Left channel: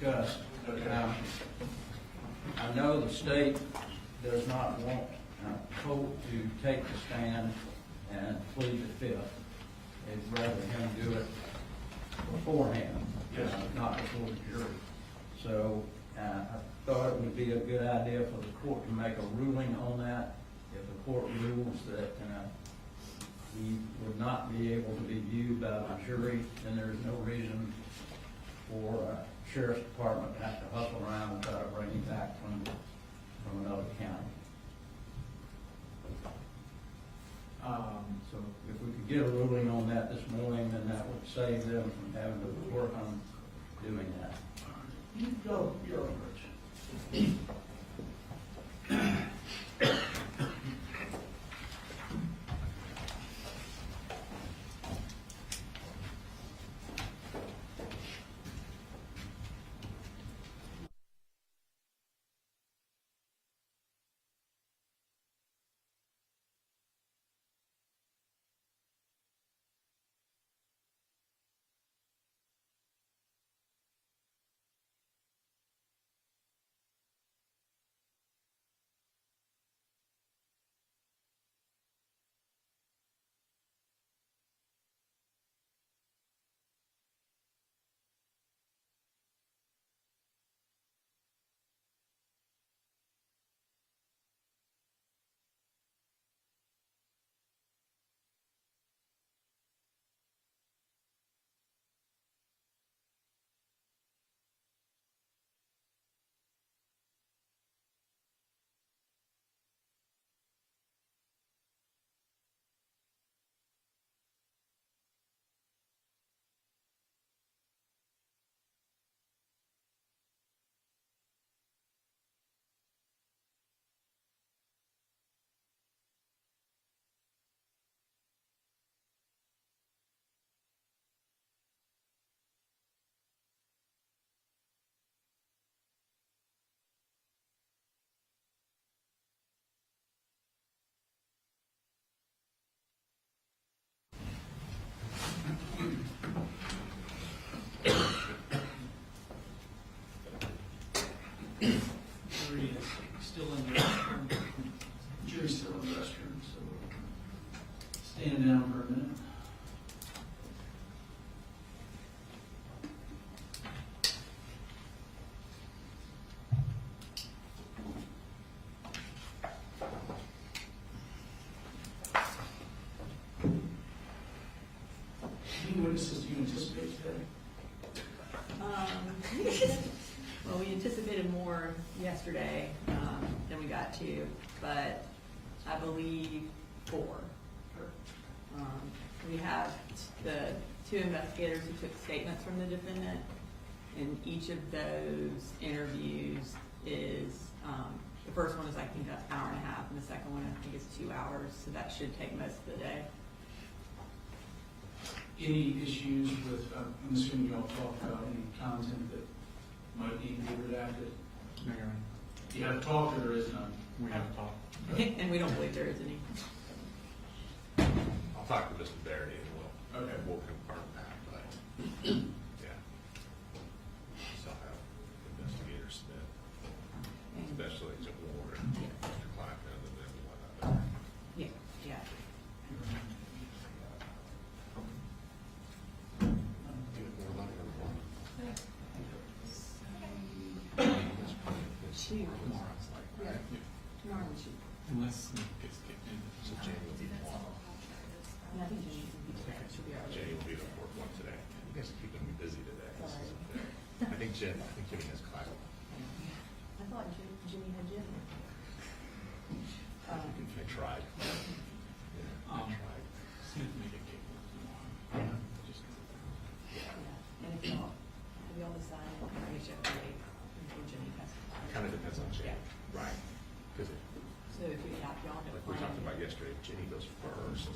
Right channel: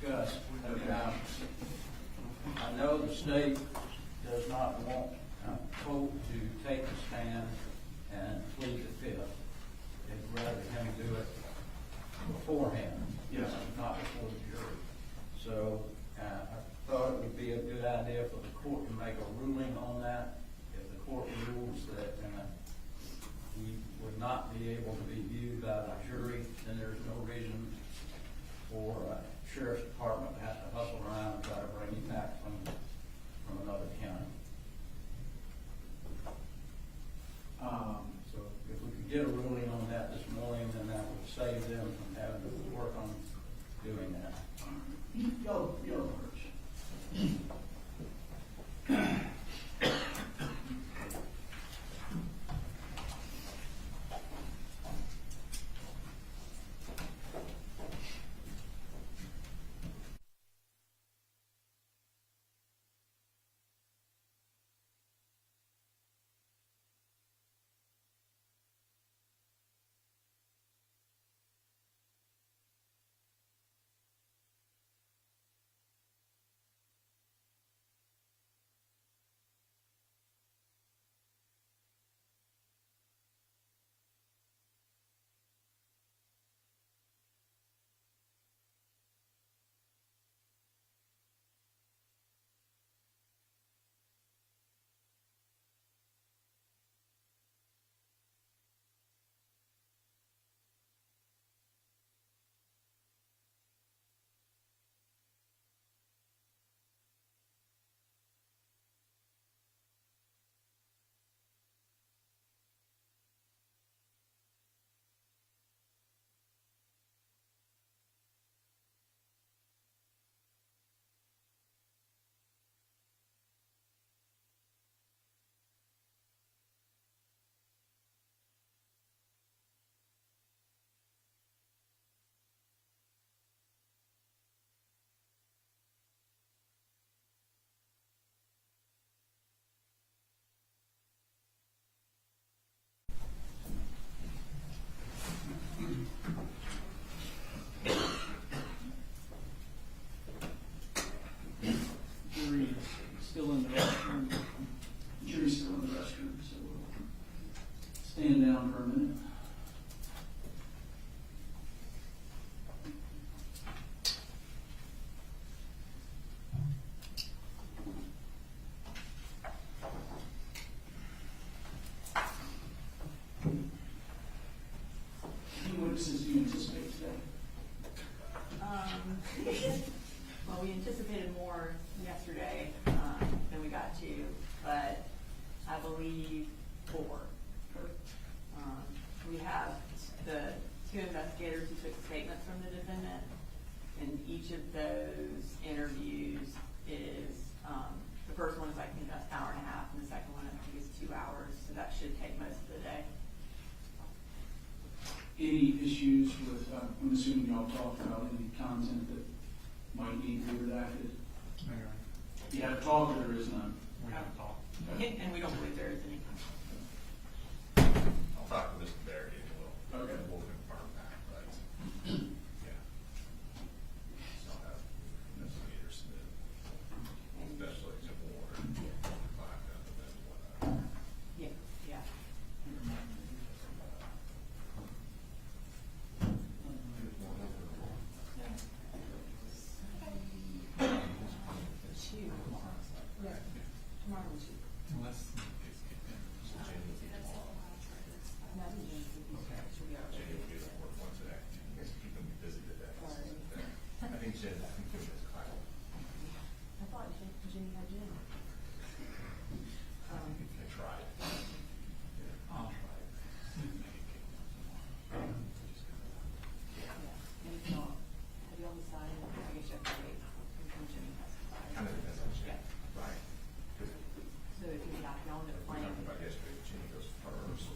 discussed. Okay. I know the state does not want Colt to take the stand and plead the fifth. They'd rather him do it beforehand, Yes. not before the jury. So I thought it would be a good idea for the court to make a ruling on that. If the court rules that he would not be able to be viewed by the jury, then there's no reason for sheriff's department to have to hustle around and try to bring him back from another county. So if we could get a ruling on that this morning, then that would save them from having to work on doing that. Go, Rich. Still in the restroom. Jury's still in the restroom, so we'll stand down for a minute. Any witnesses do you anticipate today? Well, we anticipated more yesterday than we got to, but I believe 4. We have the 2 investigators who took statements from the defendant, and each of those interviews is, the first one is I think an hour and a half, and the second one I think is 2 hours, so that should take most of the day. Any issues with, I'm assuming y'all talked about any content that might need to be redacted? Mayor, You have talked or there is none? we have talked. And we don't believe there is any. I'll talk to Mr. Barry and Okay. we'll confirm that, but, yeah. So I'll have investigators that, especially to Warren, Clackam, and then whatnot. Yeah, yeah. Two. Yeah. Tomorrow we should. Unless, So Jane will be tomorrow. Nothing should be out. Jenny will be the fourth one today. You guys are keeping me busy today. Sorry. I think Jenny has Clackam. I thought Jimmy had Jim. I tried. Yeah, I tried. see if we can get tomorrow. Just Yeah, and if not, we all decide, I guess you have to wait until Jimmy has. Kind of depends on Jenny. Yeah. Right. Because So if you have y'all to like we plan. talked about yesterday, if Jenny goes first.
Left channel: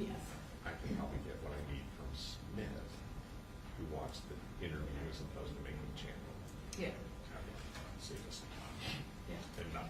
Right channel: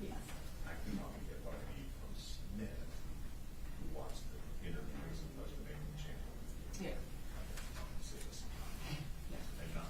Yes. I can probably get what I need from Smith, who watched the interview as opposed to making channel. Yeah, Save us some time yeah. and not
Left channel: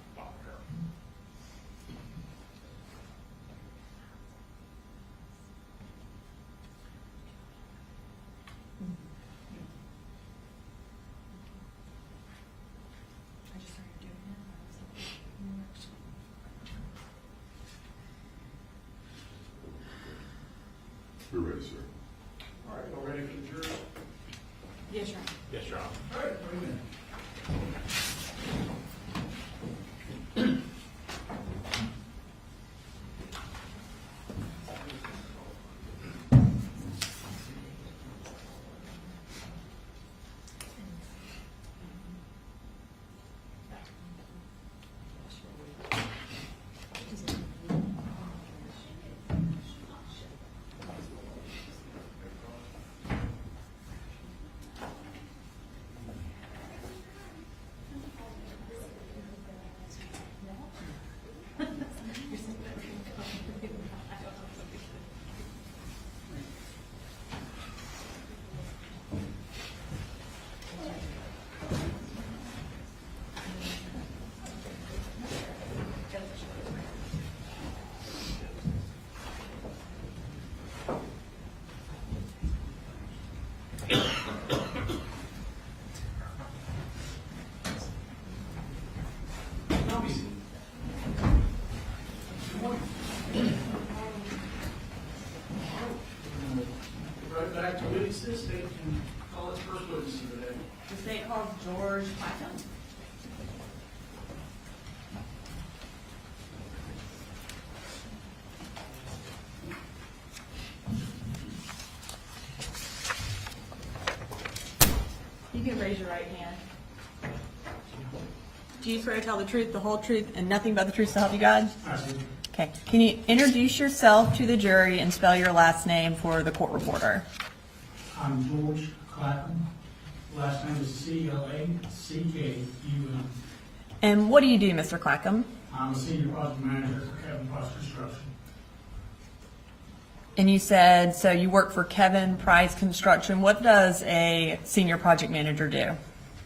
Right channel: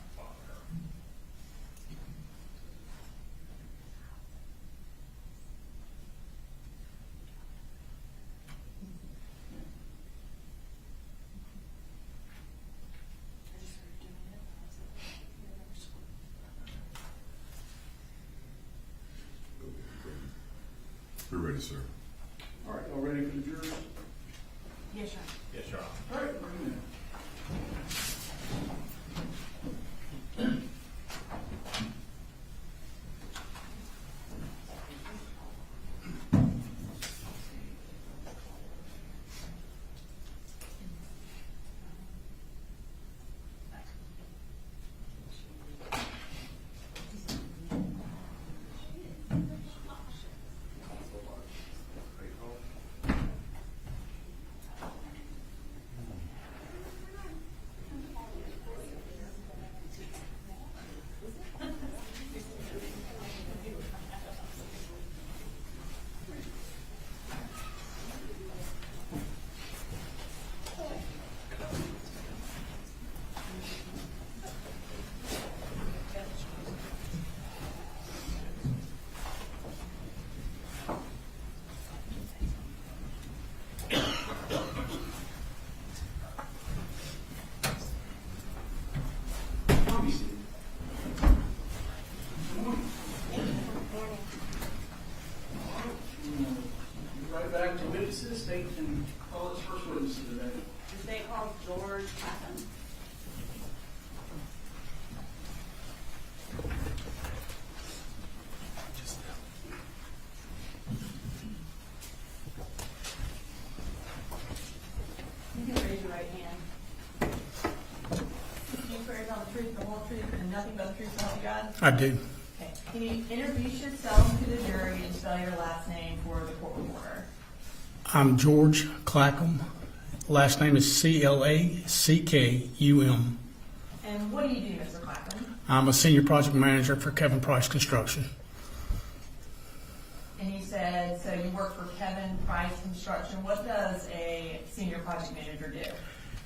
ready, sir. All right, all ready for the jury? Yes, sir. Yes, Your Honor. All right, wait a minute. Right back to witnesses, they can call its first witness of the day. The state calls George Clackam. You can raise your right hand. Do you swear to tell the truth, the whole truth, and nothing but the truth so help you God? I do. Okay. Can you introduce yourself to the jury and spell your last name for the court reporter? I'm George Clackam. Last name is Clackum. And what do you do, Mr. Clackam? I'm a senior project manager for Kevin Price Construction. And you said, so you work for Kevin Price Construction. What does a senior project manager do?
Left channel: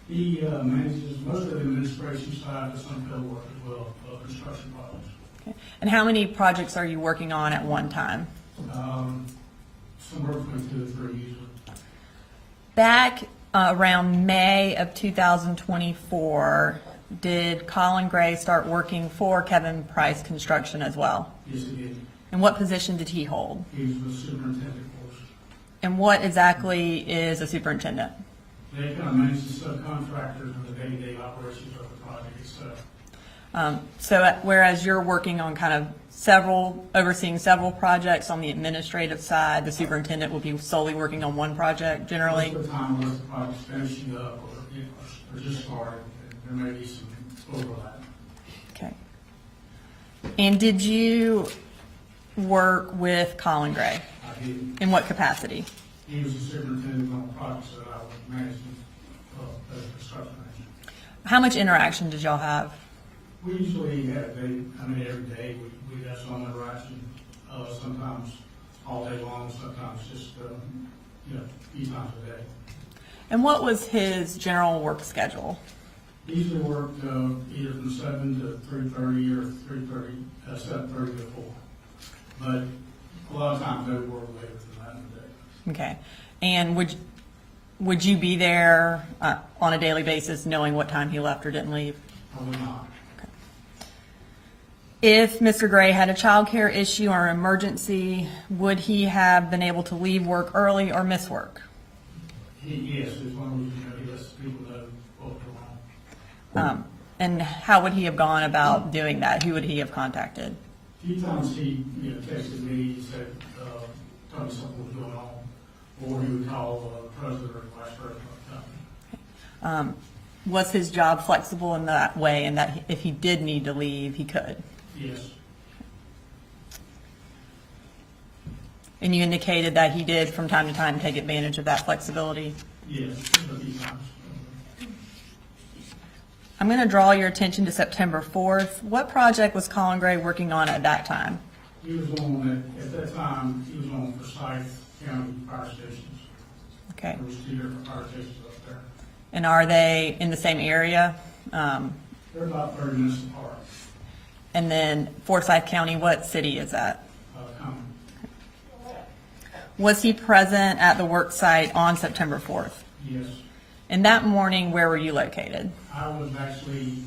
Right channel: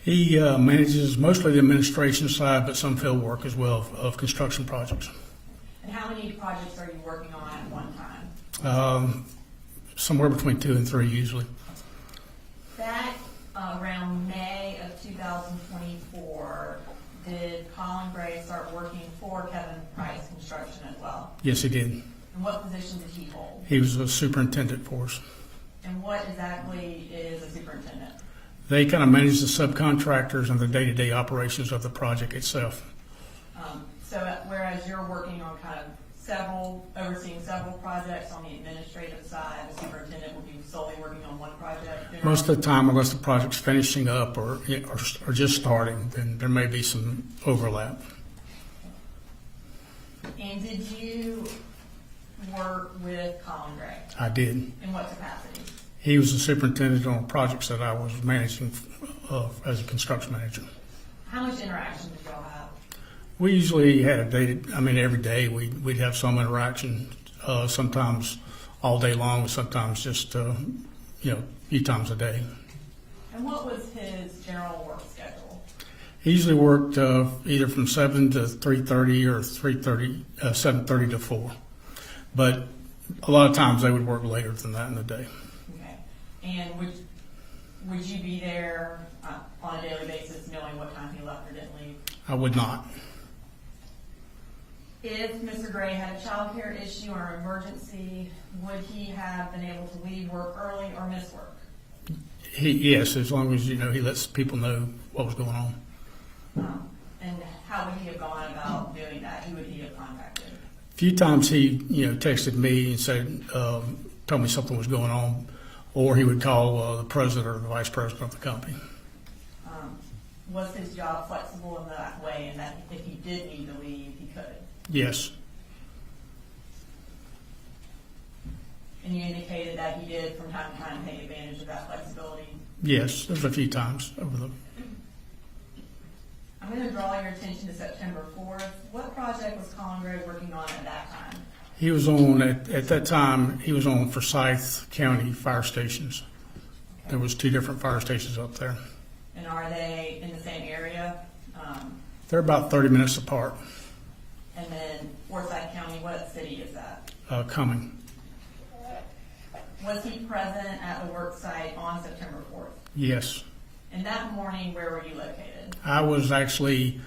He manages mostly the administration side, but some field work as well of construction projects. Okay. And how many projects are you working on at one time? Somewhere between 2 and 3 usually. Back around May of 2024, did Colin Gray start working for Kevin Price Construction as well? Yes, he did. And what position did he hold? He was a superintendent for us. And what exactly is a superintendent? They kind of manage the subcontractors and the day-to-day operations of the project itself. So whereas you're working on kind of overseeing several projects on the administrative side, the superintendent will be solely working on one project generally? Most of the time, unless the project's finishing up or just starting, then there may be some overlap. Okay. And did you work with Colin Gray? I did. In what capacity? He was the superintendent on projects that I was managing as a construction manager. How much interaction did y'all have? We usually had every day we'd have some interaction, sometimes all day long, sometimes just, a few times a day. And what was his general work schedule? He usually worked either from 7 to 3:30 or 7:30 to 4. But a lot of times they would work later than that in the day. Okay. And would you be there on a daily basis knowing what time he left or didn't leave? I would not. If Mr. Gray had a child care issue or emergency, would he have been able to leave work early or miss work? Yes, as long as he lets people know what was going on. And how would he have gone about doing that? Who would he have contacted? A few times he texted me and said, told me something was going on, or he would call the president or the vice president of the company. Was his job flexible in that way, and that if he did need to leave, he could? Yes. And you indicated that he did from time to time take advantage of that flexibility? Yes, just a few times over the. I'm going to draw your attention to September 4th. What project was Colin Gray working on at that time? He was on, at that time, he was on Forsyth County fire stations. Okay. There was 2 different fire stations up there. And are they in the same area? They're about 30 minutes apart, And then Forsyth County, what city is that? coming. Was he present at the work site on September 4th? Yes. And that morning, where were you located? I was actually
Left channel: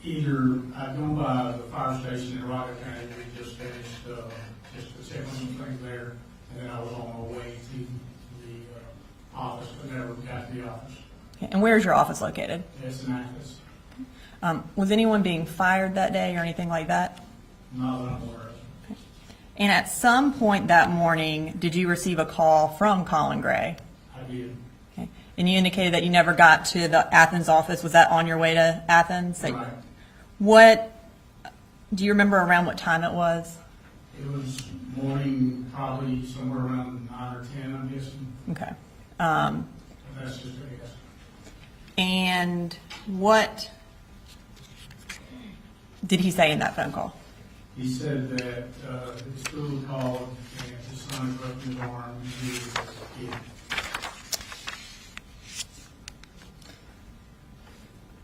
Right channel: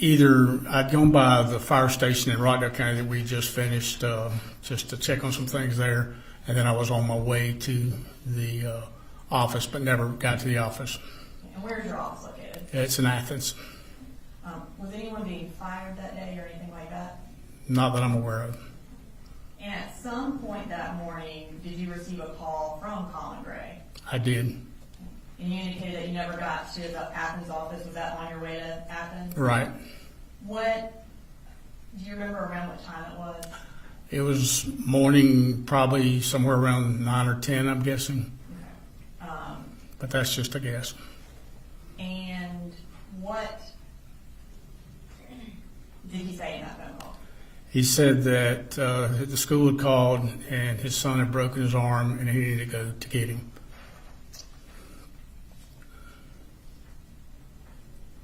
I'd gone by the fire station in Rockdale County that we just finished, just to check on some things there. and then I was on my way to the office, but never got to the office. And where is your office located? It's in Athens, Was anyone being fired that day or anything like that? not that I'm aware of. And at some point that morning, did you receive a call from Colin Gray? I did. Okay. And you indicated that you never got to the Athens office. Was that on your way to Athens? Right. What, do you remember around what time it was? It was morning, probably somewhere around 9 or 10, I'm guessing, Okay. but that's just a guess. And what did he say in that phone call? He said that the school had called and his son had broken his arm and he needed to go to get him.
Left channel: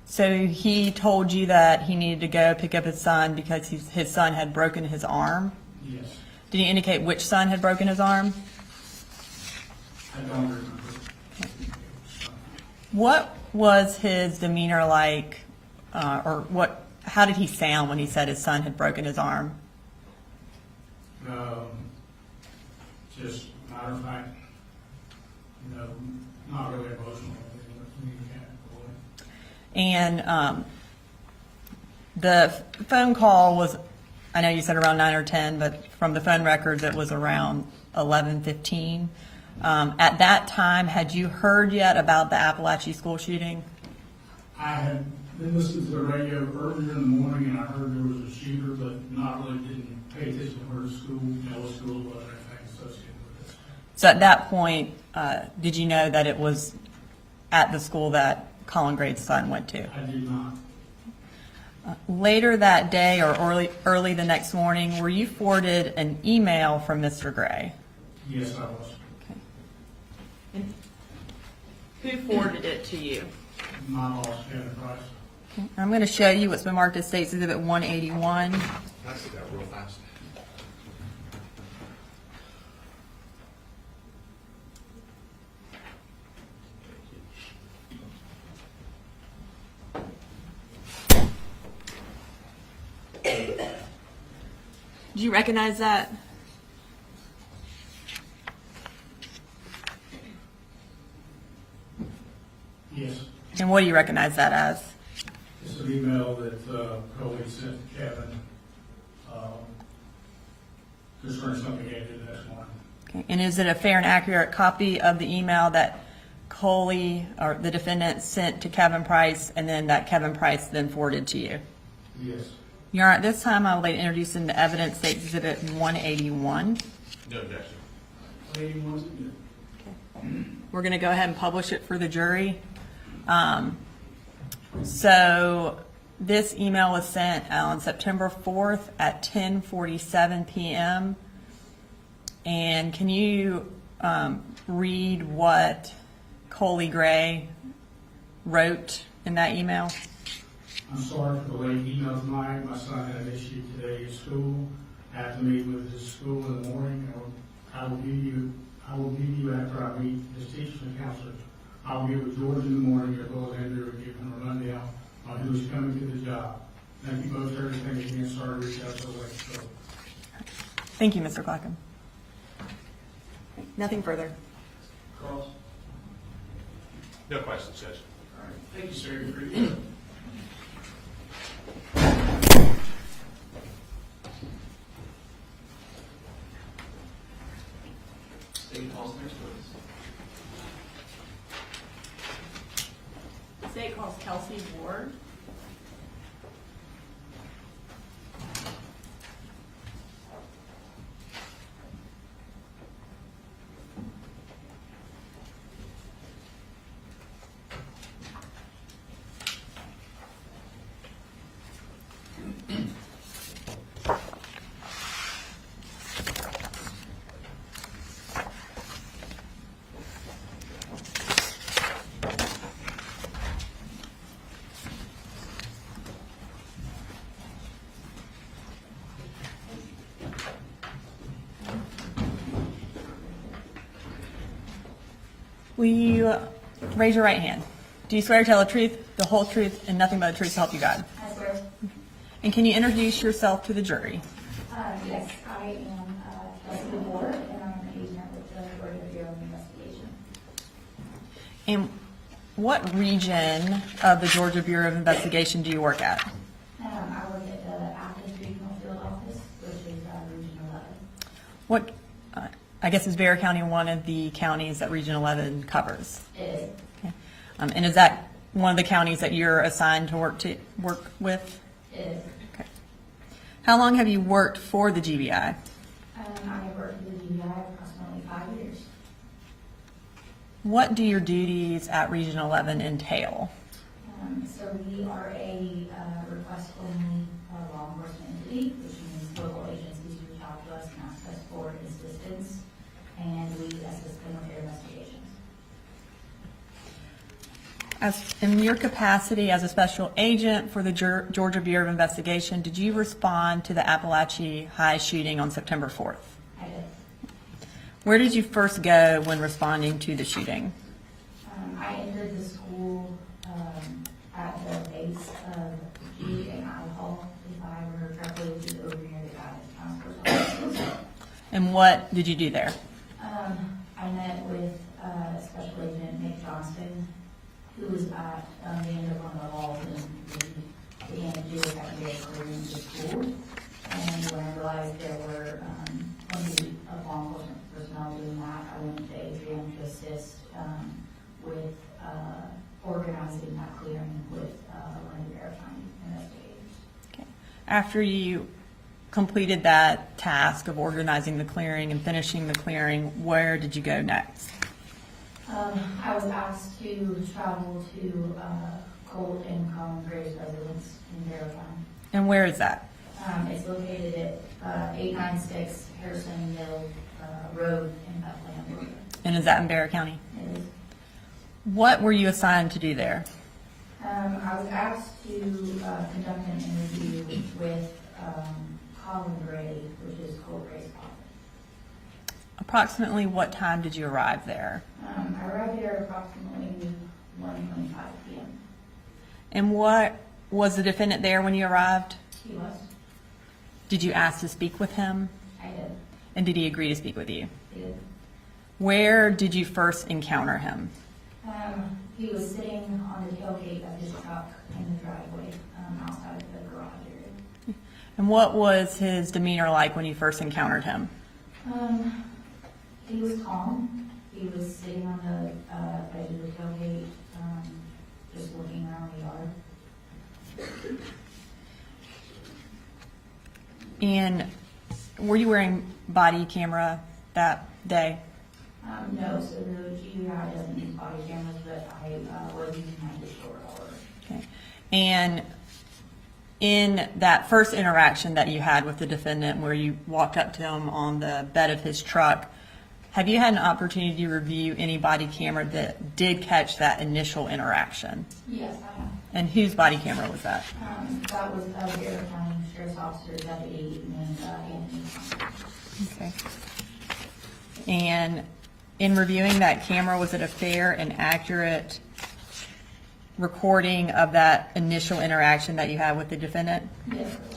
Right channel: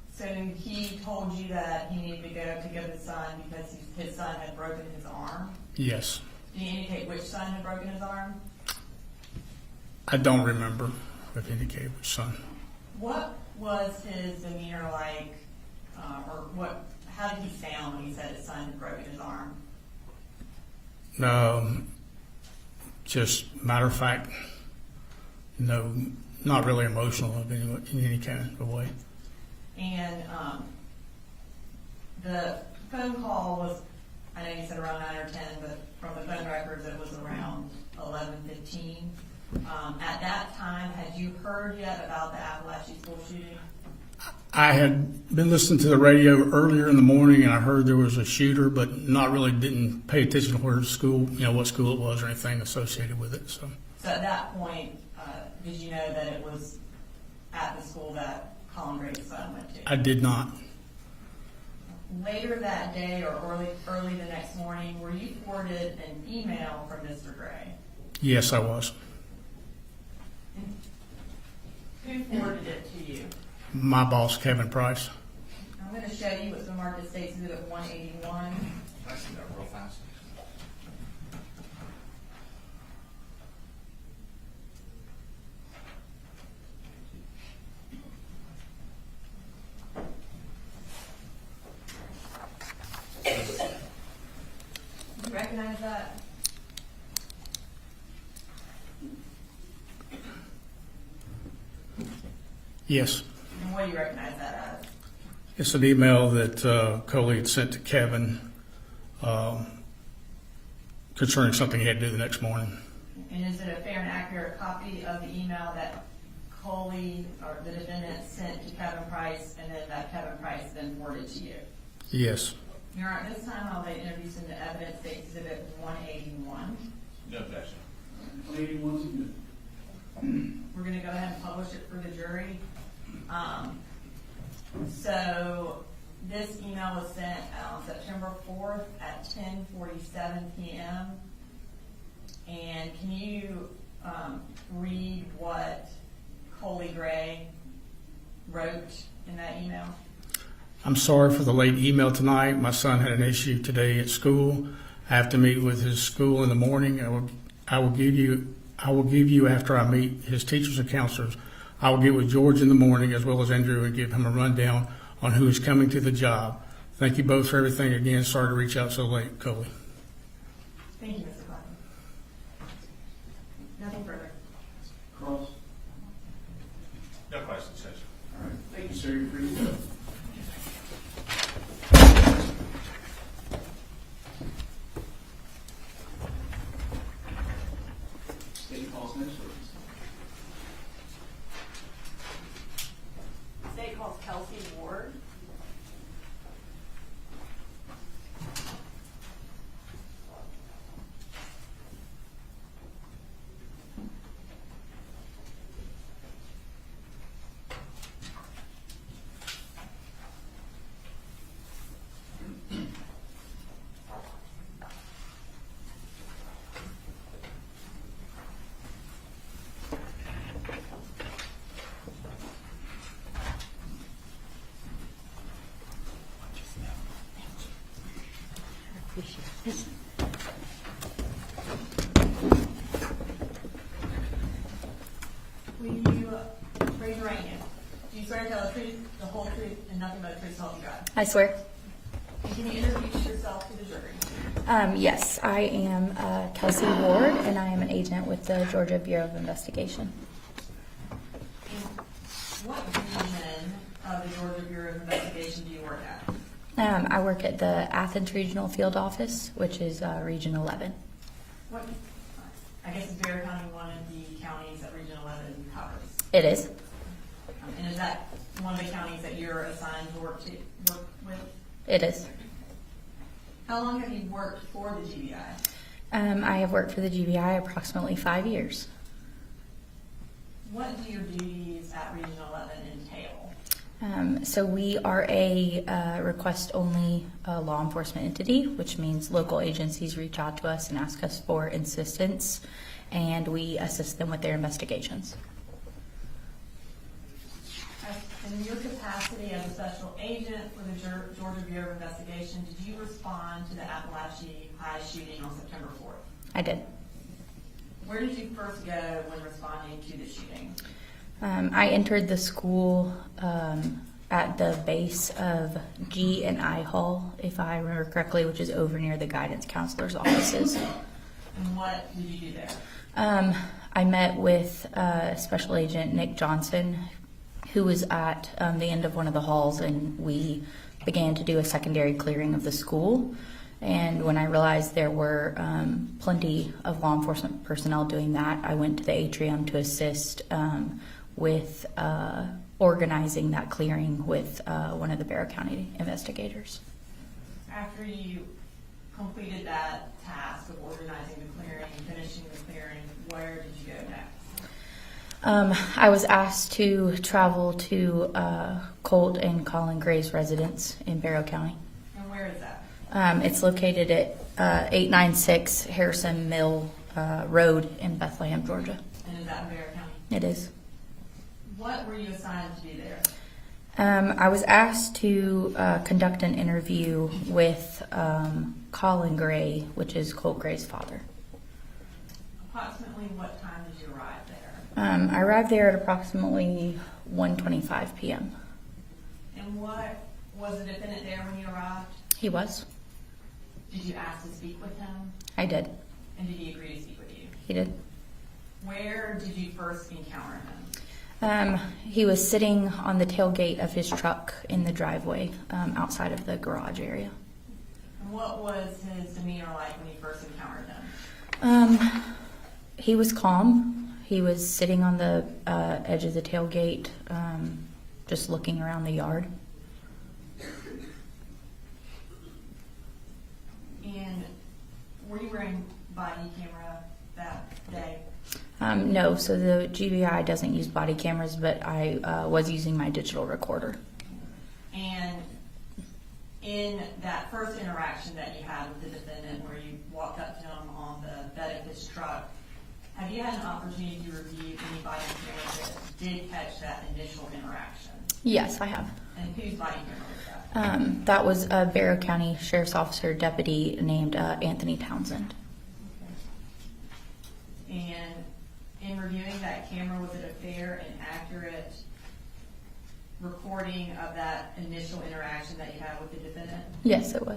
So he told you that he needed to go pick up his son because his son had broken his arm? Yes. Did he indicate which son had broken his arm? I don't remember the indicated son. What was his demeanor like, or how did he sound when he said his son had broken his arm? Just matter of fact, no, not really emotional in any kind of way. And the phone call was, I know you said around 9 or 10, but from the phone records it was around 11:15. At that time, had you heard yet about the Apalachee school shooting? I had been listening to the radio earlier in the morning and I heard there was a shooter, but didn't pay attention to where school, what school it was or anything associated with it. So at that point, did you know that it was at the school that Colin Gray's son went to? I did not. Later that day or early the next morning, were you forwarded an email from Mr. Gray? Yes, I was. Who forwarded it to you? My boss, Kevin Price. I'm going to show you what's been marked as State's Exhibit 181. Can I see that real fast? Do you recognize that? Yes. And what do you recognize that as? It's an email that Coley had sent to Kevin concerning something he had to do the next morning. Okay. And is it a fair and accurate copy of the email that Coley, or the defendant, sent to Kevin Price and then that Kevin Price then forwarded to you? Yes. Your Honor, at this time I would like to introduce into evidence State Exhibit 181. No objection. 181's good. We're going to go ahead and publish it for the jury. So this email was sent on September 4th at 10:47 p.m. And can you read what Colin Gray wrote in that email? I'm sorry for the late email tonight. My son had an issue today at school. I have to meet with his school in the morning. I will give you after I meet his teachers and counselors. I will get with George in the morning as well as Andrew and give him a rundown on who is coming to the job. Thank you both for everything. Again, sorry to reach out so late, Coley. Thank you, Mr. Clackam. Nothing further. Cross. No questions, Judge. All right, thank you, sir. You're free to go. State calls next witness. The state calls Kelsey Ward. Will you raise your right hand? Do you swear to tell the truth, the whole truth, and nothing but the truth to help you God? I swear. And can you introduce yourself to the jury? Yes, I am Kelsey Ward, and I am an agent with the Georgia Bureau of Investigation. And what region of the Georgia Bureau of Investigation do you work at? I work at the Athens Regional Field Office, which is Region 11. What, I guess is Bexar County one of the counties that Region 11 covers? It is. And is that one of the counties that you're assigned to work with? It is. Okay. How long have you worked for the GBI? I have worked for the GBI approximately 5 years. What do your duties at Region 11 entail? So we are a request-only law enforcement entity, which means local agencies reach out to us and ask us for assistance, and we assist them with their investigations. In your capacity as a special agent for the Georgia Bureau of Investigation, did you respond to the Apalachee High shooting on September 4th? I did. Where did you first go when responding to the shooting? I entered the school at the base of G and I Hall, if I remember correctly, which is over near the guidance counselor's offices. And what did you do there? I met with Special Agent Nick Johnson, who was at the end of one of the halls, and we began to do a secondary clearing of the school. And when I realized there were plenty of law enforcement personnel doing that, I went to the atrium to assist with organizing that clearing with one of the Bexar County investigators. Okay. After you completed that task of organizing the clearing and finishing the clearing, where did you go next? I was asked to travel to Colt and Colin Gray's residence in Barrow County. And where is that? It's located at 896 Harrison Mill Road in Bethlehem, Georgia. And is that in Bexar County? It is. What were you assigned to do there? I was asked to conduct an interview with Colin Gray, which is Colt Gray's father. Approximately what time did you arrive there? I arrived there at approximately 1:25 p.m. And what was the defendant there when you arrived? He was. Did you ask to speak with him? I did. And did he agree to speak with you? He did. Where did you first encounter him? He was sitting on the tailgate of his truck in the driveway outside of the garage area. And what was his demeanor like when you first encountered him? He was calm. He was sitting on the edge of the tailgate, just looking around the yard. And were you wearing body camera that day? No, so the GBI doesn't use body cameras, but I was using my digital recorder. Okay. And in that first interaction that you had with the defendant where you walked up to him on the bed of his truck, have you had an opportunity to review any body camera that did catch that initial interaction? Yes, I have. And whose body camera was that? That was a Barrow County Sheriff's Officer deputy named Anthony Townsend. Okay. And in reviewing that camera, was it a fair and accurate recording of that initial interaction that you had with the defendant? Yes, it was.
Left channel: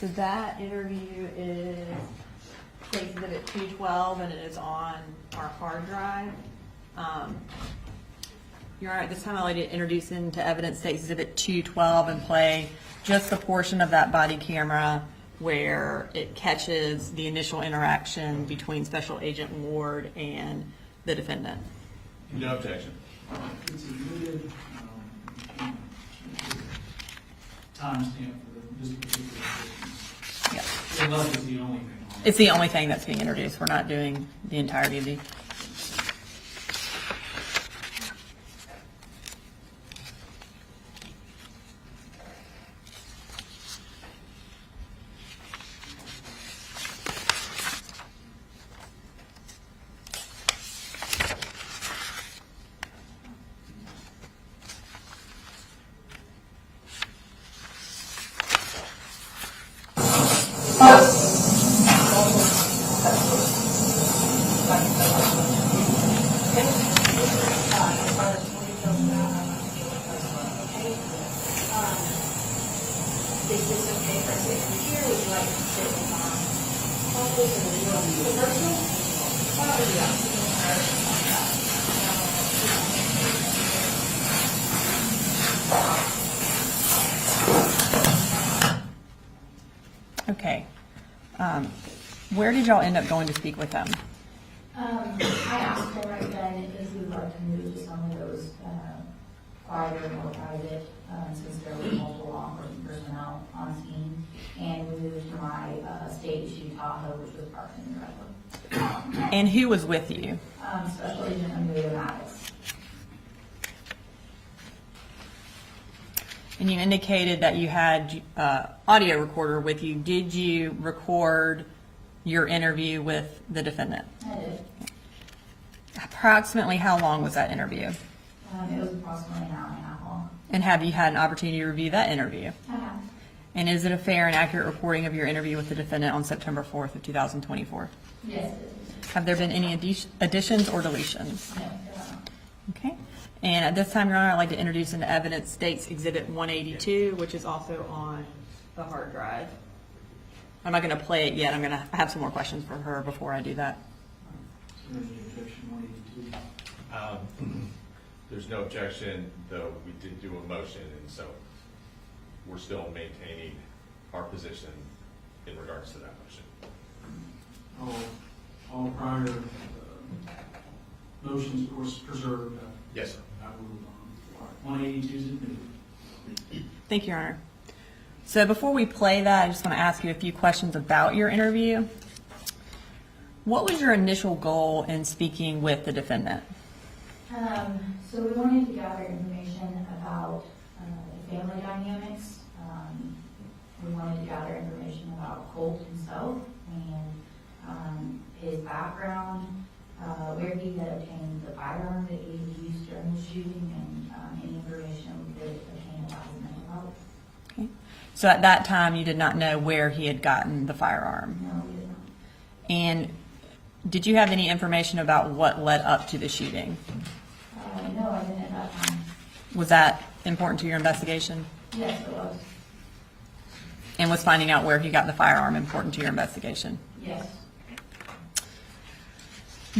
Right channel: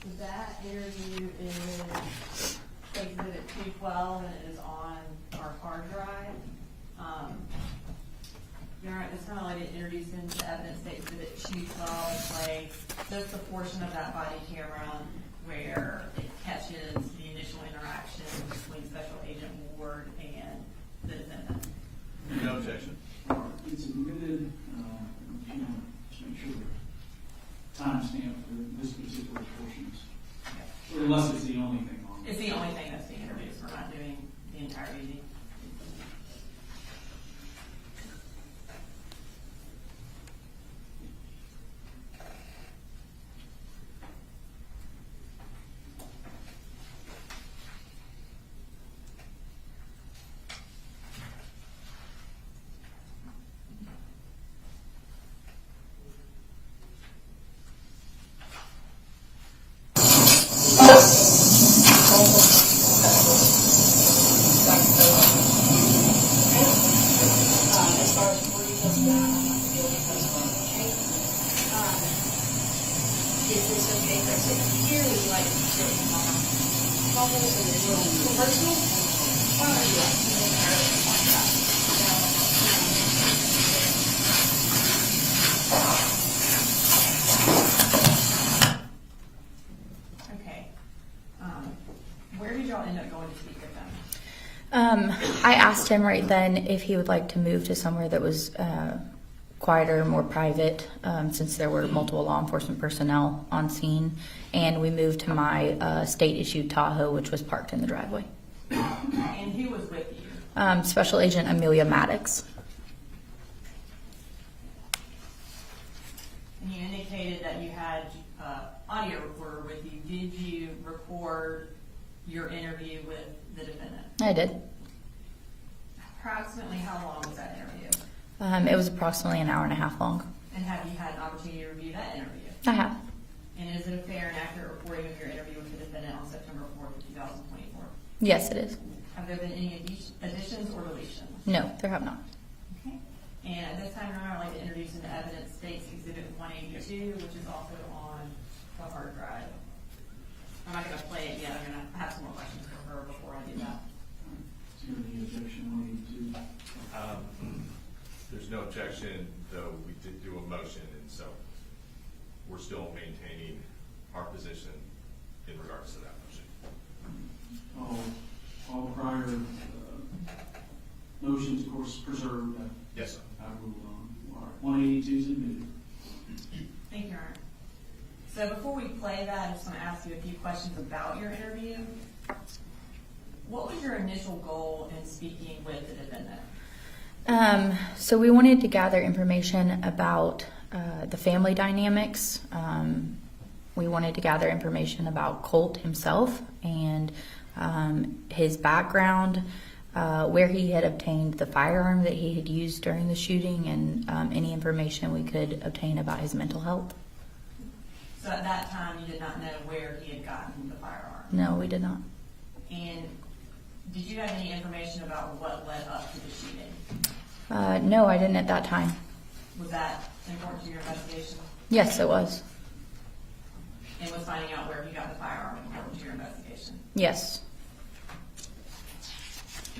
So that interview is Case Exhibit 212, and it is on our hard drive. You're all right. This time I'd like to introduce into evidence Case Exhibit 212 and play just the portion of that body camera where it catches the initial interaction between Special Agent Ward and the defendant. No objection. Let's see, we did, timestamp for this particular case. Yeah. The left is the only thing on it. It's the only thing that's being introduced. We're not doing the entirety of the. Okay. Is this okay for us to sit here? Would you like to sit in my office or is it personal? Whatever you like. Okay. Where did y'all end up going to speak with them? I asked him right then if he would like to move to somewhere that was quieter, more private, since there were multiple law enforcement personnel on scene. And we moved to my state-issued Tahoe, which was parked in the driveway. And who was with you? Special Agent Amelia Maddox. And you indicated that you had audio recorder with you. Did you record your interview with the defendant? I did. Approximately how long was that interview? It was approximately an hour and a half long. And have you had an opportunity to review that interview? I have. And is it a fair and accurate reporting of your interview with the defendant on September 4th of 2024? Yes, it is. Have there been any additions or deletions? No, there have not. Okay. And at this time, Your Honor, I'd like to introduce into evidence State's Exhibit 182, which is also on the hard drive. I'm not going to play it yet. I have some more questions for her before I do that. Is there any objection 182? There's no objection, though we did do a motion, and so we're still maintaining our position in regards to that motion. All prior motions, of course, preserved. Yes, sir. I will, 182 is admitted. Thank you, Your Honor. So before we play that, I just want to ask you a few questions about your interview. What was your initial goal in speaking with the defendant? So we wanted to gather information about the family dynamics. We wanted to gather information about Colt himself and his background, where he had obtained the firearm that he had used during the shooting, and any information we could obtain about his mental health. Okay. So at that time, you did not know where he had gotten the firearm? No, we did not. And did you have any information about what led up to the shooting? No, I didn't at that time. Was that important to your investigation? Yes, it was. And was finding out where he got the firearm important to your investigation? Yes.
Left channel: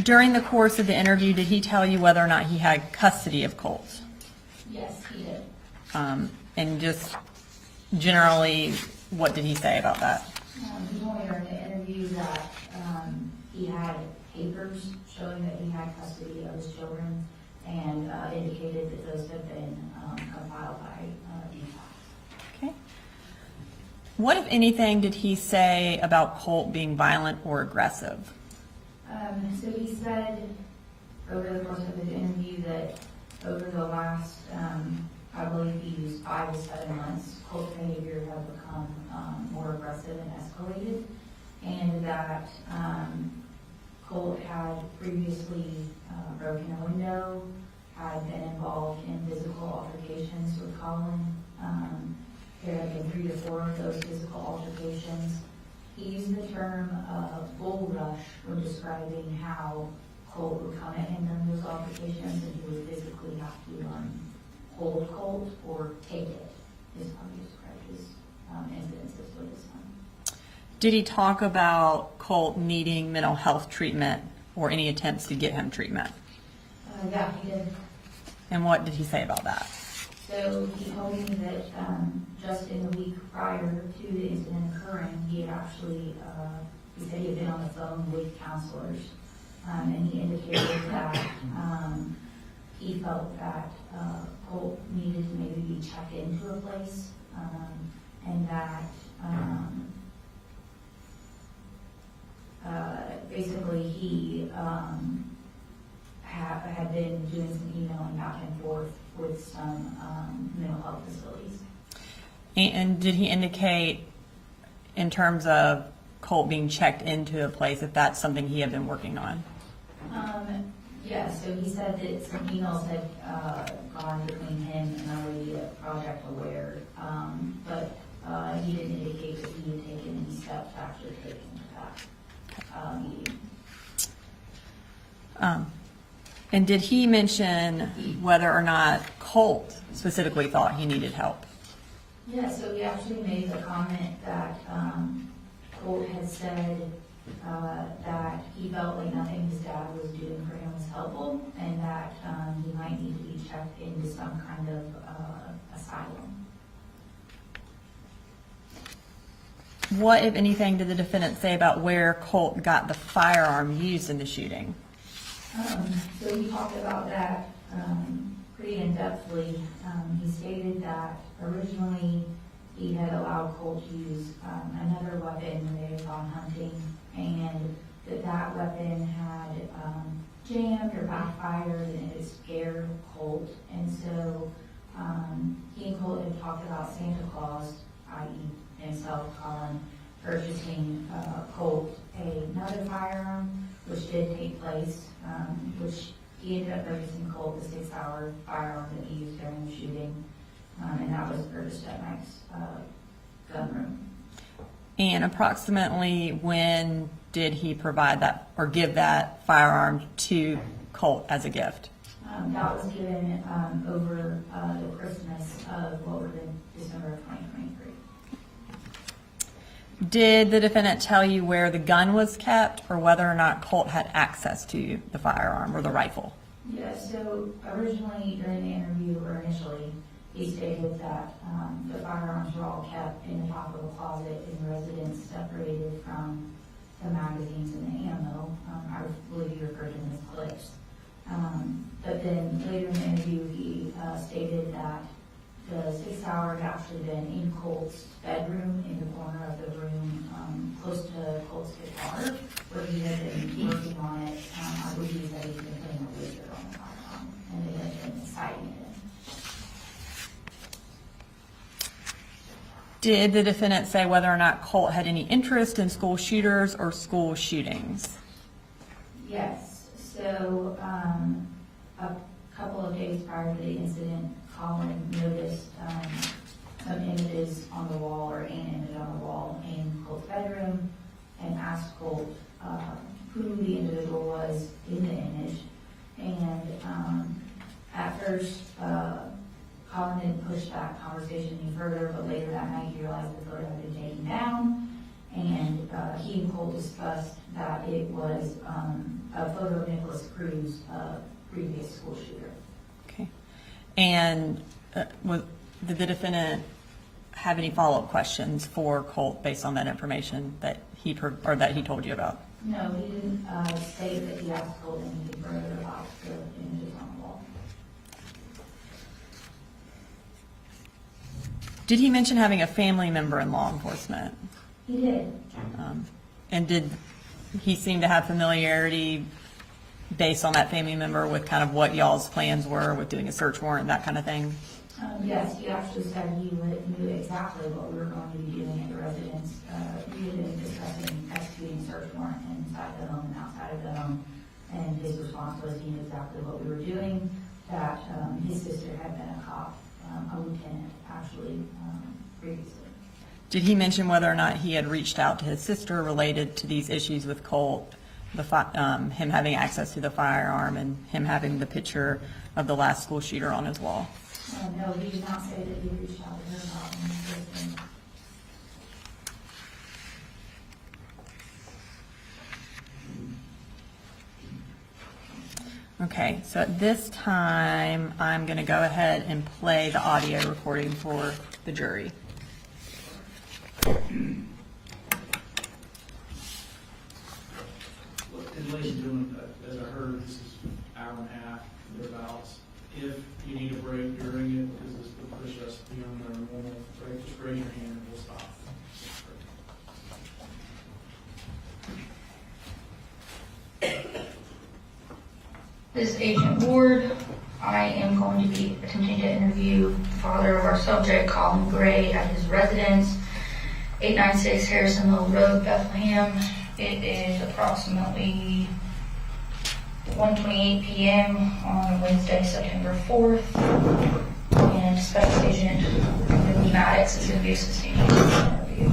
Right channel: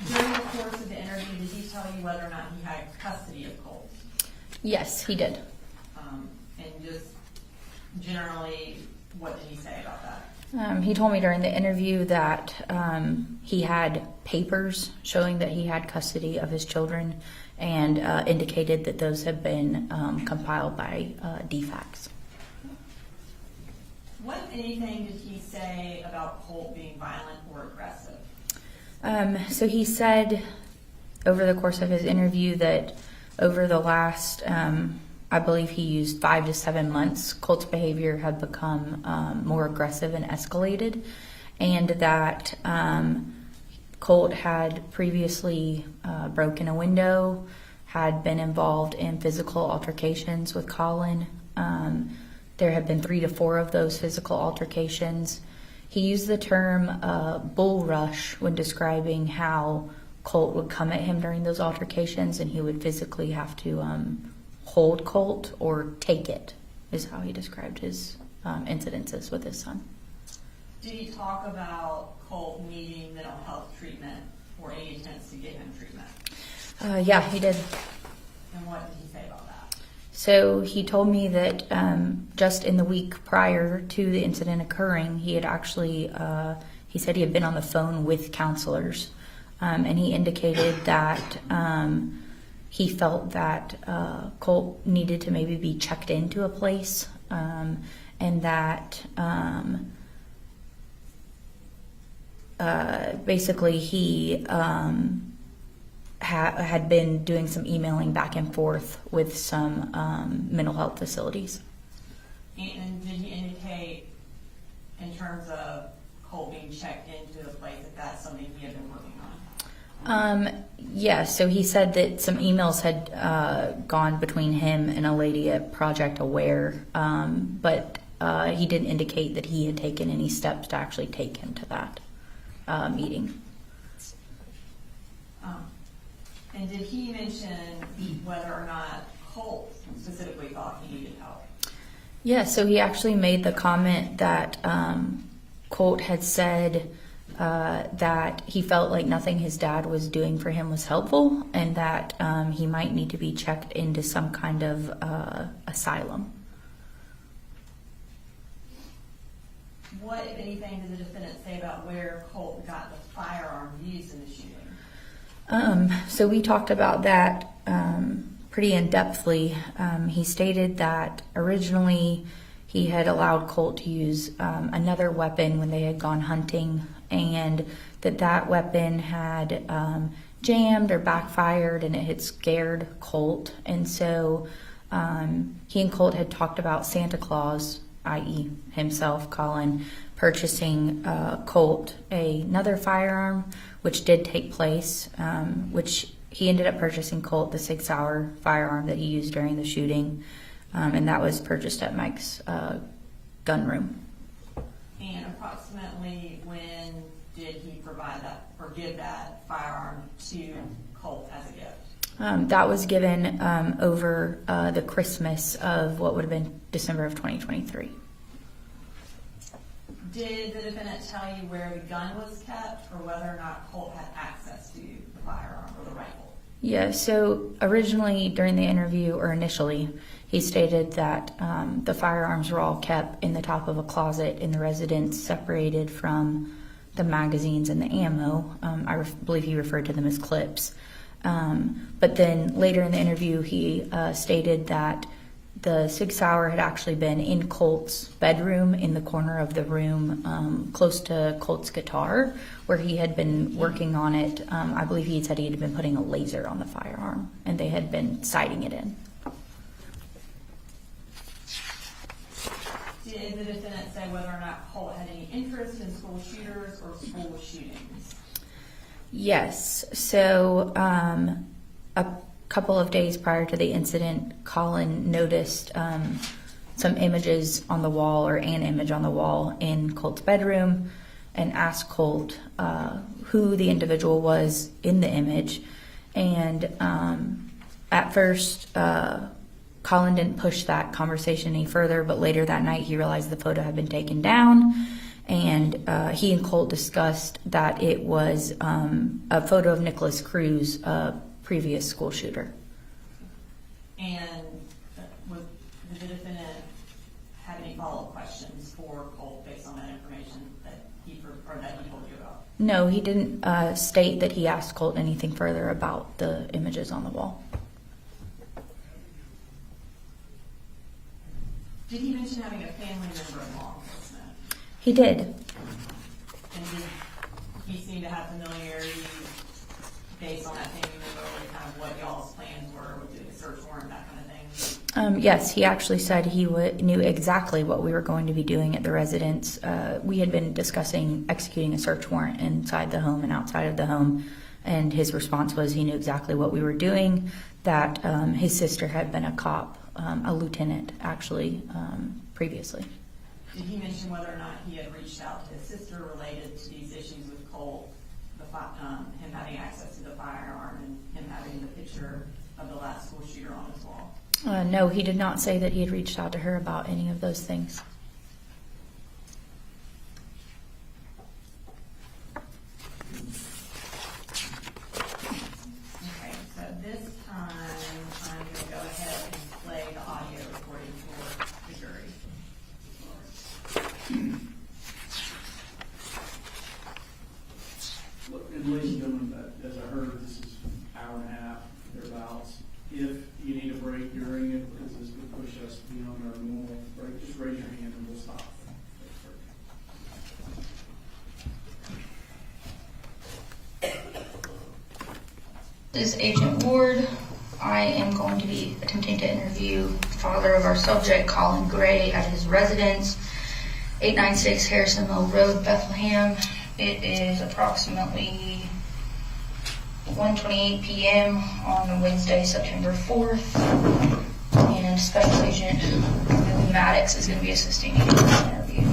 During the course of the interview, did he tell you whether or not he had custody of Colt? Yes, he did. And just generally, what did he say about that? He told me during the interview that he had papers showing that he had custody of his children, and indicated that those had been compiled by DFACS. Okay. What, if anything, did he say about Colt being violent or aggressive? So he said over the course of his interview that over the last, I believe he used 5 to 7 months, Colt's behavior had become more aggressive and escalated, and that Colt had previously broken a window, had been involved in physical altercations with Colin. There had been 3 to 4 of those physical altercations. He used the term bull rush when describing how Colt would come at him during those altercations, and he would physically have to hold Colt or take it, is how he described his incidences with his son. Did he talk about Colt needing mental health treatment or any attempts to get him treatment? Yeah, he did. And what did he say about that? So he told me that just in the week prior to the incident occurring, he had actually, he said he had been on the phone with counselors, and he indicated that he felt that Colt needed to maybe be checked into a place, and that basically he had been doing some emailing back and forth with some mental health facilities. And did he indicate, in terms of Colt being checked into a place, if that's something he had been working on? Yes, so he said that some emails had gone between him and a lady at Project Aware, but he didn't indicate that he had taken any steps to actually take him to that meeting. And did he mention whether or not Colt specifically thought he needed help? Yeah, so he actually made the comment that Colt had said that he felt like nothing his dad was doing for him was helpful, and that he might need to be checked into some kind of asylum. What, if anything, did the defendant say about where Colt got the firearm used in the shooting? So we talked about that pretty in-depthly. He stated that originally he had allowed Colt to use another weapon when they had gone hunting, and that weapon had jammed or backfired, and it had scared Colt. And so he and Colt had talked about Santa Claus, i.e. himself, Colin, purchasing Colt another firearm, which did take place, which he ended up purchasing Colt the 6-hour firearm that he used during the shooting, and that was purchased at Mike's gun room. And approximately when did he provide that or give that firearm to Colt as a gift? That was given over the Christmas of what would have been December of 2023. Did the defendant tell you where the gun was kept or whether or not Colt had access to the firearm or the rifle? Yeah, so originally during the interview, or initially, he stated that the firearms were all kept in the top of a closet in the residence, separated from the magazines and the ammo. I believe he referred to them as clips. But then later in the interview, he stated that the 6-hour had actually been in Colt's bedroom in the corner of the room close to Colt's guitar, where he had been working on it. I believe he said he had been putting a laser on the firearm, and they had been sighting it in. Did the defendant say whether or not Colt had any interest in school shooters or school shootings? Yes. So a couple of days prior to the incident, Colin noticed some images on the wall, or an image on the wall in Colt's bedroom, and asked Colt who the individual was in the image. And at first, Colin didn't push that conversation any further, but later that night he realized the photo had been taken down, and he and Colt discussed that it was a photo of Nicholas Cruz, a previous school shooter. Okay. And did the defendant have any follow-up questions for Colt based on that information that he told you about? No, he didn't state that he asked Colt anything further about the images on the wall. Did he mention having a family member in law enforcement? He did. And did he seem to have familiarity based on that family member with kind of what y'all's plans were with doing a search warrant, that kind of thing? Yes, he actually said he knew exactly what we were going to be doing at the residence. We had been discussing executing a search warrant inside the home and outside of the home, and his response was he knew exactly what we were doing, that his sister had been a cop, a lieutenant actually, previously. Did he mention whether or not he had reached out to his sister related to these issues with Colt, him having access to the firearm and him having the picture of the last school shooter on his wall? No, he did not say that he had reached out to her about any of those things. Okay, so at this time, I'm going to go ahead and play the audio recording for the jury. And ladies and gentlemen, as I heard, this is an hour and a half, thereabouts. If you need a break during it, because this will push us beyond our normal break, just raise your hand and we'll stop. This is Agent Ward. I am going to be attempting to interview the father of our subject, Colin Gray, at his residence, 896 Harrison Mill Road, Bethlehem. It is approximately 1:28 p.m. on Wednesday, September 4th, and Special Agent Millie Maddox is going to be assisting me in this interview.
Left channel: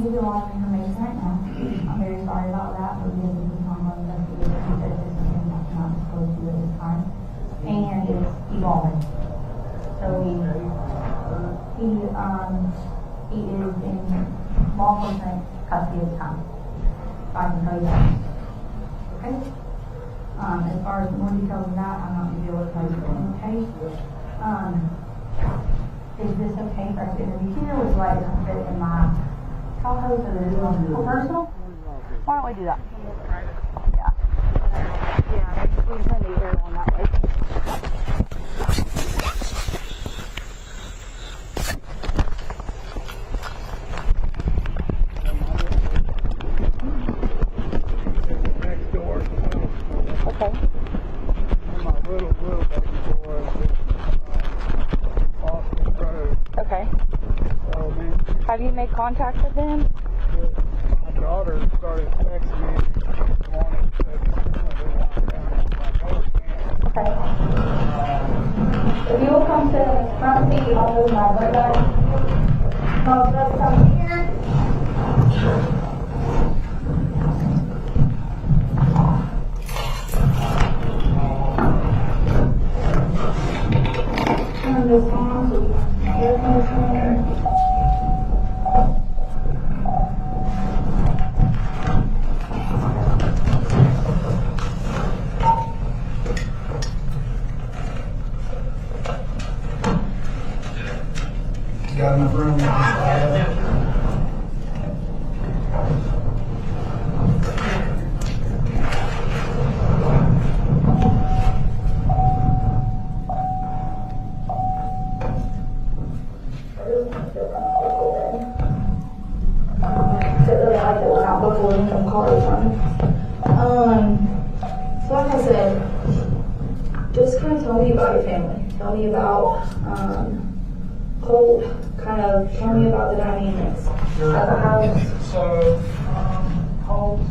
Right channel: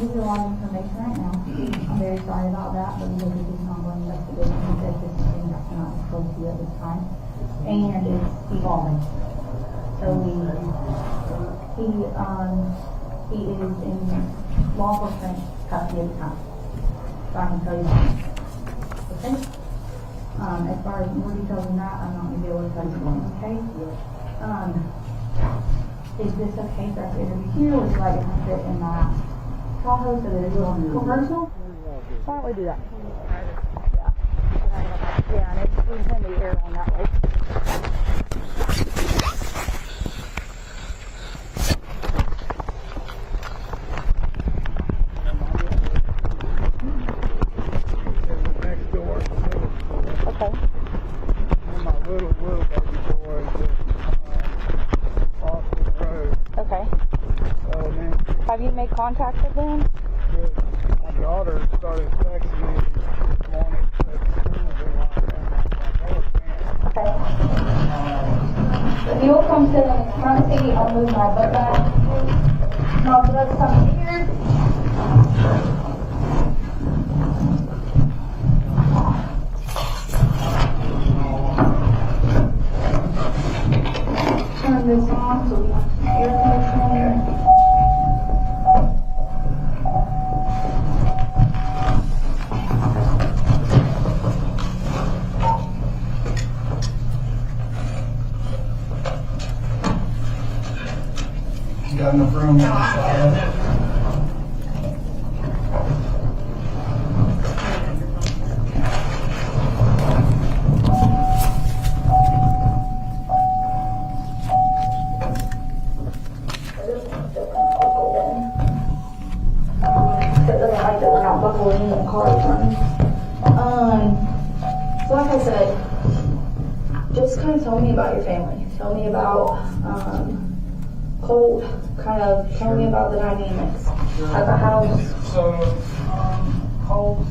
give you a lot of information right now. I'm very sorry about that, but we'll do this ongoing investigation because this is something that cannot disclose to you at this time. And it's evolving. So he is in law enforcement custody at the time. So I can tell you that. Okay? As far as more details than that, I'm not going to be able to tell you in the case. Is this okay for us to interview here? Would you like to sit in my Tahoe so that it's more personal? Why don't we do that? Yeah. Yeah, we can turn the air on that way. Next door. Okay. And my little baby boy is off the road. Okay. So then Have you made contact with them? my daughter started texting me this morning, said the school been locked down. I was like, oh, man. Okay. If you will come sit in the front seat, I'll move my butt back. And I'll just come here. Turn this on so we can hear this. You got enough room? So like I said, just kind of tell me about your family. Tell me about Colt. Kind of tell me about the dynamics at the house. So, Colt,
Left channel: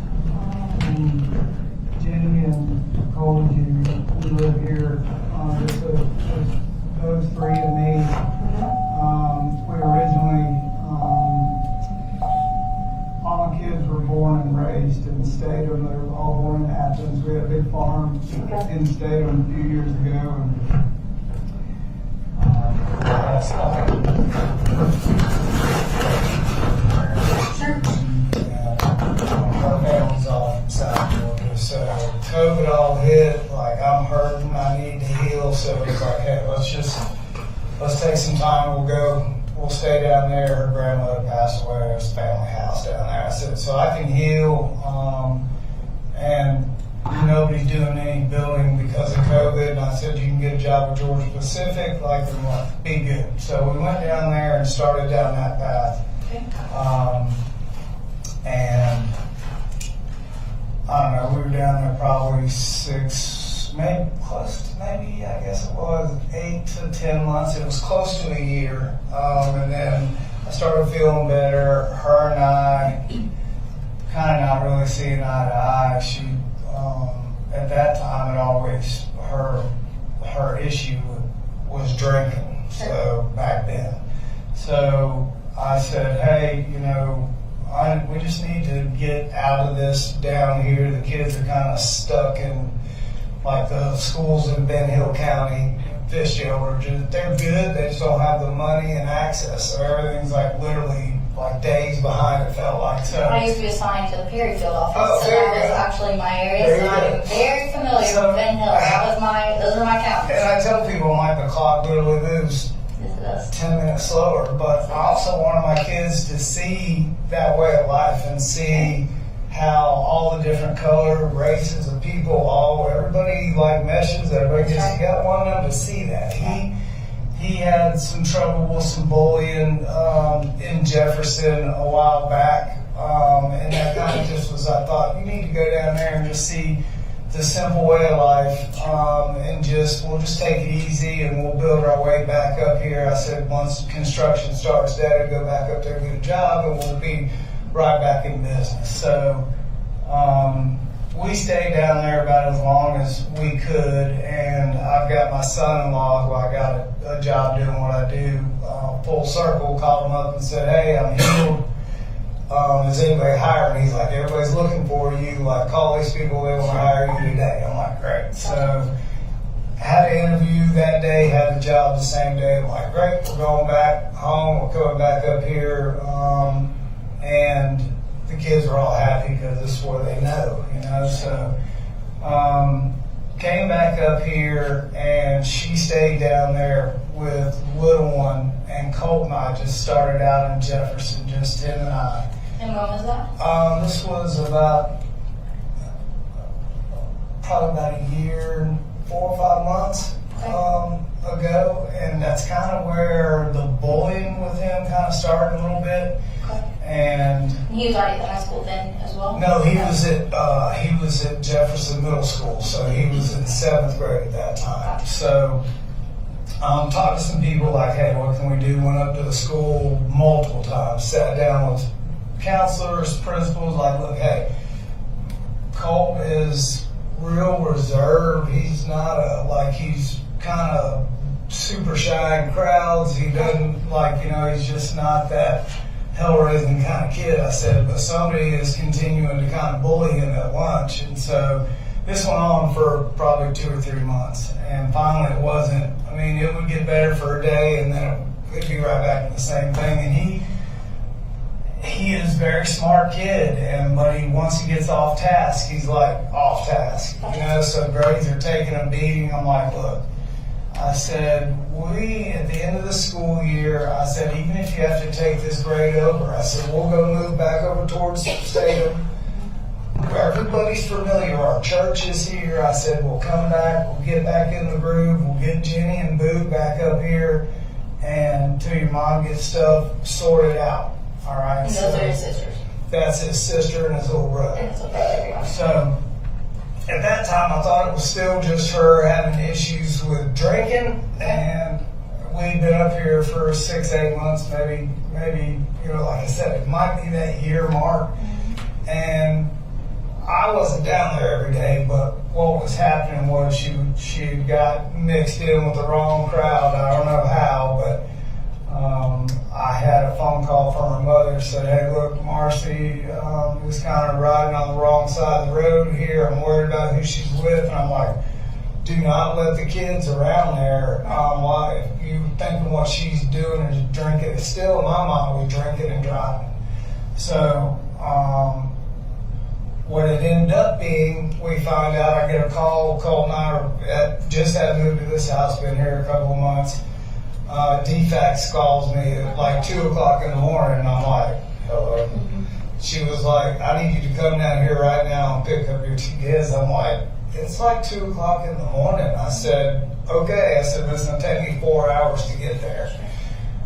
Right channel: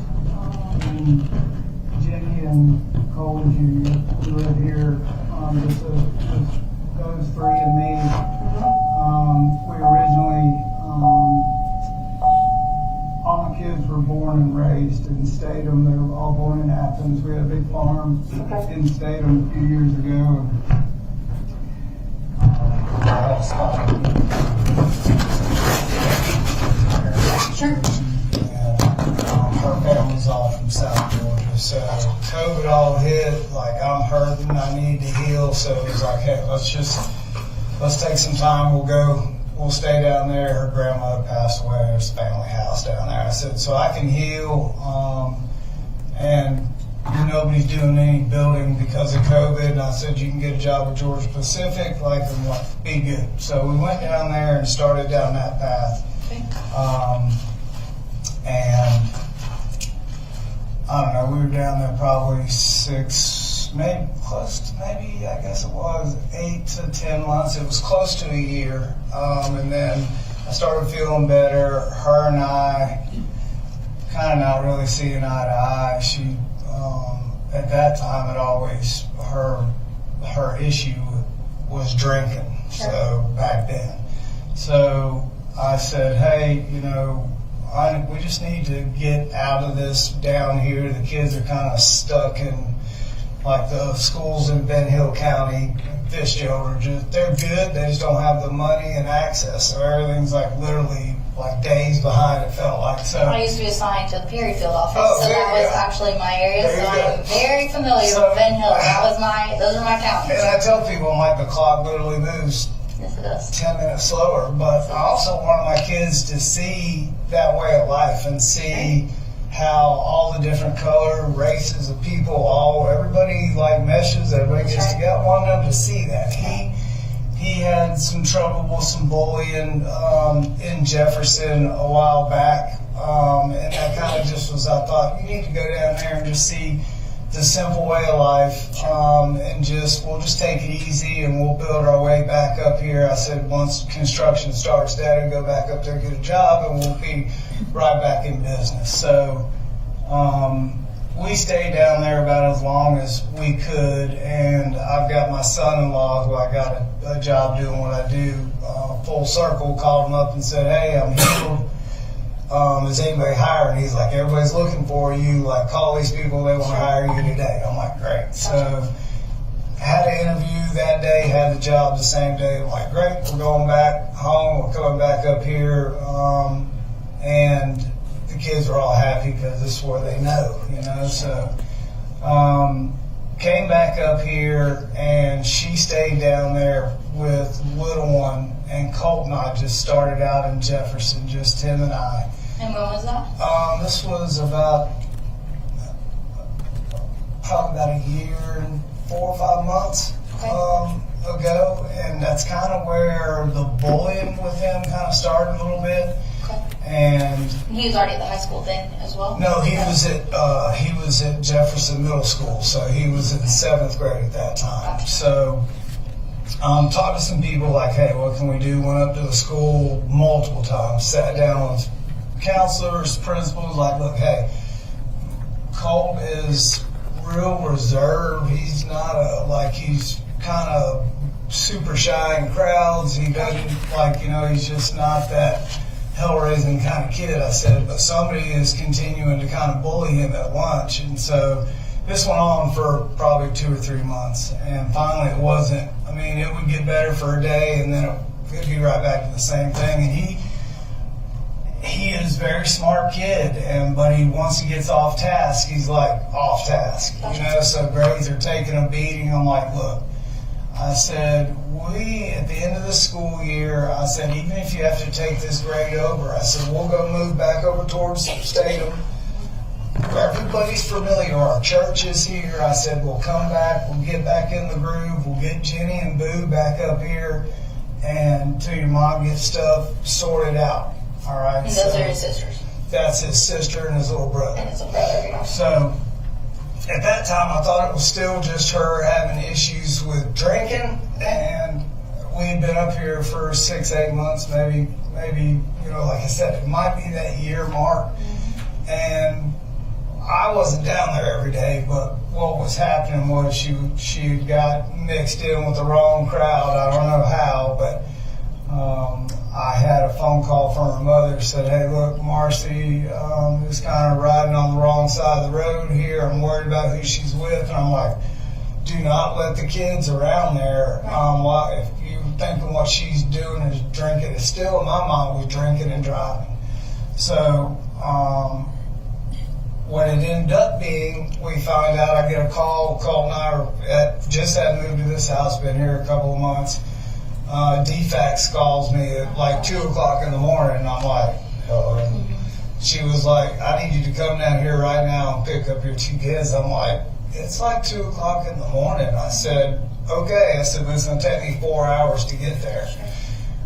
Jenny, and Cole Jr., we live here. Just those three and me. We originally, all my kids were born and raised in Statham. They were all born in Athens. We had a big farm in Statham a few years ago. Sure. Her family's all from South Georgia, so COVID all hit. Like, I'm hurting, I need to heal. So it's like, hey, let's take some time. We'll stay down there. Her grandmother passed away. There's a family house down there. I said, so I can heal, and nobody's doing any building because of COVID. And I said, you can get a job at Georgia Pacific, and what, be good. So we went down there and started down that path. Okay. And I don't know, we were down there probably I guess it was 8 to 10 months. It was close to a year. And then I started feeling better. Her and I kind of not really seeing eye to eye. She, at that time, her issue was drinking. So back then. So I said, hey, we just need to get out of this down here. The kids are kind of stuck in, like, the schools in Ben Hill County, Fitzgerald, they're good. They just don't have the money and access. So everything's literally days behind, it felt like. So I used to be assigned to the Perryfield office, so that was actually my area. So I'm very familiar with Ben Hill. Those are my counties. And I tell people, the clock literally moves. Yes, it does. 10 minutes slower, but I also wanted my kids to see that way of life and see how all the different color, races of people, everybody meshes, everybody gets together. I wanted them to see that. He had some trouble with some bullying in Jefferson a while back, and that kind of just was, I thought, you need to go down there and just see the simple way of life, and we'll just take it easy and we'll build our way back up here. I said, once construction starts, Dad, go back up there, get a job, and we'll be right back in business. So we stayed down there about as long as we could, and I've got my son-in-law who I got a job doing what I do, full circle, called him up and said, hey, I'm healed. is anybody hiring? He's like, everybody's looking for you. Like, call these people, they want to hire you today. I'm like, great. So, had an interview that day, had the job the same day. I'm like, great, we're going back home, we're coming back up here. And the kids were all happy because this is where they know, you know. So, came back up here, and she stayed down there with little one, and Colt and I just started out in Jefferson, just him and I. And when was that? This was probably about a year and 4 or 5 months ago, and that's kind of where the bullying with him kind of started a little bit. Okay. And He was already at the high school then as well? no, he was at Jefferson Middle School, so he was in 7th grade at that time. Gotcha. So talked to some people like, hey, what can we do? Went up to the school multiple times, sat down with counselors, principals, like, look, hey, Colt is real reserved. He's not he's kind of super shy in crowds. He doesn't he's just not that hell-raising kind of kid. I said, but somebody is continuing to kind of bully him at lunch. And so this went on for probably 2 or 3 months. And finally it wasn't, it would get better for a day and then it'd be right back to the same thing. And he is a very smart kid, but once he gets off task, he's like off task, so grades are taking a beating. I'm like, look, I said, at the end of the school year, I said, even if you have to take this grade over, I said, we'll go move back over towards Statham, where everybody's familiar, our church is here. I said, we'll come back, we'll get back in the groove, we'll get Jenny and Boo back up here, and until your mom gets stuff sorted out. All right. And those are his sisters? That's his sister and his little brother. And his little brother, yeah. So at that time, I thought it was still just her having issues with drinking, and we'd been up here for 6, 8 months, maybe, like I said, it might be that year mark. Mm-hmm. And I wasn't down there every day, but what was happening was she got mixed in with the wrong crowd. I don't know how, but I had a phone call from her mother, said, hey, look, Marcy is kind of riding on the wrong side of the road here. I'm worried about who she's with. And I'm like, do not let the kids around there. If you thinking what she's doing is drinking, it's still in my mind, we drinking and driving. So what it ended up being, we found out, I get a call, Colt and I just had moved to this house, been here a couple of months. DFAX calls me at like 2 o'clock in the morning, and I'm like, hello. She was like, I need you to come down here right now and pick up your 2 kids. I'm like, it's like 2 o'clock in the morning. I said, okay. I said, but it's going to take me 4 hours to get there.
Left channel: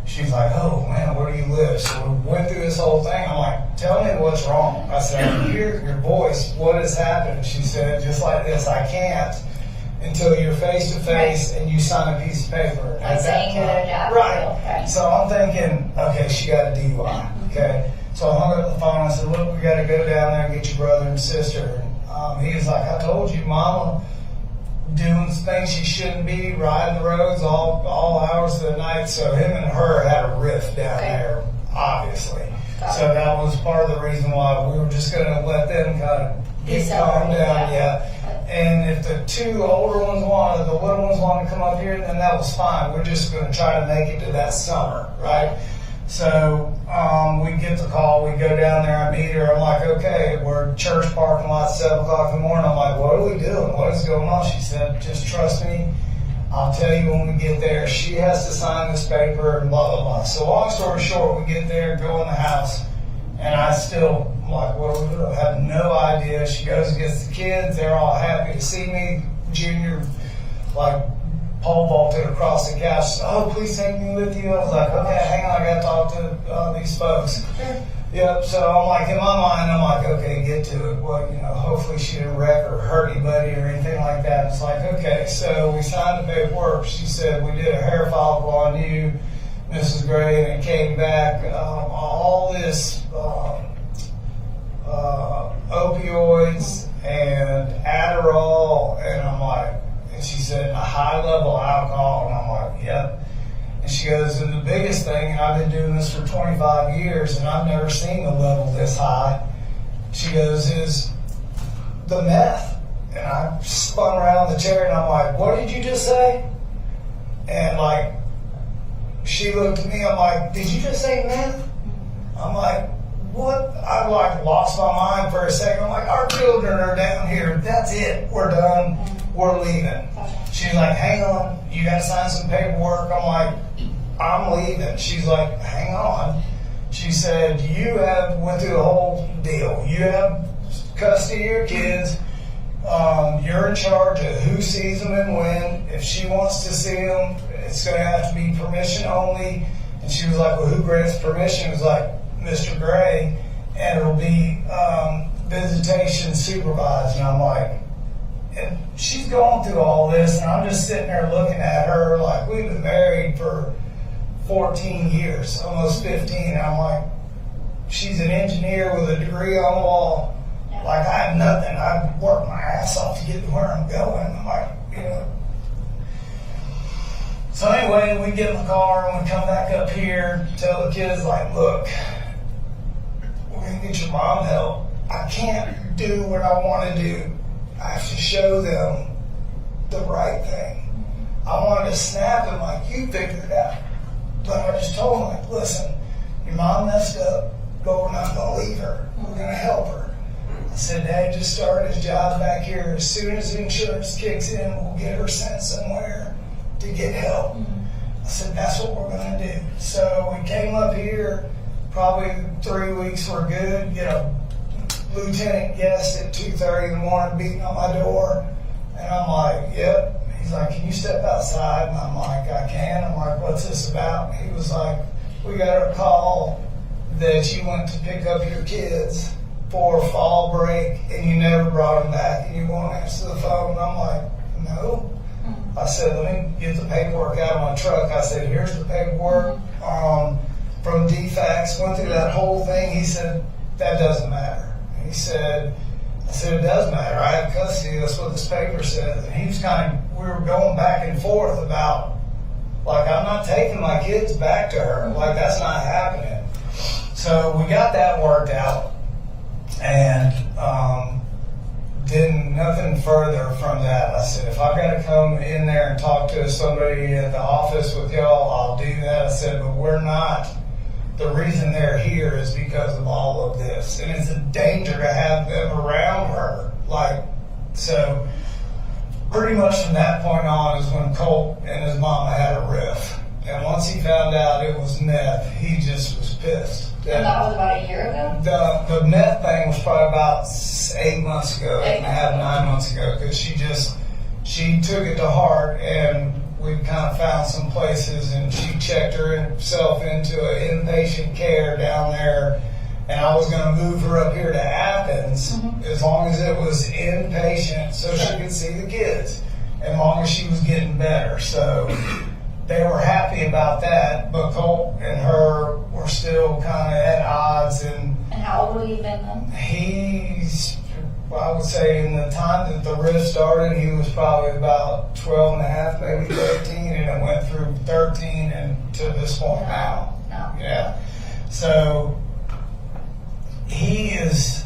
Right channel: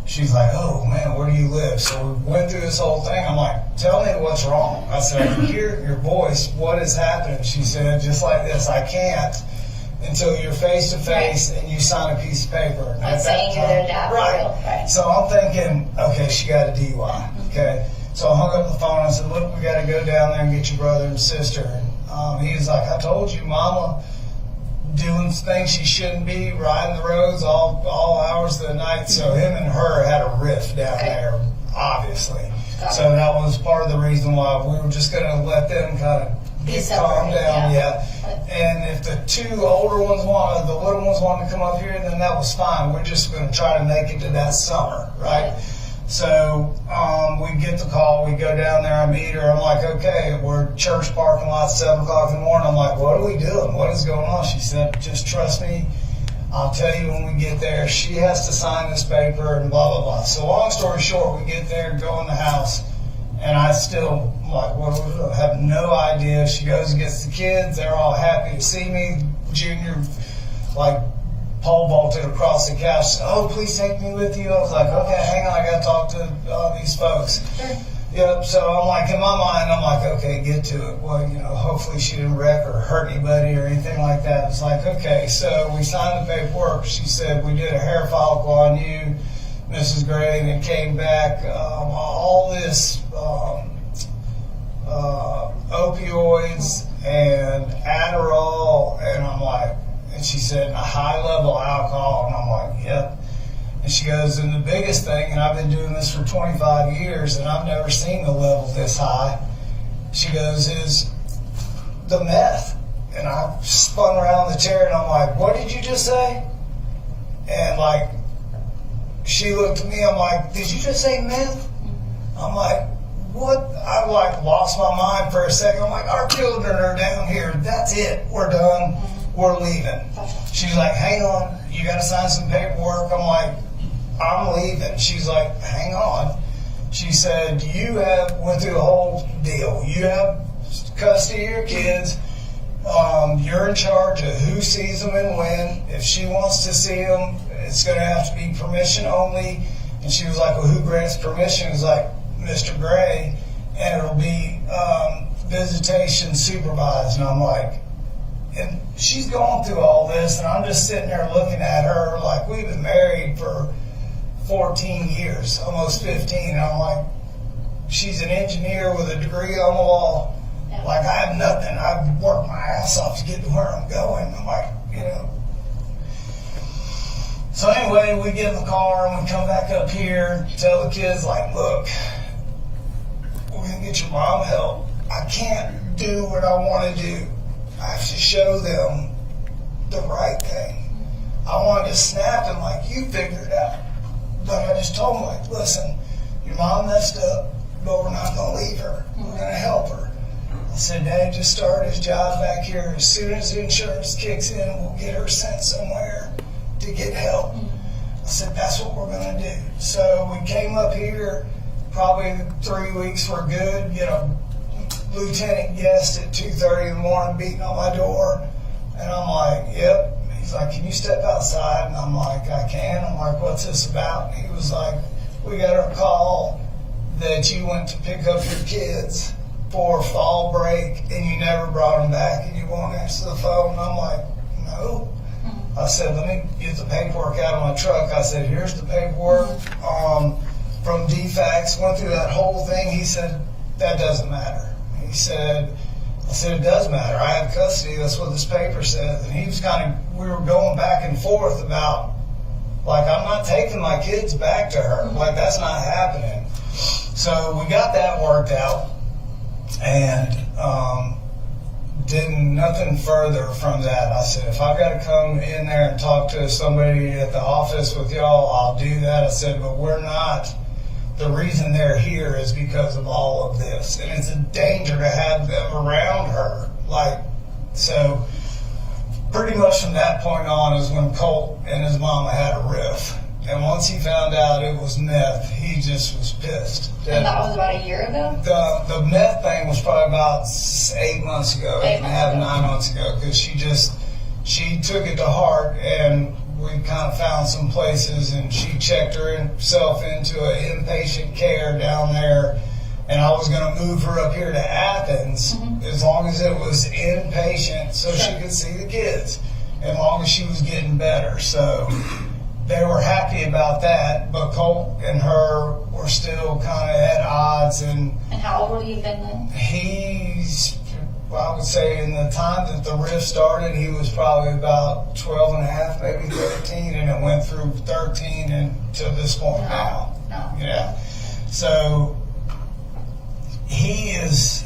She's like, oh man, where do you live? So we went through this whole thing. I'm like, tell me what's wrong. I said, I can hear your voice. What is happening? She said, just like this, I can't until you're face to face and you sign a piece of paper. Like saying you're their dad. Right. So I'm thinking, okay, she got a DUI. Okay. So I hung up the phone. I said, look, we got to go down there and get your brother and sister. And he was like, I told you, Mama doing things she shouldn't be, riding the roads all hours of the night. So him and her had a rift down there, obviously. So that was part of the reason why we were just going to let them kind of get calmed down. Yeah. And if the 2 older ones the little ones wanted to come up here, then that was fine. We're just going to try to make it to that summer, right? So we get the call, we go down there, I meet her. I'm like, okay, we're at church parking lot, 7 o'clock in the morning. I'm like, what are we doing? What is going on? She said, just trust me. I'll tell you when we get there. She has to sign this paper and blah, blah, blah. So long story short, we get there, go in the house, and I still, like, what do we do? I have no idea. She goes and gets the kids. They're all happy to see me. Junior, like, pole vaulted across the couch. Said, oh, please take me with you. I was like, okay, hang on. I got to talk to these folks. Sure. Yep. So I'm like, in my mind, I'm like, okay, get to it. Well, hopefully she didn't wreck or hurt anybody or anything like that. It's like, okay. So we signed the paperwork. She said, we did a hair follicle on you, Mrs. Gray, and it came back all this opioids and Adderall, and I'm like, and she said a high level alcohol, and I'm like, yep. And she goes, and the biggest thing, and I've been doing this for 25 years, and I've never seen the level this high. She goes, is the meth. And I spun around the chair, and I'm like, what did you just say? And like, she looked at me, I'm like, did you just say meth? I'm like, what? I like lost my mind for a second. I'm like, our children are down here. That's it. We're done. We're leaving. She's like, hang on. You got to sign some paperwork. I'm like, I'm leaving. She's like, hang on. She said, you have went through the whole deal. You have custody of your kids. You're in charge of who sees them and when. If she wants to see them, it's going to have to be permission only. And she was like, well, who grants permission? It was like, Mr. Gray, and it'll be visitation supervised. And I'm like, and she's going through all this, and I'm just sitting there looking at her like we've been married for 14 years, almost 15. And I'm like, she's an engineer with a degree on the wall. Like, I have nothing. I've worked my ass off to get to where I'm going. I'm like, you know. So anyway, we get in the car and we come back up here, tell the kids, like, look, we're going to get your mom help. I can't do what I want to do. I have to show them the right thing. I wanted to snap him like, you figured it out. But I just told him, like, listen, your mom messed up, but we're not going to leave her. We're going to help her. I said, Dad just started his job back here. As soon as the insurance kicks in, we'll get her sent somewhere to get help. I said, that's what we're going to do. So we came up here, probably 3 weeks were good. Get a lieutenant guest at 2:30 in the morning beating on my door. And I'm like, yep. He's like, can you step outside? And I'm like, I can. I'm like, what's this about? And he was like, we got a call that you went to pick up your kids for fall break and you never brought them back and you won't answer the phone. And I'm like, no. I said, let me get the paperwork out of my truck. I said, here's the paperwork from DFAX. Went through that whole thing. He said, that doesn't matter. He said, I said, it does matter. I have custody. That's what this paper says. And he was we were going back and forth about, like, I'm not taking my kids back to her. Like, that's not happening. So we got that worked out. And nothing further from that. I said, if I've got to come in there and talk to somebody at the office with y'all, I'll do that. I said, but we're not. The reason they're here is because of all of this. And it's a danger to have them around her. Like, so pretty much from that point on is when Colt and his mama had a riff. And once he found out it was meth, he just was pissed. And that was about a year ago? The meth thing was probably about 8 months ago, 8.5, 9 months ago, because she took it to heart, and we kind of found some places, and she checked herself into an inpatient care down there, and I was going to move her up here to Athens as long as it was inpatient so she could see the kids, as long as she was getting better. So they were happy about that, but Colt and her were still kind of at odds. And how old would he have been then? I would say in the time that the rift started, he was probably about 12 and a half, maybe 13, and it went through 13 and to this point now. No. Yeah. So he's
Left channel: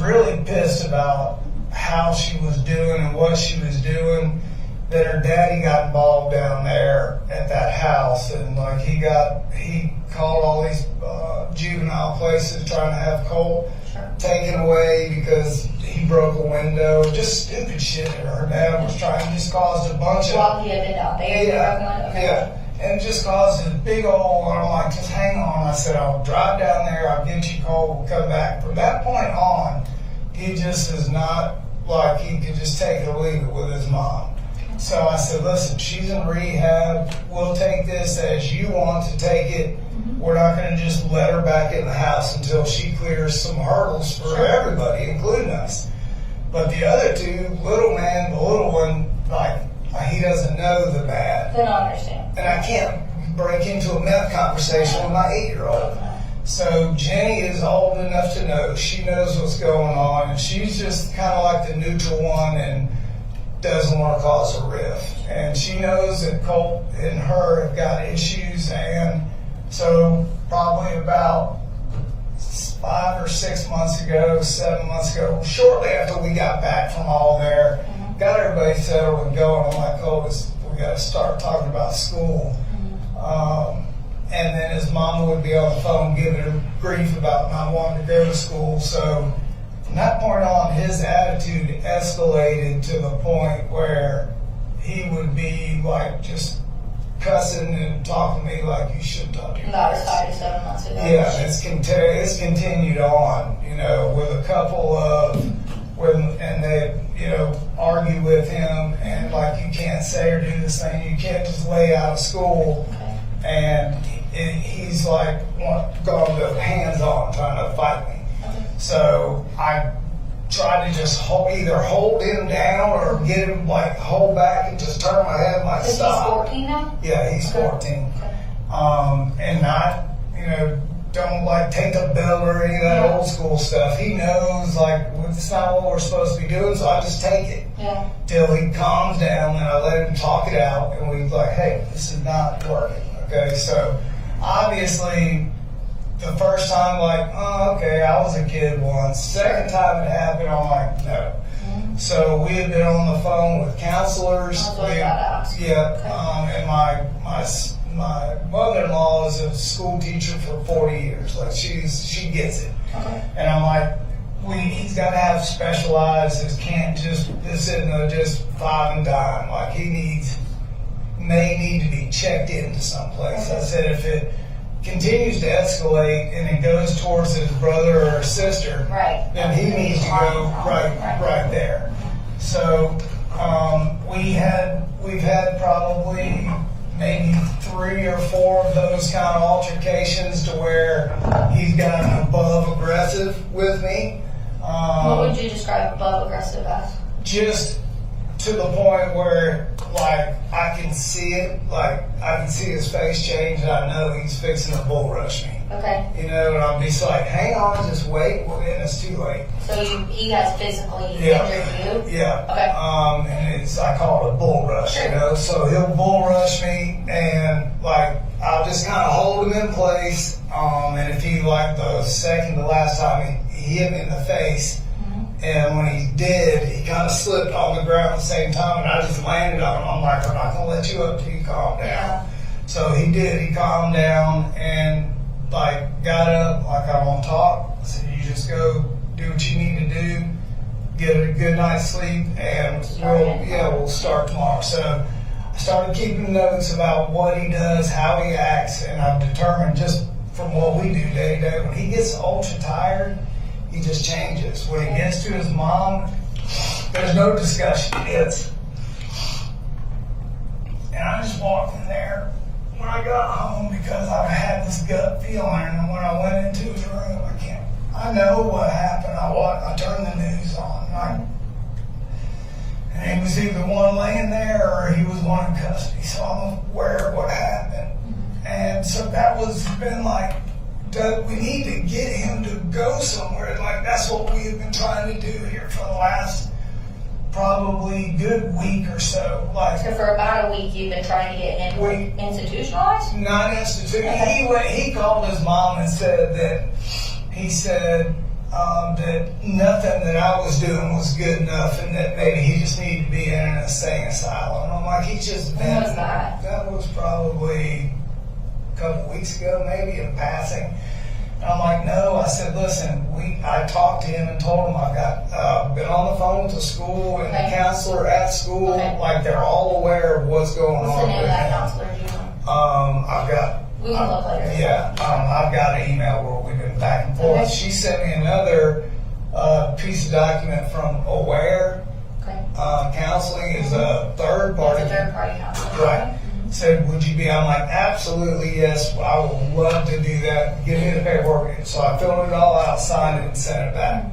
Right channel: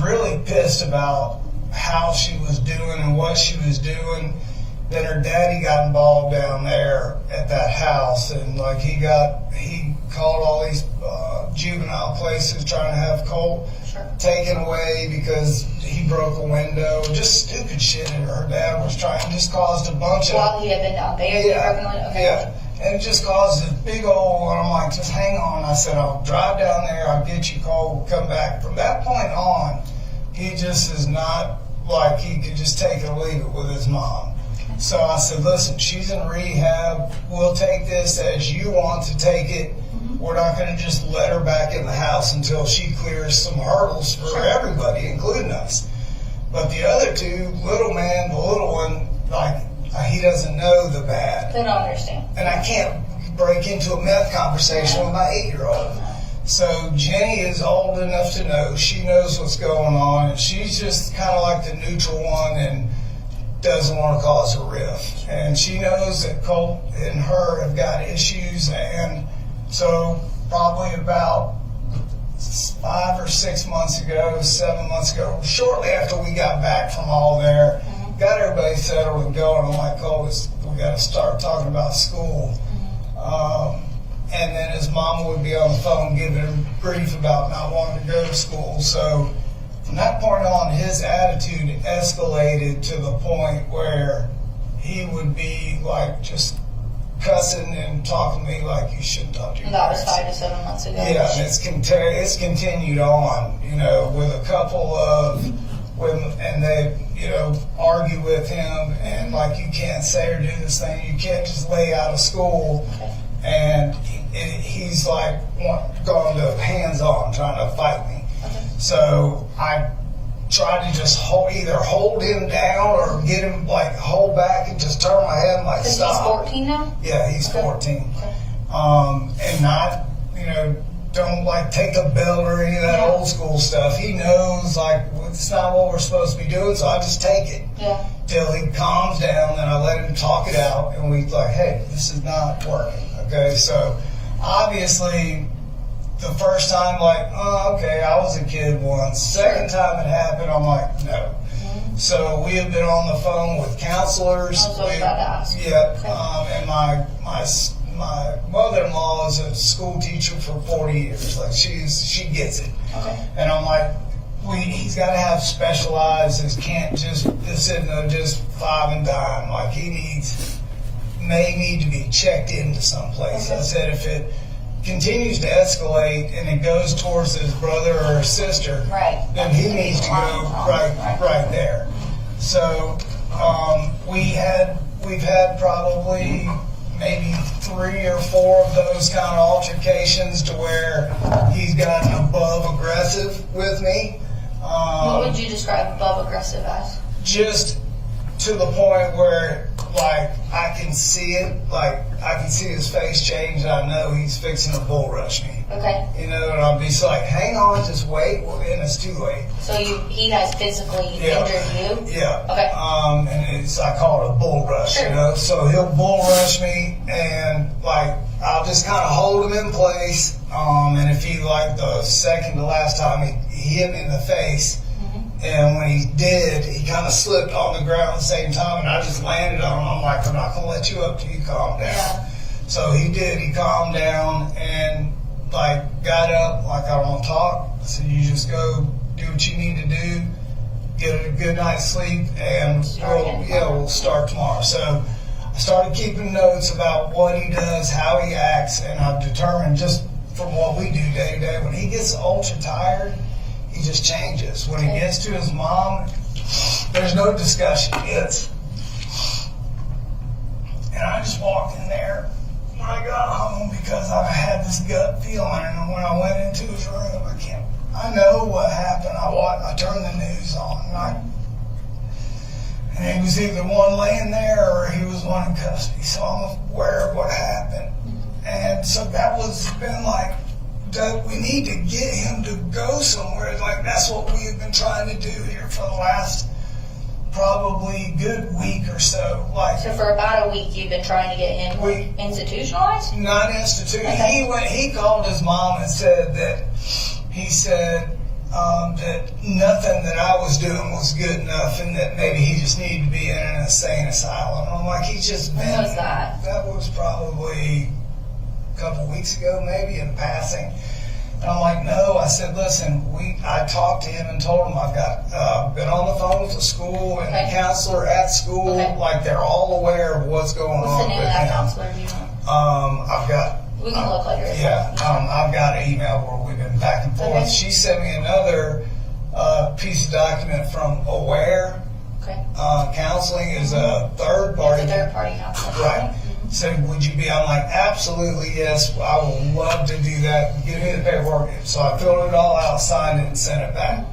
really pissed about how she was doing and what she was doing. That her daddy got involved down there at that house, and like he called all these juvenile places trying to have Colt taken away because he broke a window, just stupid shit. And her dad was trying, just caused a bunch of. While he had been down there, he broke the window. Okay. Yeah, and it just caused a big old. I'm like, just hang on. I said, I'll drive down there. I'll get you Colt. We'll come back. From that point on, he just is not like he could just take it or leave it with his mom. So I said, listen, she's in rehab. We'll take this as you want to take it. We're not going to just let her back in the house until she clears some hurdles for everybody, including us. But the other two, the little one, like, he doesn't know the bad. They don't understand. And I can't break into a meth conversation with my 8-year-old. So Jenny is old enough to know. She knows what's going on, and she's just kind of like the neutral one and doesn't want to cause a rift. And she knows that Colt and her have got issues, and so probably about 5 or 6 months ago, 7 months ago, shortly after we got back from all there, got everybody settled and going. I'm like, Colt, we got to start talking about school. And then his mom would be on the phone giving him grief about not wanting to go to school. So from that point on, his attitude escalated to the point where he would be like just cussing and talking to me like you shouldn't talk to your That was parents. 5 to 7 months ago. Yeah, and it's continued on, you know, with a couple of, and they, you know, argue with him and like you can't say or do this thing, you can't just lay out of school. And he's like gone to hands-on trying to fight me. So I tried to just either hold him down or get him like hold back and just turn my head and like Because stop. he's 14 now? Yeah, he's 14. And not, you know, don't like take the belt or any of that old school stuff. He knows like it's not what we're supposed to be doing, so I just take it. Yeah. Till he calms down and I let him talk it out and we like, hey, this is not working. Okay, so obviously the first time like, oh, okay, I was a kid once. Second time it happened, I'm like, no. So we had been on the phone with counselors. I was always about to ask. Yeah, Okay. and my mother-in-law is a school teacher for 40 years. Like she gets it. Okay. And I'm like, he's got to have specialized. It can't just this isn't just five and dime. Like he may need to be checked into someplace. Okay. I said if it continues to escalate and it goes towards his brother or sister, Right. then he needs to go right there. So we've had probably maybe 3 or 4 of those kind of altercations to where he's gotten above aggressive with me. What would you describe above aggressive as? Just to the point where, like, I can see it, like, I can see his face change, and I know he's fixing to bull rush me. Okay. You know, and I'll be like, hang on, just wait, and it's too late. So he has physically injured you? Yeah. Okay. And I call it a bull rush, Sure. you know, so he'll bull rush me, and, like, I'll just kind of hold him in place, and if he, like, the second to last time, he hit me in the face, and when he did, he kind of slipped on the ground at the same time, and I just landed on him. I'm like, I'm not going to let you up till you calm down. Yeah. So he did. He calmed down and, like, got up, like, I want to talk. I said, you just go do what you need to do, get a good night's sleep, and we'll start tomorrow. So I started keeping notes about what he does, how he acts, and I've determined just from what we do day to day, when he gets ultra tired, he just changes. When he gets to his mom, there's no discussion. And I just walked in there when I got home because I had this gut feeling, and when I went into his room, I know what happened. I turned the news on, and he was either one laying there or he was one in custody, so I'm aware of what happened. And so that was been like, Doug, we need to get him to go somewhere. Like, that's what we have been trying to do here for the last probably good week or so. Like, So for about a week, you've been trying to get him institutionalized? not institute. Okay. He called his mom and said that that nothing that I was doing was good enough, and that maybe he just needed to be in an insane asylum. I'm like, he's just been. When was that? That was probably a couple weeks ago, maybe in passing. And I'm like, no. I said, listen, I talked to him and told him I've got been on the phone with the school and the counselor at school. Okay. Like, they're all aware of what's going on. What's the name of with that him. counselor? Do you know? I've got. We can look later. Yeah, I've got an email where we've been back and forth. Okay. She sent me another piece of document from Aware. Okay. Counseling is a third party. It's a third party counselor. Right. Said, would you be? I'm like, absolutely, yes. I would love to do that. Give me the paperwork. So I filled it all out, signed it, and sent it back.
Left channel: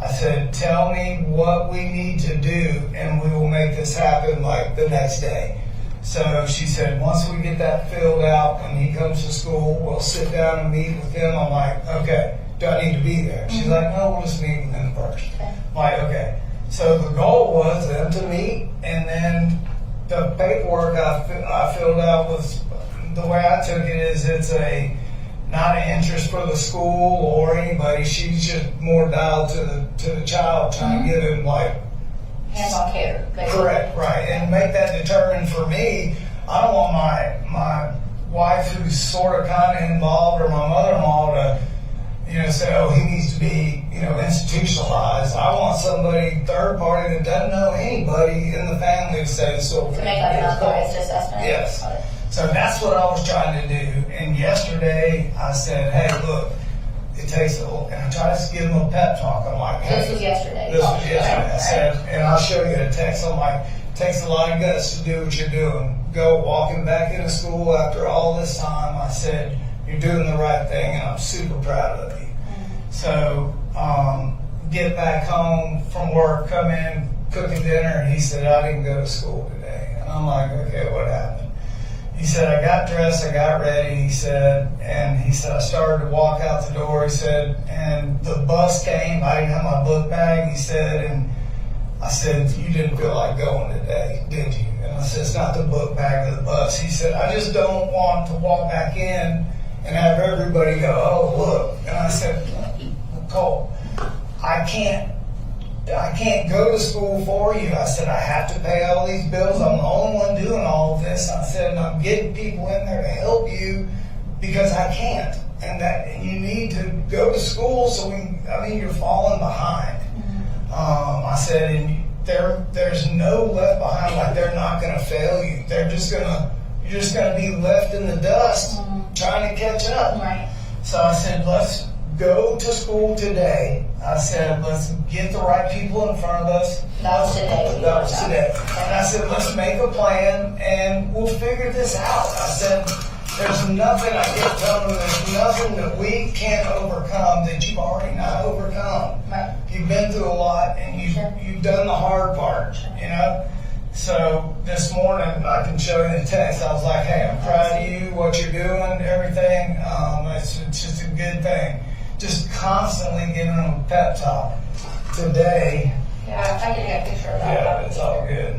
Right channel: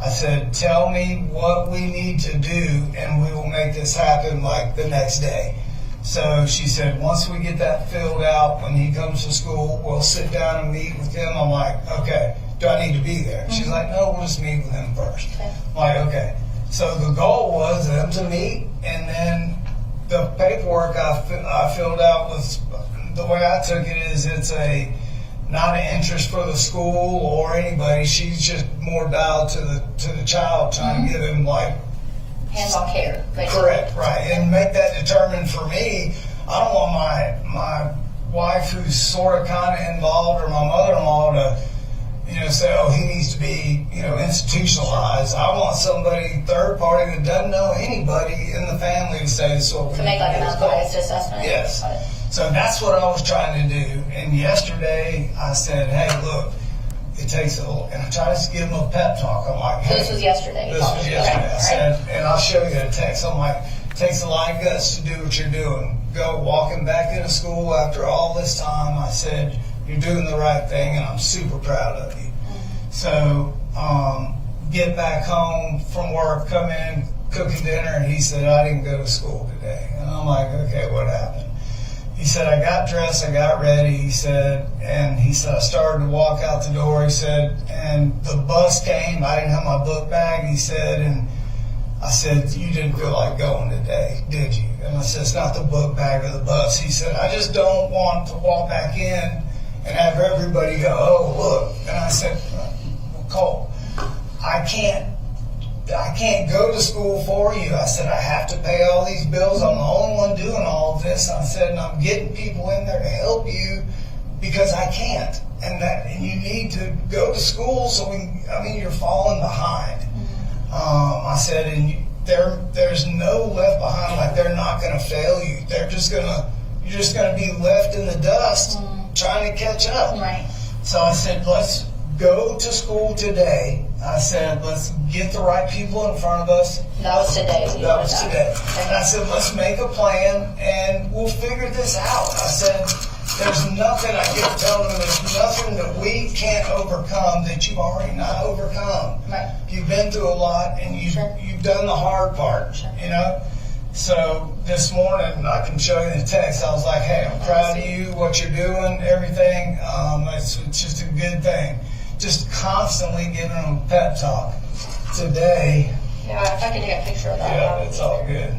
I said, tell me what we need to do, and we will make this happen like the next day. So she said, once we get that filled out, when he comes to school, we'll sit down and meet with him. I'm like, okay, do I need to be there? She's like, no, we'll just meet with him first. Okay. I'm like, okay. So the goal was them to meet, and then the paperwork I filled out was, the way I took it is it's not an interest for the school or anybody. She's just more dialed to the child, trying to give him like Hands-on care, basically. correct, right, and make that determined for me. I don't want my wife, who's sort of kind of involved, or my mother-in-law to, say, oh, he needs to be, institutionalized. I want somebody, third party, that doesn't know anybody in the family to say this. To make like an unbiased assessment. Yes. Got it. So that's what I was trying to do. And yesterday I said, hey, look, it takes and I tried to give him a pep talk. I'm like, hey. This was yesterday. This was yesterday. Okay. I said, and I'll show you the text. I'm like, it takes a lot of guts to do what you're doing. Go walking back into school after all this time. I said, you're doing the right thing, and I'm super proud of you. So, get back home from work, come in, cooking dinner, and he said, I didn't go to school today. And I'm like, okay, what happened? He said, I got dressed, I got ready, he said, I started to walk out the door, he said, and the bus came, I didn't have my book bag, he said, and I said, you didn't feel like going today, did you? And I said, it's not the book bag or the bus. He said, I just don't want to walk back in and have everybody go, oh, look. And I said, Cole, I can't go to school for you. I said, I have to pay all these bills. I'm the only one doing all of this. I said, and I'm getting people in there to help you because I can't. And you need to go to school you're falling behind. I said, and there's no left behind, like they're not going to fail you. You're just going to be left in the dust trying to catch up. Right. So I said, let's go to school today. I said, let's get the right people in front of us. That was today. That was today. And I said, let's make a plan and we'll figure this out. I said, there's nothing, I kept telling them, there's nothing that we can't overcome that you've already not overcome. Right. You've been through a lot and you've done the hard part, So this morning, I can show you the text. I was like, hey, I'm proud of you, what you're doing, everything. It's just a good thing. Just constantly giving them a pep talk. Today. Yeah, if I could take a picture of that. Yeah, it's all good.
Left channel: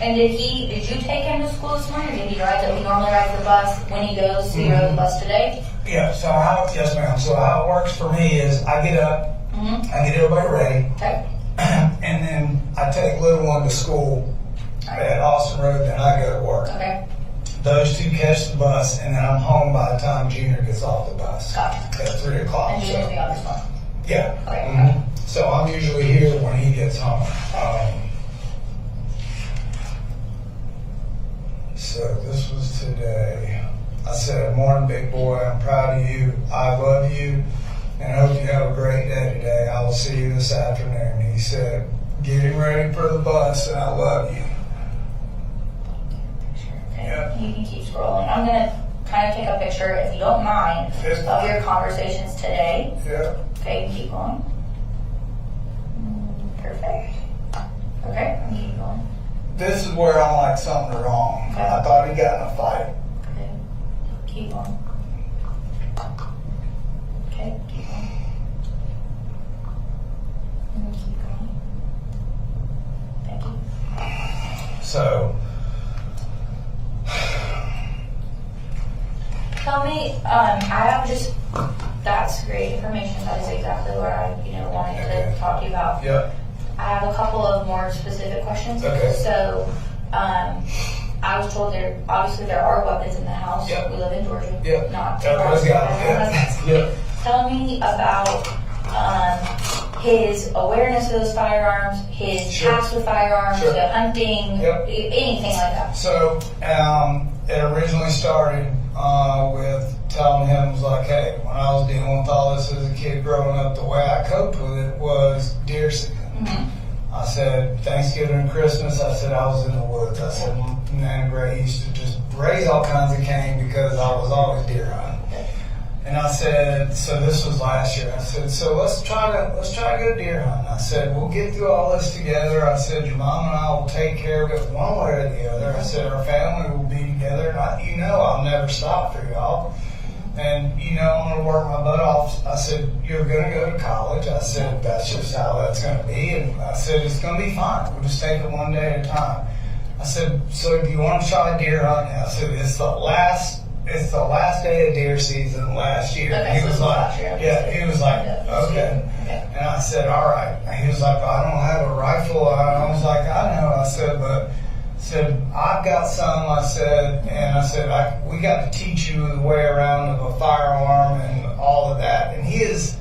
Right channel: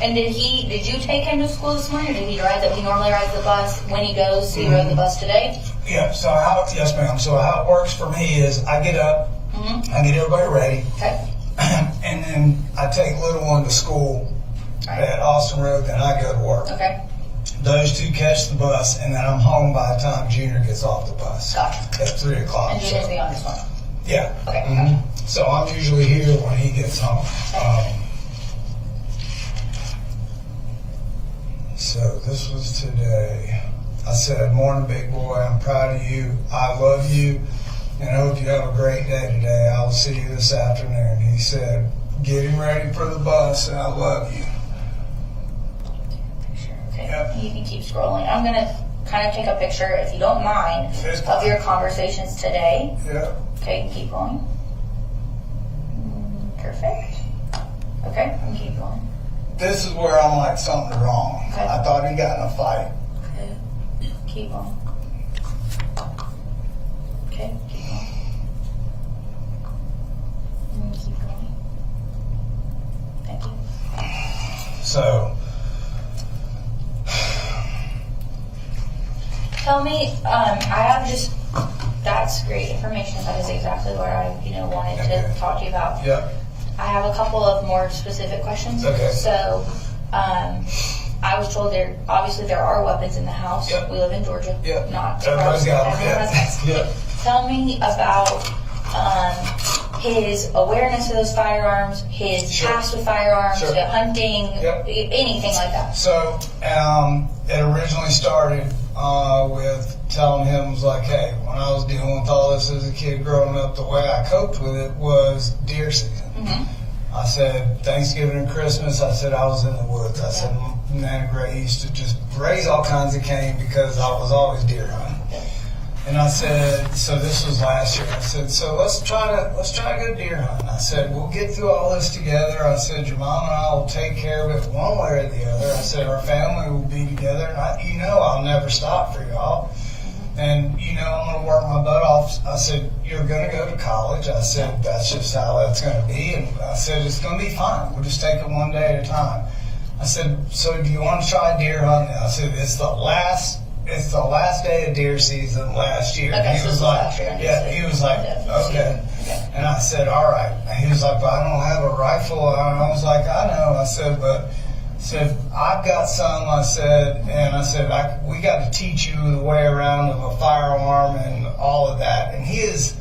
And did you take him to school this morning, or did he normally rides the bus when he goes? So he rode the bus today? Yeah, yes ma'am. So how it works for me is I get up, I get everybody ready, Okay. and then I take little one to school at Austin Road, then I go to work. Okay. Those two catch the bus, and then I'm home by the time Junior gets off the bus. Gotcha. At 3 o'clock. And Junior's be on this one? Yeah. Okay. So I'm usually here when he gets home. So this was today. I said, morning, big boy. I'm proud of you. I love you. And I hope you have a great day today. I will see you this afternoon. He said, getting ready for the bus, and I love you. Okay. Yep. You can keep scrolling. I'm going to kind of take a picture, if you don't mind, of your conversations today. Yeah. Okay, and keep going. Perfect. Okay, and keep going. This is where I'm like, something's wrong. Okay. I thought he got in a fight. Okay, keep going. Okay, keep going. And keep going. Thank you. So, Tell me, I have just, that's great information. That is exactly what I, wanted to talk to you about. yeah. I have a couple of more specific questions. Okay. So, I was told there are weapons in the house. Yep. We live in Georgia. Yep. Not Everybody's got them. everyone has guns. Yep. Tell me about his awareness of those firearms, his Sure. past with firearms, Sure. hunting, Yep. anything like that. So, it originally started with telling him, was like, hey, when I was dealing with all this as a kid growing up, the way I coped with it was deer season. I said, Thanksgiving and Christmas, I said, I was in the woods. I said, Nana Gray used to just raise all kinds of cane because I was always deer hunting. And I said, so this was last year. I said, so let's try to go deer hunting. I said, we'll get through all this together. I said, your mom and I will take care of it one way or the other. I said, our family will be together. And I'll never stop for y'all. and I'm going to work my butt off. I said, you're going to go to college. I said, that's just how that's going to be. And I said, it's going to be fine. We'll just take it one day at a time. I said, so do you want to try deer hunting? I said, it's the last day of deer season last year. Okay, He so was this was like, last year. yeah, he was like, okay. And I said, all right. He was like, but I don't have a rifle. I was like, I know. I said, I've got some. I said, we got to teach you the way around of a firearm and all of that. And he is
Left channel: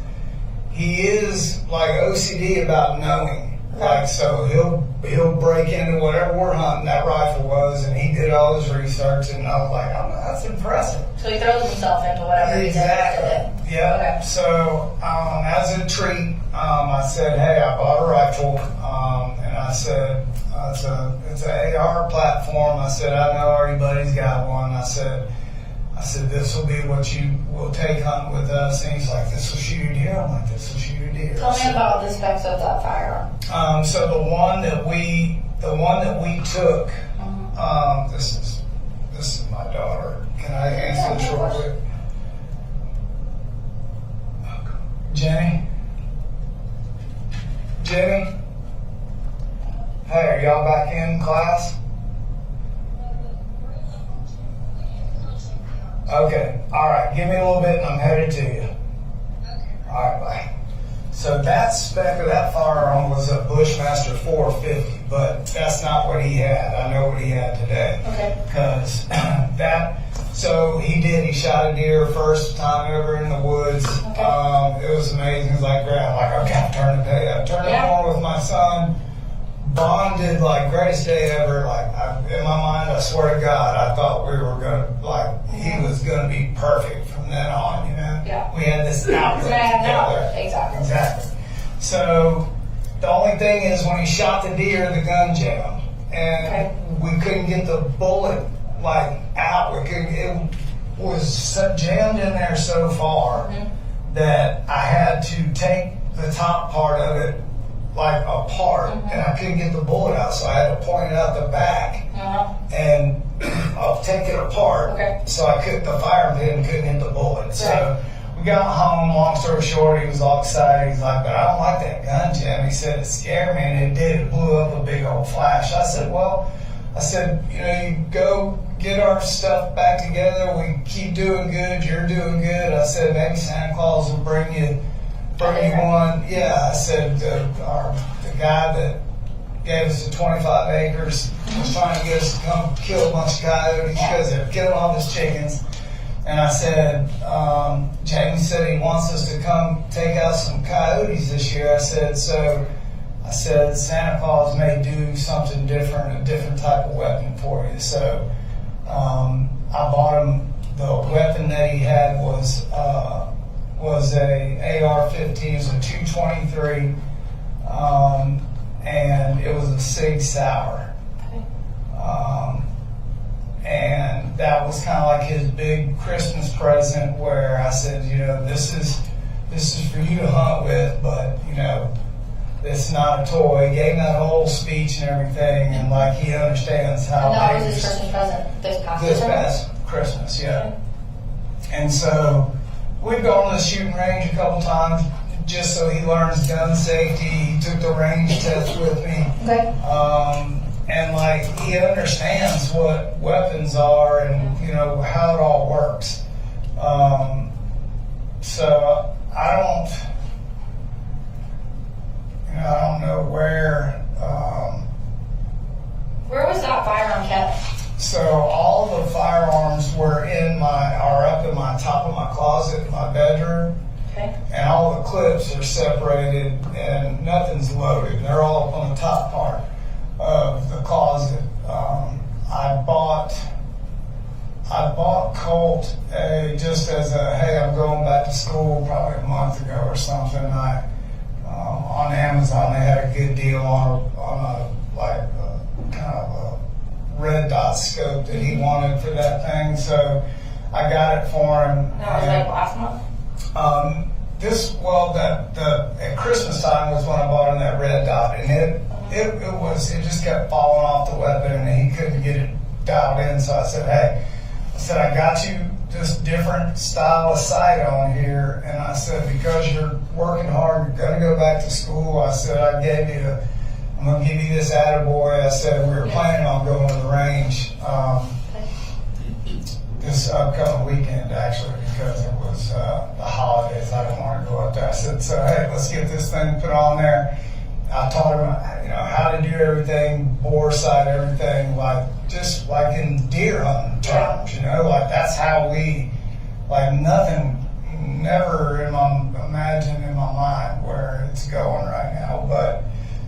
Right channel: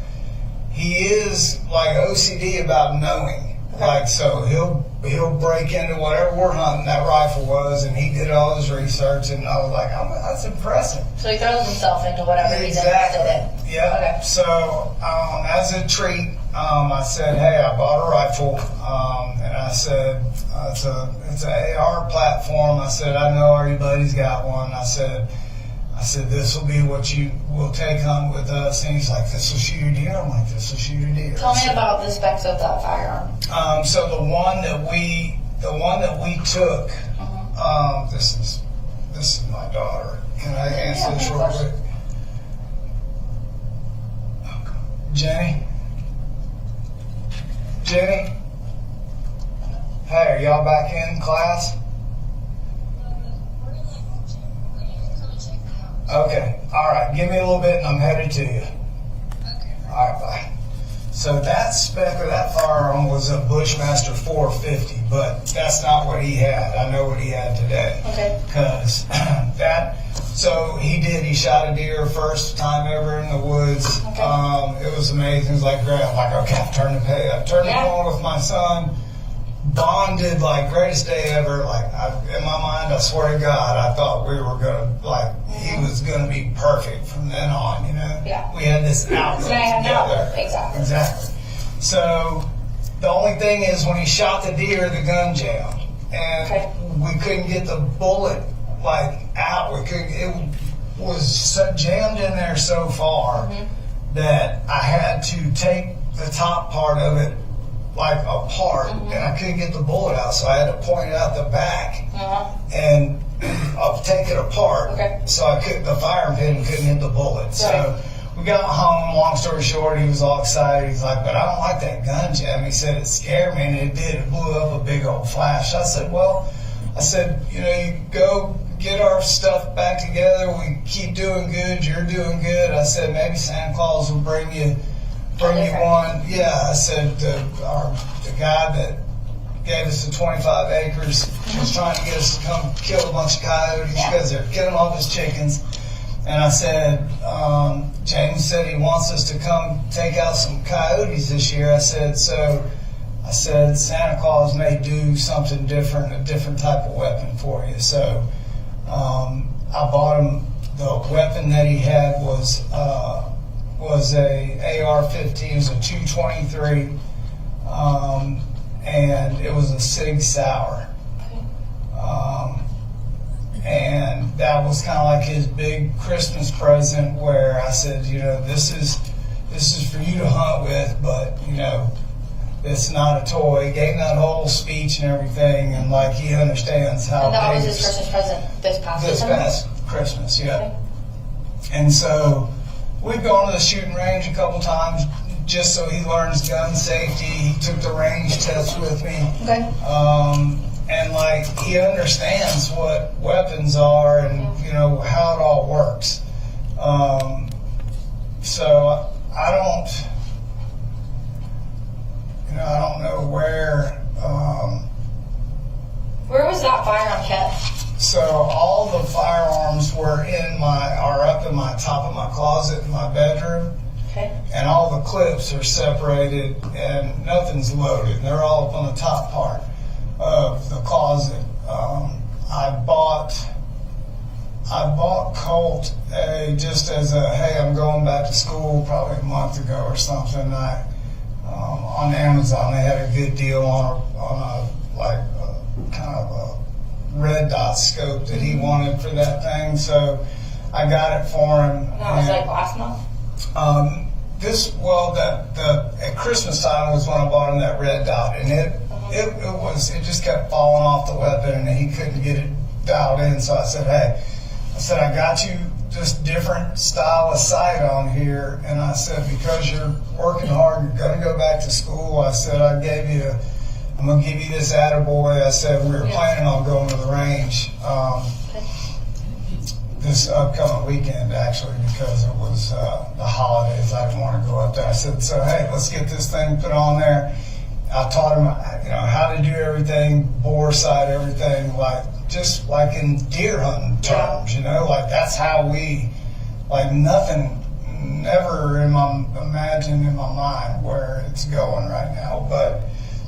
like OCD about knowing. Like, so he'll break into whatever we're hunting, that rifle was, and he did all his research, and I was like, that's impressive. So he throws himself into whatever he's interested in. Yeah. Okay. So as a treat, I said, hey, I bought a rifle, and I said, it's an AR platform. I said, I know everybody's got one. I said, this will be what you will take hunting with us. And he's like, this will shoot a deer. I'm like, this will shoot a deer. Tell me about the specs of that firearm. So the one that we took, this is my daughter. Can I answer this real quick? Jenny? Hey, are y'all back in class? Okay, all right, give me a little bit and I'm headed to you. All right, bye. So that spec of that firearm was a Bushmaster 450, but that's not what he had. I know what he had today. Okay. Because he shot a deer first time ever in the woods. Okay. It was amazing. It was like, great. I'm like, okay, turn the corner with my son. Bonded, like, greatest day ever. Like, in my mind, I swear to God, I thought we were going to, he was going to be perfect from then on, Yeah. We had this outlook together. Exactly. So, the only thing is, when he shot the deer, the gun jammed. And we couldn't get the bullet, out. It was jammed in there so far that I had to take the top part of it apart, and I couldn't get the bullet out, so I had to point it out the back and I'll take it apart. So the fire pin couldn't hit the bullet. So we got home. Long story short, he was all excited. He's like, but I don't like that gun jam. He said it scared me, and it did. It blew up a big old flash. I said, you go get our stuff back together. We keep doing good. You're doing good. I said, maybe Santa Claus will bring you one. Yeah, I said, the guy that gave us the 25 acres was trying to get us to come kill a bunch of coyotes because they're killing all his chickens. And I said, James said he wants us to come take out some coyotes this year. I said, Santa Claus may do something different, a different type of weapon for you. So I bought him, the weapon that he had was a AR-15, it was a 223, and it was a Sig Sauer. And that was kind of like his big Christmas present, where I said, this is for you to hunt with, but it's not a toy. He gave that whole speech and everything, and he understands how. And that was his Christmas present this past Christmas, yeah. And so we've gone to the shooting range a couple times just so he learns gun safety. He took the range test with me. And he understands what weapons are and how it all works. So I don't know where. Where was that firearm kept? So all the firearms are up in my top of my closet in my bedroom. And all the clips are separated and nothing's loaded. They're all up on the top part of the closet. I bought Colt just as hey, I'm going back to school probably a month ago or something. On Amazon they had a good deal on a kind of a red dot scope that he wanted for that thing, so I got it for him. That was last month? At Christmas time was when I bought him that red dot, and it just kept falling off the weapon and he couldn't get it dialed in, so I said, hey, I got you this different style of sight on here. And I said, because you're working hard, you're gonna go back to school. I said, I'm gonna give you this attaboy. I said, we were planning on going to the range this upcoming weekend, actually, because it was the holidays. I didn't want to go up there. I said, so hey, let's get this thing put on there. I taught him, how to do everything, bore sight, everything, just like in deer hunting terms, like that's how nothing, never imagine in my mind where it's going right now, but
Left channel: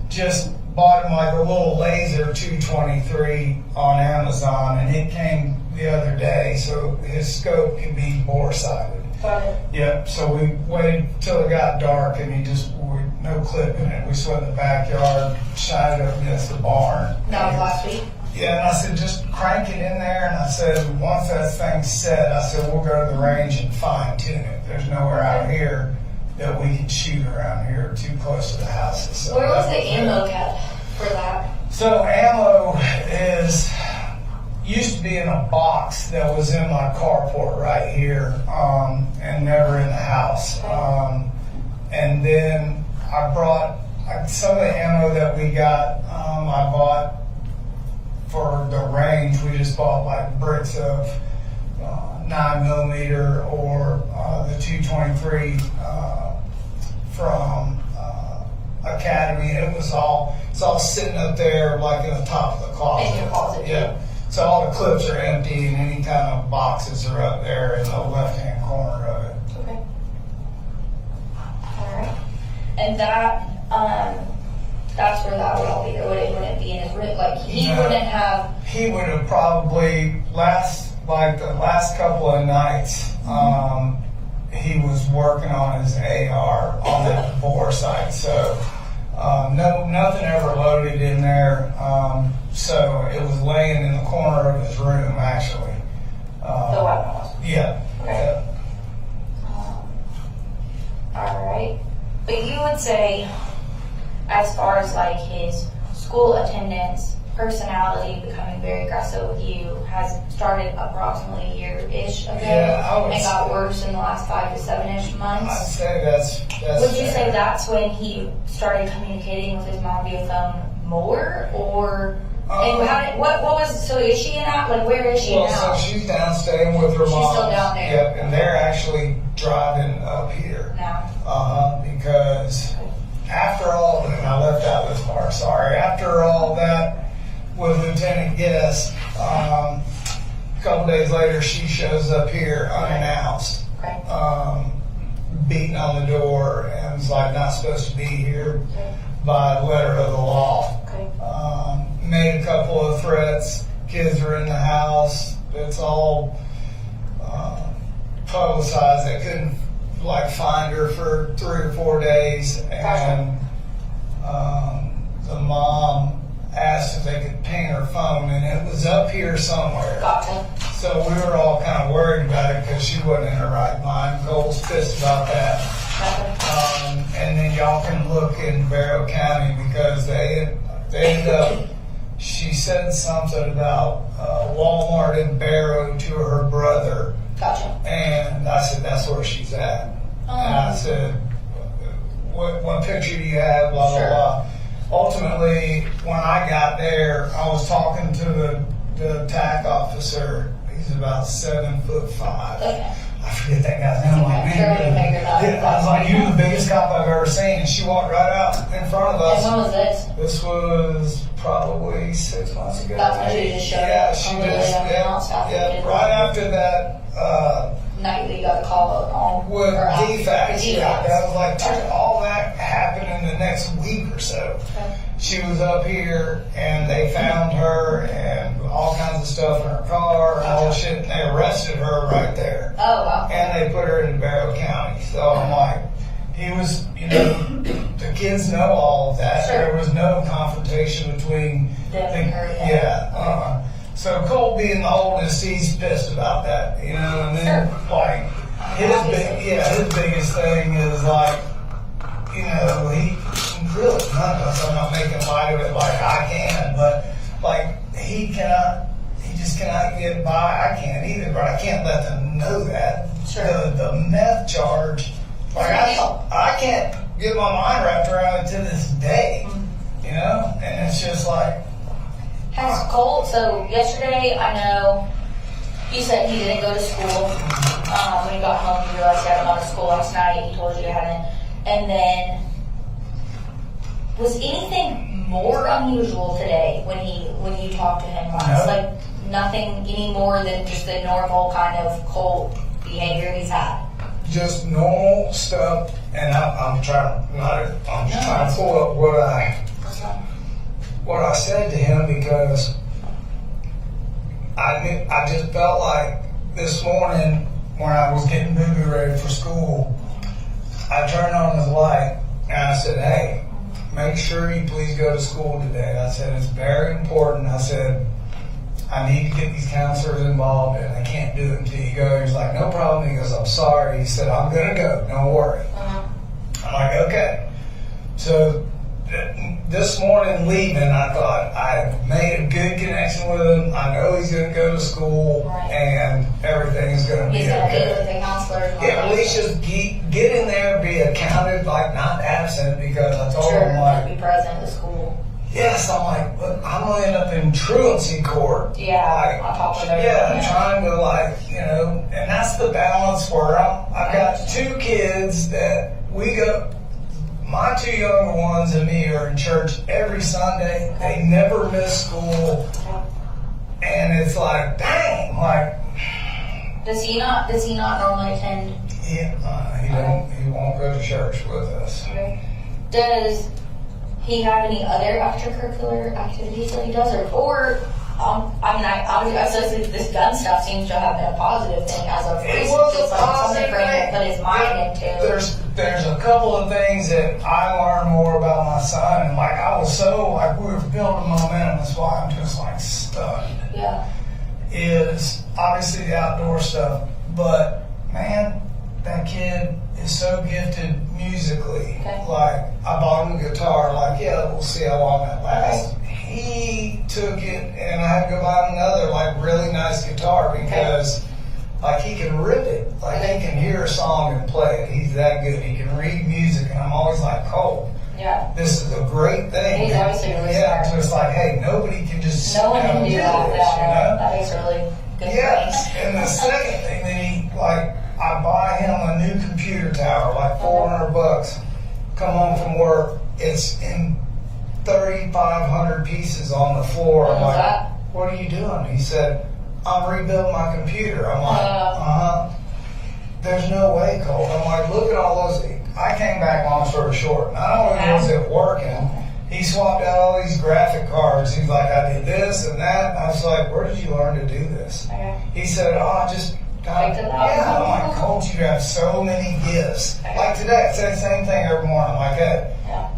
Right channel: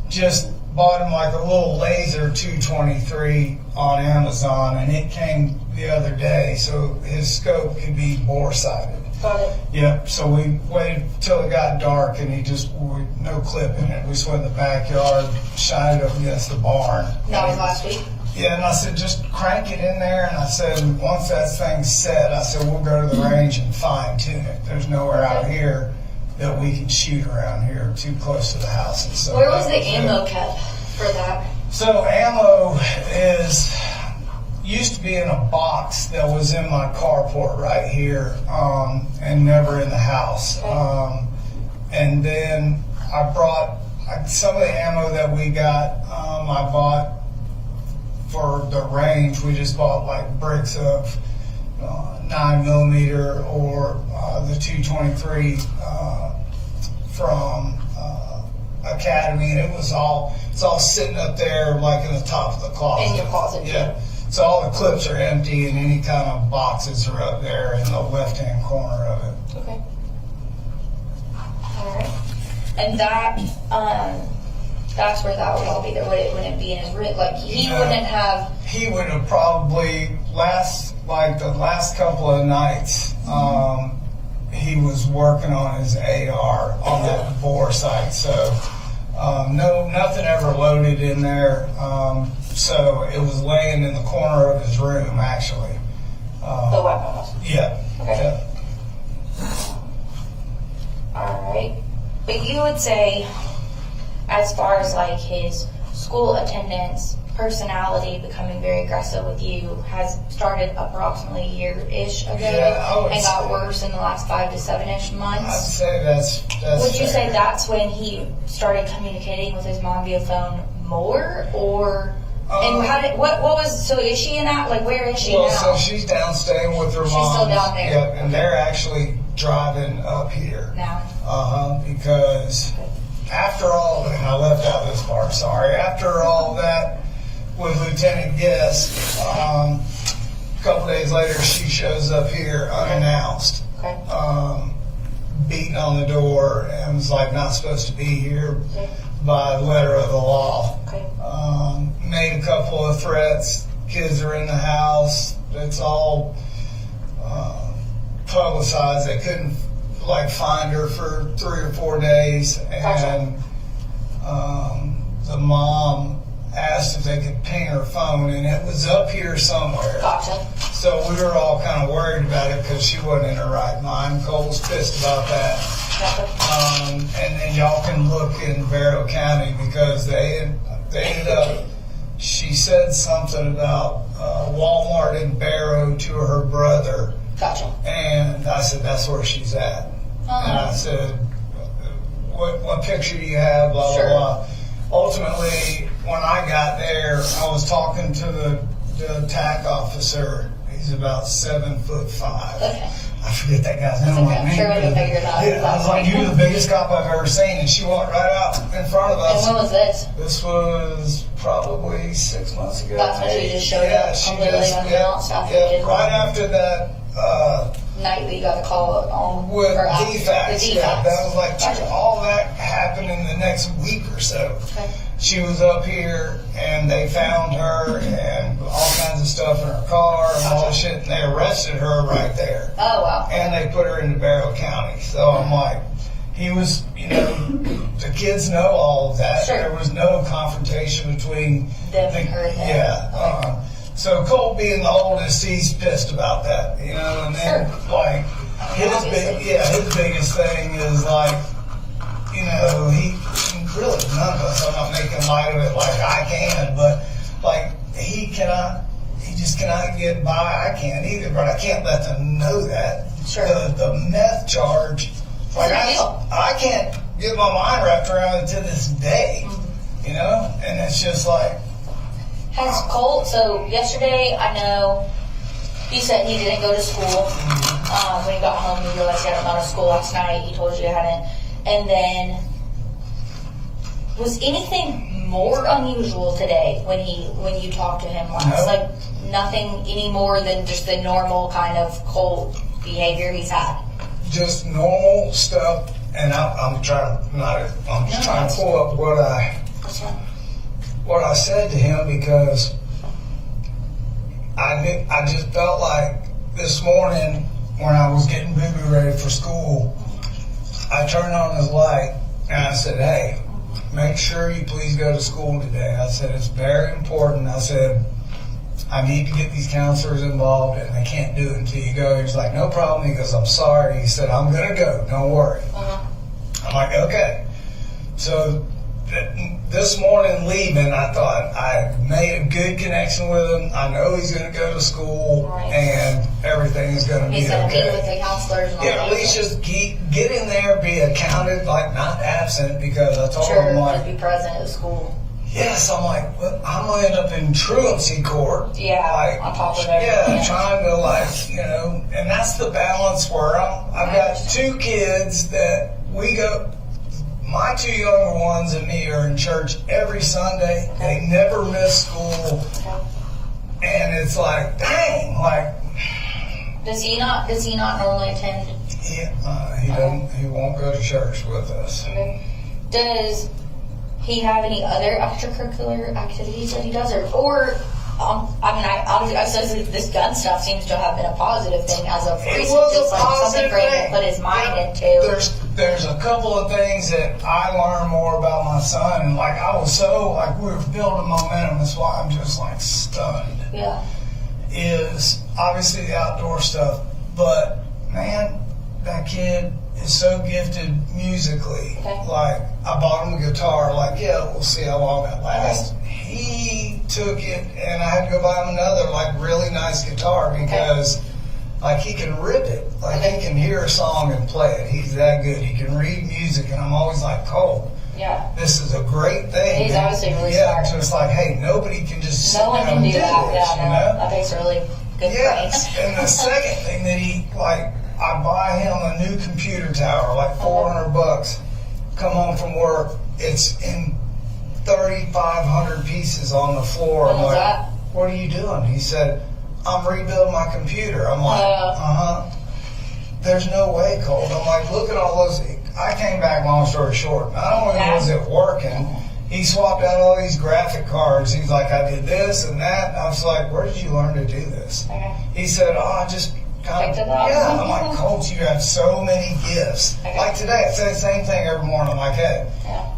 just bought him like a little laser 223 on Amazon, and it came the other day, so his scope can be bore sighted. Got it. Yep, so we waited till it got dark, and no clip in it. We just went in the backyard, shined it up against the barn. That was last week? Yeah, and I said, just crank it in there, and I said, once that thing's set, I said, we'll go to the range and fine tune it. There's nowhere out here that we can shoot around here too close to the houses. So Where was the ammo kept for that? So ammo used to be in a box that was in my carport right here, and never in the house. And then I brought some of the ammo that we got, I bought for the range. We just bought like bricks of 9mm or the 223 from Academy, and it's all sitting up there like in the top of the closet. In your closet, yeah. So all the clips are empty, and any kind of boxes are up there in the left-hand corner of it. Okay. All right. And that's where that would all be. There wouldn't be in his room. Like he wouldn't have. He would have probably the last couple of nights. He was working on his AR on that bore sight. So nothing ever loaded in there. So it was laying in the corner of his room, actually. The weapon was. Yeah. Okay. All right. But you would say, as far as like his school attendance, personality, becoming very aggressive with you, has started approximately a year-ish ago, and got worse in the last 5 to 7-ish months. I'd say that's Would you say that's when he started communicating with his mom via phone more, or? And what was, so is she in that, like where is she now? So she's down staying with her mom. She's still down there? Yep, and they're actually driving up here. Now? Because after all, and I left out this part, sorry, after all that with Lieutenant Guest, a couple days later she shows up here unannounced. Okay. Beating on the door and was like not supposed to be here by letter of the law. Okay. Made a couple of threats. Kids are in the house. It's all publicized. They couldn't find her for 3 or 4 days, and the mom asked if they could ping her phone, and it was up here somewhere. Gotcha. So we were all kind of worried about it because she wasn't in her right mind. Cole's pissed about that. Gotcha. And then y'all can look in Barrow County because they ended up. She said something about Walmart in Barrow to her brother. Gotcha. And I said, that's where she's at. And I said, what picture do you have, blah, Sure. blah, blah. Ultimately, when I got there, I was talking to the attack officer. He's about 7'5". Okay. I forget that guy's name. Okay, I'm sure I can figure it out. Yeah, I was like, you're the biggest cop I've ever seen. And she walked right out in front of us. And when was this? This was probably 6 months ago. That's when she just showed up completely unannounced after you did right after that. Night we got the call on. With defects. The Yeah, that was like Gotcha. all that happened in the next week or so. Okay. She was up here and they found her and all kinds of stuff in her car and all Gotcha. shit, and they arrested her right there. Oh, wow. And they put her into Barrow County. So I'm like, he was, the kids know all of that. Sure. There was no confrontation between Them and her. Yeah. So Cole being the oldest, he's pissed about that, and then his biggest thing is he really, none of us, I'm not making light of it like I can, but he can I get by? I can't either, but I can't let them know that. Sure. The meth charge, like It's a big deal. I can't get my mind wrapped around it to this day, you know? And it's just like, Has Colt, so yesterday, I know, he said he didn't go to school. When he got home, he realized he hadn't gone to school last night. He told you he hadn't. And then, was anything more unusual today when you talked to him last? No. Like, nothing any more than just the normal kind of Colt behavior he's had? just normal stuff, and I'm trying to pull up what I said to him, because I just felt like this morning when I was getting Boo-Boo ready for school, I turned on his light and I said, "Hey, make sure you please go to school today." I said, "It's very important." I said, "I need to get these counselors involved, and they can't do it until you go." He's like, "No problem." He goes, "I'm sorry." He said, "I'm going to go. Don't worry." I'm like, "Okay." So this morning leaving, I thought I made a good connection with him. I know he's going to go to school, and everything is going to be He's going to meet okay. with the counselors. And all Yeah, that at least stuff. just get in there, be accounted, like not absent, because I told Sure, him, like, to be present at the school. yes, I'm like, look, I'm going to end up in truancy court. Yeah, like, on top of everything. yeah, trying to, like, you know, and that's the balance where I've got two kids that we go. My two younger ones and me are in church every Sunday. They never miss school, and it's like, dang, like. Does he not normally attend? Yeah, he doesn't. He won't go to church with us. Okay. Does he have any other extracurricular activities that he does, or I mean, I suppose this gun stuff seems to have been a positive thing as of It recent, was just a like something positive for him thing. to put his mind into. There's a couple of things that I learned more about my son, and like I was so like we were building momentum. That's why I'm just like stunned. Yeah. Is obviously the outdoor stuff, but man, that kid is so gifted musically. Okay. Like I bought him a guitar. Like, yeah, we'll see how long that lasts. He took it, and I had to go buy him another like really nice guitar because. Like he can rip it, like he can hear a song and play it. He's that good. He can read music, and I'm always like, Cole, Yeah. this is a great thing. He's obviously really yeah, smart. just like, hey, nobody can just sit No one down can and do that. this, Yeah, you no, know? I think it's a really good Yes, thing. and the second thing that he, like, I buy him a new computer tower, like $400. Come home from work, it's in 3,500 pieces on the floor. What I'm was like, that? what are you doing? He said, I'm rebuilding my computer. I'm like, There's no way, Cole. I'm like, look at all those. I came back, long story short. Not only was it working, he swapped out all these graphic cards. He's like, I did this and that. I was like, where did you learn to do this? Okay. He said, oh, I just kind of, Picked it up. yeah. I'm like, Colt, you have so many gifts. Okay. Like today, I say the same thing every morning. I'm like, hey,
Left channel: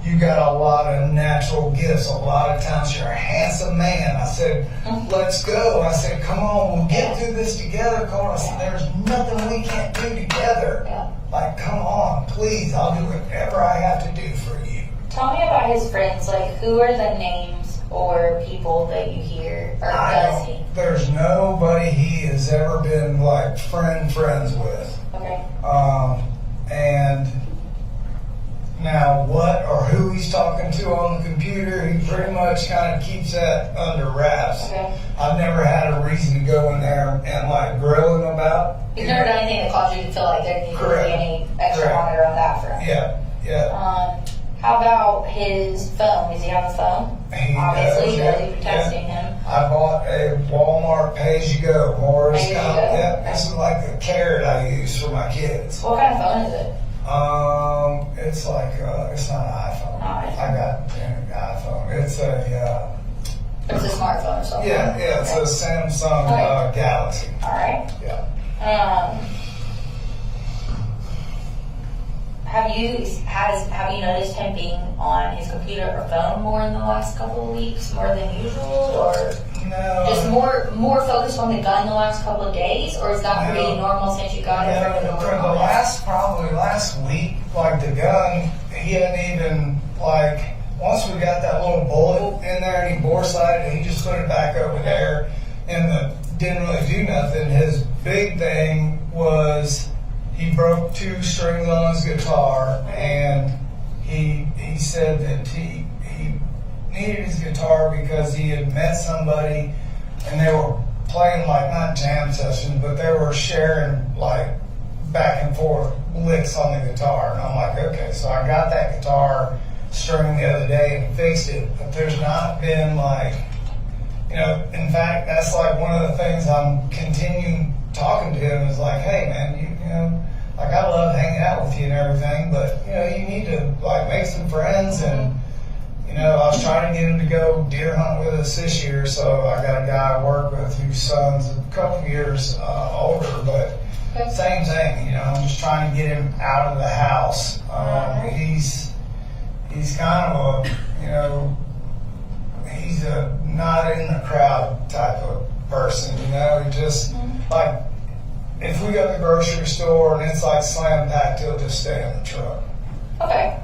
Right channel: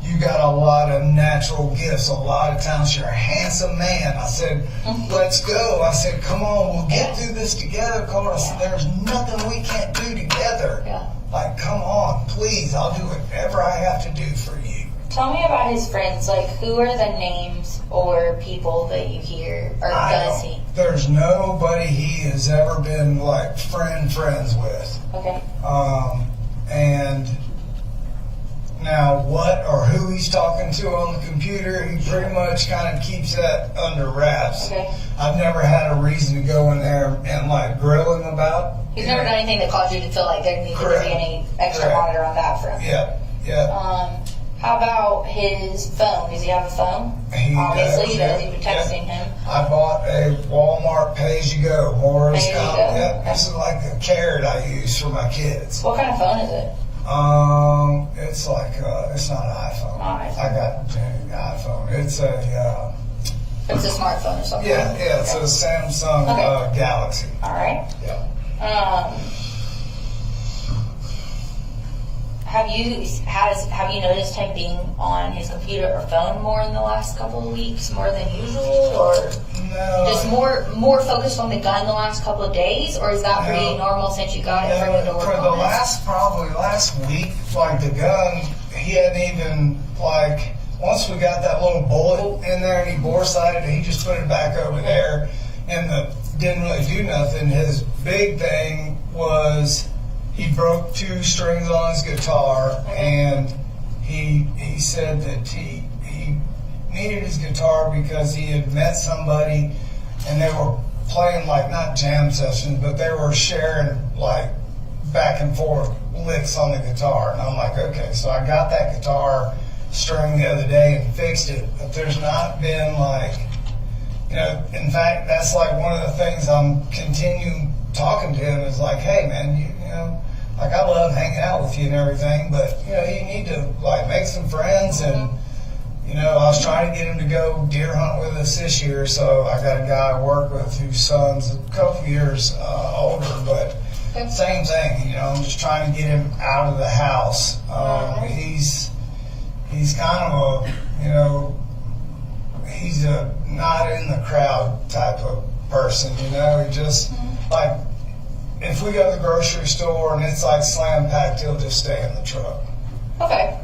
you got a lot of natural gifts, a lot of talents. You're a handsome man. I said, let's go. I said, come on, we'll get through this together, Colt. I said, there's nothing we can't do together. Yeah. Like, come on, please. I'll do whatever I have to do for you. Tell me about his friends. Like, who are the names or people that you hear, or does he? There's nobody he has ever been like friends with. Okay. And now what or who he's talking to on the computer, he pretty much kind of keeps that under wraps. Okay. I've never had a reason to go in there and like grill him about. He's never done anything that caused you to feel like there needed to Correct. be any extra Correct. monitor on that front. Yeah. How about his phone? Does he have a phone? He Obviously, does, he does. You've been yeah. texting him. I bought a Walmart pay-as-you-go. More is Pay-as-you-go. yeah, this is like the carrot I use for my kids. What kind of phone is it? It's like it's not an iPhone. I got an iPhone. It's a It's a smartphone or something. yeah, it's a Samsung Okay. Galaxy. All right. Yeah. Have you noticed him being on his computer or phone more in the last couple of weeks, more than usual, or No. just more focused on the gun the last couple of days, or is that pretty normal since you got it for the For the last week, like the gun, he hadn't even like. Once we got that little bullet in there and he bore sighted it, he just put it back over there in the didn't really do nothing. His big thing was he broke 2 strings on his guitar, and he said that he needed his guitar because he had met somebody and they were playing like not jam sessions, but they were sharing like back and forth licks on the guitar. And I'm like, okay, so I got that guitar string the other day and fixed it, but there's not been like, you know, in fact, that's like one of the things I'm continuing talking to him is like, hey man, you know, like I love hanging out with you and everything, but you know, you need to like make some friends. And you know, I was trying to get him to go deer hunt with us this year, so I got a guy I work with whose son's a couple years older, but same thing, you know, I'm just trying to get him out of the house. He's kind of a, you know, he's a not in the crowd type of person, you know. He just, like, if we go to the grocery store and it's like slam packed, he'll just stay in the truck. Okay.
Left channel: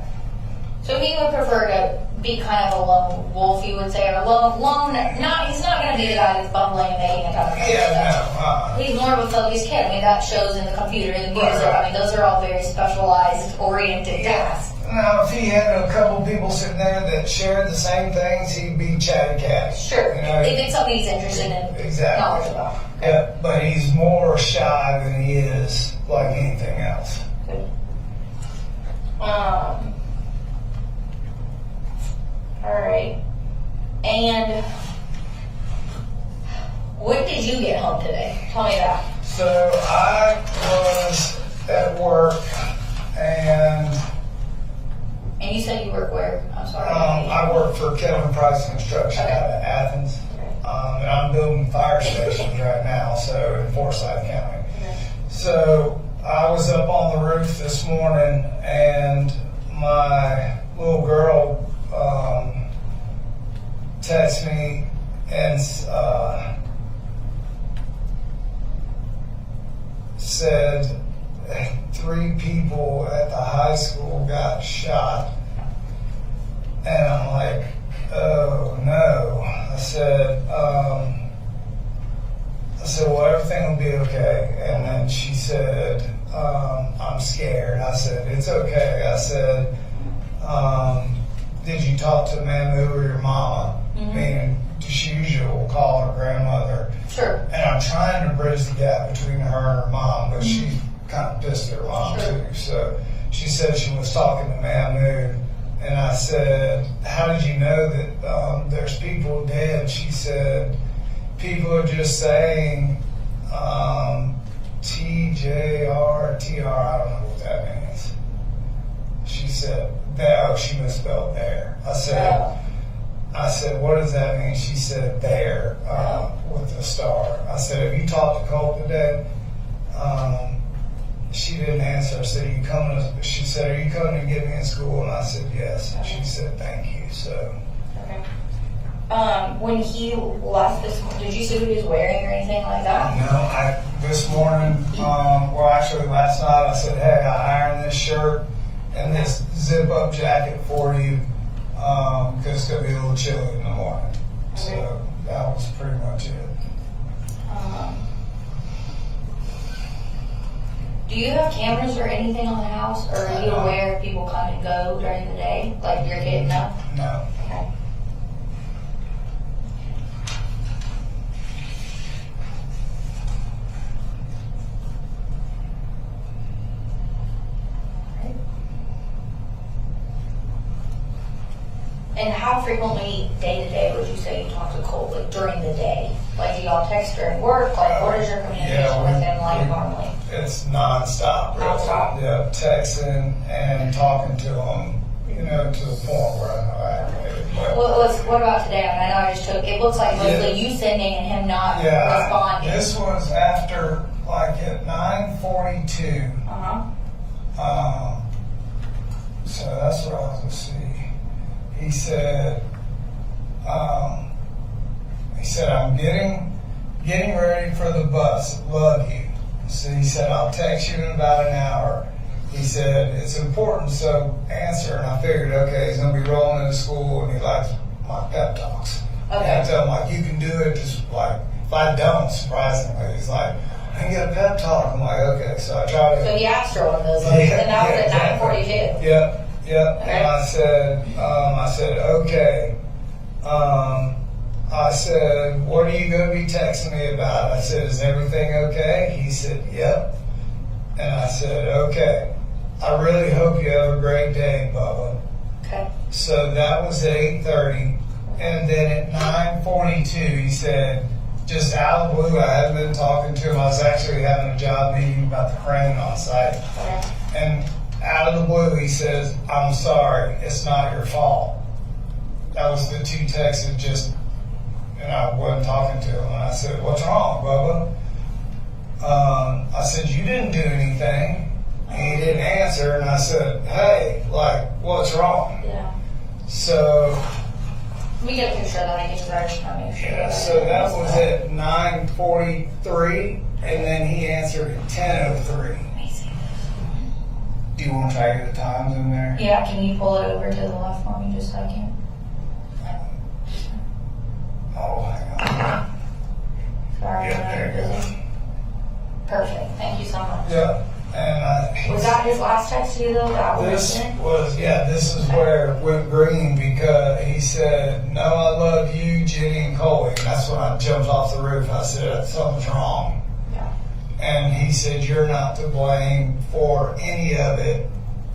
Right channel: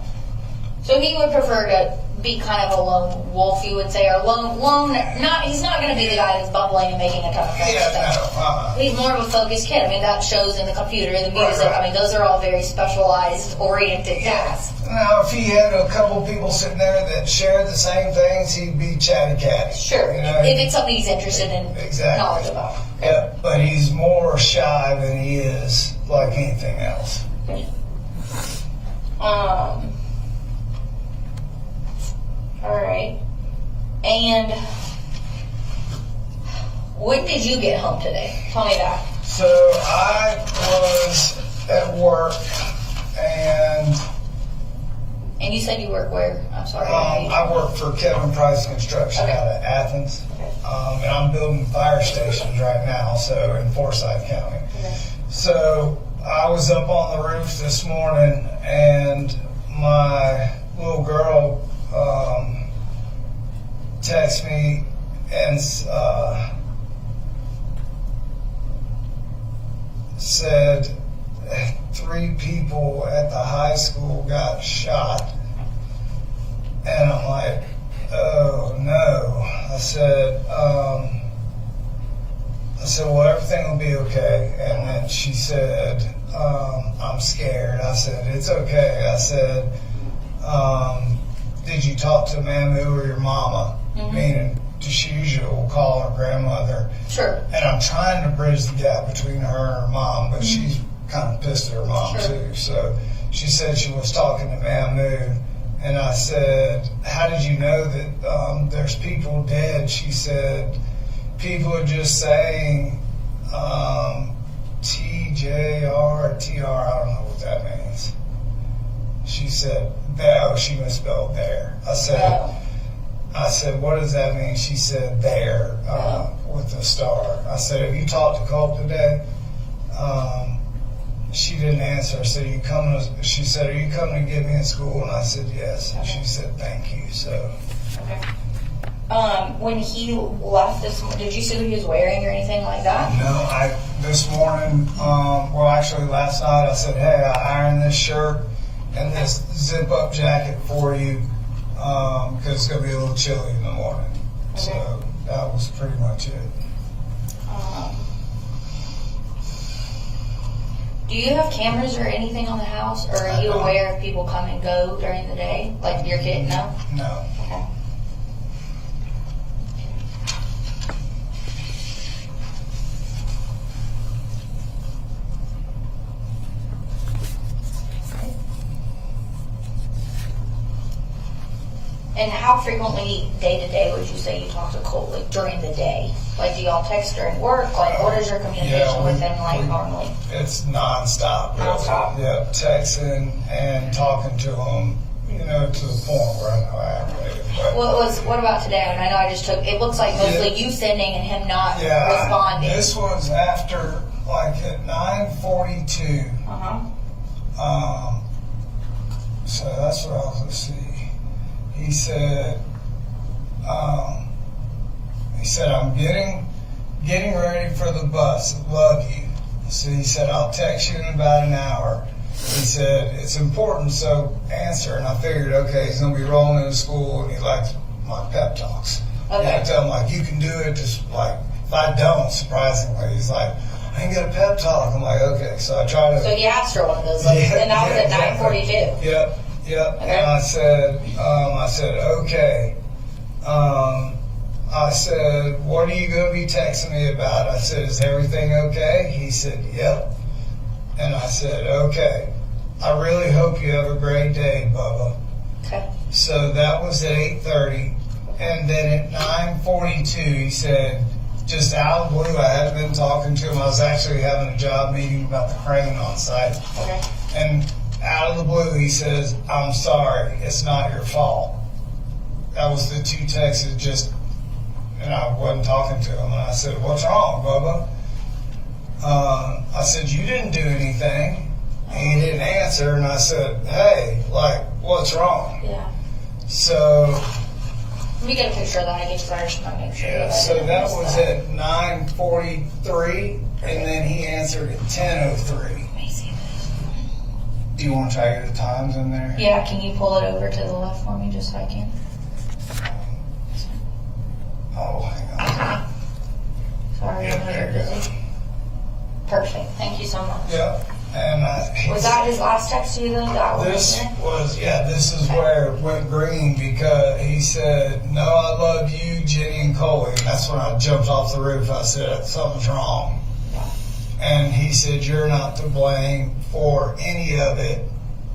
So he would prefer to be kind of a lone wolf, you would say, or lone, he's not going to be the guy that's bubbling and making a ton of friends. Yeah, no. He's more of a focused kid. I mean, that shows in the computer, the music. Right. I mean, those are all very specialized, oriented tasks. Now, if he had a couple people sitting there that shared the same things, he'd be chatty catty. Sure. You know, if it's something he's interested in, exactly. knowledge about. Yeah, but he's more shy than he is like anything else. Good. All right. And when did you get home today? Tell me that. So I was at work, and you said you work where? I'm sorry. I work for Kevin Price Construction out of Athens, and I'm building fire stations right now, so in Forsyth County. Okay. So I was up on the roof this morning, and my little girl texted me and said 3 people at the high school got shot. And I'm like, oh no. I said, well, everything will be okay. And then she said, I'm scared. I said, it's okay. I said, did you talk to Mamu or your mama? Meaning, she usually will call her grandmother. Sure. And I'm trying to bridge the gap between her and her mom, but she's kind of pissed at her mom too. So she said she was talking to Mamu. And I said, how did you know that there's people dead? She said, people are just saying TJR, TR, I don't know what that means. She said, oh, she misspelled there. I said, what does that mean? She said, there, with a star. I said, have you talked to Colt today? She didn't answer. I said, she said, are you coming to get me in school? And I said, yes. And she said, thank you. So. Okay. When he left this morning, did you see what he was wearing or anything like that? No, this morning, well, actually last night, I said, hey, I ironed this shirt and this zip-up jacket for you because it's going to be a little chilly in the morning. Okay. So that was pretty much it. Do you have cameras or anything on the house, or are you aware if people come and go during the day? Like your kid? No? No. Okay. And how frequently, day to day, would you say you talk to Colt, like during the day? Like, do y'all text during work? Like, what is your communication with him like normally? It's nonstop. Really. Nonstop? Yeah, texting and talking to him, you know, to the point where I know I aggravated. What about today? And I know I just took, it looks like mostly you sending and him not responding. This was after, like, at 9:42. So that's what I was, let's see. He said, I'm getting ready for the bus. Love you. So he said, I'll text you in about an hour. He said, it's important, so answer. And I figured, okay, he's going to be rolling into school and he likes my pep talks. Okay. And I tell him, like, you can do it, just like, If I don't, surprisingly, he's like, I can get a pep talk. I'm like, okay. So I try to. So he asked for one of those, and that was at 9:42. Yep. Okay. And I said, okay. I said, what are you going to be texting me about? I said, is everything okay? He said, yep. And I said, okay. I really hope you have a great day, Bubba. Okay. So that was at 8:30. And then at 9:42, he said, just out of the blue, I hadn't been talking to him. I was actually having a job meeting about the crane on site. Okay. And out of the blue, he says, I'm sorry, it's not your fault. That was the two texts that just, and I wasn't talking to him. And I said, what's wrong, Bubba? I said, you didn't do anything. And he didn't answer. And I said, hey, like, what's wrong? Yeah. So, Let me get a picture of that, I guess, I just want to make sure. yeah, so that was at 9:43, and then he answered at 10:03. Do you want to try your times in there? Yeah, can you pull it over to the left for me, just so I can? Oh, hang on. Sorry, Yeah, I know there you're you go. busy. Perfect, thank you so much. Yeah, and Was that his last text to you though? That one this right there? was, yeah, this is where it went green because he said, no, I love you, Jenny and Coley. And that's when I jumped off the roof. I said, something's wrong. Yeah. And he said, you're not to blame for any of it.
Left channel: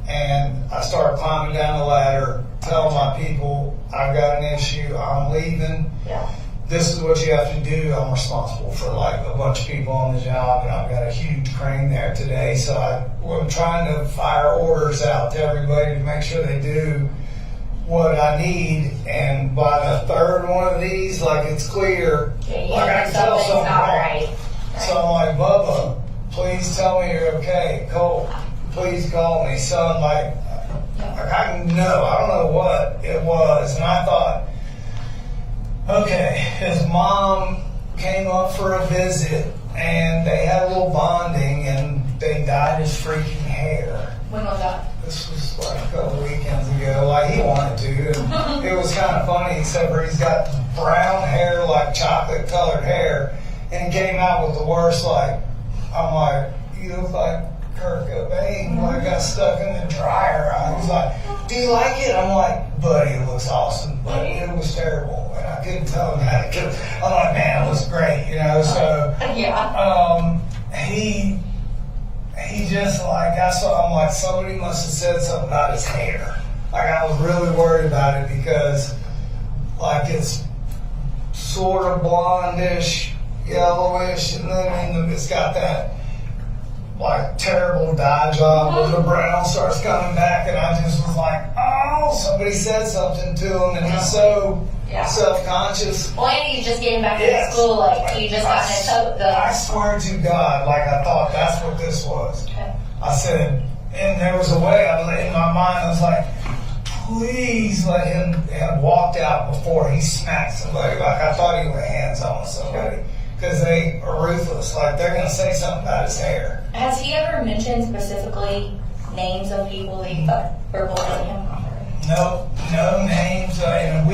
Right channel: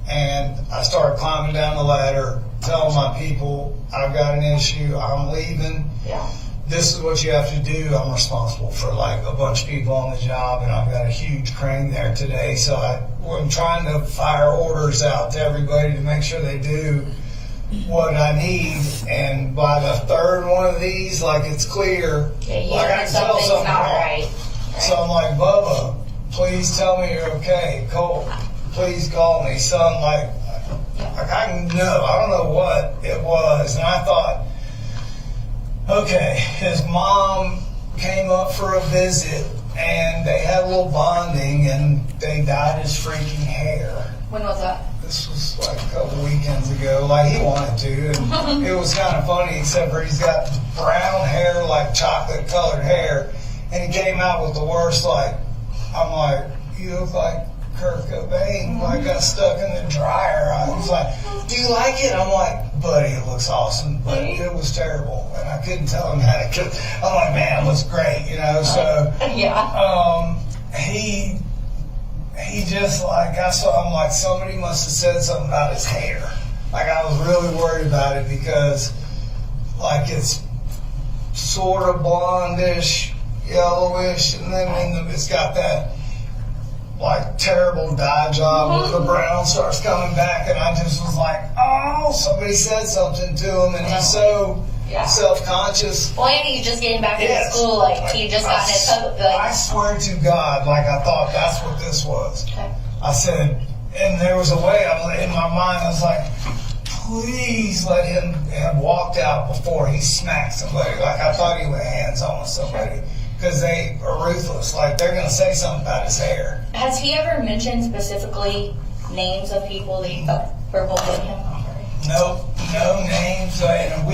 And I started climbing down the ladder, telling my people, I've got an issue, I'm leaving. Yeah. This is what you have to do. I'm responsible for like a bunch of people on the job, and I've got a huge crane there today. So I'm trying to fire orders out to everybody to make sure they do what I need. And by the third one of these, like it's clear, Yeah, you like I know can tell something's something not wrong. right. So I'm like, Bubba, please tell me you're okay. Cole, please call me. Son, like I can know. I don't know what it was. And I thought, okay, his mom came up for a visit and they had a little bonding and they dyed his freaking hair. When was that? This was like a couple weekends ago. Like he wanted to. And it was kind of funny, except for he's got brown hair, like chocolate colored hair. And he came out with the worst, like, I'm like, you look like Kurt Cobain, like got stuck in the dryer. I was like, do you like it? I'm like, buddy, it looks awesome, but it was terrible. And I couldn't tell him that because I'm like, man, it looks great, you know? So, Yeah. he just like, I'm like, somebody must have said something about his hair. Like I was really worried about it because like it's sort of blondish, yellowish, and then it's got that like terrible dye job where the brown starts coming back, and I just was like, oh, somebody said something to him, and he's so self-conscious. Well, and he's just getting back to school, like he just got in his hope. I swear to God, like I thought that's what this was. Okay. I said, and there was a way in my mind, I was like, please let him have walked out before he smacked somebody. Like I thought he went hands on with somebody. Because they are ruthless. Like they're going to say something about his hair. Has he ever mentioned specifically names of people that you thought were bullying him? No names. And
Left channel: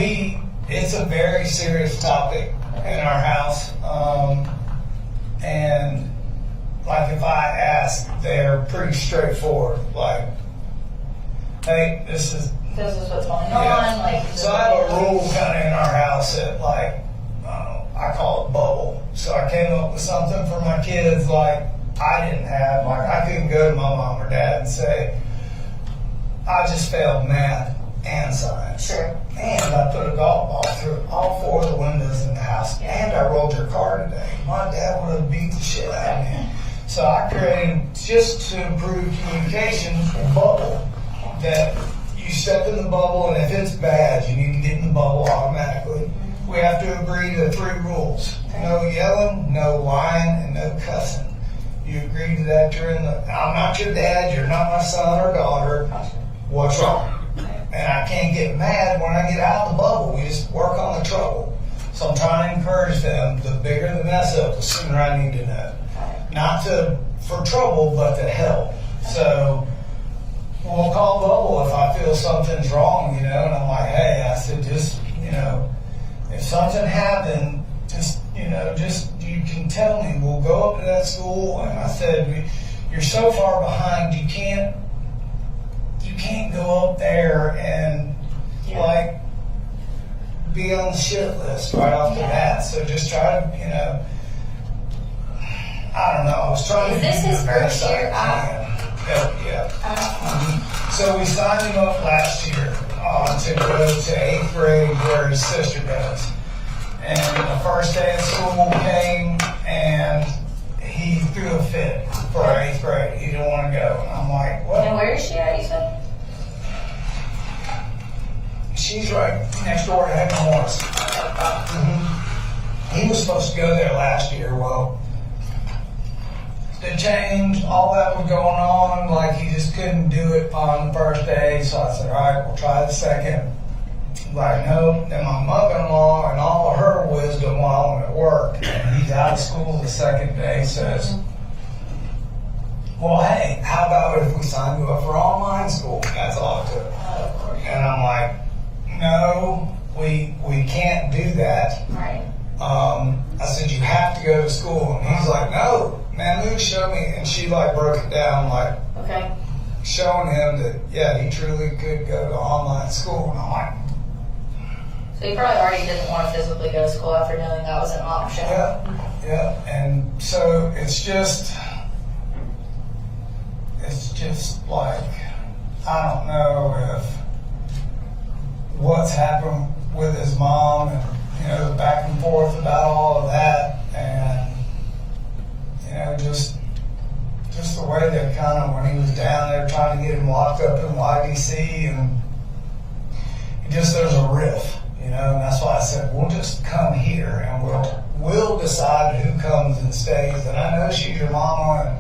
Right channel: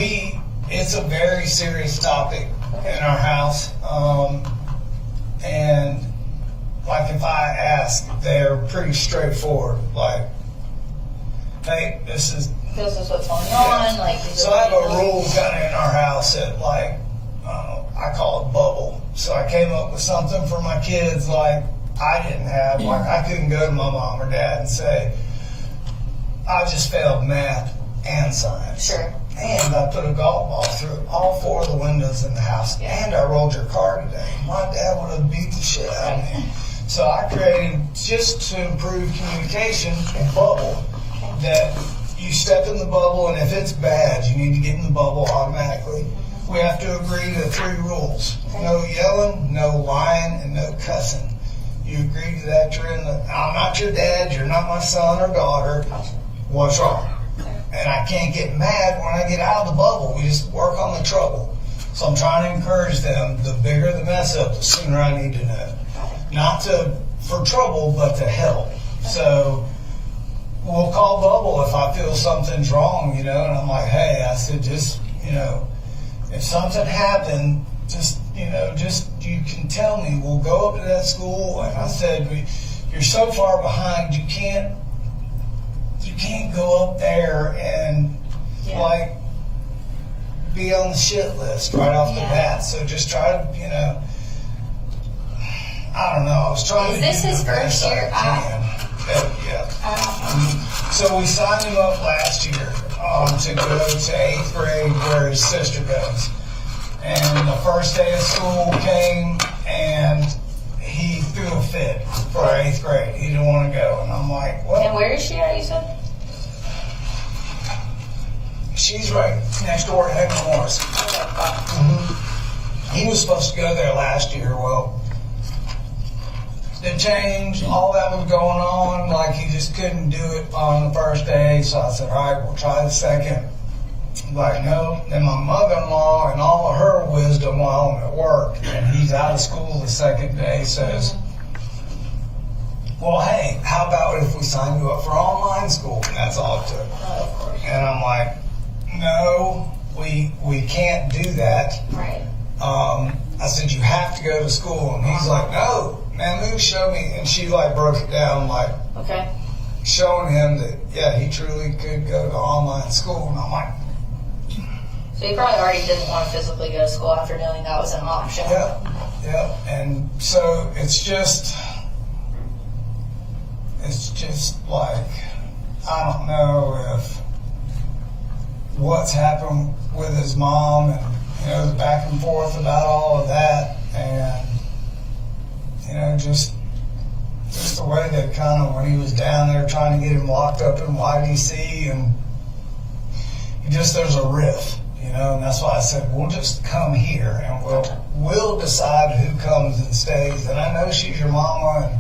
it's a very serious topic in our house. And like if I ask, they're pretty straightforward. Like, hey, this is what's going on. Like, so I have a rule kind of in our house that like, I call it bubble. So I came up with something for my kids like I didn't have. Like I couldn't go to my mom or dad and say, I just failed math and science. Sure. And I put a golf ball through all four of the windows in the house. And I rolled your car today. My dad would have beat the shit out of me. So I created, just to improve communication, a bubble that you step in the bubble, and if it's bad, you need to get in the bubble automatically. We have to agree to 3 rules. No yelling, no lying, and no cussing. You agree to that, I'm not your dad, you're not my son or daughter. What's wrong? And I can't get mad when I get out of the bubble. We just work on the trouble. So I'm trying to encourage them, the bigger the mess up, the sooner I need to know. Not for trouble, but to help. So we'll call Bubble if I feel something's wrong, you know, and I'm like, hey, I said, just, you know, if something happened, just just, you can tell me, we'll go up to that school. And I said, you're so far behind, you can't go up there and like be on the shit list right off the bat. So just try to, I don't know. I was trying Is to this do his the best first year I can. Yeah. So we signed him up last year to go to 8th grade where his sister goes. And the first day of school came and he threw a fit for 8th grade. He didn't want to go. And I'm like, what? And where is she at, you said? She's right next door to Heck Morris. He was supposed to go there last year. Well, the change, all that was going on, like he just couldn't do it on the first day. So I said, all right, we'll try the second. Like, no. Then my mother-in-law and all of her wisdom while I'm at work, and he's out of school the second day, says, well, hey, how about if we sign you up for online school? And that's all it took. And I'm like, no, we can't do that. Right. I said, you have to go to school. And he's like, no, Mamu showed me. And she like broke it down, like showing him that, yeah, he truly could go to online school. And I'm like, so he probably already didn't want to physically go to school after knowing that was an option. yeah. And so it's just like, I don't know if what's happened with his mom and, the back and forth about all of that. And, just the way that kind of, when he was down there trying to get him locked up in YDC, and there's a riff, and that's why I said, we'll just come here and we'll decide who comes and stays. And I know she's your mama,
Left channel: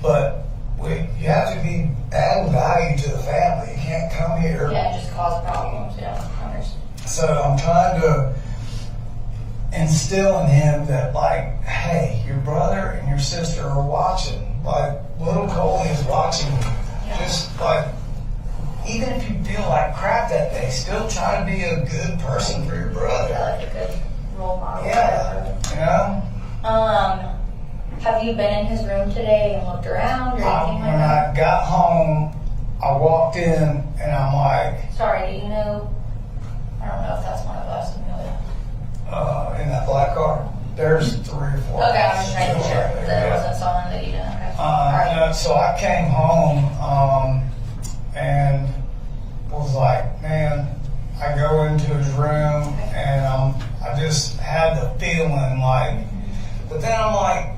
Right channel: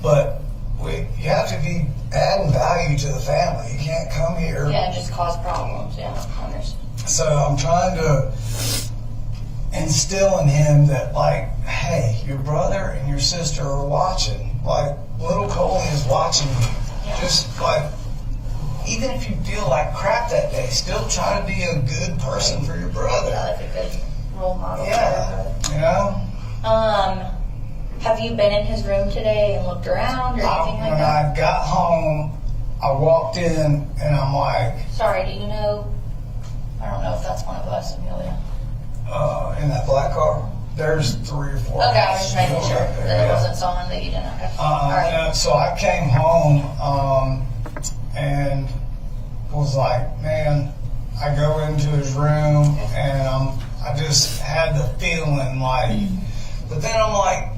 but you have to be adding value to the family. You can't come here. Yeah, just cause problems. Yeah, I understand. So I'm trying to instill in him that, like, hey, your brother and your sister are watching. Like, little Colin is watching you. Yeah. Just like, even if you feel like crap that day, still try to be a good person for your brother. Yeah, like a good role model. Yeah, Have you been in his room today and looked around or anything like when that? I got home, I walked in and I'm like, Sorry, do you know? I don't know if that's one of us, Amelia. in that black car, there's 3 or 4. Okay, I was just making sure that it wasn't someone that you didn't. Okay. All right. So I came home and was like, man, I go into his room and I just had the feeling like, but then I'm like,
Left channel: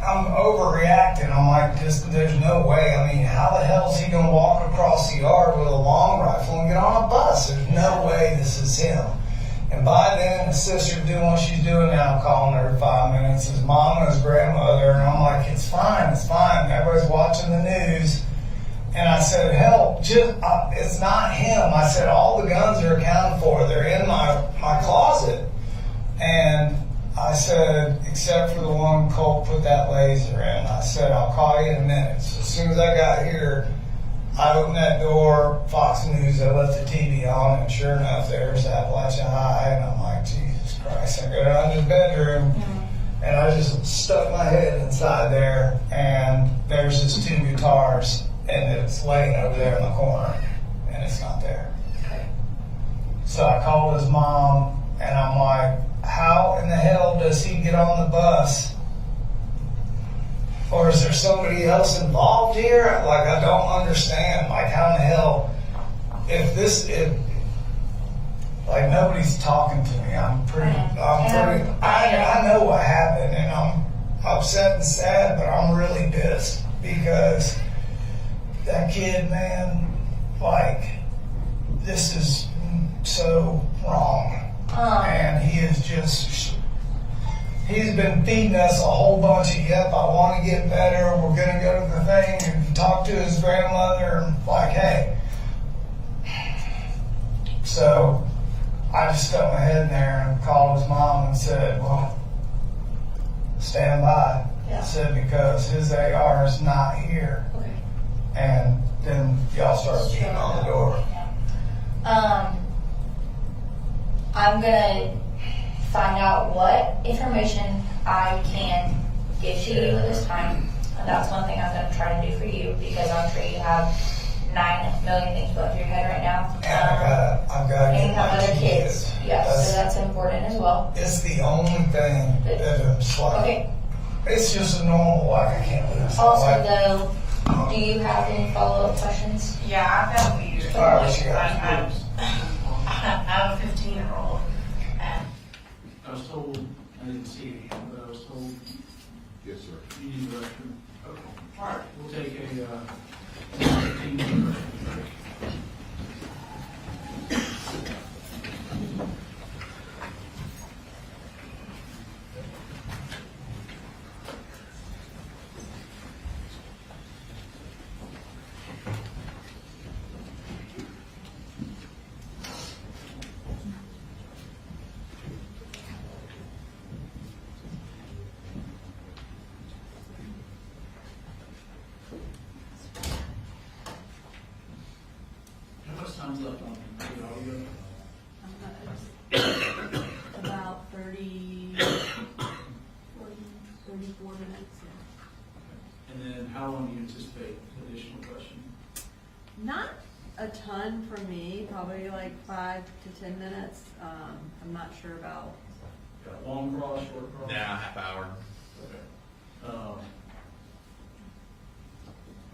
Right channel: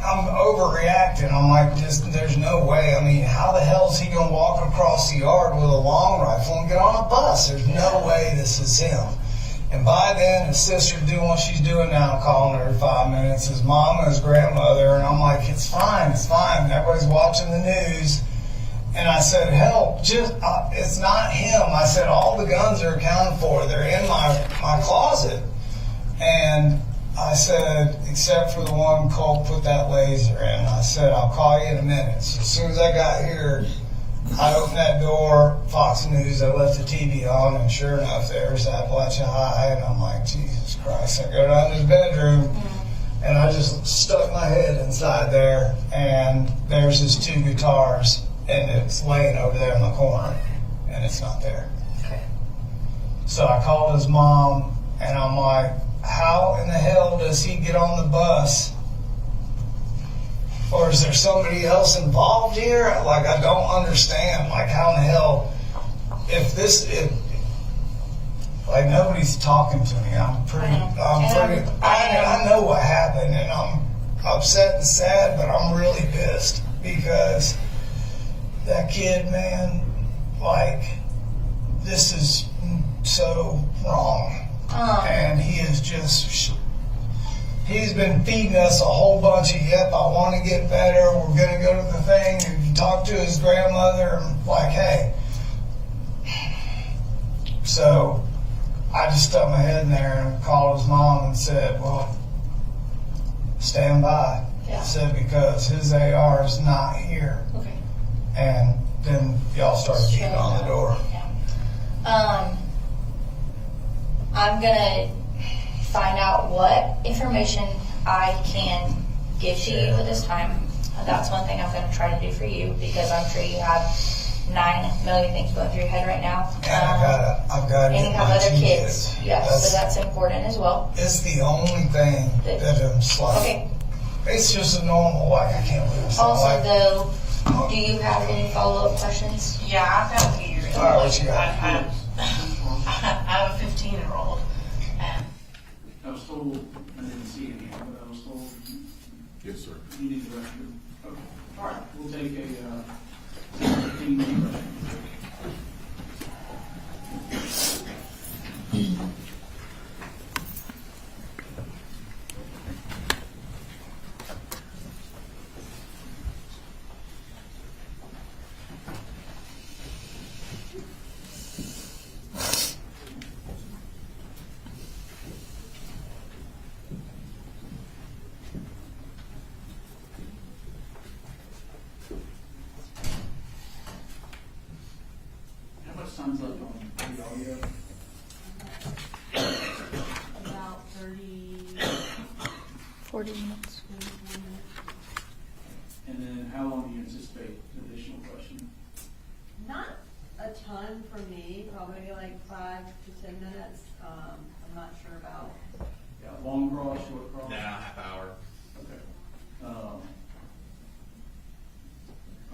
I'm overreacting. I'm like, there's no way. I mean, how the hell is he going to walk across the yard with a long rifle and get on a bus? There's no way this is him. And by then, his sister's doing what she's doing now, calling her every 5 minutes, his mom and his grandmother, and I'm like, it's fine. Everybody's watching the news. And I said, hell, it's not him. I said, all the guns are accounted for. They're in my closet. And I said, except for the one Cole put that laser in. I said, I'll call you in a minute. So as soon as I got here, I opened that door, Fox News, I left the TV on, and sure enough, there's Apalachee High, and I'm like, Jesus Christ. I go down to his bedroom, and I just stuck my head inside there, and there's his 2 guitars, and it's laying over there in the corner, and it's not there. Okay. So I called his mom, and I'm like, how in the hell does he get on the bus? Or is there somebody else involved here? Like, I don't understand. Like, how in the hell, like, nobody's talking to me. I know what happened, and I'm upset and sad, but I'm really pissed because that kid, man, like, this is so wrong. And he is just, he's been feeding us a whole bunch of, yep, I want to get better, we're going to go to the thing, and talk to his grandmother, like, hey. So I just stuck my head in there and called his mom and said, well, stand by. Yeah. I said, because his AR is not here. Okay. And then y'all started beating on the door. Yeah. I'm gonna find out what information I can give to you at this time. And that's one thing I'm going to try to do for you, because I'm sure you have 9 million things going through your head right now. And I've got to And you get have my other kids. Yes, so that's important as well. It's the only thing that I'm like. Okay. It's just a normal, like, I can't believe it's not Also, like. though, do you have any follow-up questions? Yeah, I've got a few. All right, what you got? I have a 15-year-old. I was told, I didn't see any, but I was told Yes, sir. you need the restroom. Okay. All right, we'll take a 15-minute restroom break. How much time's left on the audio? About 30, 40 minutes. 34 minutes. And then how long do you anticipate additional question? Not a ton for me, probably like 5 to 10 minutes. I'm not sure about, Got long cross, short cross? Half hour. Okay. All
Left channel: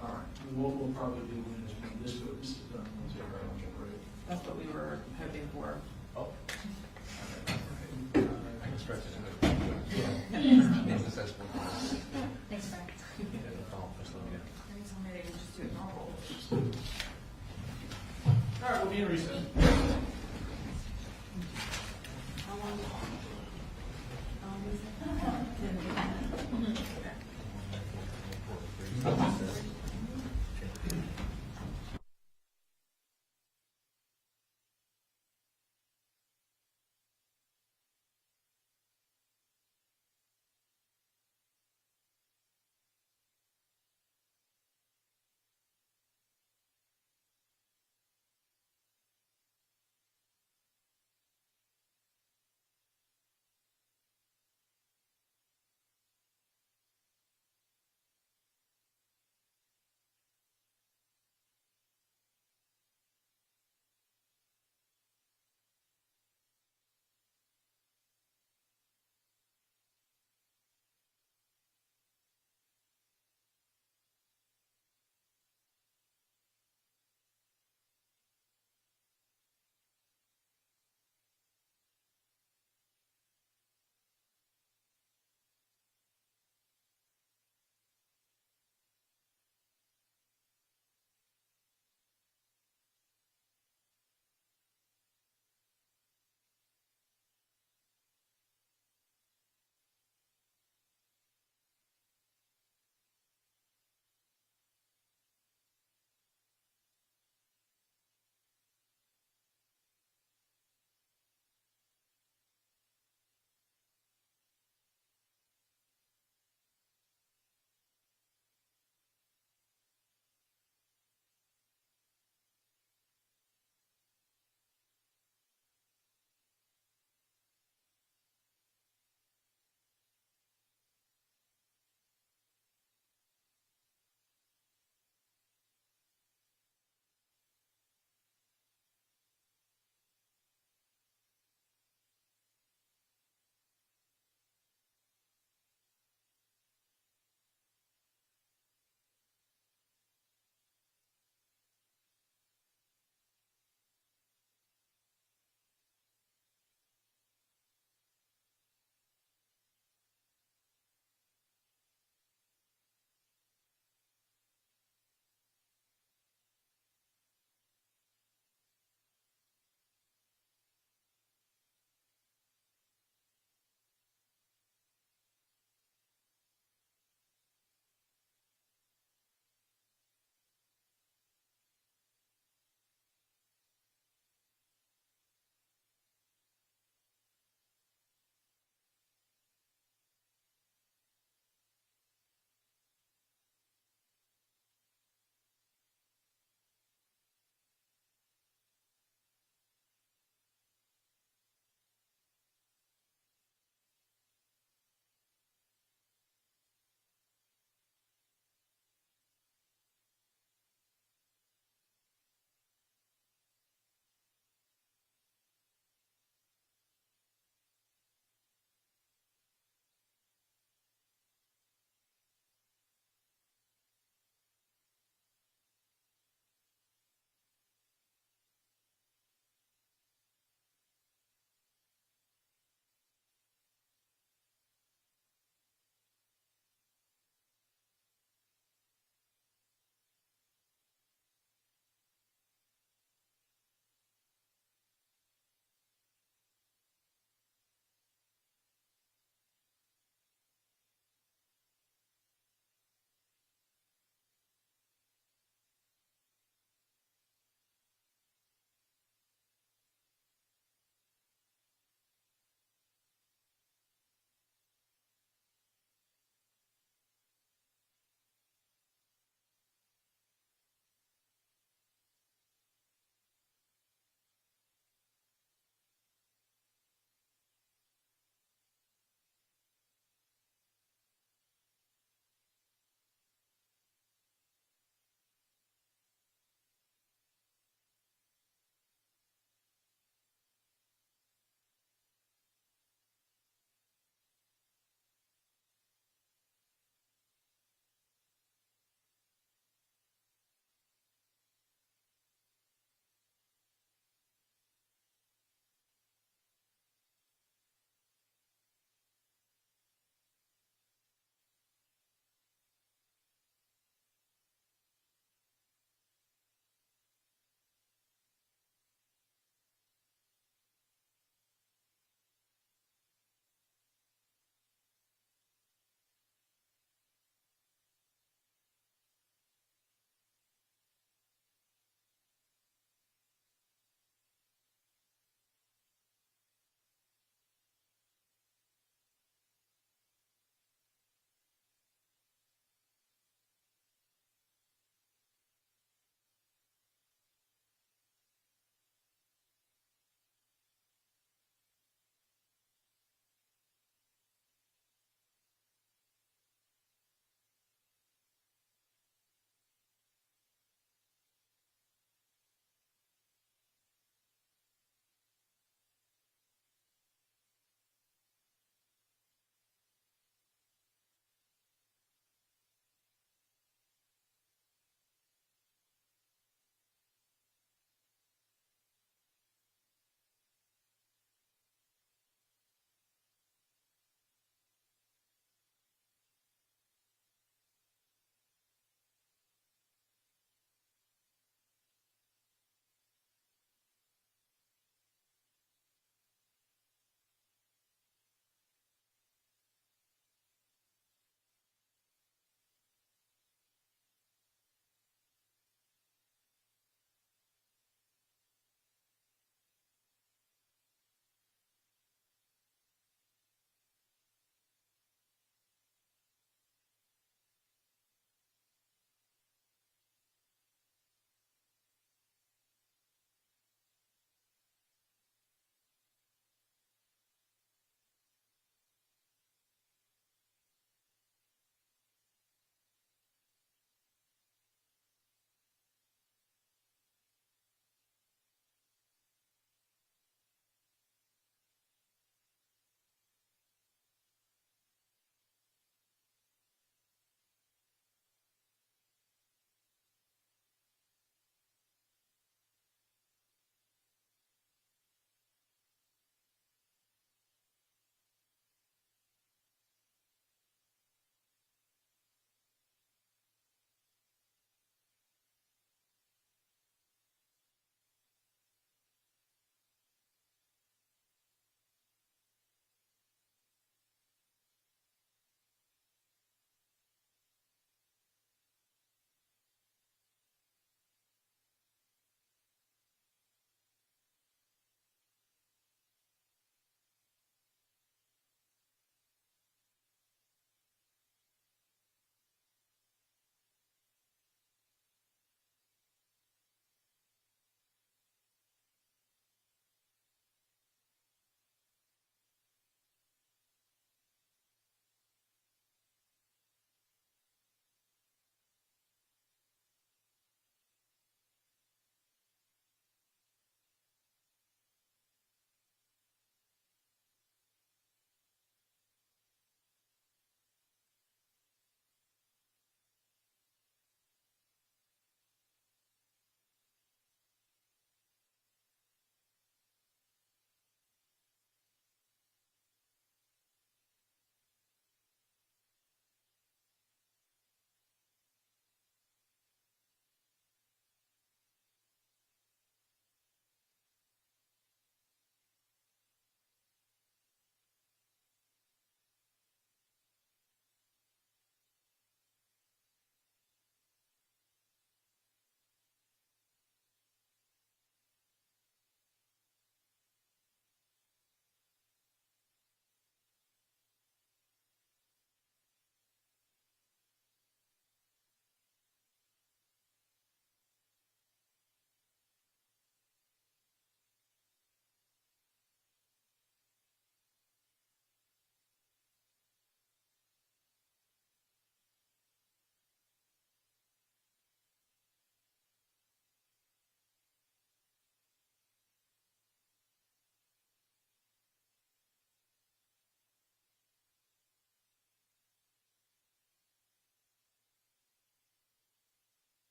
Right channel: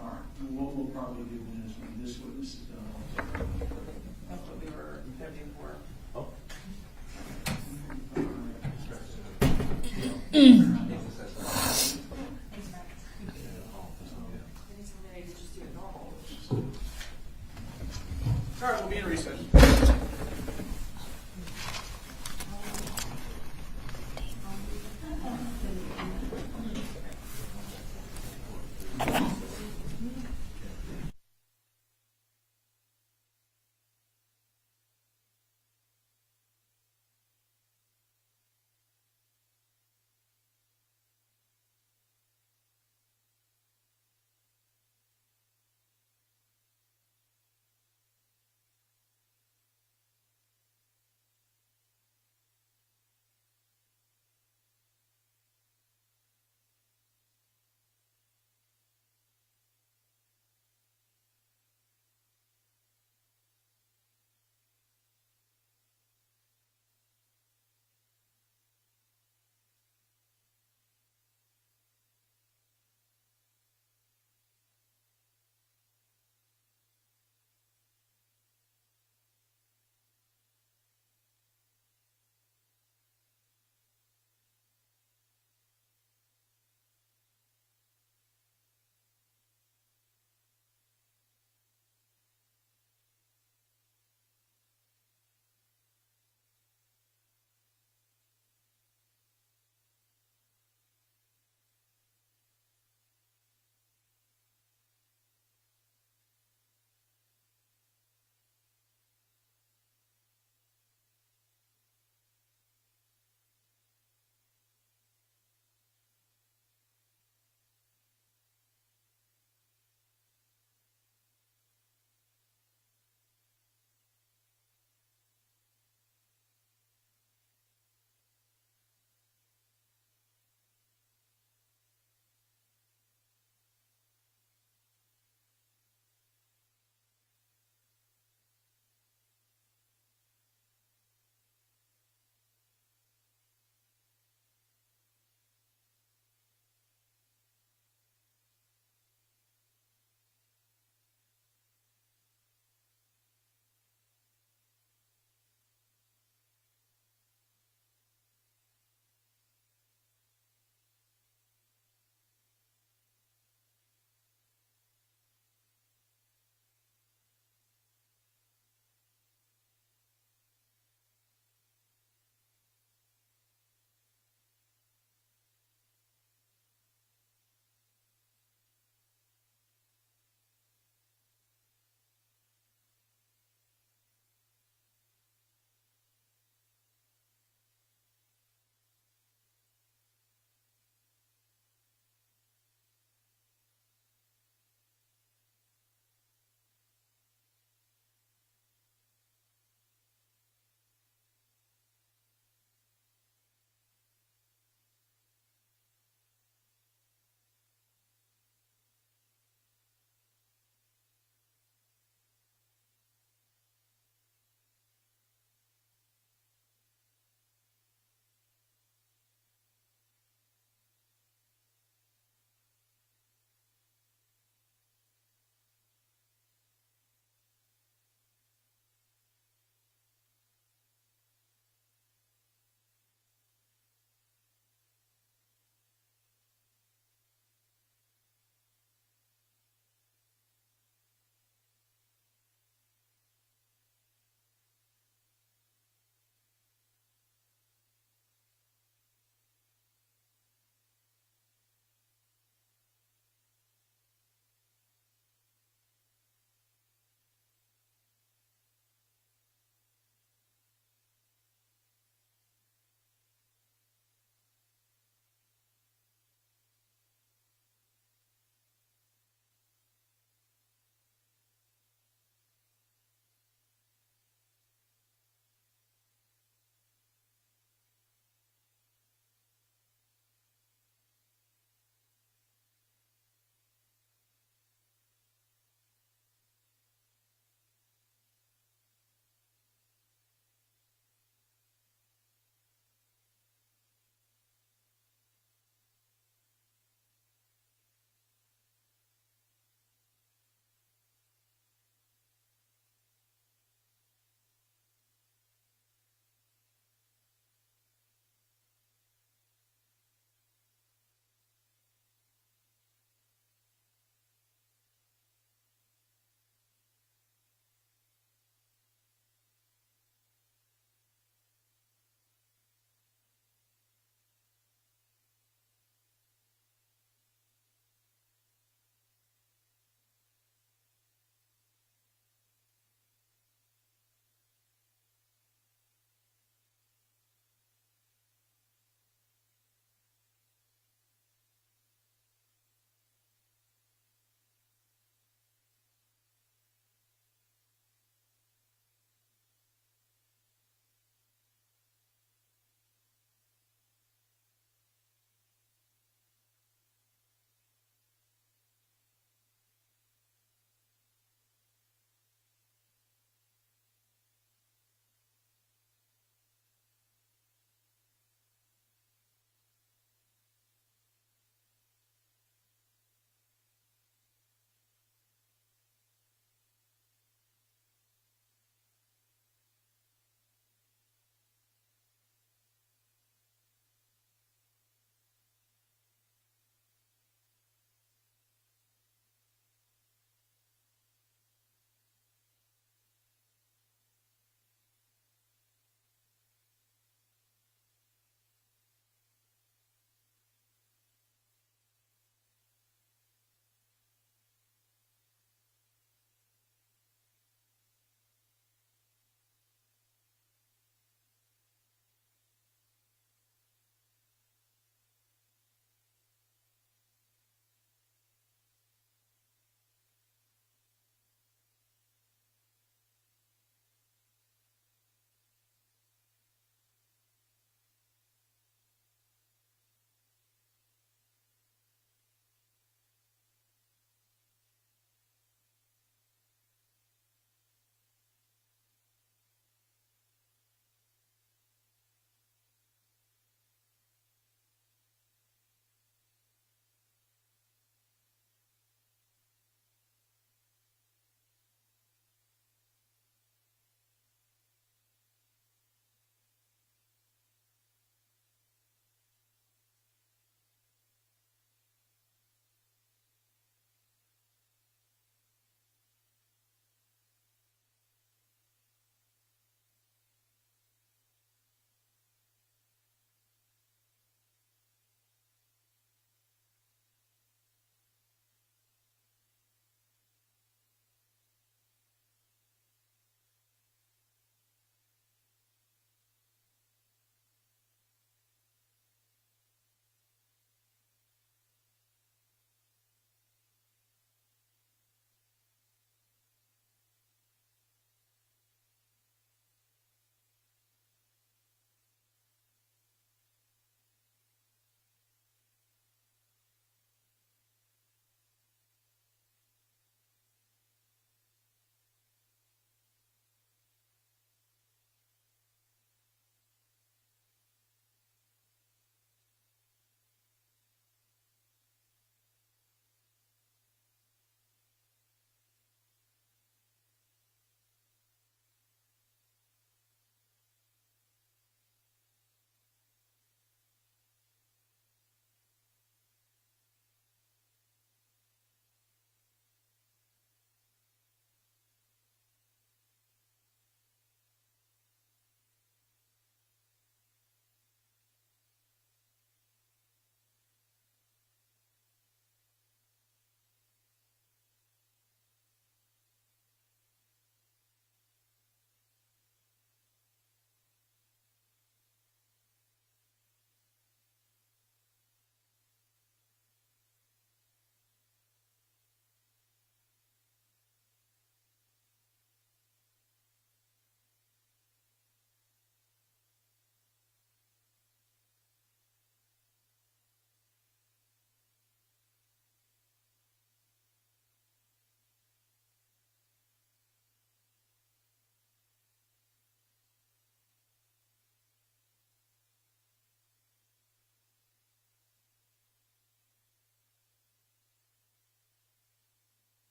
right, and what we'll probably do then is when this witness is done, we'll take our lunch break. that's what we were hoping for. Thanks, Frank. Maybe somebody could just do it normal. All right, we'll be in recess.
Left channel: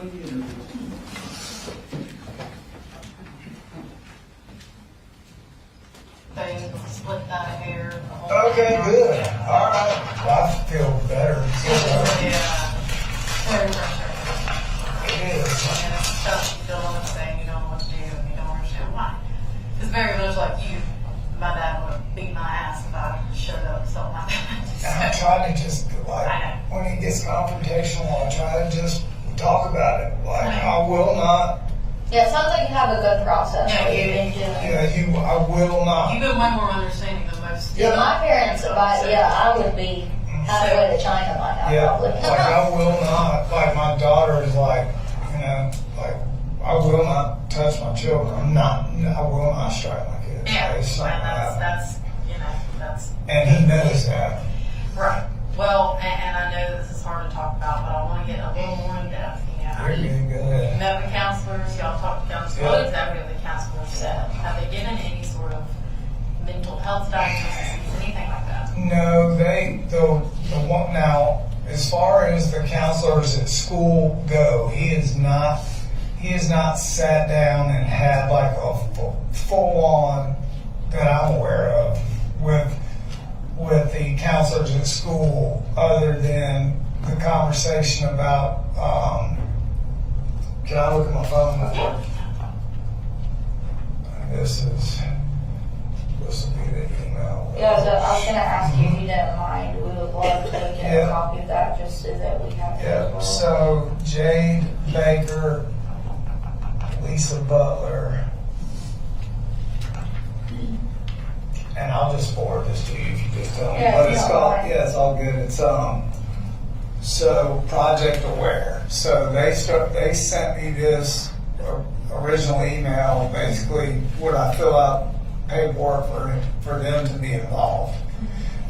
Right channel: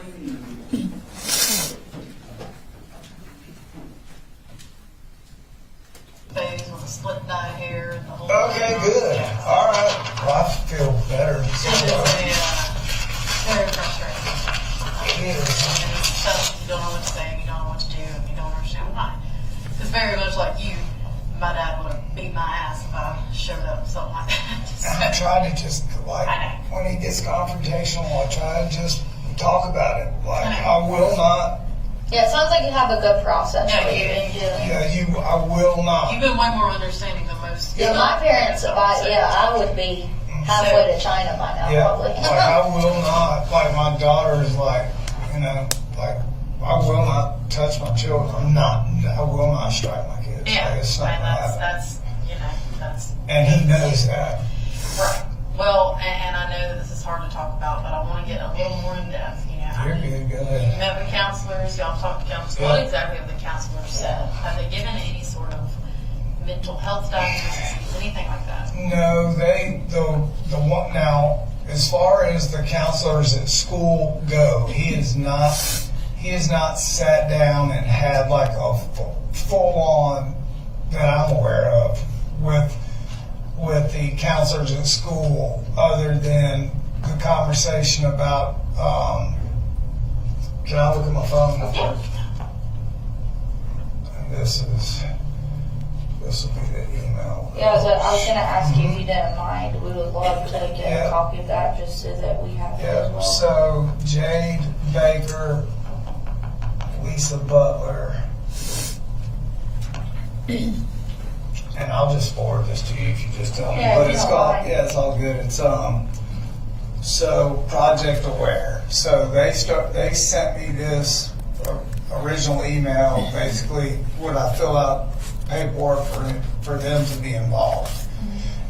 complete the interview. Things with a split dyed hair and the whole. Okay, good. All right. Well, I feel better. So, Very frustrating. it is. And it's tough, you don't know what to say, and you don't know what to do, and you don't understand why. Because very much like you, my dad would have beat my ass if I showed up with something like And I that. try to just, like, I know. when he gets confrontational, I try to just talk about it. Like, I will not, Yeah, it sounds like you have a good process Yeah, that you you've been doing. I will not. You've been way more understanding than most. Yeah. My parents, I would be halfway to China by now, Yeah, probably. like I will not, like my daughter is like, you know, like I will not touch my children. I will not strike my kids. Yeah, Like, it's not and gonna happen. that's, you know, that's. And he knows that. Right. Well, and I know that this is hard to talk about, but I want to get a little more in depth, you know. You're doing good. You met with counselors, y'all talked to counselors. Yeah. What exactly have the counselors said? Have they given any sort of mental health diagnoses, anything like that? No, the one now, as far as the counselors at school go, he has not sat down and had like a full on that I'm aware of with the counselors at school, other than the conversation about. Can I look at my phone? Yeah. This will be the email. Yeah, I was gonna ask you if you didn't mind. We would love to get Yeah. a copy of that just so that we have it as Yeah, well. so Jade Baker, Lisa Butler, and I'll just forward this to you if you just tell me. Yeah, But if it's you don't all, mind. yeah, it's all good. It's so Project Aware. So they sent me this original email, basically would I fill out paperwork for them to be involved.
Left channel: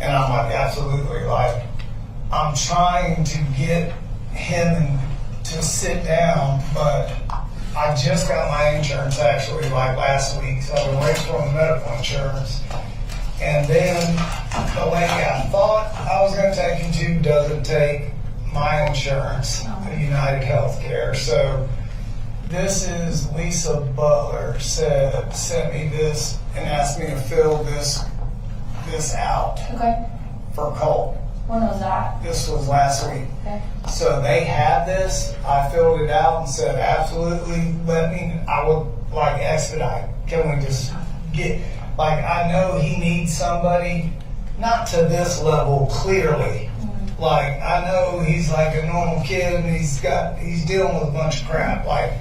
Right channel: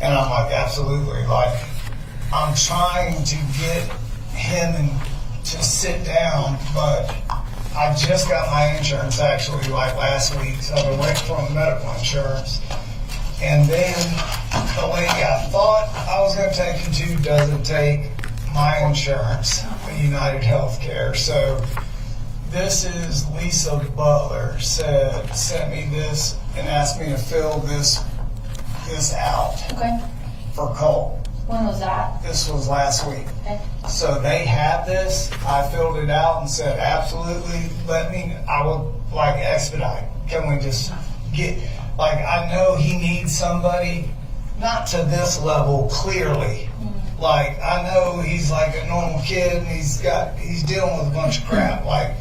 And I'm like, absolutely. Like, I'm trying to get him to sit down, but I just got my insurance actually like last week, so I've been waiting for my medical insurance. And then the lady I thought I was going to take him to doesn't take my insurance, United Healthcare. So this is Lisa Butler sent me this and asked me to fill this out Okay. for Colt. When was that? This was last week. Okay. So they had this. I filled it out and said, absolutely, I would like expedite. Can we just get, like, I know he needs somebody, not to this level clearly. Like, I know he's like a normal kid and he's dealing with a bunch of crap. Like,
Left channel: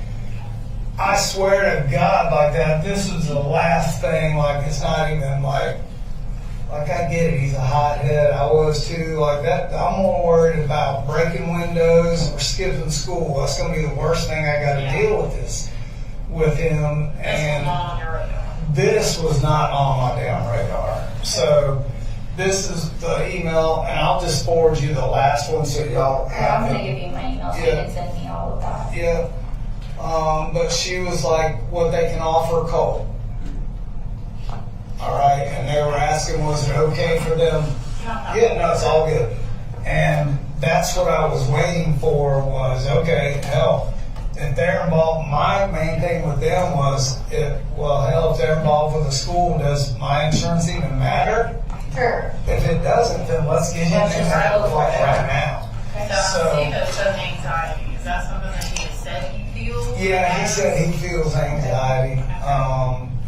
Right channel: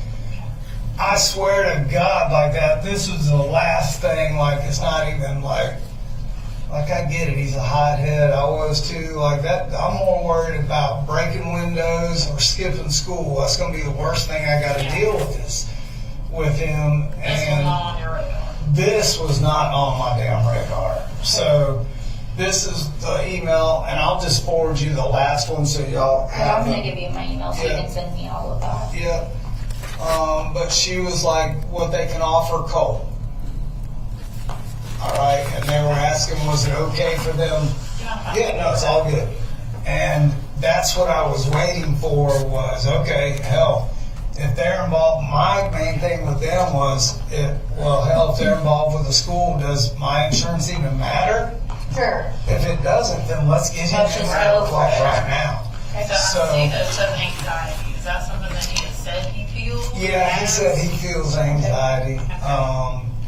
I swear to God, like that, this was the last thing, like, it's not even like I get it, he's a hothead, I was too, like that, I'm more worried about breaking windows or skipping school. That's gonna be the worst thing I gotta deal with him. This was And not on your radar. this was not on my damn radar. So this is the email, and I'll just forward you the last one so y'all Yeah, I'm have gonna it. give you my email so you Yeah. can send me all of that. Yeah. But she was like, what they can offer Colt. All right, and they were asking, was it okay for them? Yeah, no, it's all good. And that's what I was waiting for was, okay, hell, if they're involved, my main thing with them was, if they're involved with the school, does my insurance even matter? Sure. If it doesn't, then let's get him Let's in just there go for like it. right now. So I see that it says anxiety. Is that something that he has said he feels? Yeah, he said he feels anxiety,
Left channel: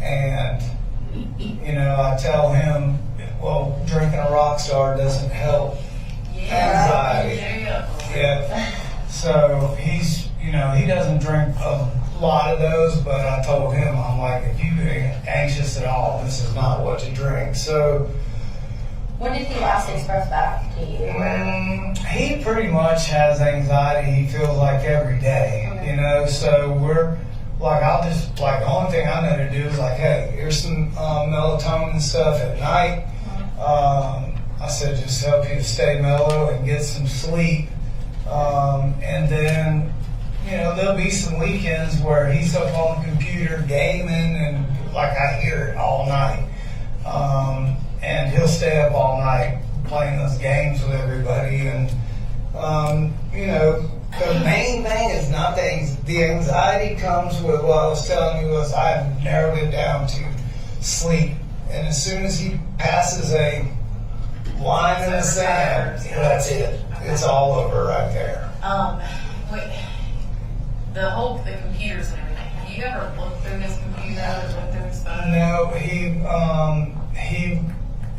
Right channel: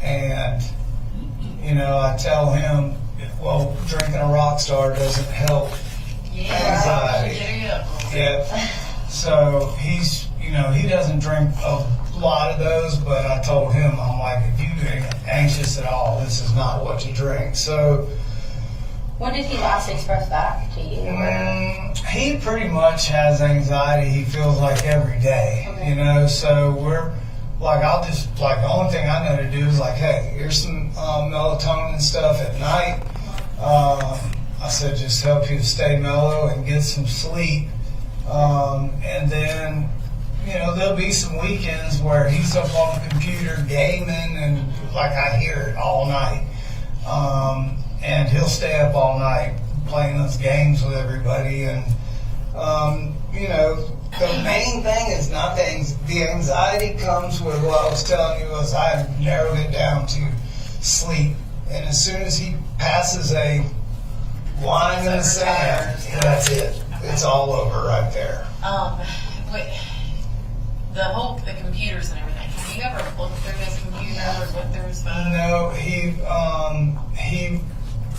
and you know, I tell him, well, drinking a Rockstar doesn't help anxiety. Yeah. So he's, you know, he doesn't drink a lot of those, but I told him, I'm like, if you get anxious at all, this is not what to drink. So When did he last express back to you? he pretty much has anxiety, he feels like every day, Okay. you know, so we're like, the only thing I know to do is like, hey, here's some melatonin stuff at night. I said, just help you to stay mellow and get some sleep. And then, you know, there'll be some weekends where he's up on the computer gaming and like I hear it all night. And he'll stay up all night playing those games with everybody. And, you know, The main thing is not the anxiety comes with what I was telling you was I have narrowed it down to sleep. And as soon as he passes a line in the sand, that's it. It's all over right there. Wait, the computers and everything. Have you ever looked through his computer or looked through his phone? No,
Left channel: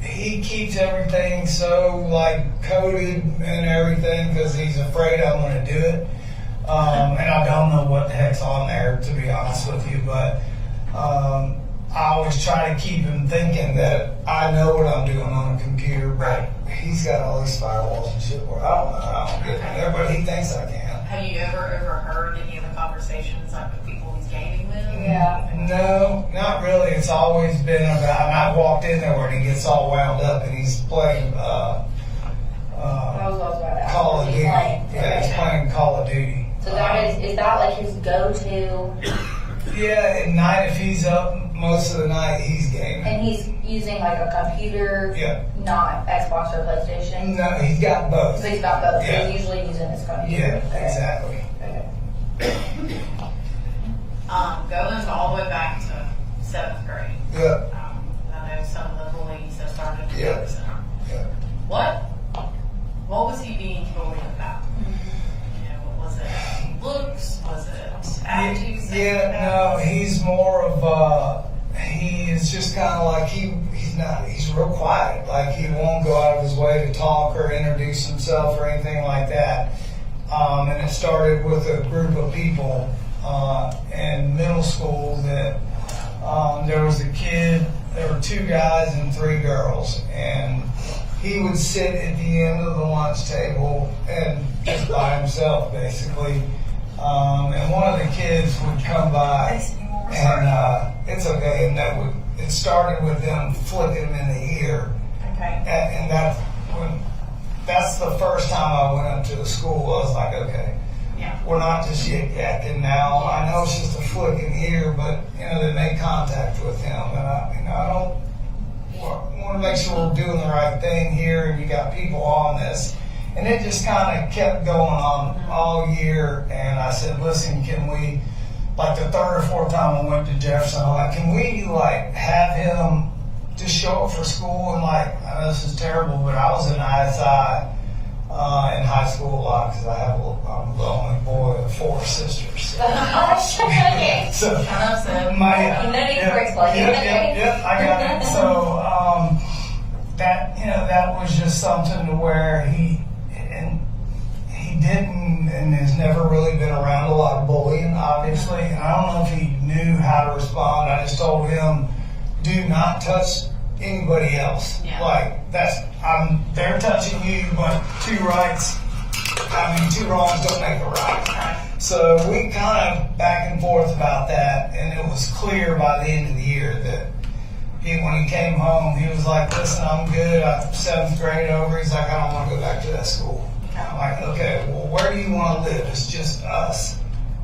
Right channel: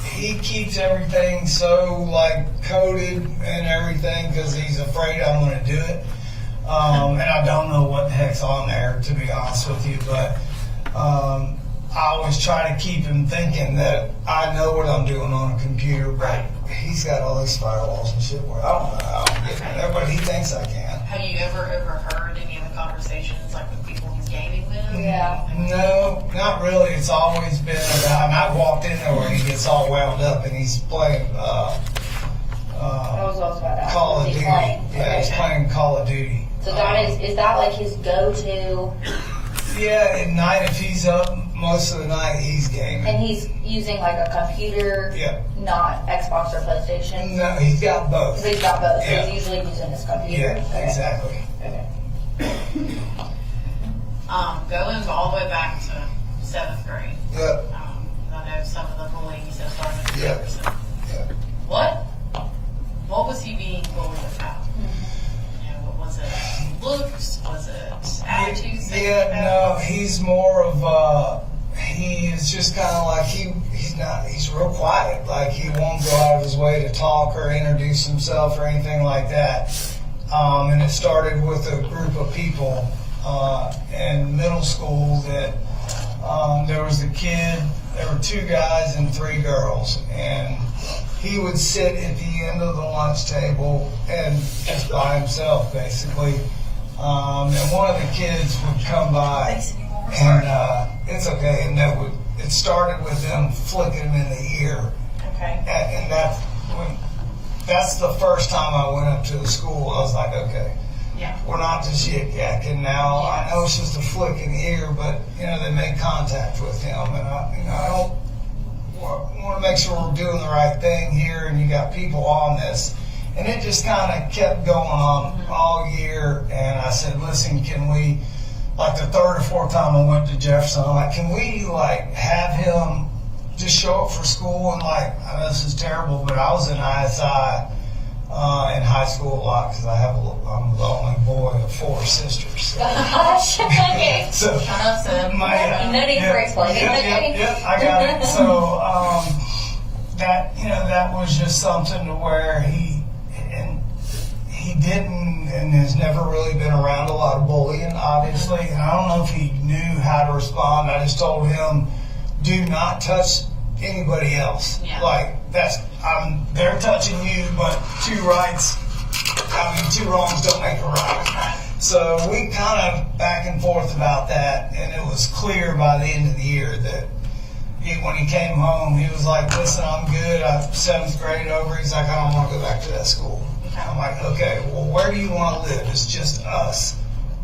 he keeps everything so like coded and everything because he's afraid I'm going to do it. And I don't know what the heck's on there, to be honest with you, but I always try to keep him thinking that I know what I'm doing on a computer, but he's got all these firewalls and shit where I don't know how I'm getting there, but he thinks I can. Have you ever overheard any of the conversations like with people he's gaming with? Yeah. No, not really. It's always been about, and I've walked in there where he gets all wound up and he's playing Call of Duty. Yeah, he's playing Call of Duty. So that is that like his go-to? Yeah, at night if he's up most of the night he's gaming. And he's using like a computer, not Xbox or PlayStation? No, he's got both. So he's got both. Yeah. So he's usually using his computer. Yeah, exactly. Okay. Going all the way back to 7th grade. Yep. I know some of the bullying he said started in Yep. Jefferson. Yep. What was he being bullied about? You know, what was it? Looks? Was it attitudes? Yeah, no, he's more of he is just kind of like he's real quiet. Like he won't go out of his way to talk or introduce himself or anything like that. And it started with a group of people in middle school that there was a kid, there were 2 guys and 3 girls, and he would sit at the end of the lunch table and just by himself basically. And one of the kids would come by, and it's okay, and it started with them flicking him in the ear. Okay. And that's the first time I went up to the school. I was like, okay, we're not just yik-yakking now. Yes. I know it's just a flick in the ear, but they made contact with him, and I don't want to make sure we're doing the right thing here. And you got people on this. And it just kind of kept going on all year. And I said, listen, can we, like the 3rd or 4th time I went to Jefferson, I'm like, can we like have him just show up for school? And like, I know this is terrible, but I was in ISI in high school a lot because I'm the only boy of 4 sisters. So. Gosh, okay. So No need for explaining. Yep, I got it. So that was just something to where he didn't and has never really been around a lot of bullying, obviously. And I don't know if he knew how to respond. I just told him, do not touch anybody else. Yeah. Like they're touching you, but 2 wrongs don't make a right. So we kind of back and forth about that, and it was clear by the end of the year that when he came home, he was like, listen, I'm good. I'm 7th grade over. He's like, I don't want to go back to that school. I'm like, okay, well, where do you want to live? It's just us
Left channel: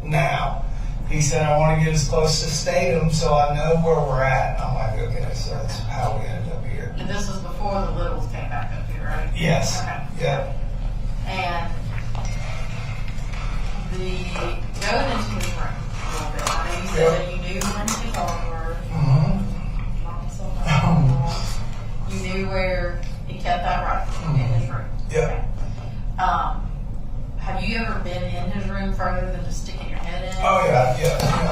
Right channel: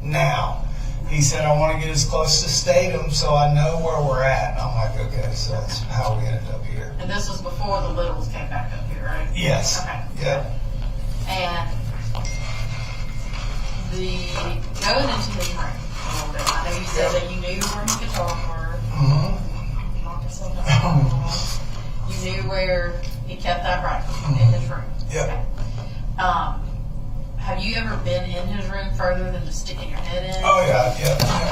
now. He said, I want to get as close to Statham so I know where we're at. And I'm like, okay, so that's how we ended up here. And this was before the Littles came back up here, right? Yes. Okay. Yep. And going into his room a little bit, I know you said that you knew where his guitars were. Knock yourself out. You knew where he kept that rifle in his room. Yep. Okay. Have you ever been in his room further than just sticking your head in? Oh, yeah.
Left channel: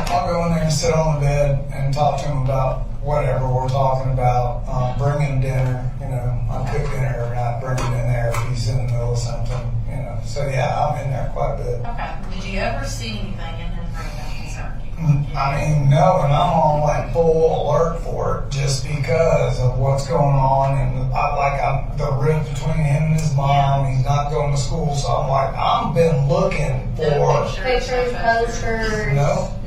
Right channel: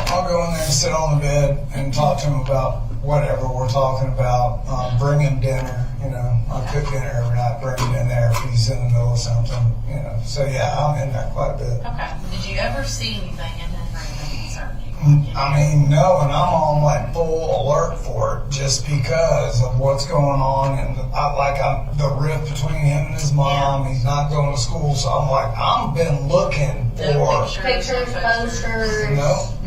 I'll go in there and sit on the bed and talk to him about whatever we're talking about. Bring him dinner, I cook dinner every night, bring him in there if he's in the middle of something, So, yeah, I'm in there quite a bit. Okay. Did you ever see anything in his room that concerned you? I mean, no, and I'm on like full alert for it just because of what's going on, and I'm the rift between him and his mom. He's not going to school, so I'm like, I've been looking for Pictures, posters,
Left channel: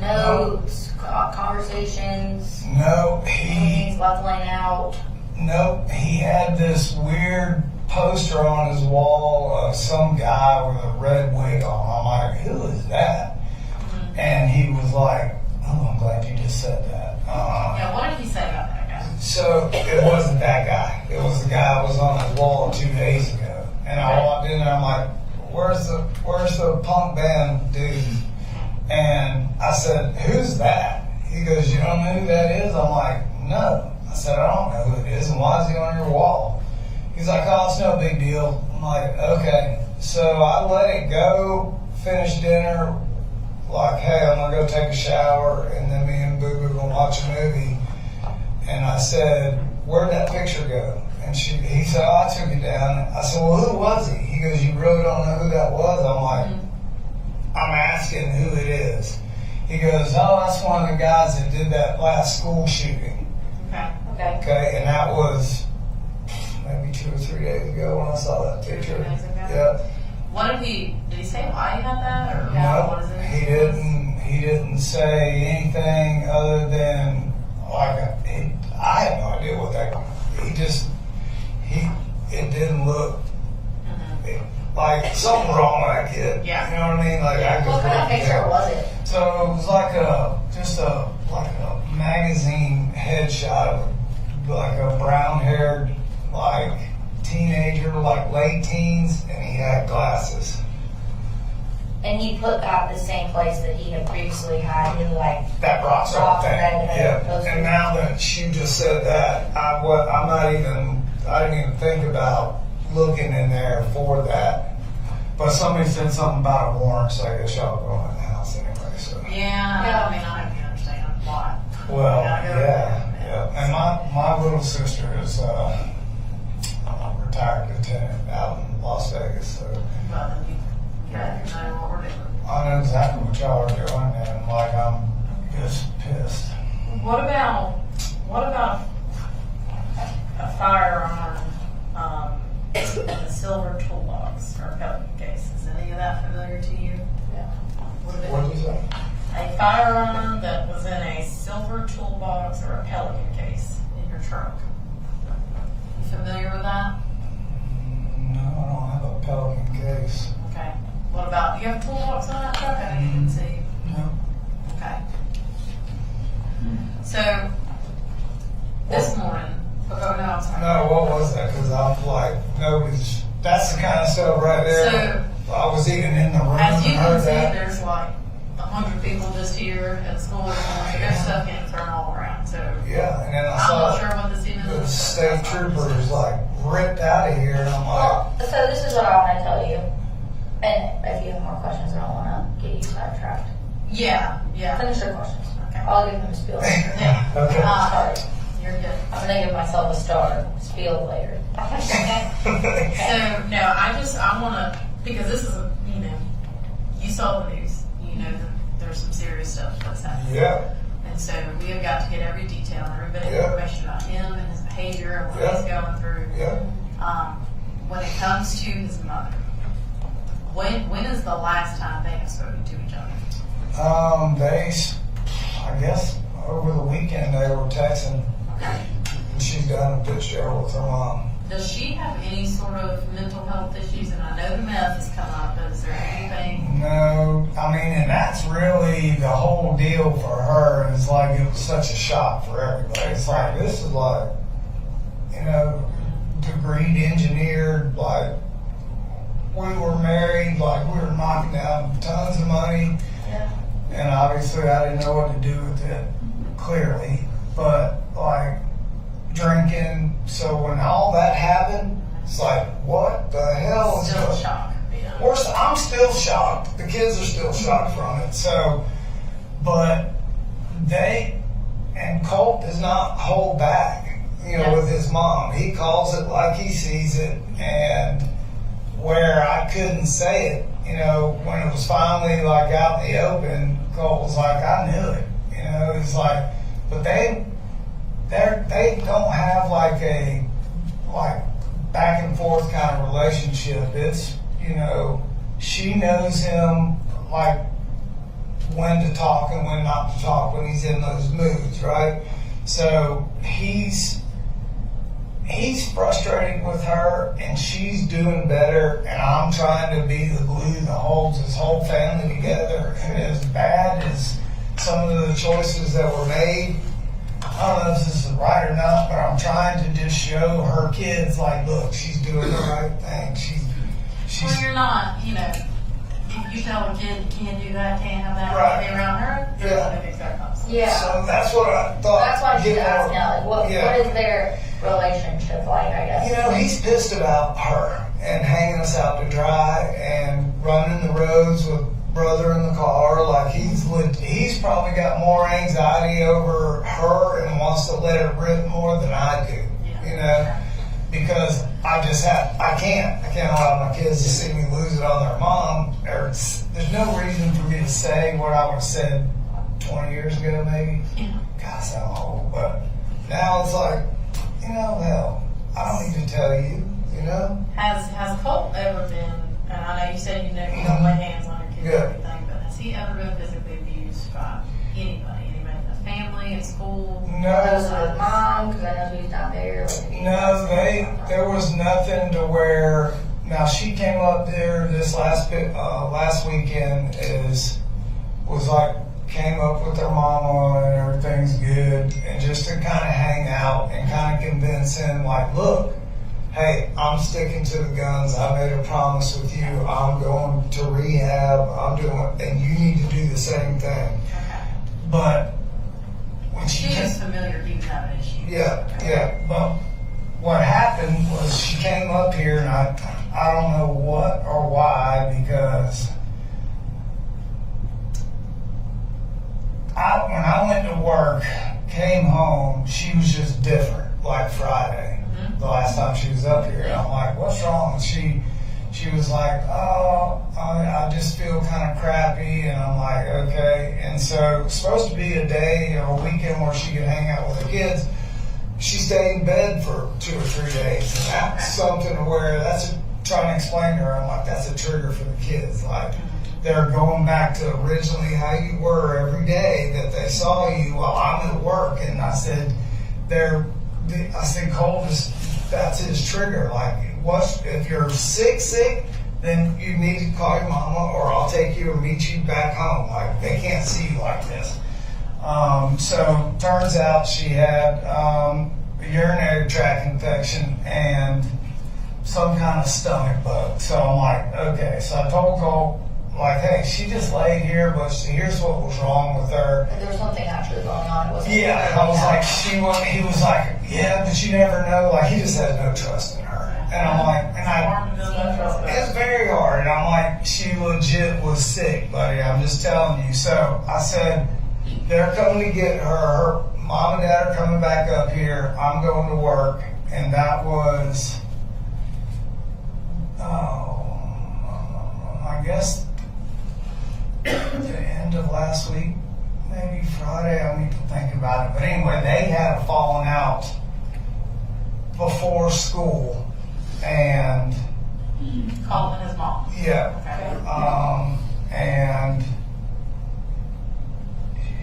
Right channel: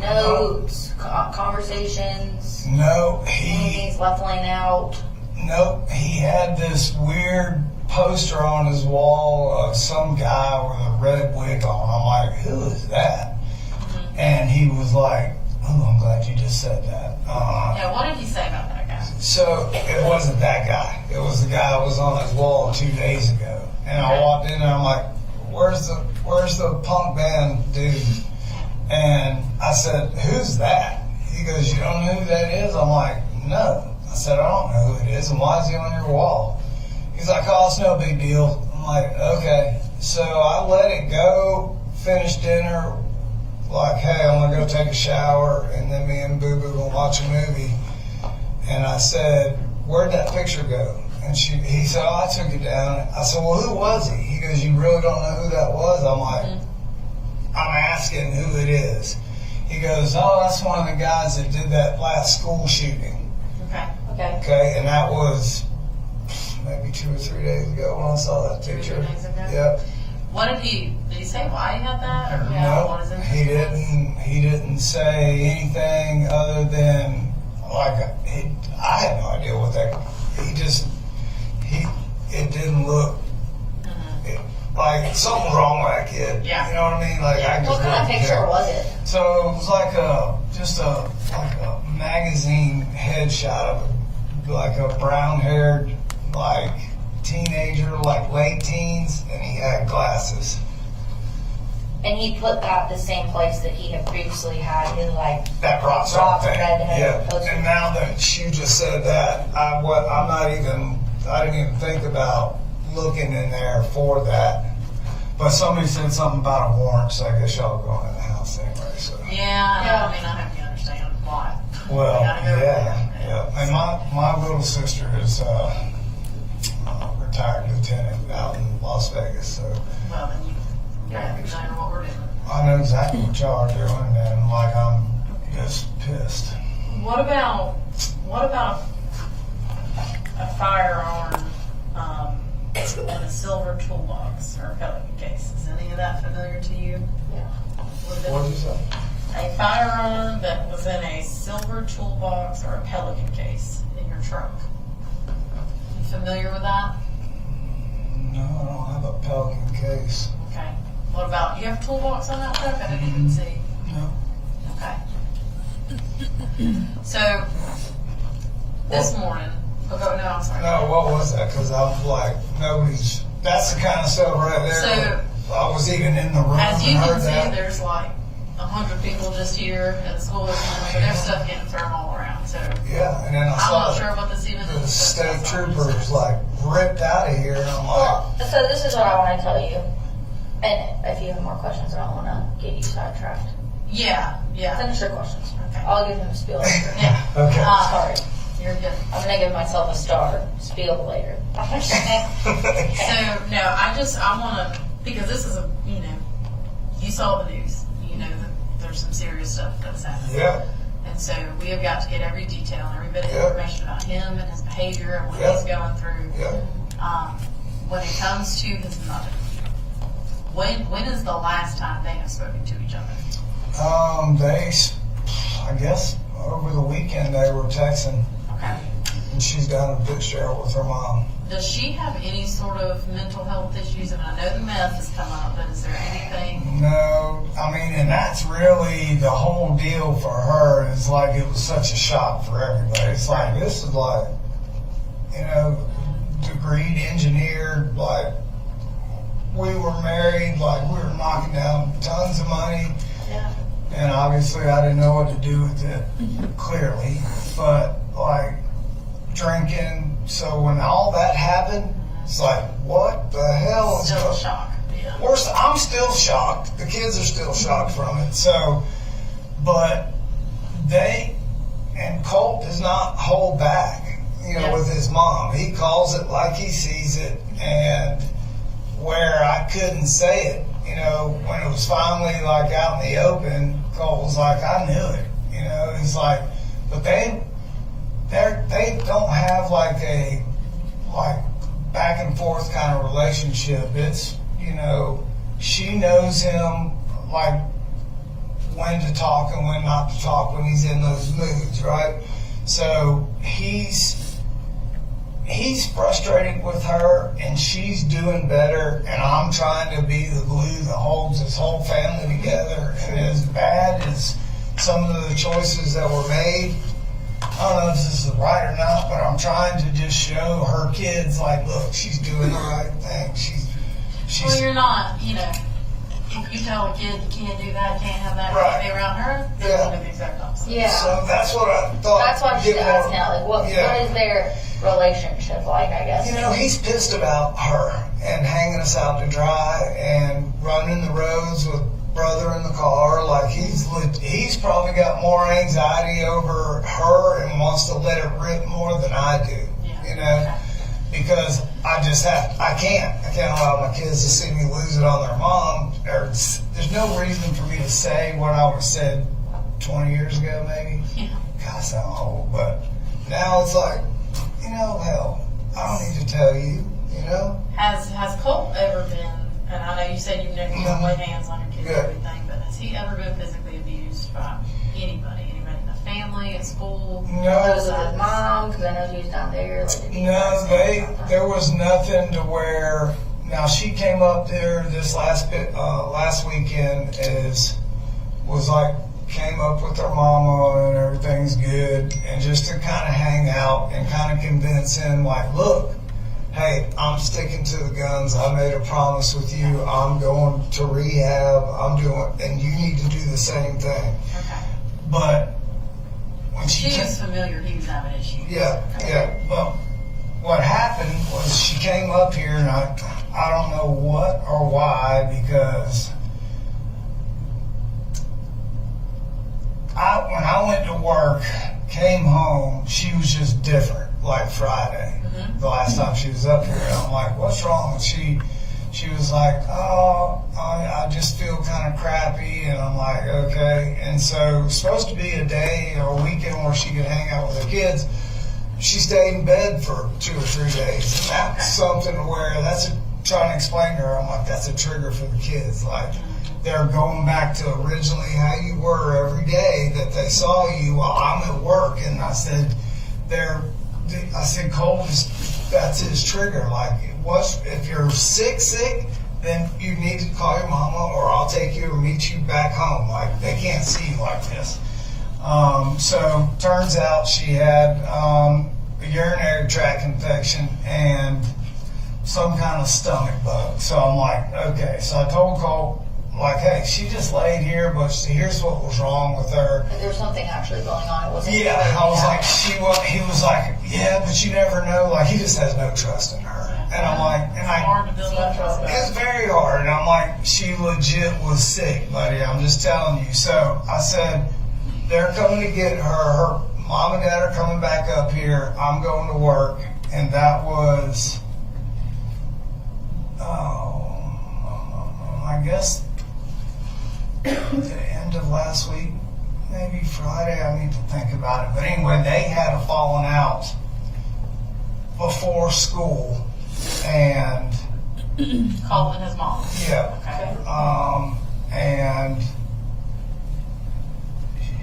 notes, conversations. No, he's leveling out. Nope, he had this weird poster on his wall of some guy with a red wig on. I'm like, who is that? And he was like, oh, I'm glad you just said that. What did he say about that guy? So it wasn't that guy. It was the guy that was on his wall 2 days ago. And I walked in and I'm like, where's the punk band dude? And I said, who's that? He goes, you don't know who that is? I'm like, no. I said, I don't know who it is, and why is he on your wall? He's like, oh, it's no big deal. I'm like, okay. So I let it go, finished dinner, like, hey, I'm gonna go take a shower, and then me and Boo Boo gonna watch a movie. And I said, where'd that picture go? And he said, oh, I took it down. I said, well, who was he? He goes, you really don't know who that was? I'm like, I'm asking who it is. He goes, oh, that's one of the guys that did that last school shooting. Okay. Okay, and that was maybe 2 or 3 days ago when I saw that 2 or 3 picture. days ago? Yep. What did he say why he had that? Or what is No, it? he didn't say anything other than, like, I had no idea what that, it didn't look, like something wrong with that kid. Yeah. You know what I mean? Like, I just What kind of didn't picture get it. was it? So it was like a magazine headshot of like a brown-haired, like teenager, like late teens, and he had glasses. And he put that the same place that he had previously had his like That rock star thing. redhead Yeah. poster. And now that you just said that, I didn't even think about looking in there for that. But somebody said something about a warrant, so I guess y'all go in the house anyway. So. Yeah, I mean, I hope you understand why. Well, We gotta go yeah. And my little sister is a retired lieutenant out in Las Vegas, so Well, then you know what we're doing. I know exactly what y'all are doing, and like I'm just pissed. What about a firearm in a silver toolbox or a Pelican case? Is any of that familiar to you? Yeah. What'd you say? A firearm that was in a silver toolbox or a Pelican case in your trunk. You familiar with that? No, I don't have a Pelican case. Okay. What about, you have a toolbox on that truck? I didn't even see. No. Okay. So, this morning, no, I'm sorry. No, what was that? Because I'm like, that's the kind of stuff right there. So, I was even in the room as you and heard can see, that. there's like 100 people just here at the school this morning, so there's stuff getting thrown all around, so. Yeah, and then I I'm saw not sure what this even the is. state trooper was like ripped out of here, and I'm like, Well, so this is what I want to tell you. And if you have more questions, I don't want to get you sidetracked. Yeah. Finish your questions. Okay. I'll give him a spiel later. Yeah. okay. Sorry. You're good. I'm going to give myself a star. Spiel later. So, no, I want to, because this is you saw the news. You know that there's some serious stuff that's happening. Yeah. And so we have got to get every detail and every bit of Yeah. information about him and his behavior and what Yeah. he's going through. Yeah. When it comes to his mother, when is the last time they have spoken to each other? I guess over the weekend they were texting, Okay. and she's down in Fitzgerald with her mom. Does she have any sort of mental health issues? And I know the meth has come up, but is there anything? No, I mean, and that's really the whole deal for her. Is like it was such a shock for everybody. It's like this is like, degreed engineer, like we were married, like we were knocking down tons of money. Yeah. And obviously I didn't know what to do with it, clearly, but like drinking. So when all that happened, it's like, what the hell is Still going a shock. Yeah. I'm still shocked. The kids are still shocked from it. So, but Colt does not hold back, with his mom. He calls it like he sees it, and where I couldn't say it, when it was finally like out in the open, Colt was like, I knew it, he's like, but they don't have like a back and forth kind of relationship. It's, she knows him like when to talk and when not to talk when he's in those moods, right? So he's frustrated with her, and she's doing better, and I'm trying to be the glue that holds this whole family together. And as bad as some of the choices that were made, I don't know if this is right or not, but I'm trying to just show her kids, like, look, she's doing the right thing. she's you're not, you know, if you tell a kid you can't do that, can't have that, Right. can't be around her, they're Yeah. gonna do the exact opposite. Yeah. So that's what I thought. That's why she's Get more- asking out, like, what is their relationship like, I guess? You know, he's pissed about her and hanging us out to dry and running the roads with brother in the car. Like he's probably got more anxiety over her and wants to let it rip more than I do. Yeah. You know, because I can't allow my kids to see me lose it on their mom. There's no reason for me to say what I would have said 20 years ago, maybe. Yeah. God, I sound old, but now it's like, you know, hell, I don't need to tell you, you know? Has Colt ever been, and I know you said you don't lay hands on your kids Yeah. or anything, but has he ever been physically abused by anybody in the family, at school? Was it No, his mom? Because I know she was down there. Like, did he ask no, anything about that? there was nothing to where, now she came up there this last weekend came up with her mama and everything's good, and just to kind of hang out and kind of convince him, like, look, hey, I'm sticking to the guns. I made a promise with you. I'm going to rehab. And you need to do the same thing. Okay. But when she She came, was familiar he was having issues. yeah. But what happened was she came up here, and I don't know what or why, because when I went to work, came home, she was just different, like Friday, the last time she was up here. And I'm like, what's wrong? She was like, oh, I just feel kind of crappy. And I'm like, okay. And so it's supposed to be a day or a weekend where she could hang out with her kids. She stayed in bed for 2 or 3 days. And that's something where trying to explain to her, I'm like, that's a trigger for the kids. Like, they're going back to originally how you were every day that they saw you while I'm at work. And I said, Cole, that's his trigger. Like, if you're sick, then you need to call your mama, or I'll take you and meet you back home. Like, they can't see you like this. So turns out she had a urinary tract infection and some kind of stomach bug. So I'm like, okay. So I told Cole, like, hey, she just laid here, but here's what was wrong with her. Like, there was something actually going on. It wasn't. Yeah, I was like, he was like, yeah, but you never know. Like, he just has no trust in her. And I'm like, It's hard to build that trust back. it's very hard. And I'm like, she legit was sick, buddy. I'm just telling you. So I said, they're coming to get her. Her mom and dad are coming back up here. I'm going to work. And that was, I guess, the end of last week, maybe Friday. I need to think about it. But anyway, they had a falling out before school, and Colin, his mom. yeah, Okay. and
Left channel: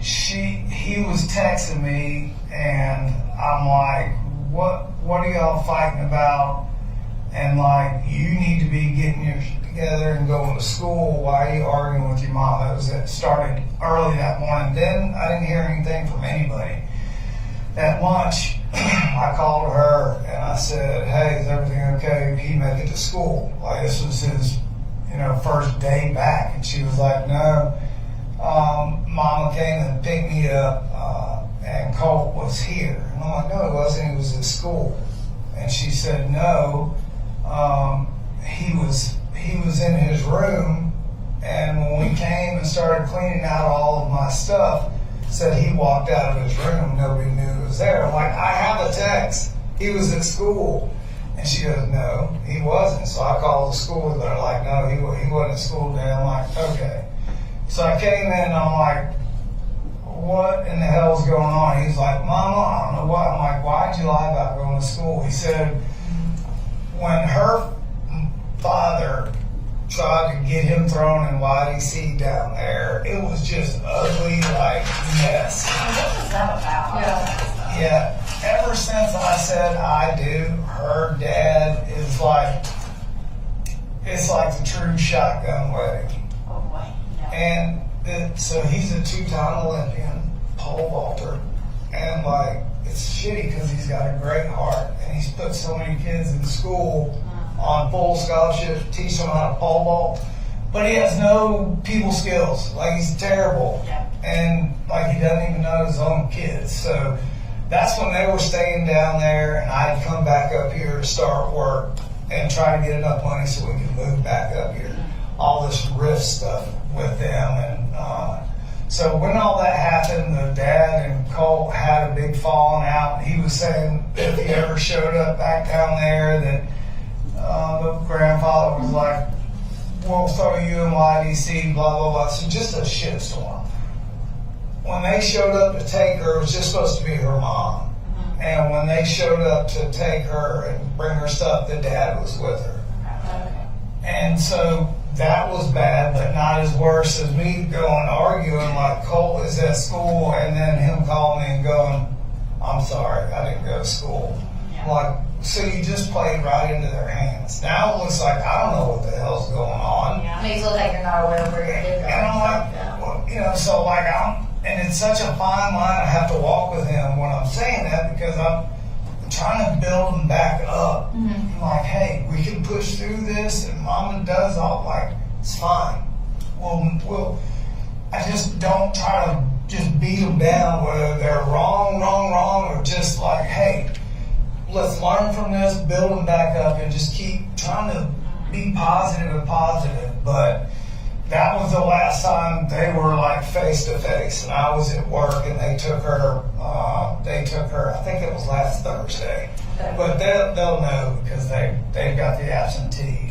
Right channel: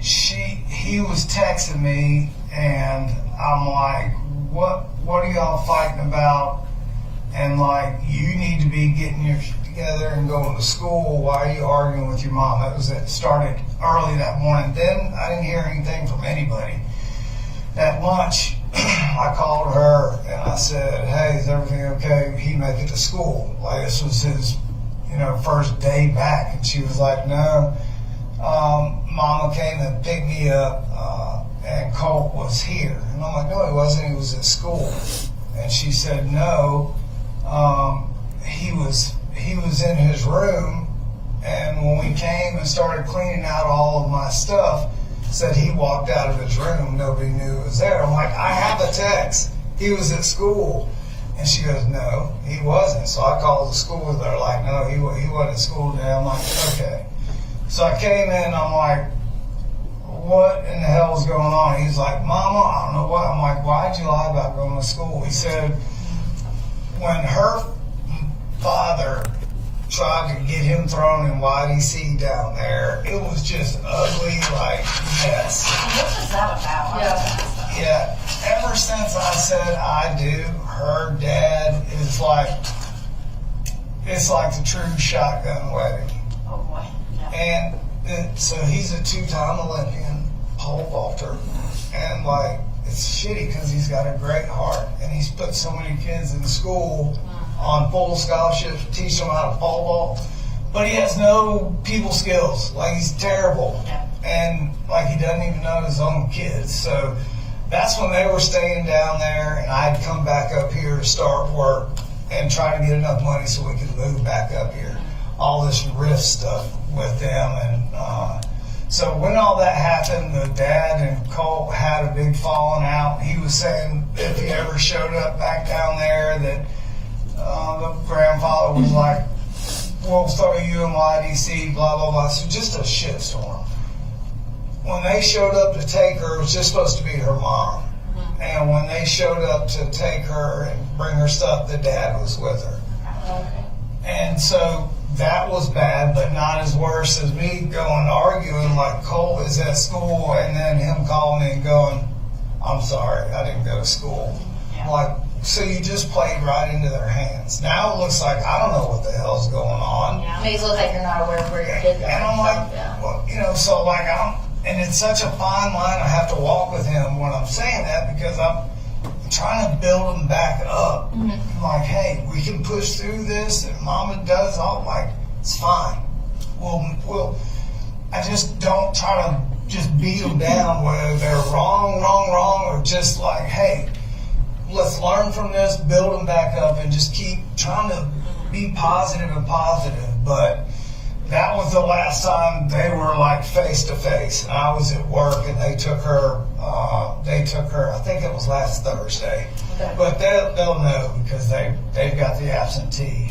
he was texting me, and I'm like, what are y'all fighting about? And like, you need to be getting your shit together and going to school. Why are you arguing with your mom? It started early that morning. Then I didn't hear anything from anybody. At lunch, I called her and I said, hey, is everything okay? He make it to school. Like, this was his, first day back. And she was like, no. Mama came and picked me up, and Colt was here. And I'm like, no, he wasn't. He was at school. And she said, no. He was in his room, and when we came and started cleaning out all of my stuff, said he walked out of his room. Nobody knew he was there. I'm like, I have a text. He was at school. And she goes, no, he wasn't. So I called the school. They're like, no, he wasn't at school today. I'm like, okay. So I came in, I'm like, what in the hell is going on? He's like, Mama, I don't know what. I'm like, why'd you lie about going to school? He said, when her father tried to get him thrown in YDC down there, it was just ugly, like, mess. What was that about? Yeah, ever since I said I do, her dad is like, it's like the true shotgun wedding. Oh boy. Yeah. And so he's a 2-time Olympian pole vaulter, and like, it's shitty because he's got a great heart, and he's put so many kids in school on full scholarship, teach him how to pole vault. But he has no people skills. Like, he's terrible. Yeah. And like, he doesn't even know his own kids. So that's when they were staying down there, and I'd come back up here to start work and try to get enough money so we could move back up here. All this rift stuff with them. And so when all that happened, the dad and Colt had a big falling out. He was saying if he ever showed up back down there that the grandfather was like, we'll throw you in YDC, blah, blah, blah. So just a shitstorm. When they showed up to take her, it was just supposed to be her mom. And when they showed up to take her and bring her stuff, the dad was with her. And so that was bad, but not as worse as me going arguing like Cole is at school and then him calling me and going, I'm sorry, I didn't go to school. Yeah. Like, so you just played right into their hands. Now it looks like I don't know what the hell's going on. Yeah. It makes it look like you're not aware of where your kid's And I'm like, well, you know, so like and it's such a fine line I have to walk with him when I'm saying that, because I'm trying to build him back up. Mm-hmm. Like, hey, we can push through this, and mama does all, like, it's fine. Well, I just don't try to just beat them down whether they're wrong, or just like, hey, let's learn from this, build them back up, and just keep trying to be positive and positive. But that was the last time they were like face to face, and I was at work, and they took her. I think it was last Thursday. Okay. But they'll know because they've got the absentee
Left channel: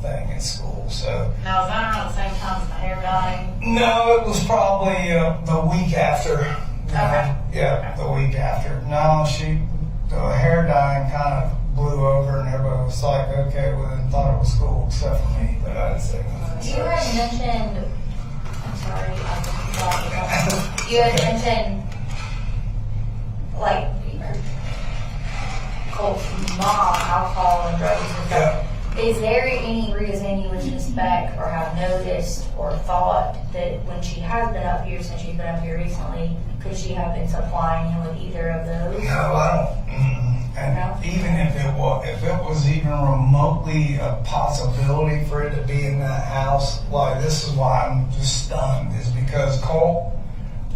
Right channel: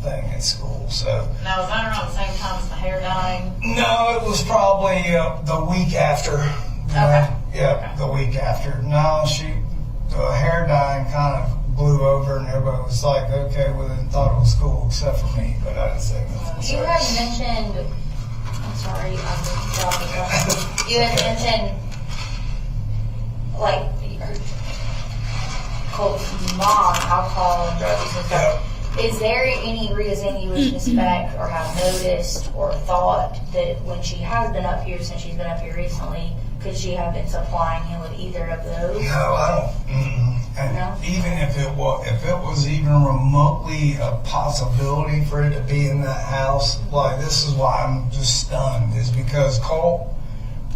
thing at school. So Now, was that around the same time as the hair dyeing? no, it was probably the week after. Okay. Yeah, the week after. No, the hair dyeing kind of blew over, and everybody was like, okay, well, then thought it was cool except for me, but I didn't say nothing. You had mentioned, I'm sorry, I've been talking about, you had mentioned, like, Colt's mom, alcohol and drugs and stuff. Is there any reason you would suspect or have noticed or thought that when she has been up here, since she's been up here recently, could she have been supplying him with either of those? No, I don't. And No? even if it was even remotely a possibility for it to be in that house, like, this is why I'm just stunned, is because Cole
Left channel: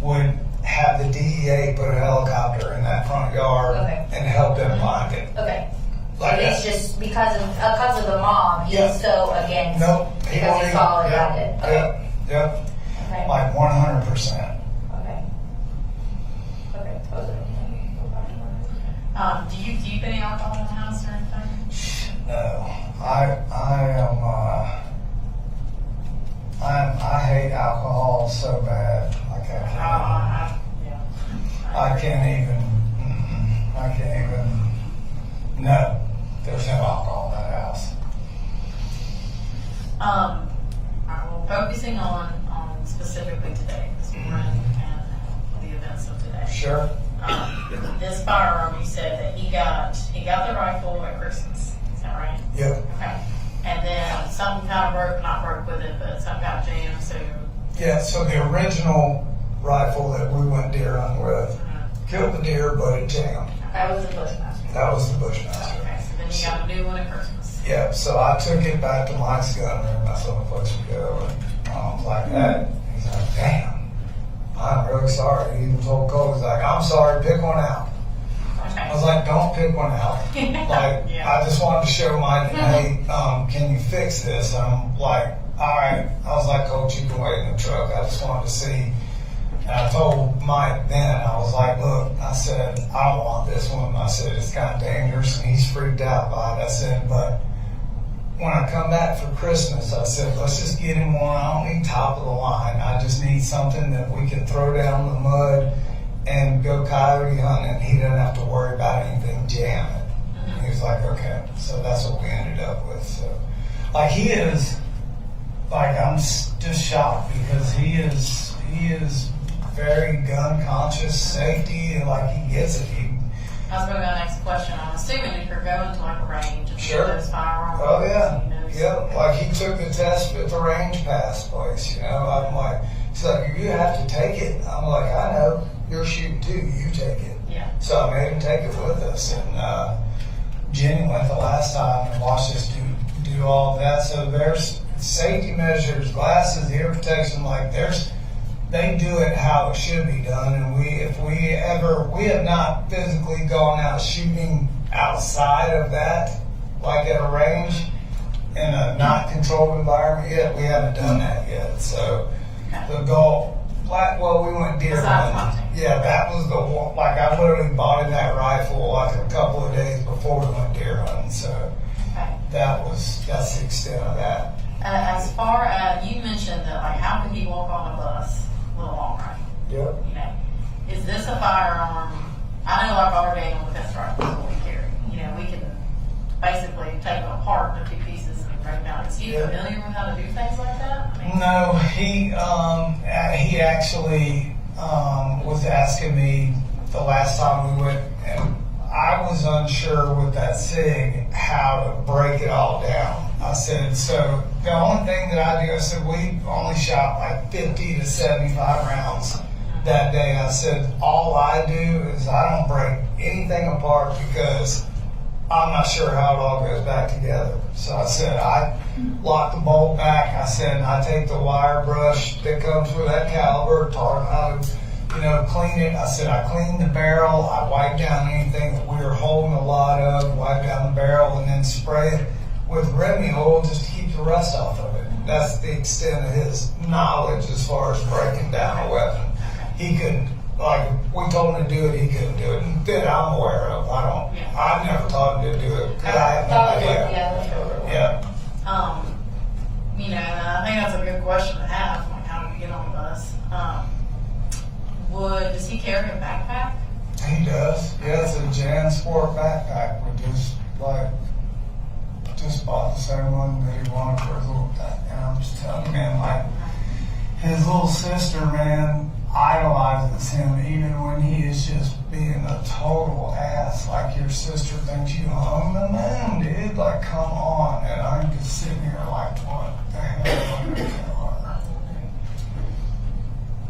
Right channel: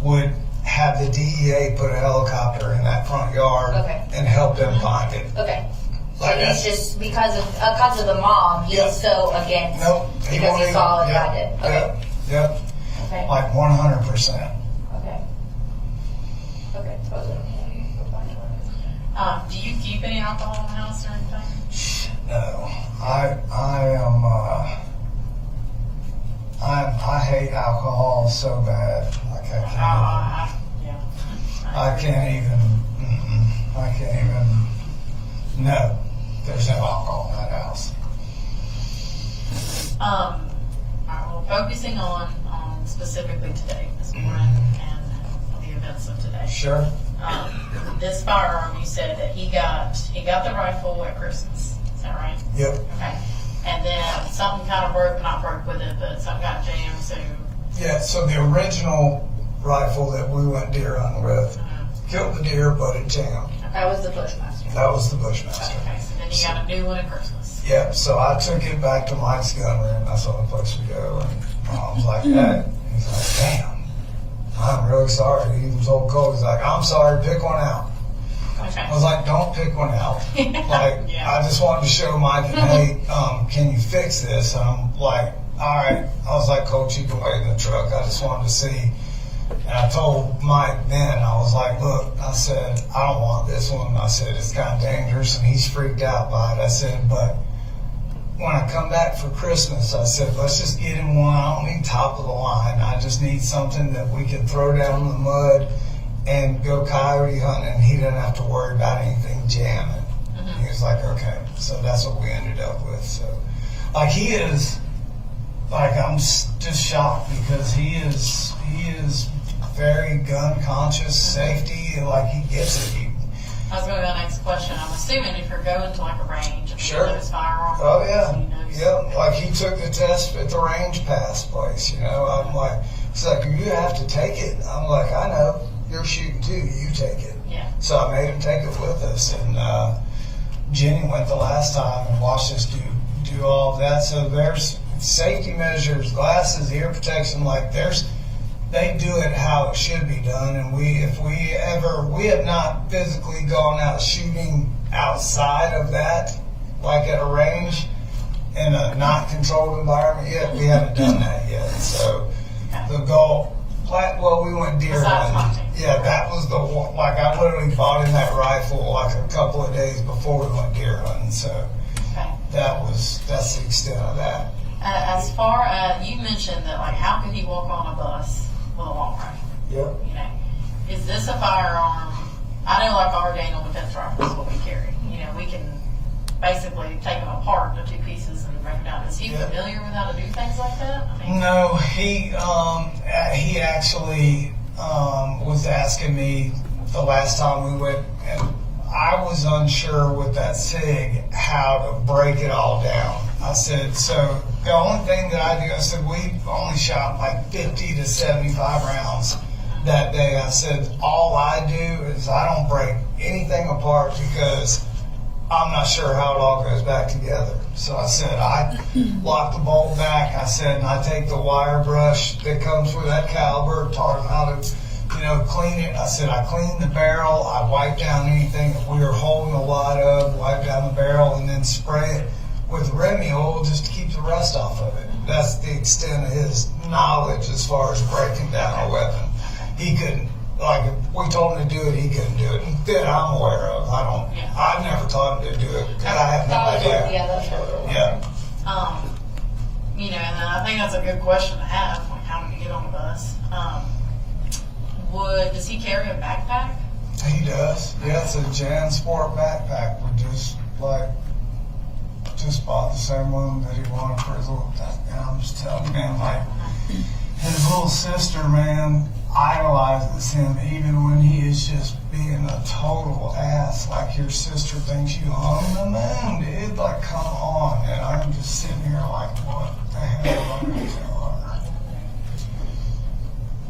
would have the DEA put a helicopter in that front yard and help them find it. Okay. So Like he's that. just, because of the mom, he's Yep. so against, Nope. because he saw it, I did. Okay. Yep. Okay. Like 100%. Okay. Okay. Do you keep any alcohol in the house or anything? No, I hate alcohol so bad. Like, I can't even. No, there's no alcohol in that house. All right, well, focusing on specifically today, this morning, and the events of today. Sure. This firearm, you said that he got the rifle at Christmas. Is that right? Yep. Okay. And then something kind of not broke with it, but something got jammed. So Yeah. So the original rifle that we went deer hunting with killed the deer, but it jammed. That was the Bushmaster. That was the Bushmaster. okay. So then you got a new one at Christmas. Yep. So I took it back to Mike's gun room. That's the only place we go. And Mom's like, hey. He's like, damn. I'm really sorry. He even told Cole, he's like, I'm sorry, pick one out. Okay. I was like, don't pick one out. Like, Yeah. I just wanted to show Mike, hey, can you fix this? And I'm like, all right. I was like, Coach, you can wait in the truck. I just wanted to see. And I told Mike then, I was like, look, I said, I don't want this one. I said, it's kind of dangerous, and he's freaked out by it. I said, but when I come back for Christmas, I said, let's just get him one. I don't need top of the line. I just need something that we can throw down in the mud and go coyote hunting, and he doesn't have to worry about anything jamming. Mm-hmm. He was like, okay. So that's what we ended up with. So, like, he is, like, I'm just shocked because he is very gun conscious, safety, and like, he gets it. I was going to go to the next question. I'm assuming if you're going to like a range of Sure. those firearms, Oh yeah, he knows. yep. Like, he took the test at the range pass place. You know, I'm like, he's like, you have to take it. I'm like, I know. You're shooting too. You take it. Yeah. So I made him take it with us, and Jenny went the last time and watched this dude do all of that. So there's safety measures, glasses, ear protection, like they do it how it should be done. And we have not physically gone out shooting outside of that, like at a range in a not controlled environment yet. We haven't done that yet. So the goal, we went deer Besides hunting. hunting. Yeah, that was the one. Like I literally bought in that rifle like a couple of days before we went deer hunting. So Okay. that's the extent of that. As far as, you mentioned that, like, how could he walk on a bus with a long rifle? Yep. You know, is this a firearm? I know, like our Daniel defense rifle is what we carry. You know, we can basically take them apart into 2 pieces and break them down. Is he Yep. familiar with how to do things like that? I mean, No, he actually was asking me the last time we went, and I was unsure with that SIG how to break it all down. I said, so the only thing that I do, I said, we only shot like 50 to 75 rounds that day. I said, all I do is I don't break anything apart because I'm not sure how it all goes back together. So I said, I lock the bolt back. I said, and I take the wire brush that comes with that caliber, taught him how to, clean it. I said, I clean the barrel. I wipe down anything that we were holding a lot of, wipe down the barrel, and then spray it with Remy oil just to keep the rust off of it. That's the extent of his knowledge as far as breaking down a weapon. He couldn't, like, if we told him to do it, he couldn't do it. That I'm aware of. I never taught him to do it because I have no idea. Yeah. you know, and I think that's a good question to have, like, how did he get on the bus? Does he carry a backpack? He does. Yeah, it's a Jan Sport backpack. We just bought the same one that he wanted for his little, and I'm just telling you, man, like, his little sister, man, idolizes him even when he is just being a total ass. Like, your sister thinks you own the moon, dude. Like, come on. And I'm just sitting here like, what the hell am I going to tell her?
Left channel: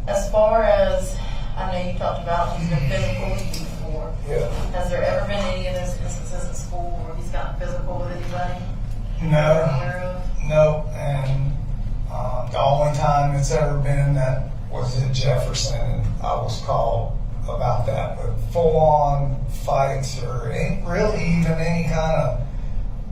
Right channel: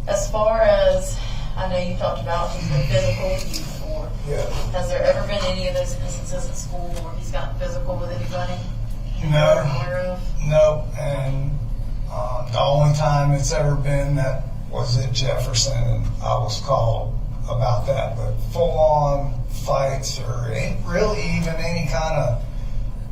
As far as, I know you talked about he's been physical with you before. Yeah. Has there ever been any of those instances at school where he's gotten physical with anybody? You're No. aware of? Nope. And the only time it's ever been that was at Jefferson, and I was called about that. But full-on fights or ain't really even any kind of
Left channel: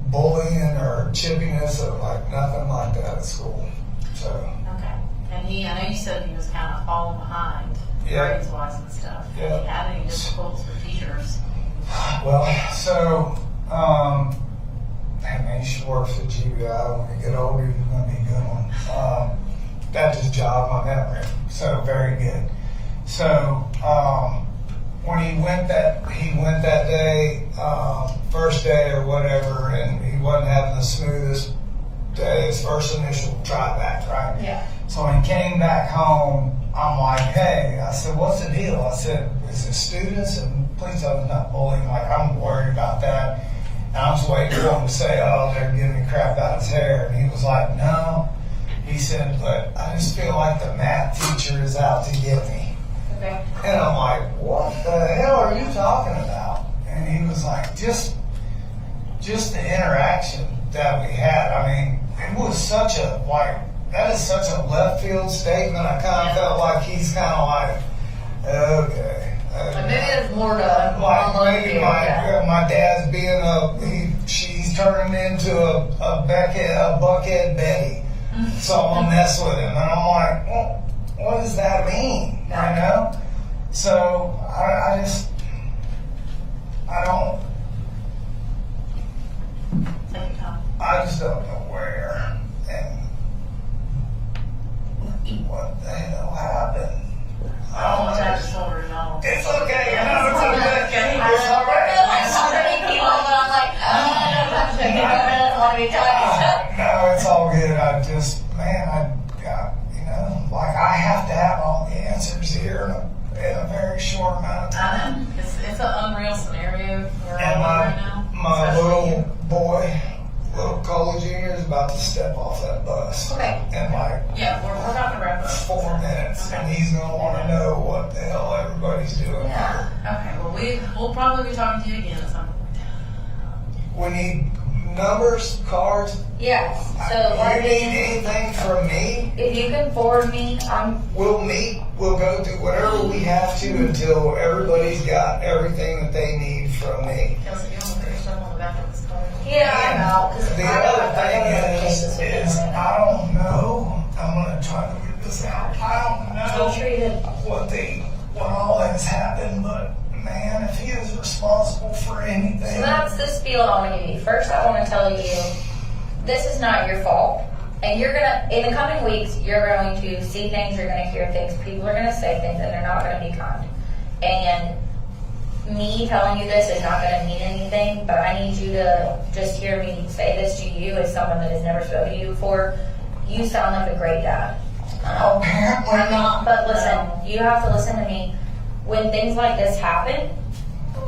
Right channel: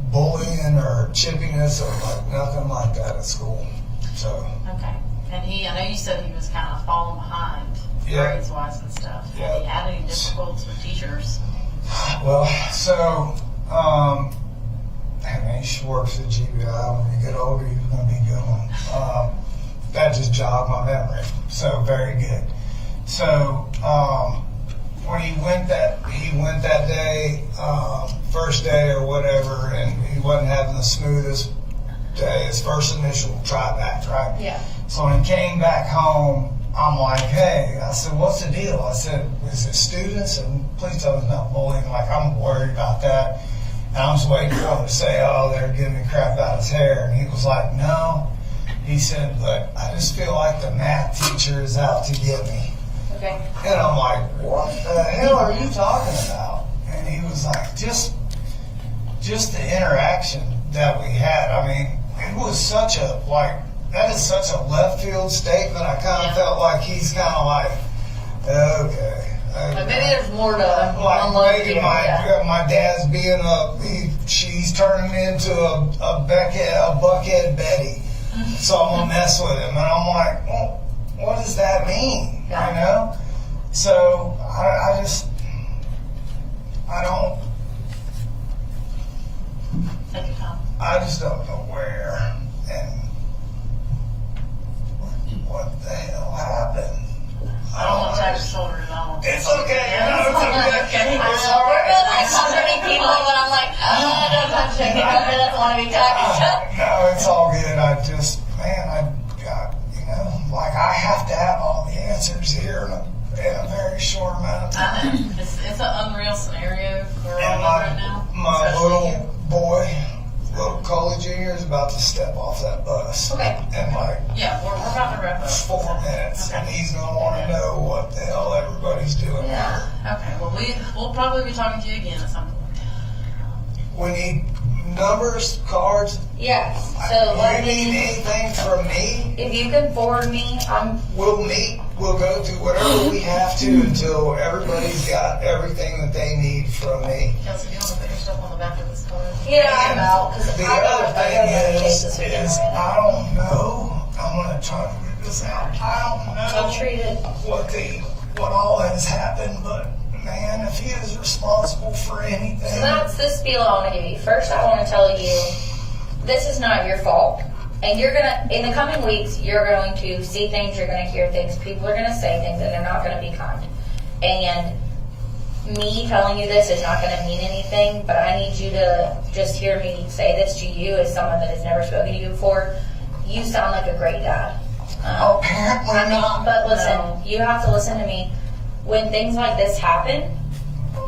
bullying or chippiness or like nothing like that at school. So. Okay. And I know you said he was kind of falling behind Yeah. grades-wise and stuff. Yeah. Have he had any difficulties with teachers? Well, so, man, you should work for the GBI. When you get older, you're going to be a good one. That just jogged my memory. So, very good. So, when he went that day, first day or whatever, and he wasn't having the smoothest day, his first initial try back, right? Yeah. So when he came back home, I'm like, hey, I said, what's the deal? I said, is it students? And please tell me it's not bullying. Like, I'm worried about that. And I'm just waiting for him to say, oh, they're giving me crap out his hair. And he was like, no. He said, but I just feel like the math teacher is out to get me. Okay. And I'm like, what the hell are you talking about? And he was like, just the interaction that we had. I mean, it was such a, like, that is such a left field statement. I kind of felt like he's kind of like, okay. Like maybe there's more to Like maybe here. my dad's being she's turning me into a buckhead Betty. So I'm gonna mess with him, and I'm like, well, what does that mean? You know? So I just don't know where and what the hell happened. I don't want to touch his shoulders. It's okay. No, it's okay. It's all right. Like so many people that I'm like, don't touch it. I don't want to be talking. No, it's all good. I just, man, I got, like I have to have all the answers here in a very short amount of time. I know. It's an unreal scenario we're And all in right now. my Especially little you. boy, little Colin Jr. is about to step off that bus. Okay. In like Yeah, we're about to wrap up. 4 minutes, Okay. and he's gonna want to know what the hell everybody's doing. Yeah. Okay. Well, we'll probably be talking to you again at some point. We need numbers, cards, Yes, so You let need me, anything from me? if you can forward me, We'll meet, we'll go through whatever we have to until everybody's got everything that they need from me. Kelsey, you want to put yourself on the back of this card? yeah, I'm out, because The I other got thing other cases with is them. I don't know, I'm gonna try to figure this out. I don't know So treated. what all has happened, but man, if he is responsible for anything. So that's the spiel I want to give you. First, I want to tell you, this is not your fault. And you're going to, in the coming weeks, you're going to see things, you're going to hear things, people are going to say things, and they're not going to be kind. And me telling you this is not going to mean anything, but I need you to just hear me say this to you as someone that has never spoken to you before. You sound like a great dad. Apparently not. But listen, you have to listen to me. When things like this happen,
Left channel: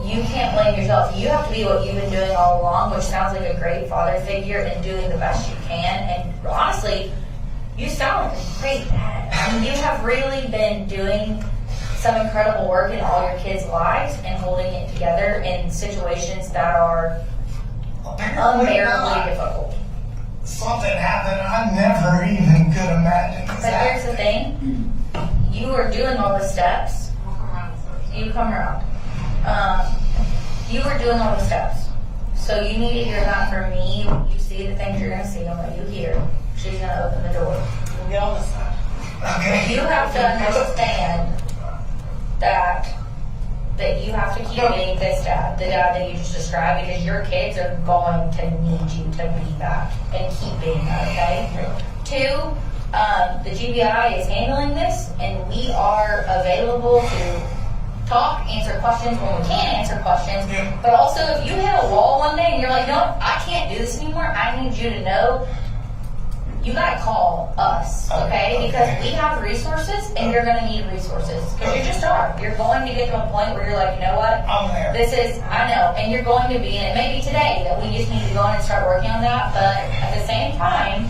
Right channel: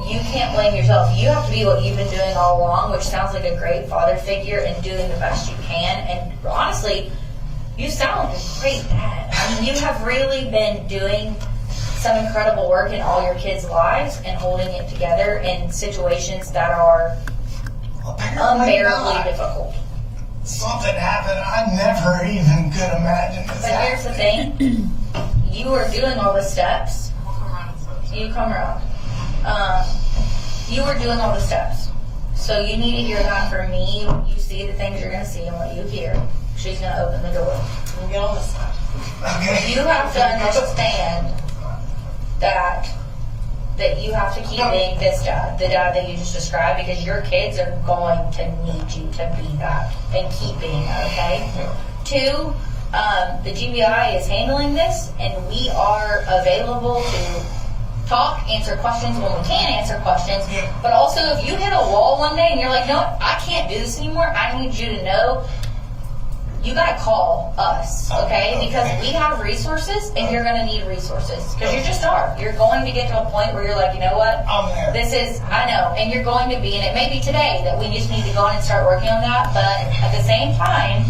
you can't blame yourself. You have to be what you've been doing all along, which sounds like a great father figure and doing the best you can. And honestly, you sound like a great dad. I mean, you have really been doing some incredible work in all your kids' lives and holding it together in situations that are Apparently unbearably not. difficult. Something happened I never even could imagine this But here's the thing. You are doing all the steps. We'll come around and search. You come around. You were doing all the steps. So you need to hear that from me. You see the things you're going to see and what you hear. She's going to open the door. We'll get on this side. Okay. You have to understand that you have to keep being this dad, the dad that you just described, because your kids are going to need you to be that and keep being that, okay? Two, the GBI is handling this, and we are available to talk, answer questions when we can answer questions. But also, if you hit a wall one day and you're like, no, I can't do this anymore, I need you to know you gotta call us, okay? Because we have resources, and you're gonna need resources. Because you just are. You're going to get to a point where you're like, you know what? I'm there. This is, I know, and you're going to be, and it may be today that we just need to go in and start working on that, but at the same time,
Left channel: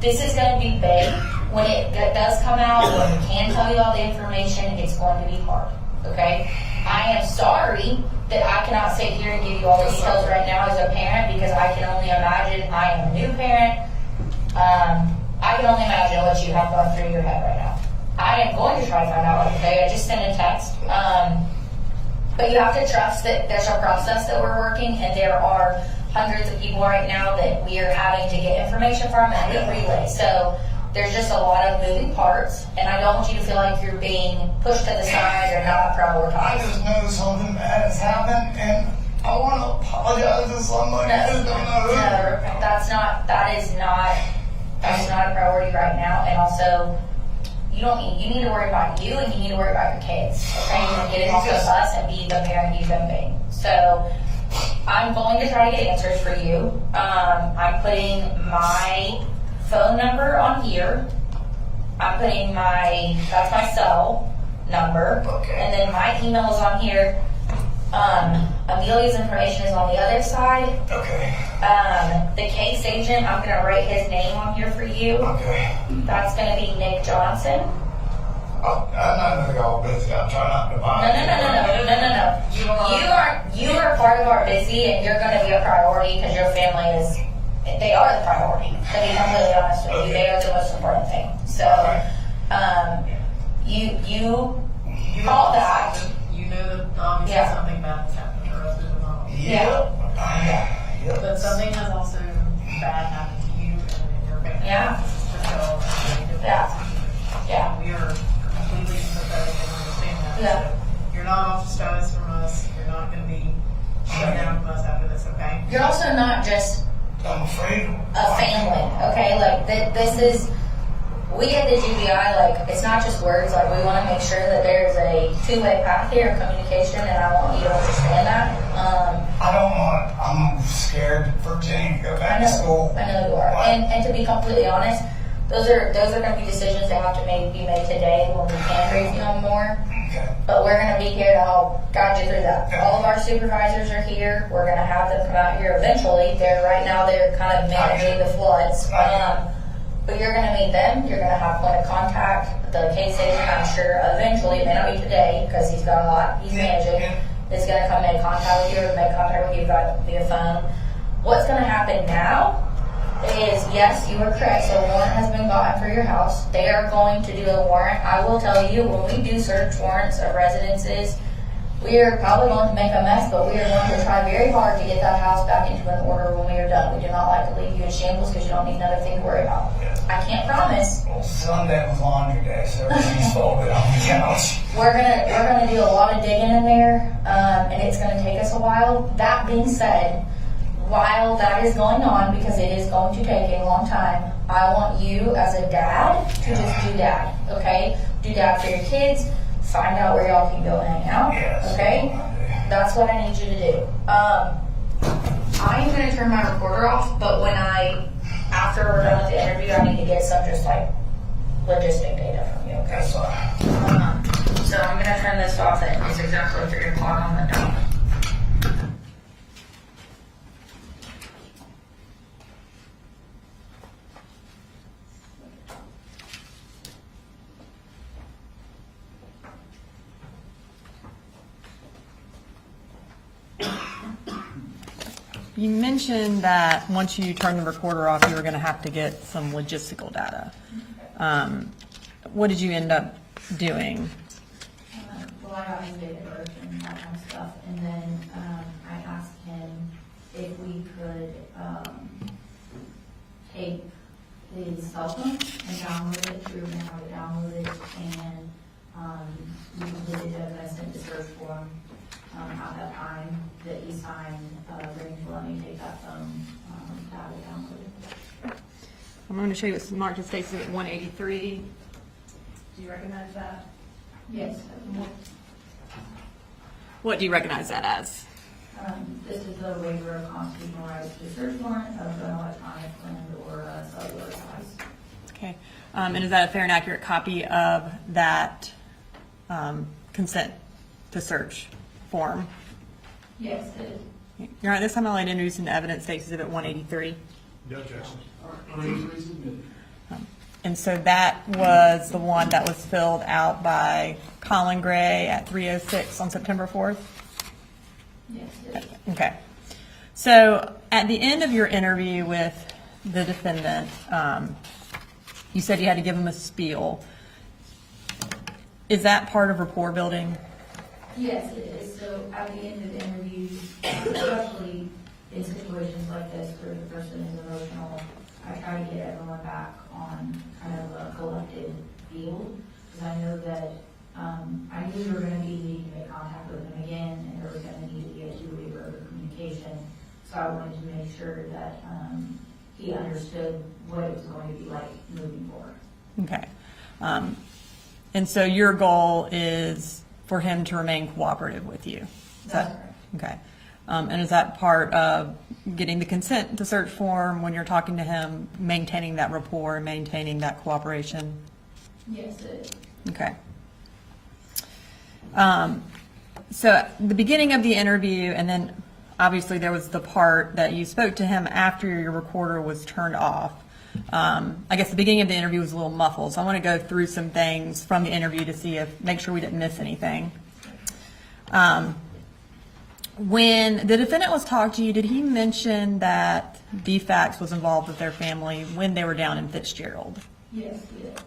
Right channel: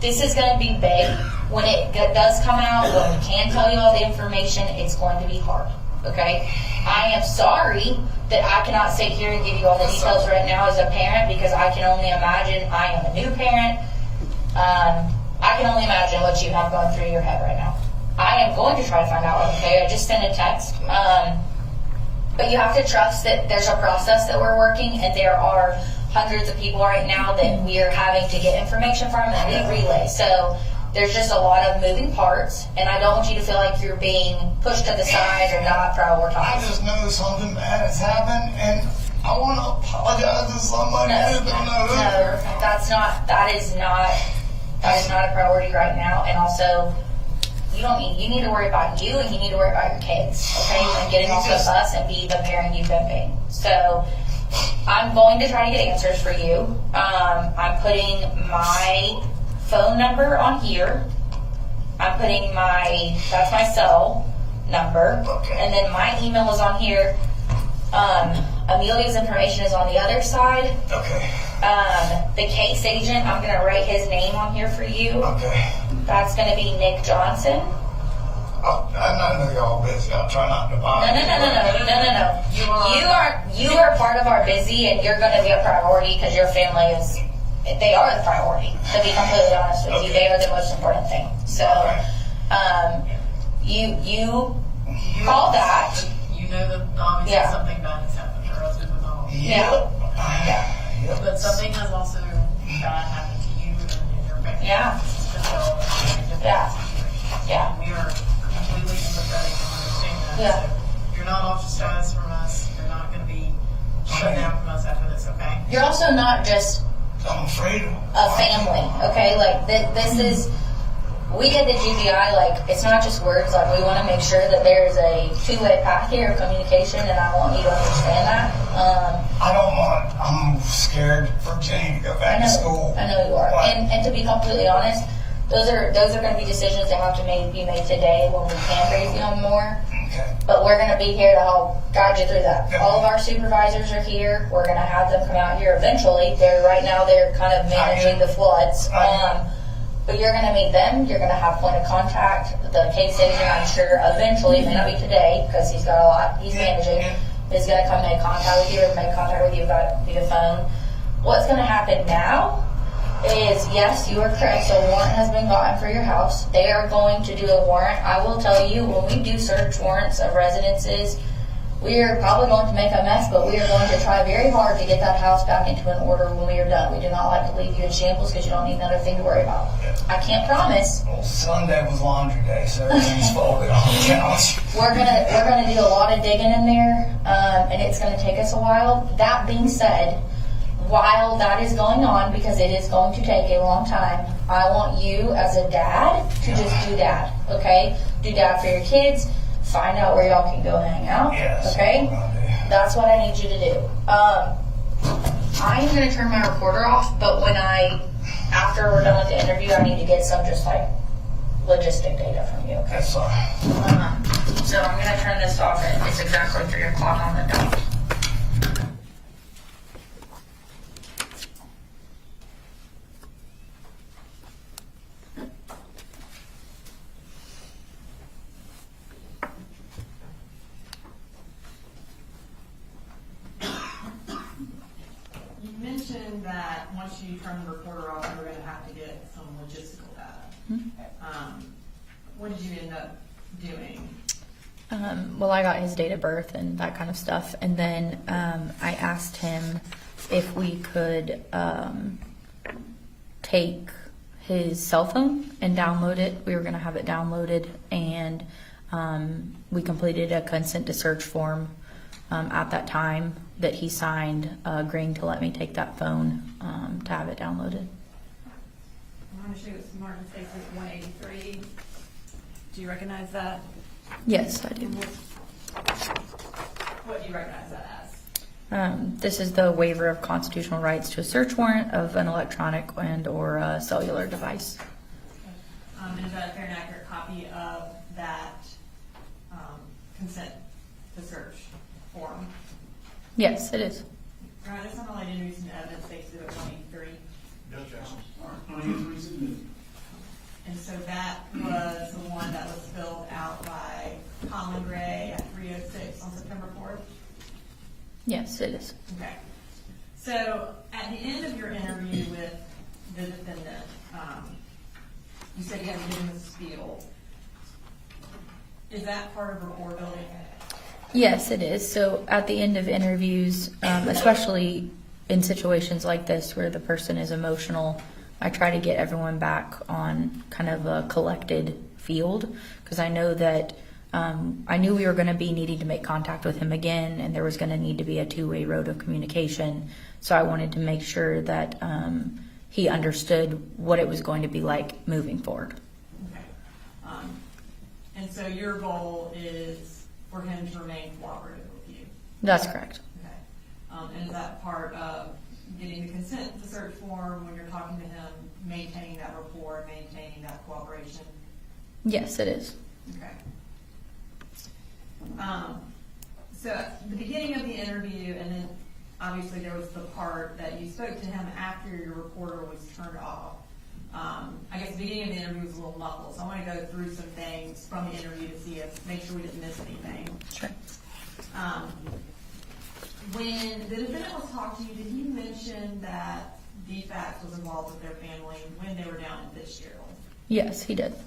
this is gonna be big. When it does come out, when we can tell you all the information, it's going to be hard, okay? I am sorry that I cannot sit here and give you all the details right now as a parent, because I can only imagine. I am a new parent. I can only imagine what you have going through your head right now. I am going to try to find out, okay? I just sent a text. But you have to trust that there's a process that we're working, and there are hundreds of people right now that we are having to get information from and we relay. So there's just a lot of moving parts, and I don't want you to feel like you're being pushed to the side or not I prioritized. just know something bad has happened, and I want to apologize to somebody who don't know who. No, that is not a priority right now. And also, you need to worry about you, and you need to worry about your kids, okay? And getting off the bus and be the parent you've been being. So I'm going to try to get answers for you. I'm putting my phone number on here. I'm putting that's my cell number. Okay. And then my email is on here. Amelia's information is on the other side. Okay. The case agent, I'm going to write his name on here for you. Okay. That's going to be Nick Johnson. I know y'all busy. I'll try not to bother. No. You are part of our busy, and you're going to be a priority because your family is. They are the priority. To be completely honest with you, they are the most important thing. So, you call that. You know that obviously something bad has happened, or else it would not. Yep. But something has also bad happened to you and your family. Yeah. To tell everybody Yeah. We are completely sympathetic and understand that. Yeah. So you're not ostracized from us. You're not going to be shut down from us after this, okay? You're also not just I'm afraid. a family, okay? Like, this is, we get the GBI, like, it's not just words. Like, we want to make sure that there's a two-way path here of communication, and I want you to understand that. I'm scared for Jenny to go back to school. I know you are. And to be completely honest, those are going to be decisions that have to be made today when we can brief you on more. Okay. But we're going to be here to help guide you through that. All of our supervisors are here. We're going to have them come out here eventually. Right now they're kind of managing the floods. But you're going to meet them. You're going to have point of contact. The case agent, I'm sure, eventually, it may not be today because he's got a lot he's managing, is going to come make contact with you or make contact with you via phone. What's going to happen now is, yes, you are correct. So a warrant has been gotten for your house. They are going to do a warrant. I will tell you, when we do search warrants of residences, we are probably going to make a mess, but we are going to try very hard to get that house back into an order when we are done. We do not like to leave you in shambles because you don't need another thing to worry about. I can't promise. Well, Sunday was laundry day, so everything's folded on the couch. We're gonna do a lot of digging in there, and it's gonna take us a while. That being said, while that is going on, because it is going to take a long time, I want you as a dad to just do dad, okay? Do dad for your kids. Find out where y'all can go hang out, Yes. okay? That's what I need you to do. I am gonna turn my recorder off, but after we're done with the interview, I need to get some just like logistic data from you, okay? That's fine. So I'm gonna turn this off and it's exactly 3 o'clock on the dot. You mentioned that once you turn the recorder off, you were going to have to get some logistical data. What did you end up doing? Well, I got his date of birth and that kind of stuff, and then I asked him if we could take his cell phone and download it. We were going to have it downloaded, and we completed a consent to search form at that time that he signed, agreeing to let me take that phone to have it downloaded. I'm going to show you what's marked as Stacy at 183. Do you recognize that? Yes, I do. What do you recognize that as? This is the waiver of constitutional rights to a search warrant of an electronic and/or a cellular device. Okay. And is that a fair and accurate copy of that consent to search form? Yes, it is. Your Honor, this time I'd like to introduce into evidence State's Exhibit 183. And so that was the one that was filled out by Colin Gray at 3:06 on September 4th? Yes, it is. Okay. So at the end of your interview with the defendant, you said you had to give him a spiel. Is that part of rapport building? Yes, it is. So at the end of interviews, especially in situations like this where the person is emotional, I try to get everyone back on kind of a collected field, because I know that I knew we were going to be needing to make contact with him again, and there was going to need to be a two-way road of communication. So I wanted to make sure that he understood what it was going to be like moving forward. Okay. And so your goal is for him to remain cooperative with you? That's correct. Okay. And is that part of getting the consent to search form when you're talking to him, maintaining that rapport, maintaining that cooperation? Yes, it is. Okay. So at the beginning of the interview, and then obviously there was the part that you spoke to him after your recorder was turned off. I guess the beginning of the interview was a little muffled, so I want to go through some things from the interview to make sure we didn't miss anything. Sure. When the defendant was talking to you, did he mention that DFACS was involved with their family when they were down in Fitzgerald? Yes, he did.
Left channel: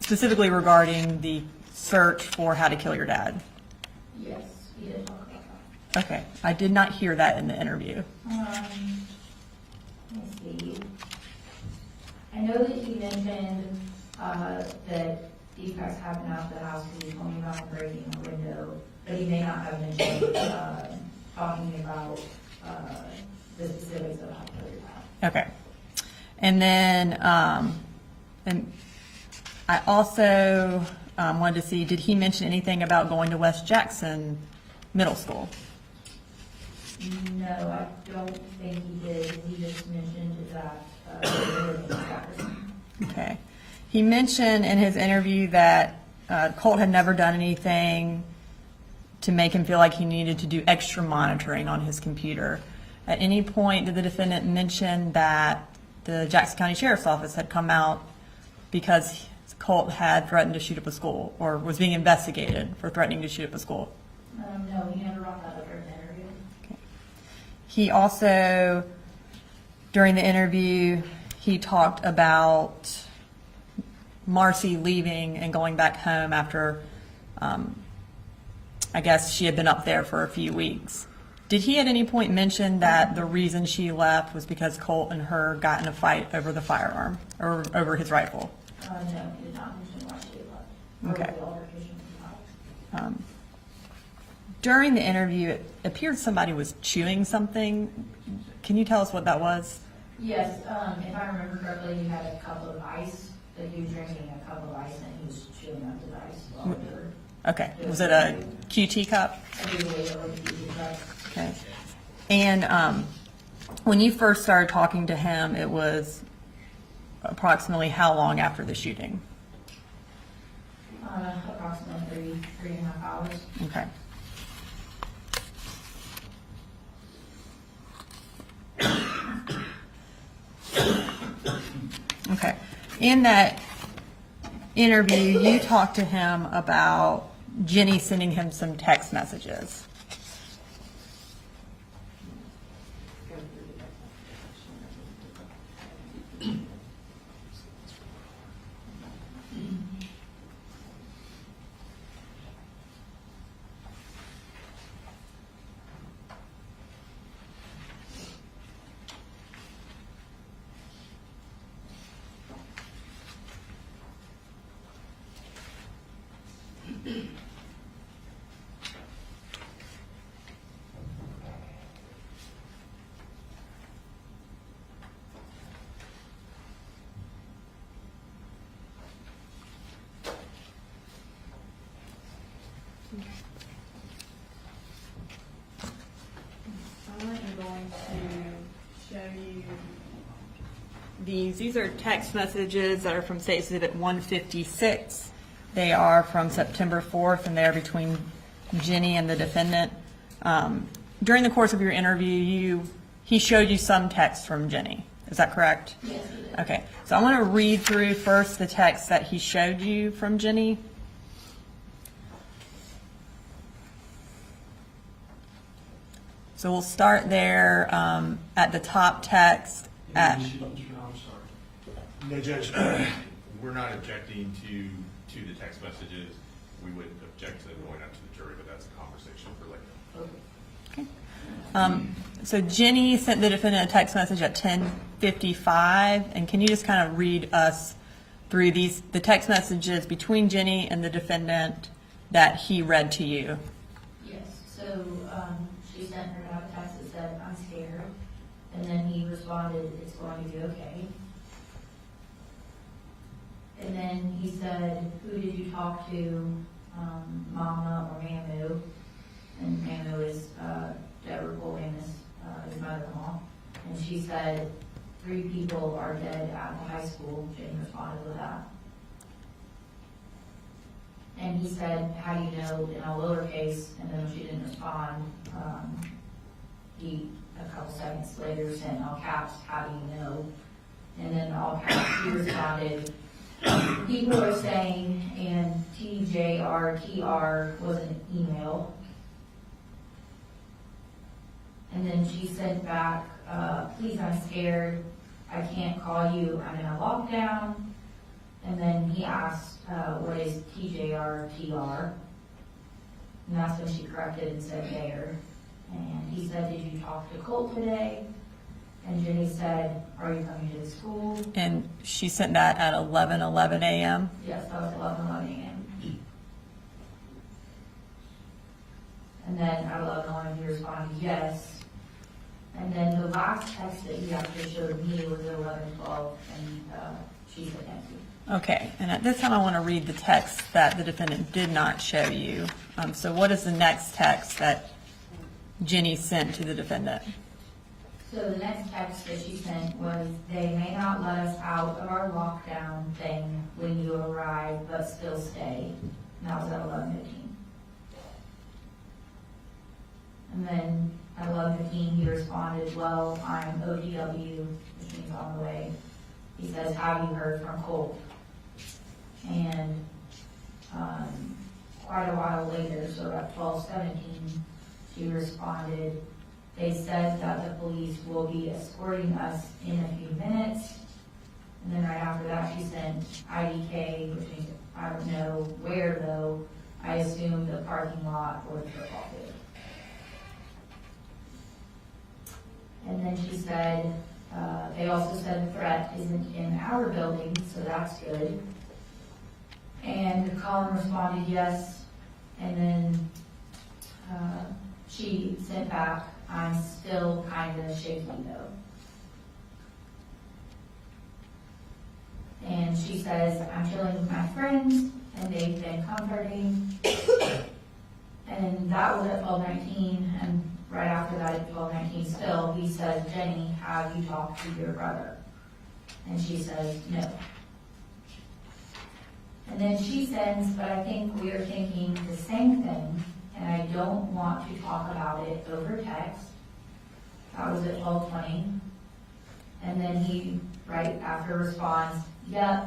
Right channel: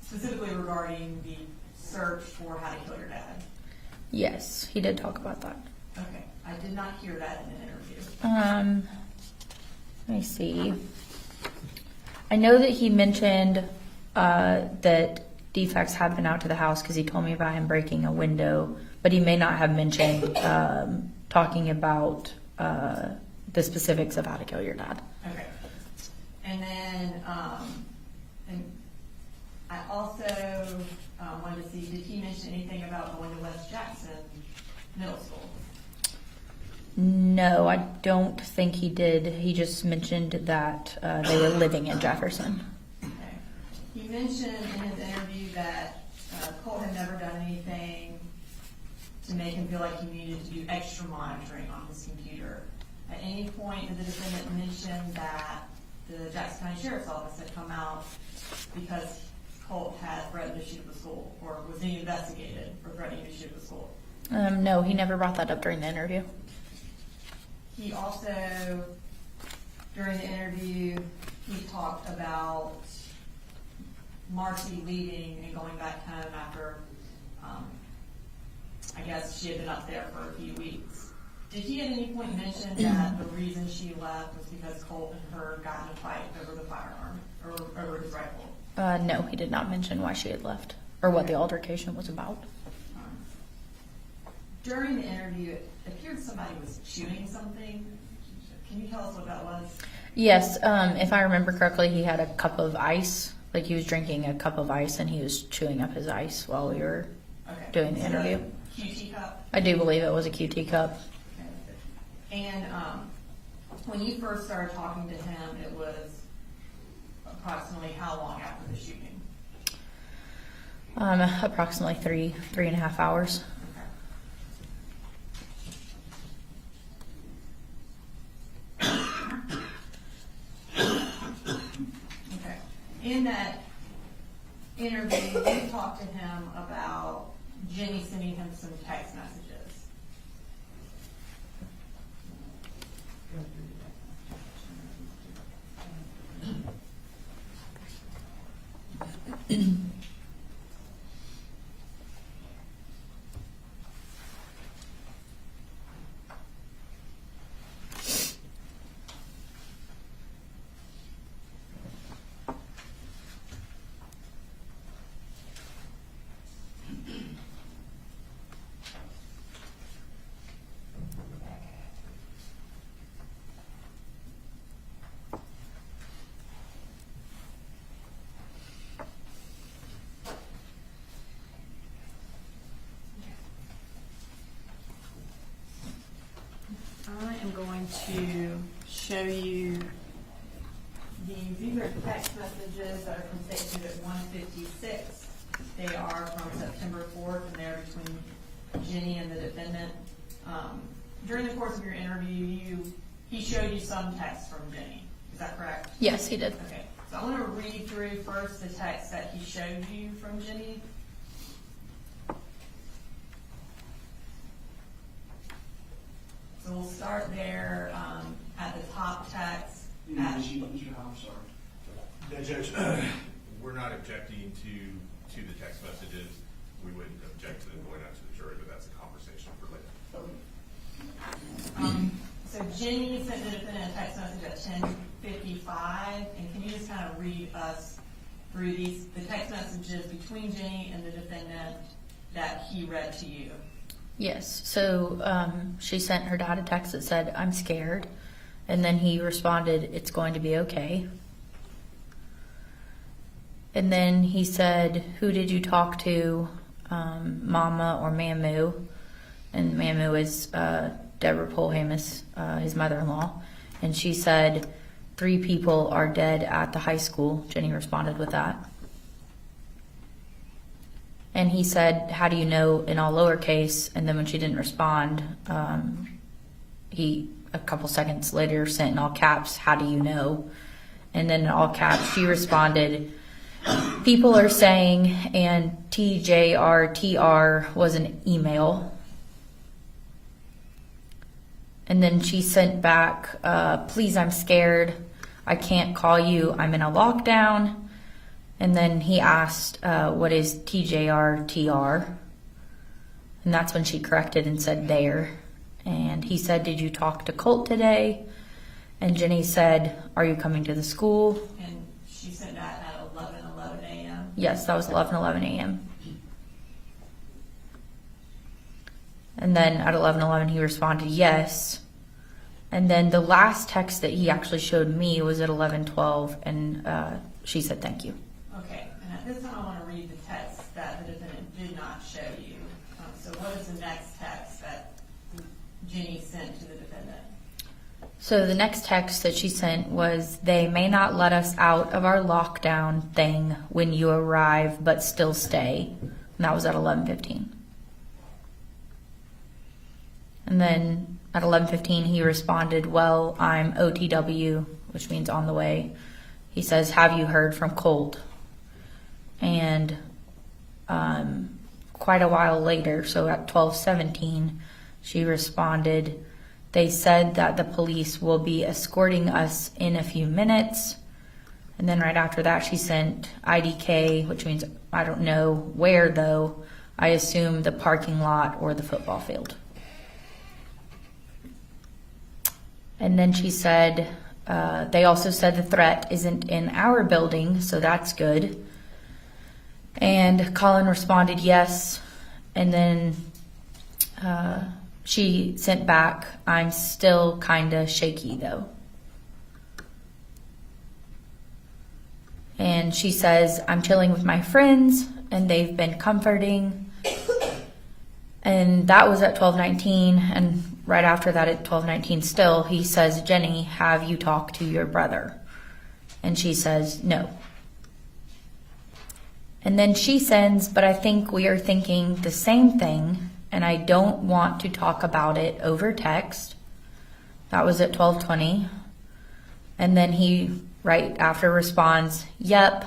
Specifically regarding the search for how to kill your dad? Yes, he did talk about that. Okay, I did not hear that in the interview. Let me see. I know that he mentioned that DFACS had been out to the house because he told me about him breaking a window, but he may not have mentioned talking about the specifics of how to kill your dad. Okay. And then and I also wanted to see, did he mention anything about going to West Jackson Middle School? No, I don't think he did. He just mentioned that they were living in Jefferson. Okay. He mentioned in his interview that Colt had never done anything to make him feel like he needed to do extra monitoring on his computer. At any point, did the defendant mention that the Jackson County Sheriff's Office had come out because Colt had threatened to shoot up a school or was being investigated for threatening to shoot up a school? No, he never brought that up during the interview. He also, during the interview, he talked about Marcy leaving and going back home after, I guess she had been up there for a few weeks. Did he at any point mention that the reason she left was because Colt and her got in a fight over the firearm, or over his rifle? No, he did not mention why she had left or what Okay. the altercation was about. During the interview, it appeared somebody was chewing something. Can you tell us what that was? Yes, if I remember correctly, he had a cup of ice. Like he was drinking a cup of ice and he was chewing up his ice while we were Okay. doing Was the it a interview. QT cup? I do believe it was a QT cup. Okay. And when you first started talking to him, it was approximately how long after the shooting? Approximately 3.5 hours. Okay. Okay. In that interview, you talked to him about Jenny sending him some text messages. I am going to show you these. These are text messages that are from State Exhibit 156. They are from September 4th, and they are between Jenny and the defendant. During the course of your interview, he showed you some text from Jenny. Is that correct? Yes, he did. Okay. So I want to read through first the text that he showed you from Jenny. So we'll start there at the top text. I'm sorry. No, Judge, we're not objecting to the text messages. We would object to them going out to the jury, but that's a conversation for later. So Jenny sent the defendant a text message at 10:55, and can you just kind of read us through the text messages between Jenny and the defendant that he read to you? Yes. So she sent her dad a text that said, "I'm scared," and then he responded, "It's going to be okay." And then he said, "Who did you talk to, Mama or Mamu?" And Mamu is Deborah Polhamus, his mother-in-law. And she said, 3 people are dead at the high school. Jenny responded with that. And he said, "How do you know?" in all lowercase. And then when she didn't respond, he, a couple seconds later, sent in all caps, "How do you know?" And then in all caps, she responded, "People are saying," and TJRTR was an email. And then she sent back, "Please, I'm scared. I can't call you. I'm in a lockdown." And then he asked, "What is TJRTR?" And that's when she corrected and said "there." And he said, "Did you talk to Colt today?" And Jenny said, "Are you coming to the school?" And she sent that at 11:11 a.m. Yes, that was 11:11 a.m. And then at 11:11 he responded yes. And then the last text that he actually showed me was at 11:12, and she said thank you. Okay, and at this time I want to read the text that the defendant did not show you. So what is the next text that Jenny sent to the defendant? So the next text that she sent was, "They may not let us out of our lockdown thing when you arrive, but still stay." And that was at 11:15. And then at 11:15 he responded, "Well, I'm OTW," which means on the way. He says, "Have you heard from Colt?" And quite a while later, so at 12:17, she responded, They said that the police will be escorting us in a few minutes. And then right after that, she sent IDK, which means I don't know where though. I assume the parking lot or the football field. And then she said, they also said the threat isn't in our building, so that's good. And Colin responded yes. And then she sent back, I'm still kinda shaky though. And she says, I'm chilling with my friends and they've been comforting. And that was at 12:19. And right after that at 12:19 still, he says, Jenny, have you talked to your brother? And she says, no. And then she sends, but I think we are thinking the same thing and I don't want to talk about it over text. That was at 12:20. And then he right after responds, yep,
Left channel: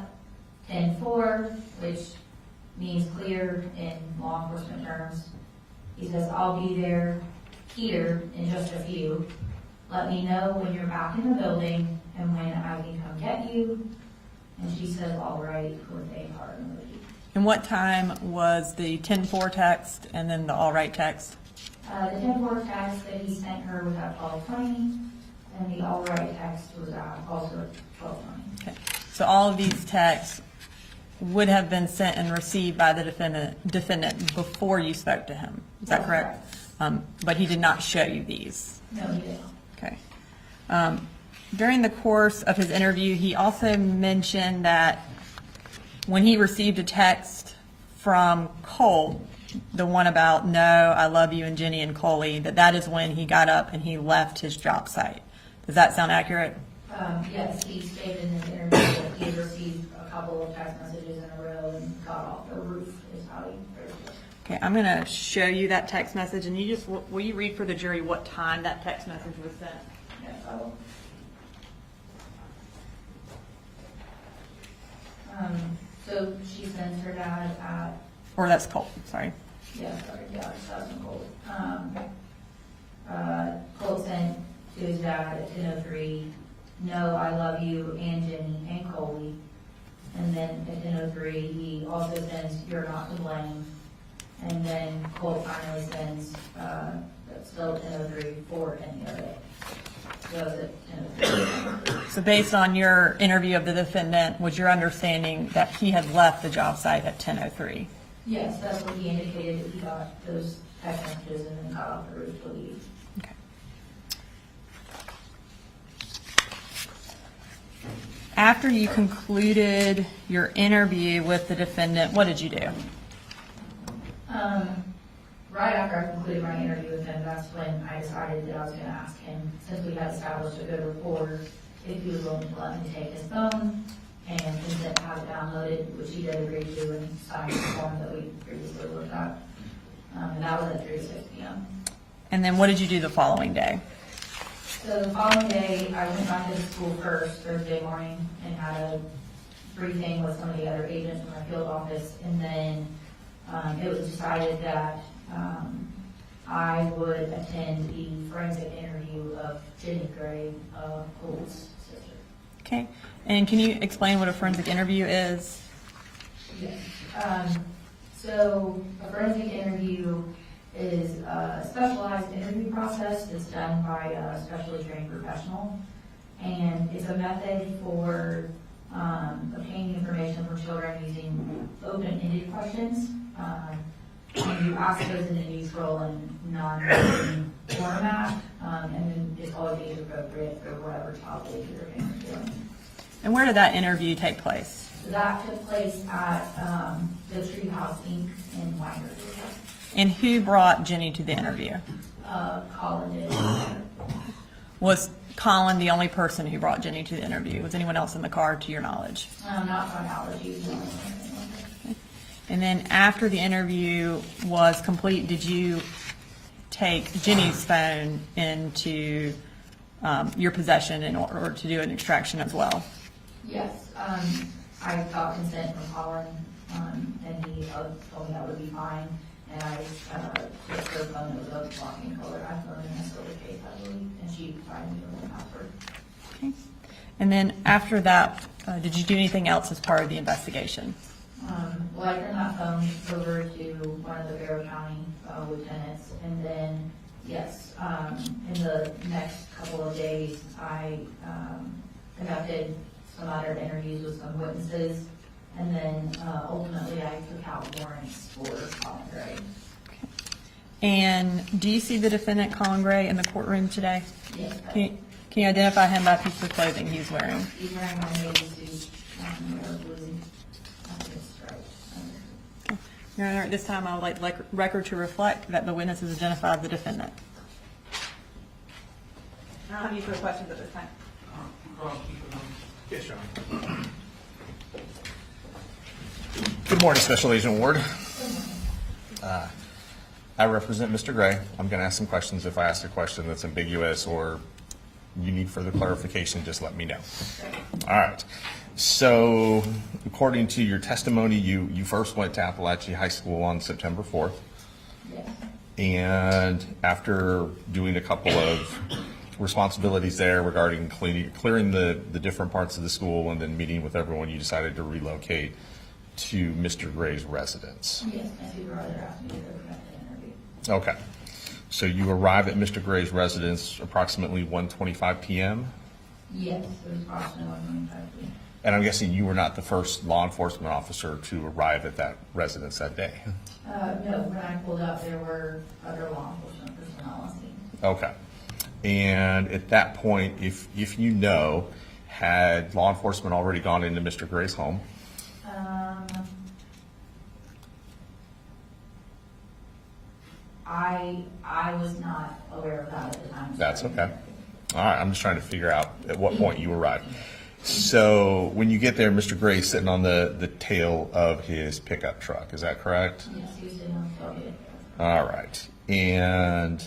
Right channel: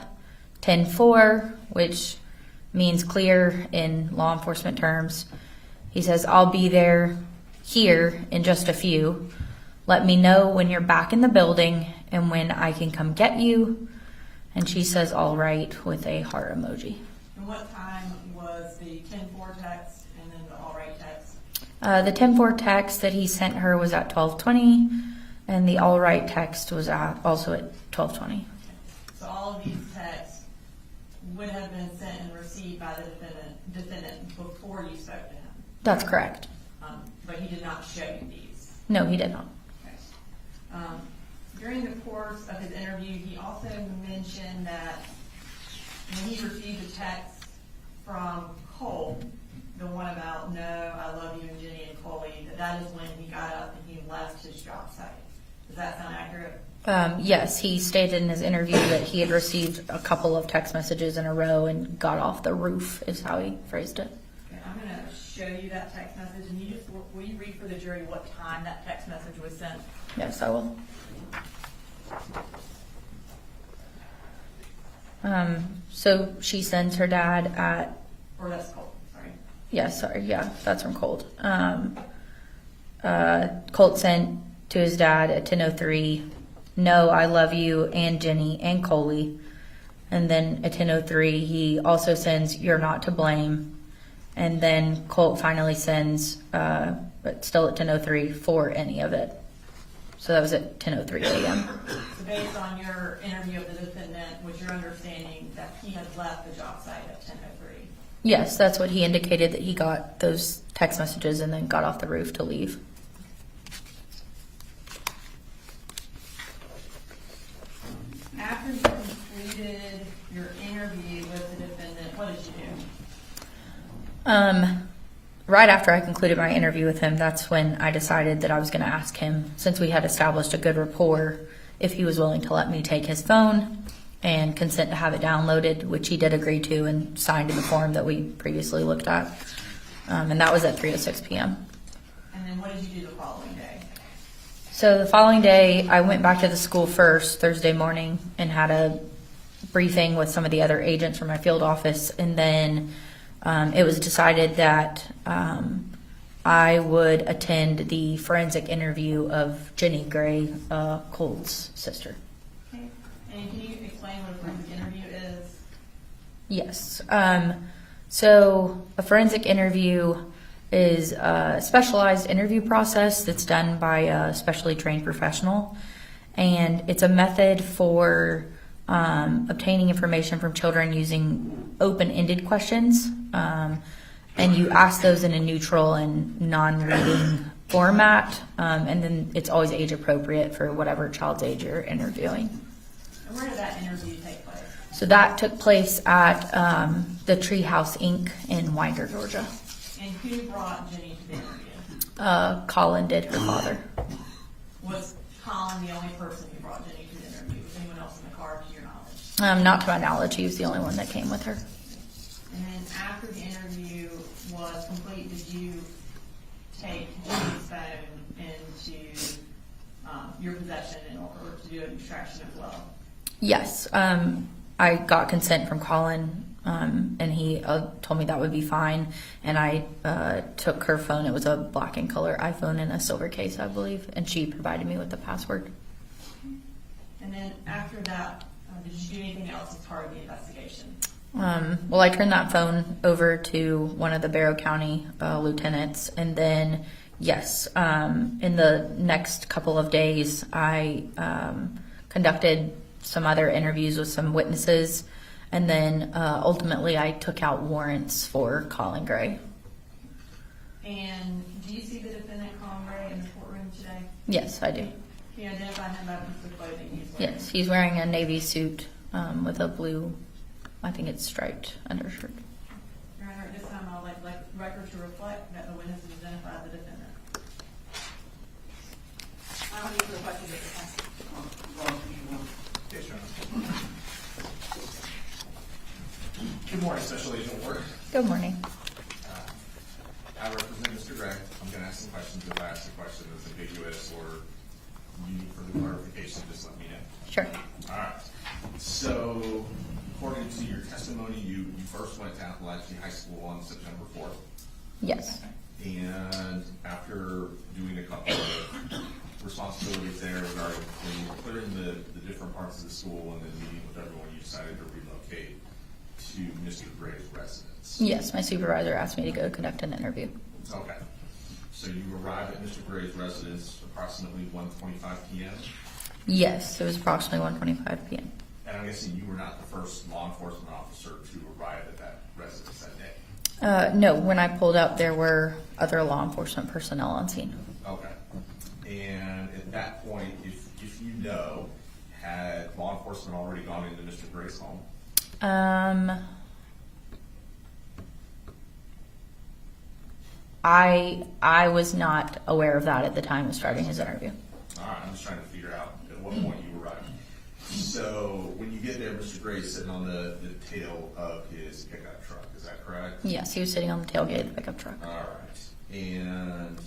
10-4, which means clear in law enforcement terms. He says, I'll be here in just a few. Let me know when you're back in the building and when I can come get you. And she says, all right, with a heart emoji. And what time was the 10-4 text and then the all right text? The 10-4 text that he sent her was at 12:20. And the all right text was also at 12:20. Okay. So all of these texts would have been sent and received by the defendant before you spoke to him. That's correct. But he did not show you these. No, he did not. Okay. During the course of his interview, he also mentioned that when he received a text from Cole, the one about no, I love you and Jenny and Coley, that is when he got up and he left his job site. Does that sound accurate? Yes, he stated in his interview that he had received a couple of text messages in a row and got off the roof, is how he phrased it. Okay, I'm going to show you that text message, and will you read for the jury what time that text message was sent? Yes, I will. So she sends her dad at... Or that's Colt, sorry. Yes, sorry, yeah, that's from Colt. Colt sent to his dad at 10:03, no, I love you and Jenny and Coley. And then at 10:03, he also sends, you're not to blame. And then Colt finally sends, but still at 10:03, for any of it. So that was at 10:03 again. So based on your interview of the defendant, was your understanding that he had left the job site at 10:03? Yes, that's what he indicated, that he got those text messages and then got off the roof to leave. Okay. After you concluded your interview with the defendant, what did you do? Right after I concluded my interview with him, that's when I decided that I was going to ask him, since we had established a good rapport, if he was willing to let me take his phone and consent to have it downloaded, which he did agree to and signed in the form that we previously looked at. And that was at 3:06 p.m. And then what did you do the following day? So the following day, I went back to the school first, Thursday morning, and had a briefing with some of the other agents from my field office. And then it was decided that I would attend the forensic interview of Jenny Gray, Cole's sister. Okay. And can you explain what a forensic interview is? Yes. So a forensic interview is a specialized interview process that's done by a specially trained professional. And it's a method for obtaining information from children using open-ended questions. And you ask those in a neutral and non-reading format. And then it's always age appropriate for whatever child's age you're interviewing. And where did that interview take place? So that took place at the Treehouse Inc. in Winder, Georgia. And who brought Jenny to the interview? Colin did, her father. Was Colin the only person who brought Jenny to the interview? Was anyone else in the car, to your knowledge? Not to my knowledge. He was the only one that came with her. And then after the interview was complete, did you take Jenny's phone into your possession in order to do an extraction as well? Yes. I got consent from Colin and he told me that would be fine. And I took her phone. It was a black and color iPhone in a silver case, I believe, and she provided me with the password. Okay. And then after that, did you do anything else as part of the investigation? Well, I turned that phone over to one of the Barrow County lieutenants, and then, yes, in the next couple of days, I conducted some other interviews with some witnesses, and then ultimately I took out warrants for Colin Gray. And do you see the defendant, Colin Gray, in the courtroom today? Yes, I do. Can you identify him by piece of clothing he's wearing? Yes, he's wearing a navy suit with a blue, I think it's striped undershirt. Your Honor, at this time, I would like the record to reflect that the witness has identified the defendant. I don't have any further questions at this time. Yes, Your Honor. Good morning, Special Agent Ward. Good morning. I represent Mr. Gray. I'm going to ask some questions. If I ask a question that's ambiguous or you need further clarification, just let me know. Sure. All right. So, according to your testimony, you first went to Apalachee High School on September 4th. Yes. And after doing a couple of responsibilities there regarding clearing the different parts of the school and then meeting with everyone, you decided to relocate to Mr. Gray's residence. Yes, my supervisor asked me to go conduct an interview. Okay. So you arrive at Mr. Gray's residence approximately 1:25 p.m.? Yes, it was approximately 1:25 p.m. And I'm guessing you were not the first law enforcement officer to arrive at that residence that day? No, when I pulled up, there were other law enforcement personnel on scene. Okay. And at that point, if you know, had law enforcement already gone into Mr. Gray's home? I was not aware of that at the time of starting That's this okay. interview. All right, I'm just trying to figure out at what point you arrived. So when you get there, Mr. Gray's sitting on the tail of his pickup truck. Is that correct? Yes, he was sitting on the tailgate of the pickup truck. All right. And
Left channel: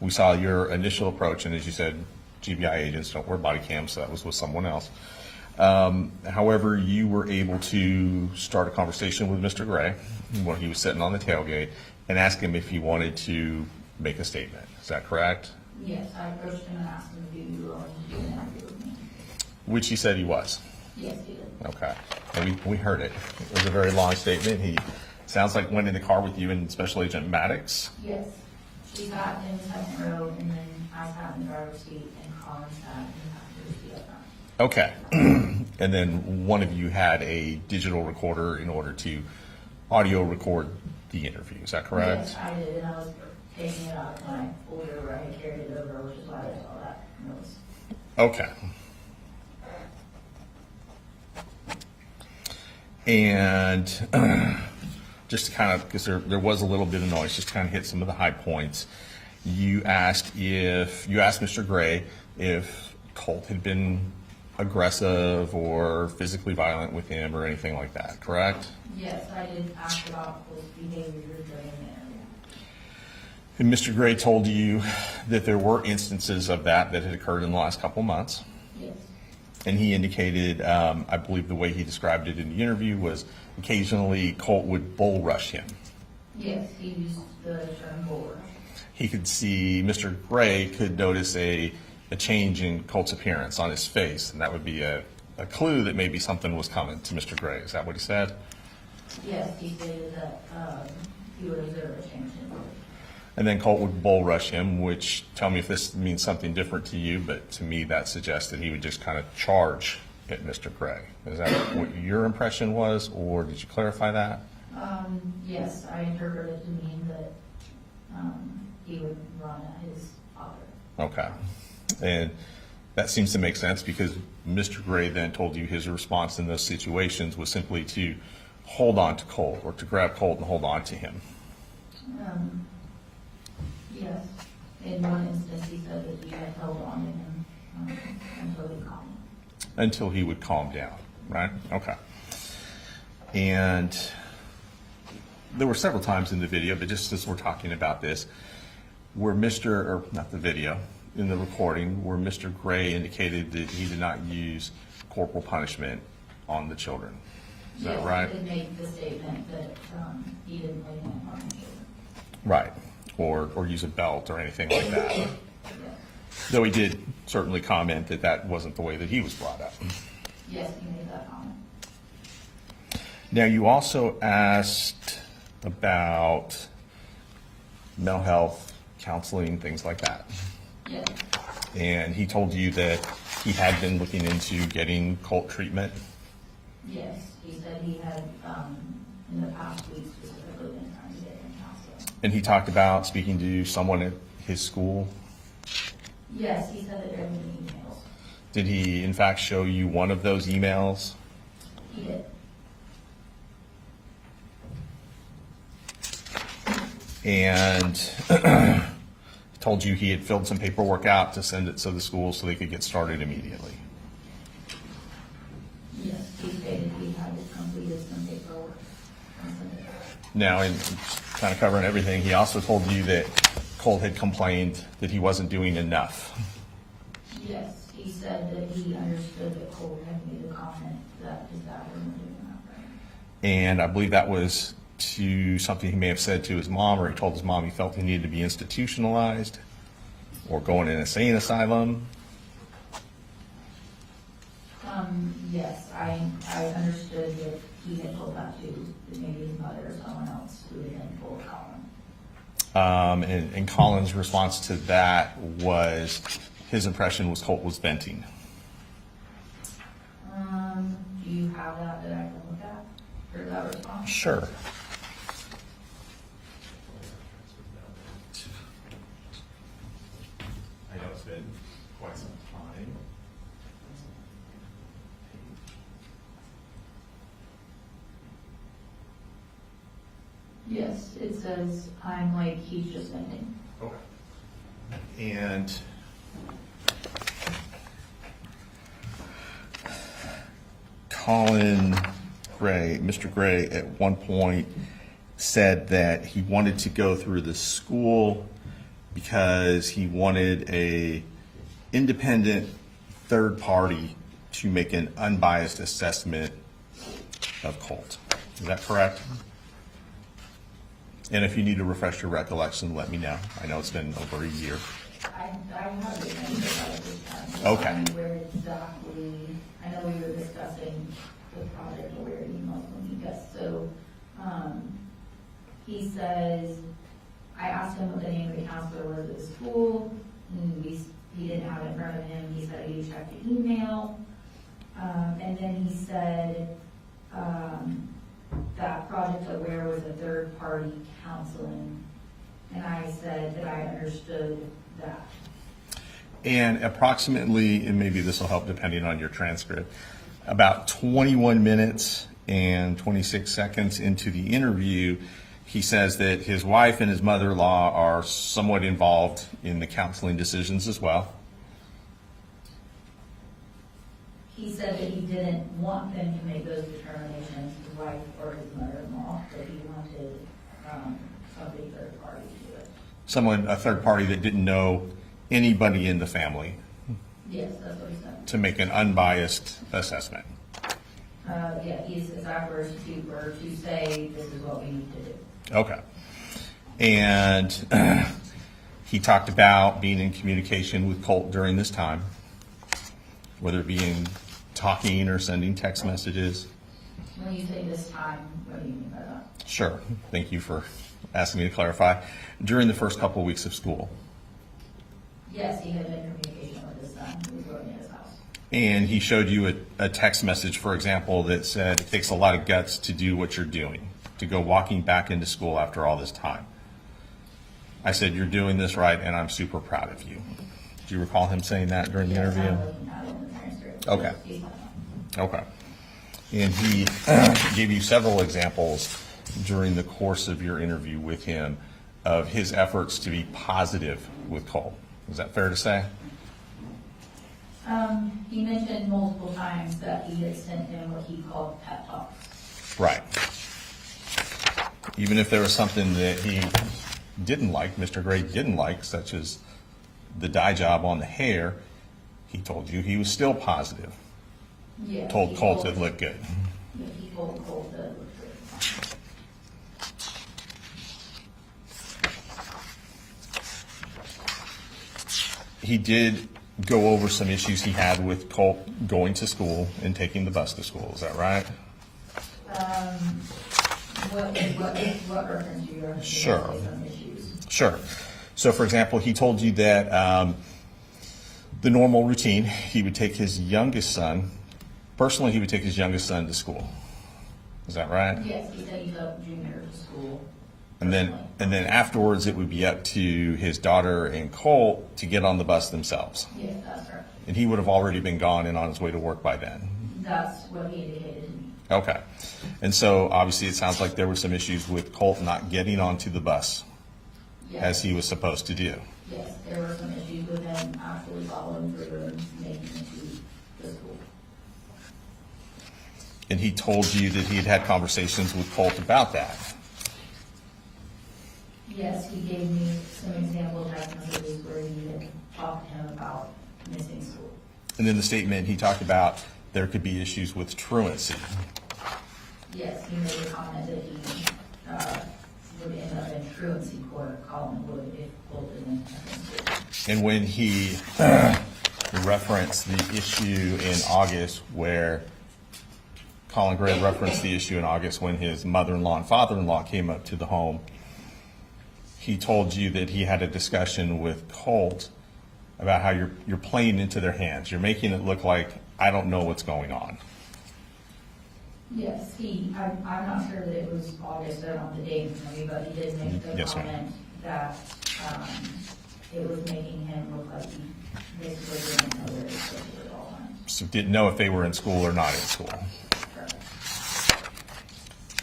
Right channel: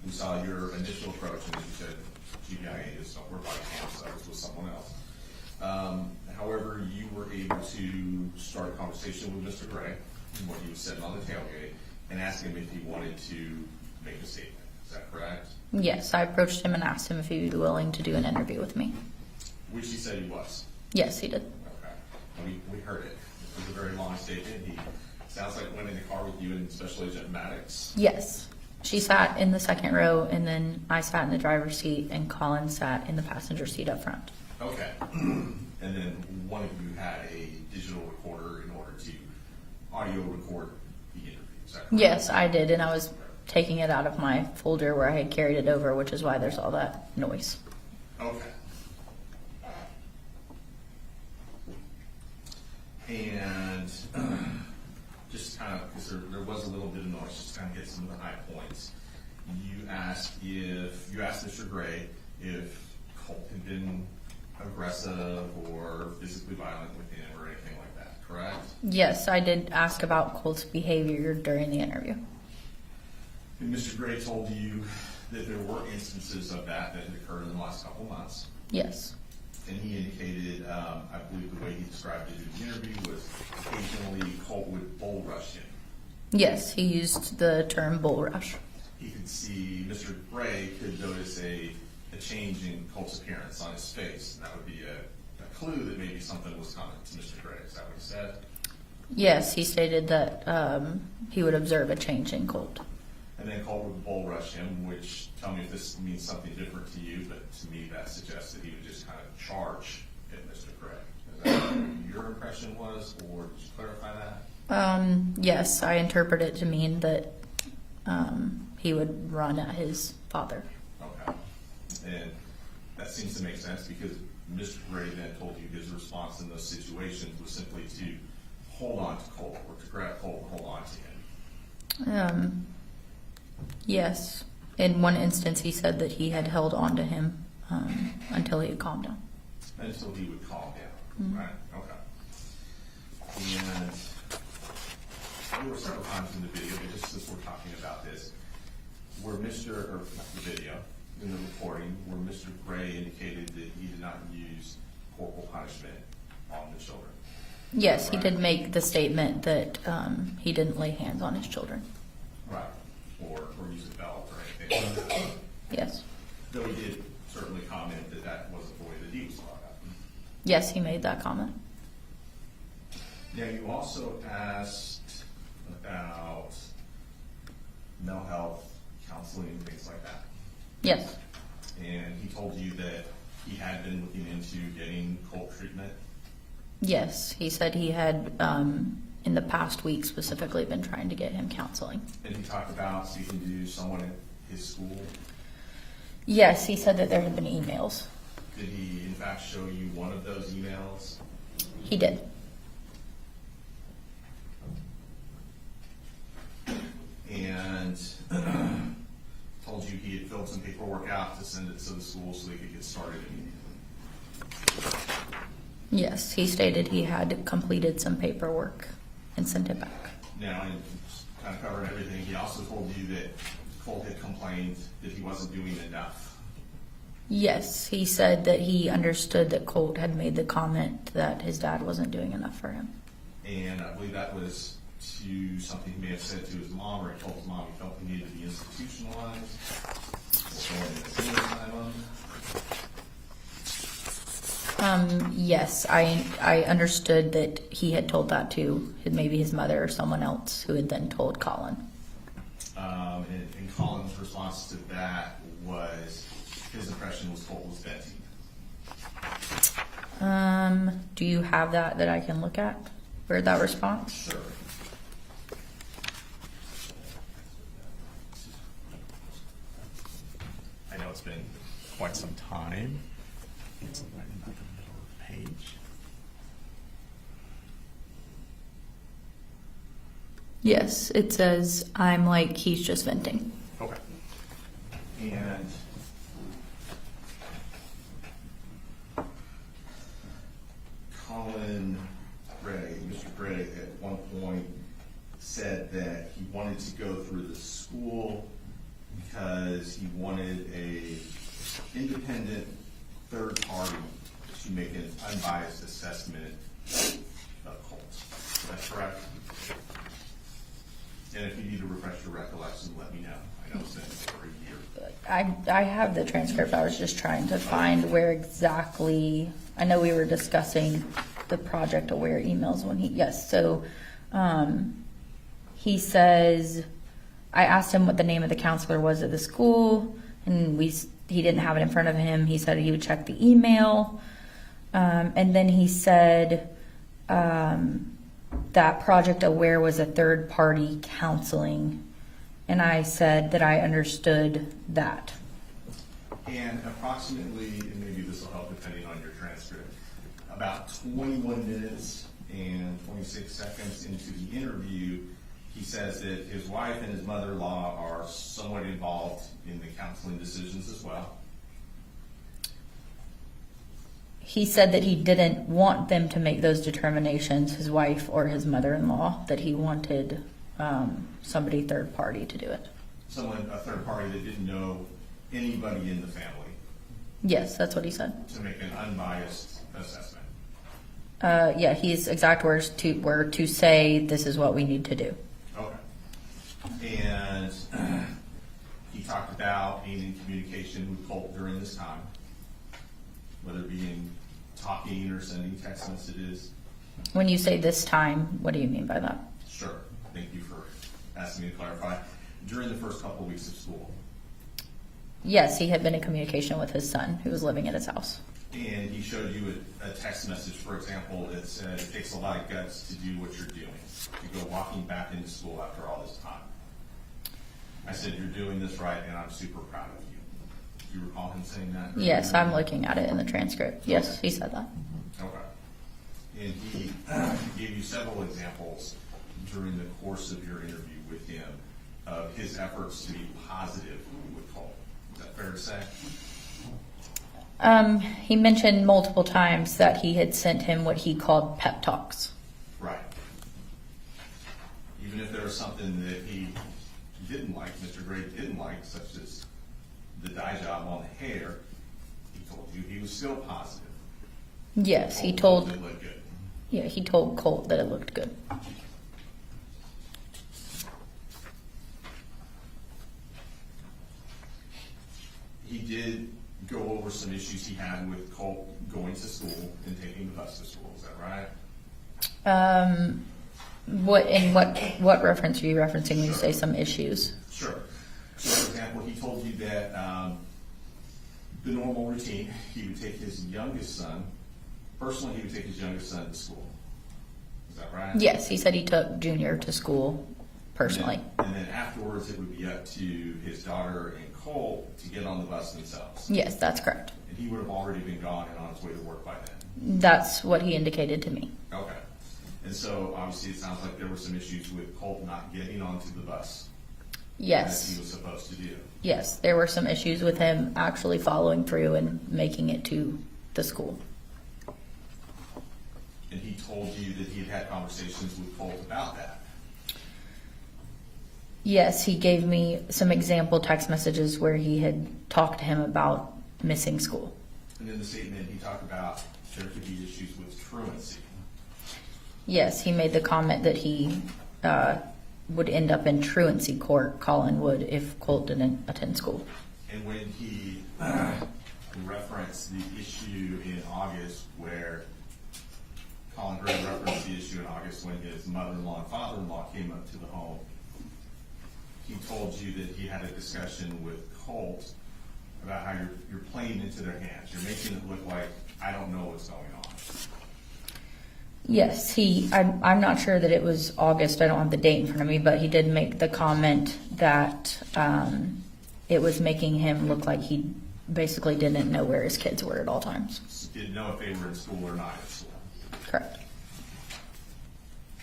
we saw your initial approach, and as you said, GBI agents don't wear body cams, so that was with someone else. However, you were able to start a conversation with Mr. Gray when he was sitting on the tailgate and ask him if he wanted to make a statement. Is that correct? Yes, I approached him and asked him if he would be willing to do an interview with me. Which he said he was. Yes, he did. Okay. And we heard it. It was a very long statement. He sounds like went in the car with you and Special Agent Maddox. Yes. She sat in the second row, and then I sat in the driver's seat, and Colin sat in the passenger seat up front. Okay. And then one of you had a digital recorder in order to audio record the interview. Is that correct? Yes, I did, and I was taking it out of my folder where I had carried it over, which is why there's all that noise. Okay. And just to kind of, because there was a little bit of noise, just to kind of hit some of the high points. You asked Mr. Gray if Colt had been aggressive or physically violent with him or anything like that, correct? Yes, I did ask about Colt's behavior during the interview. And Mr. Gray told you that there were instances of that had occurred in the last couple months. Yes. And he indicated, I believe the way he described it in the interview was occasionally Colt would bull rush him. Yes, he used the term bull rush. He could see, Mr. Gray could notice a change in Colt's appearance on his face, and that would be a clue that maybe something was coming to Mr. Gray. Is that what he said? Yes, he stated that he would observe a change in Colt. And then Colt would bull rush him, which, tell me if this means something different to you, but to me that suggests that he would just kind of charge at Mr. Gray. Is that what your impression was, or did you clarify that? Yes, I interpret it to mean that he would run at his father. Okay. And that seems to make sense because Mr. Gray then told you his response in those situations was simply to hold on to Colt or to grab Colt and hold on to him. Yes. In one instance, he said that he had held on to him until he had calmed down. Until he would calm down, right? Okay. And there were several times in the video, but just as we're talking about this, where not the video, in the recording, where Mr. Gray indicated that he did not use corporal punishment on the children. Yes, Right. he did make the statement that he didn't lay hands on his children. Right, or use a belt or anything like that. Yes. Though he did certainly comment that that wasn't the way that he was brought up. Yes, he made that comment. Now, you also asked about mental health, counseling, things like that. Yes. And he told you that he had been looking into getting Colt treatment. Yes, he said he had, in the past week specifically, been trying to get him counseling. And he talked about speaking to someone at his school. Yes, he said that there had been emails. Did he, in fact, show you one of those emails? He did. And told you he had filled some paperwork out to send it to the school so they could get started immediately. Yes, he stated he had completed some paperwork and sent it back. Now, in kind of covering everything, he also told you that Colt had complained that he wasn't doing enough. Yes, he said that he understood that Colt had made the comment that his dad wasn't doing enough for him. And I believe that was to something he may have said to his mom, or he told his mom he felt he needed to be institutionalized or go in an insane asylum. Yes, I understood that he had told that to maybe his mother or someone else who had then told Colin. And Colin's response to that was his impression was Colt was venting. Do you have that I can look at? Where'd that response? Sure. I know it's been quite some time. Page. Yes, it says, I'm like, he's just venting. Okay. And Colin Gray, Mr. Gray, at one point said that he wanted to go through the school because he wanted a independent third party to make an unbiased assessment of Colt. Is that correct? And if you need to refresh your recollection, let me know. I know it's been over a year. I have the transcript. I was just trying to find where exactly, I know we were discussing the Project Aware emails when yes, so he says, I asked him what the name of the counselor was at the school, and he didn't have it in front of him. He said he would check the email, and then he said that Project Aware was a third-party counseling, and I said that I understood that. And approximately, and maybe this will help depending on your transcript, about 21 minutes and 26 seconds into the interview, he says that his wife and his mother-in-law are somewhat involved in the counseling decisions as well. He said that he didn't want them to make those determinations, his wife or his mother-in-law, that he wanted somebody third party to do it. Someone, a third party that didn't know anybody in the family. Yes, that's what he said. To make an unbiased assessment. Yeah, his exact words were to say, this is what we need to do. Okay. And he talked about being in communication with Colt during this time, whether it be in talking or sending text messages. When you say this time, what do you mean by that? Sure. Thank you for asking me to clarify. During the first couple of weeks of school. Yes, he had been in communication with his son who was living in his house. And he showed you a text message, for example, that said, it takes a lot of guts to do what you're doing, to go walking back into school after all this time. I said, you're doing this right, and I'm super proud of you. Do you recall him saying that during the interview? Yes, I'm looking at it in the transcript. Yes, Okay. he said that. Okay. And he gave you several examples during the course of your interview with him of his efforts to be positive with Colt. Is that fair to say? He mentioned multiple times that he had sent him what he called pep talks. Right. Even if there was something that he didn't like, Mr. Gray didn't like, such as the dye job on the hair, he told you he was still positive. Yes, he Told told it looked good. Yeah, he told Colt that it looked good. He did go over some issues he had with Colt going to school and taking the bus to school. Is that right? What reference are you referencing when you Sure. say some issues? Sure. So, for example, he told you that the normal routine, he would take his youngest son, personally, he would take his youngest son to school. Is that right? Yes, he said he took Junior to school personally. And then afterwards, it would be up to his daughter and Colt to get on the bus themselves. Yes, that's correct. And he would have already been gone and on his way to work by then. That's what he indicated to me. Okay. And so obviously it sounds like there were some issues with Colt not getting onto the bus Yes. as he was supposed to do. Yes, there were some issues with him actually following through and making it to the school. And he told you that he had had conversations with Colt about that. Yes, he gave me some example text messages where he had talked to him about missing school. And then the statement, he talked about there could be issues with truancy. Yes, he made the comment that he would end up in truancy court, Colin would, if Colt didn't attend school. And when he referenced the issue in August where Colin Gray referenced the issue in August when his mother-in-law and father-in-law came up to the home, he told you that he had a discussion with Colt about how you're playing into their hands. You're making it look like I don't know what's going on. Yes, I'm not sure that it was August, I don't have the date in front of me, but he did make the Yes, ma'am. comment that it was making him look like he basically didn't know where his kids were at all times. So didn't know if they were in school or not in school. Correct.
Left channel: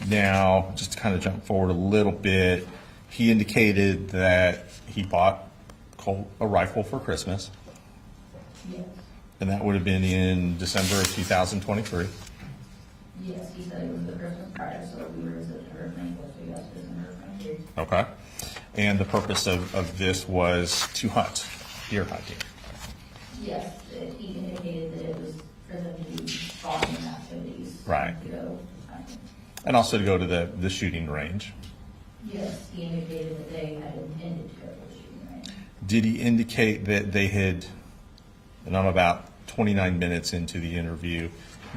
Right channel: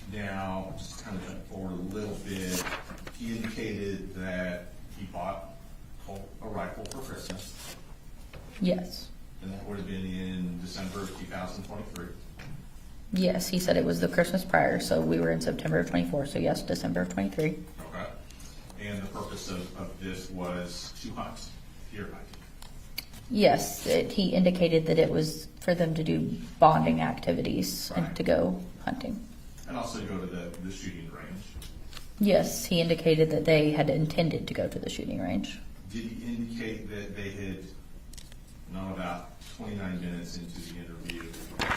Now, just to kind of jump forward a little bit, he indicated that he bought Colt a rifle for Christmas, Yes. and that would have been in December of 2023. Yes, he said it was the Christmas prior, so we were in September of 24, so yes, December of 23. Okay. And the purpose of this was to hunt, deer hunting. Yes, he indicated that it was for them to do bonding activities, Right. to go hunting. And also to go to the shooting range. Yes, he indicated that they had intended to go to the shooting range. Did he indicate that they had, and I'm about 29 minutes into the interview,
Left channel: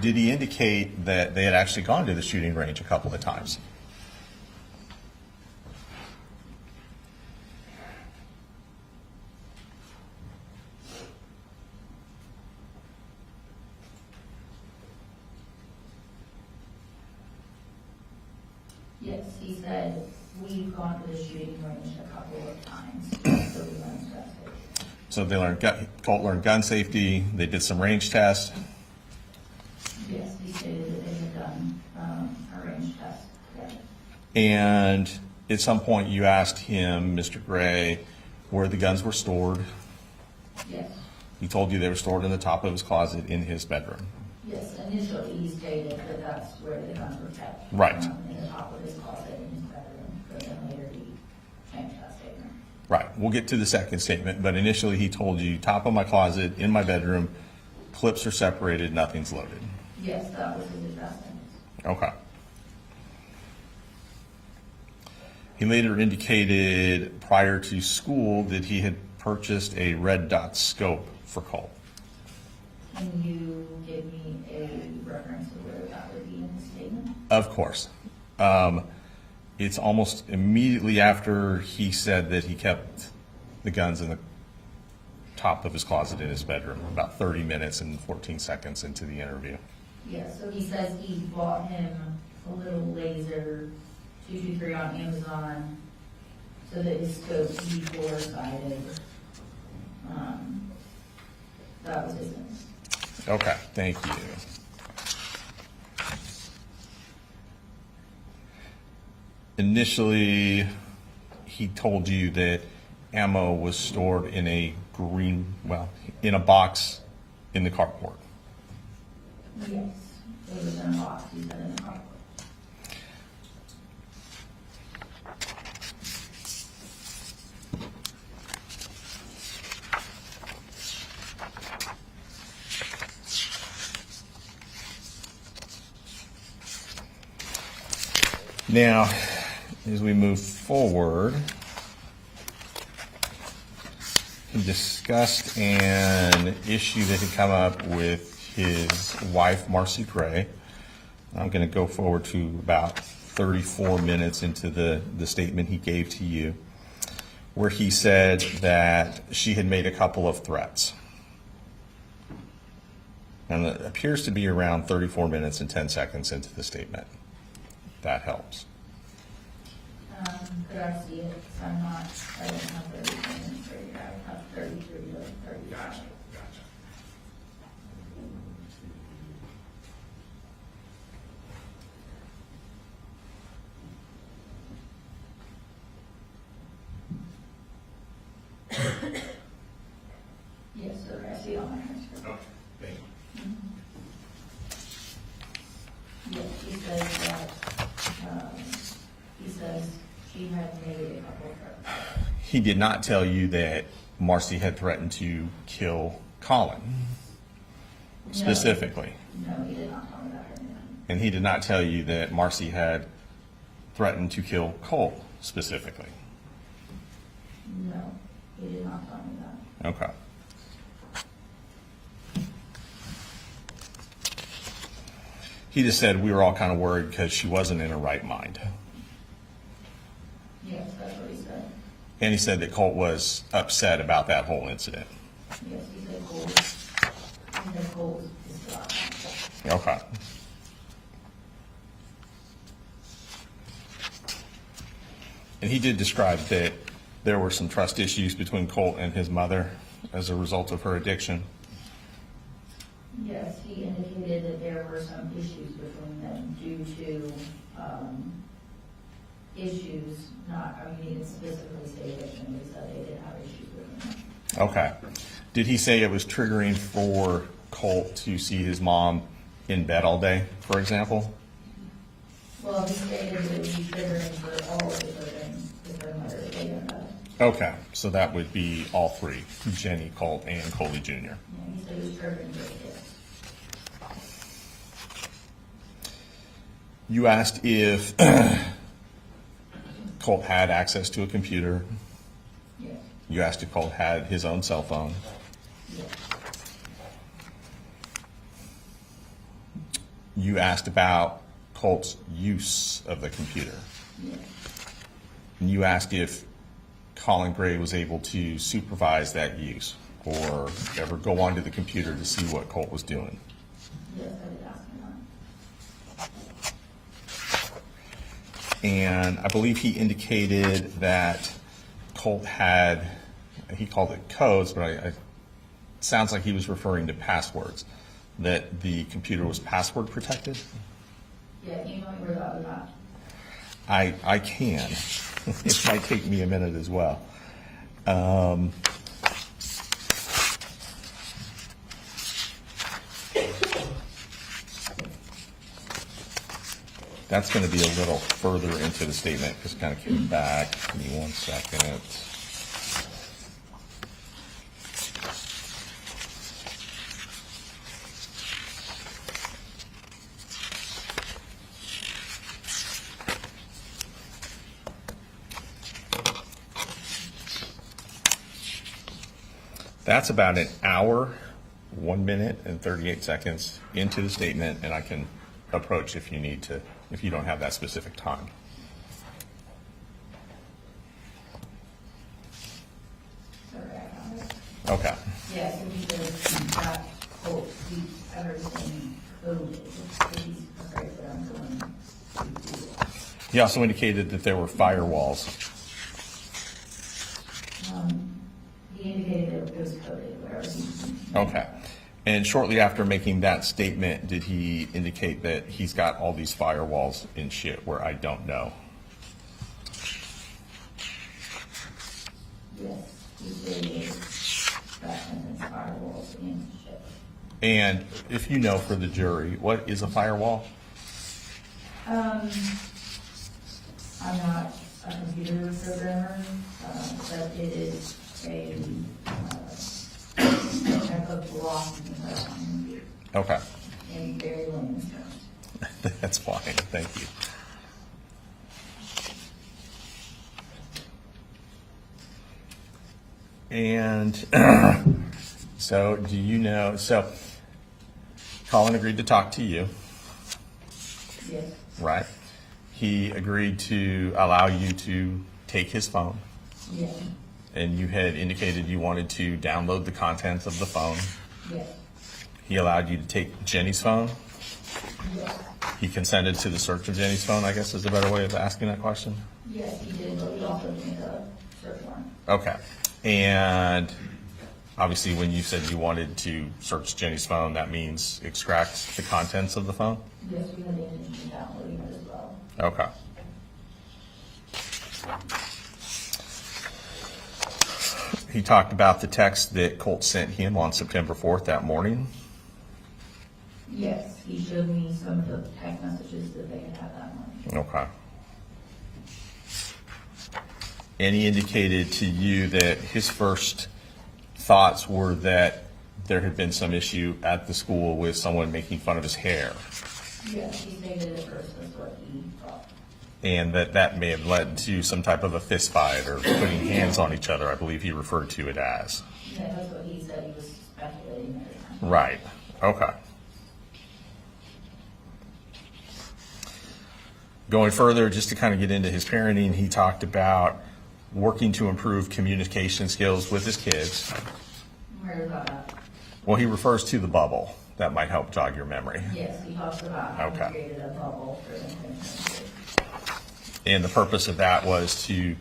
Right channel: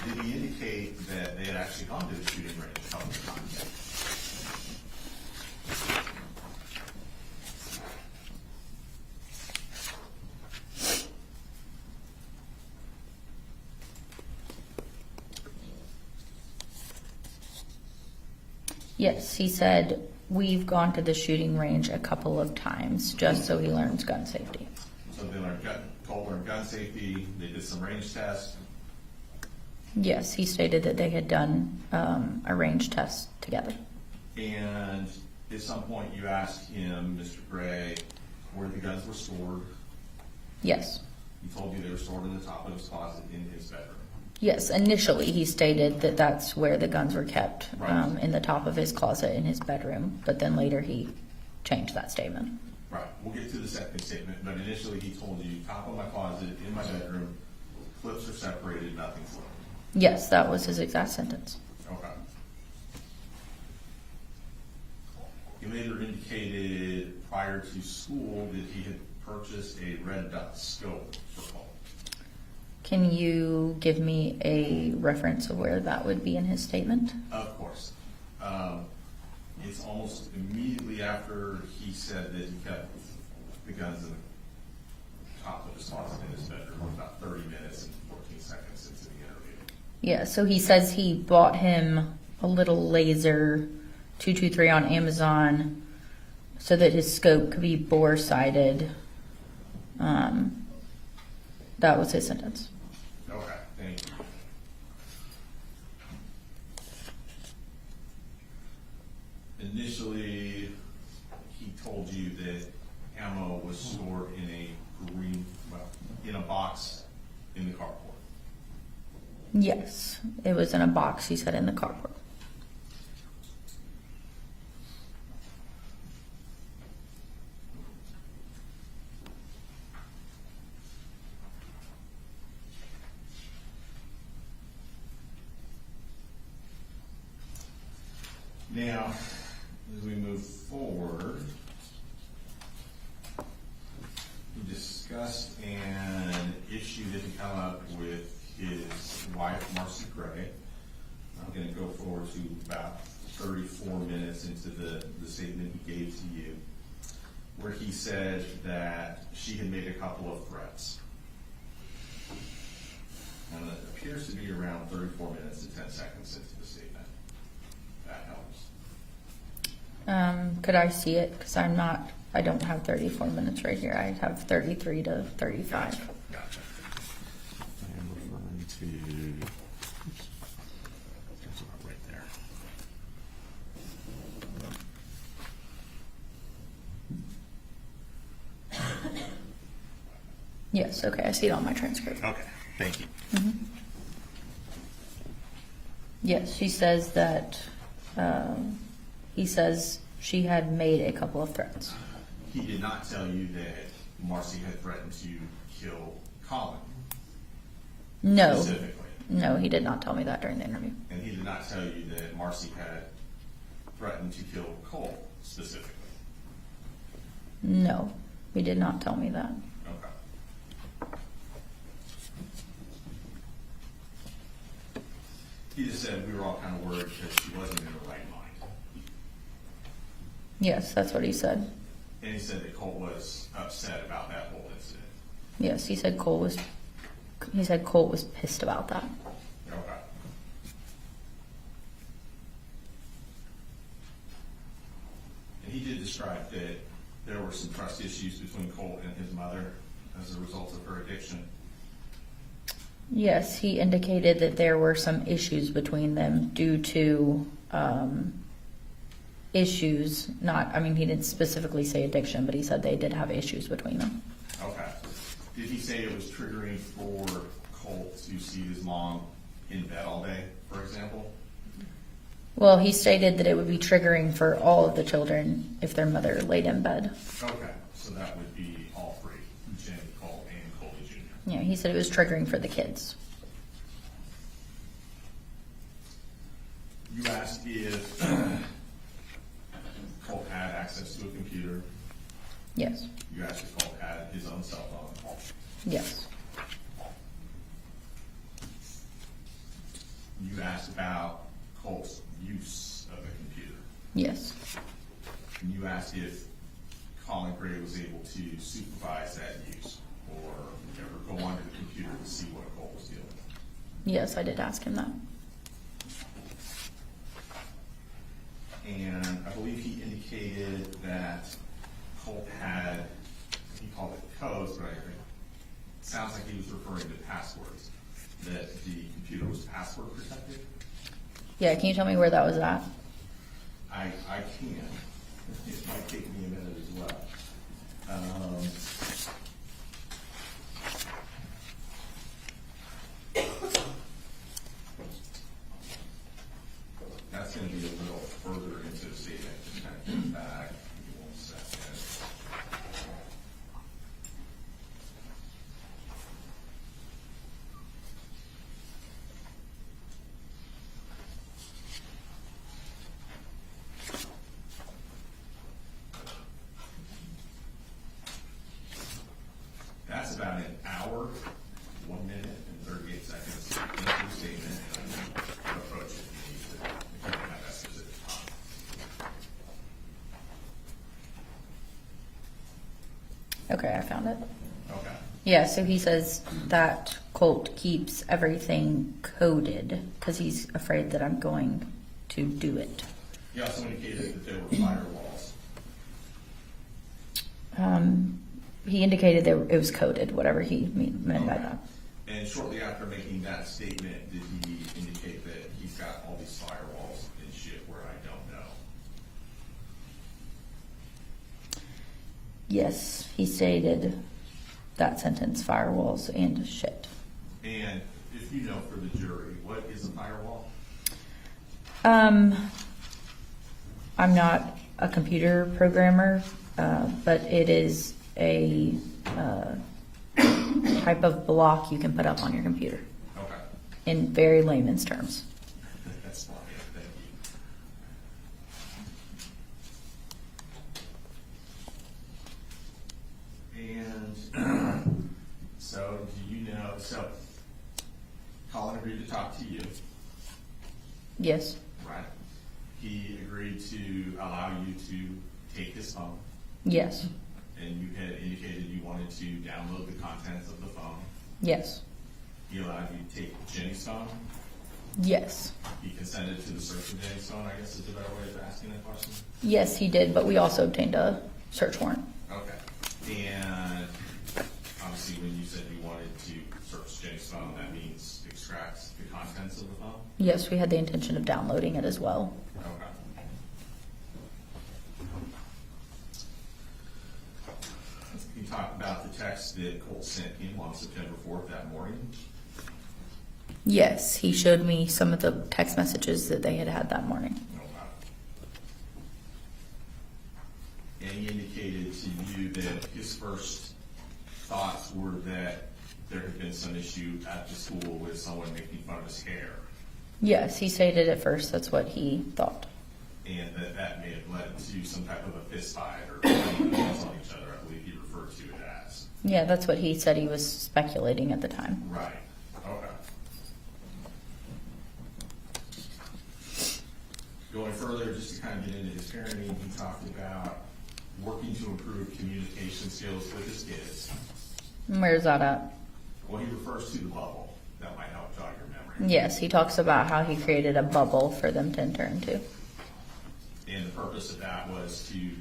did he indicate that they had actually gone to the shooting range a couple of times? Yes, he said, we've gone to the shooting range a couple of times, just so he learns gun safety. So they learned, Colt learned gun safety, they did some range tests. Yes, he stated that they had done a range test together. And at some point you asked him, Mr. Gray, where the guns were stored. Yes. He told you they were stored in the top of his closet in his bedroom. Yes, initially he stated that that's where the guns were kept. Right. In the top of his closet in his bedroom, but then later he changed that statement. Right, we'll get to the second statement, but initially he told you, top of my closet, in my bedroom, clips are separated, nothing's loaded. Yes, that was his exact sentence. Okay. He later indicated prior to school that he had purchased a red dot scope for Colt. Can you give me a reference of where that would be in his statement? Of course. It's almost immediately after he said that he kept the guns in the top of his closet in his bedroom, about 30 minutes and 14 seconds into the interview. Yeah, so he says he bought him a little laser 223 on Amazon so that his scope could be bore-sighted. That was his sentence. Okay, thank you. Initially, he told you that ammo was stored in a in a box in the carport. Yes, it was in a box, he said, in the carport. Now, as we move forward, he discussed an issue that had come up with his wife, Marcy Gray. I'm going to go forward to about 34 minutes into the statement he gave to you, where he said that she had made a couple of threats. And it appears to be around 34 minutes and 10 seconds into the statement. That helps. Could I see it? Because I don't have 34 minutes right here. I have 33 to 35. Gotcha. I'm going to, right there. Yes, okay, I see it on my transcript. Okay, thank you. Mhm. Yes, she says that, he says she had made a couple of threats. He did not tell you that Marcy had threatened to kill Colin. No. Specifically. No, he did not tell me that during the interview. And he did not tell you that Marcy had threatened to kill Cole specifically. No, he did not tell me that. Okay. He just said we were all kind of worried because she wasn't in her right mind. Yes, that's what he said. And he said that Colt was upset about that whole incident. Yes, he said Colt was pissed about that. Okay. And he did describe that there were some trust issues between Colt and his mother as a result of her addiction. Yes, he indicated that there were some issues between them due to issues, he didn't specifically say addiction, but he said they did have issues between them. Okay. Did he say it was triggering for Colt to see his mom in bed all day, for example? Well, he stated that it would be triggering for all of the children if their mother laid in bed. Okay, so that would be all three, Jenny, Colt, and Coley Jr. Yeah, he said it was triggering for the kids. You asked if Colt had access to a computer. Yes. You asked if Colt had his own cell phone. Yes. You asked about Colt's use of the computer. Yes. And you asked if Colin Gray was able to supervise that use or ever go onto the computer to see what Colt was doing. Yes, I did ask him that. And I believe he indicated that Colt had, he called it codes, but it sounds like he was referring to passwords, that the computer was password protected. Yeah, can you tell me where that was at? I can. It might take me a minute as well. That's going to be a little further into the statement. Just kind of kick back. Give me 1 second. That's about an hour, 1 minute and 38 seconds into the statement, and I can approach if you need to, if you don't have that specific time. Okay, I found it. Okay. Yeah, so he says that Colt keeps everything coded because he's afraid that I'm going to do it. He also indicated that there were firewalls. He indicated that it was coded, whatever he meant by Okay. that. And shortly after making that statement, did he indicate that he's got all these firewalls in shit where I don't know? Yes, he stated that sentence, firewalls and shit. And if you know for the jury, what is a firewall? I'm not a computer programmer, but it is a type of block you can put up on your computer. Okay. In very layman's terms. That's fine, thank you. And so do you know, so Colin agreed to talk to you, Yes. right? He agreed to allow you to take his phone, Yes. and you had indicated you wanted to download the contents of the phone. Yes. He allowed you to take Jenny's phone. Yes. He consented to the search of Jenny's phone, I guess is a better way of asking that question. Yes, he did, but we also obtained a search warrant. Okay. And obviously, when you said you wanted to search Jenny's phone, that means extract the contents of the phone? Yes, we had the intention of downloading it as well. Okay. He talked about the text that Colt sent him on September 4th that morning. Yes, he showed me some of the text messages that they had had that morning. Okay. And he indicated to you that his first thoughts were that there had been some issue at the school with someone making fun of his hair, Yes, he stated at first that's what he thought. and that may have led to some type of a fist fight or putting hands on each other, I believe he referred to it as. Yeah, that's what he said he was speculating at the time. Right. Okay. Going further, just to kind of get into his parenting, he talked about working to improve communication skills with his kids. Where's that at? Well, he refers to the bubble. That might help jog your memory. Yes, he talks about how he Okay. created a bubble for them to enter into. And the purpose of that was to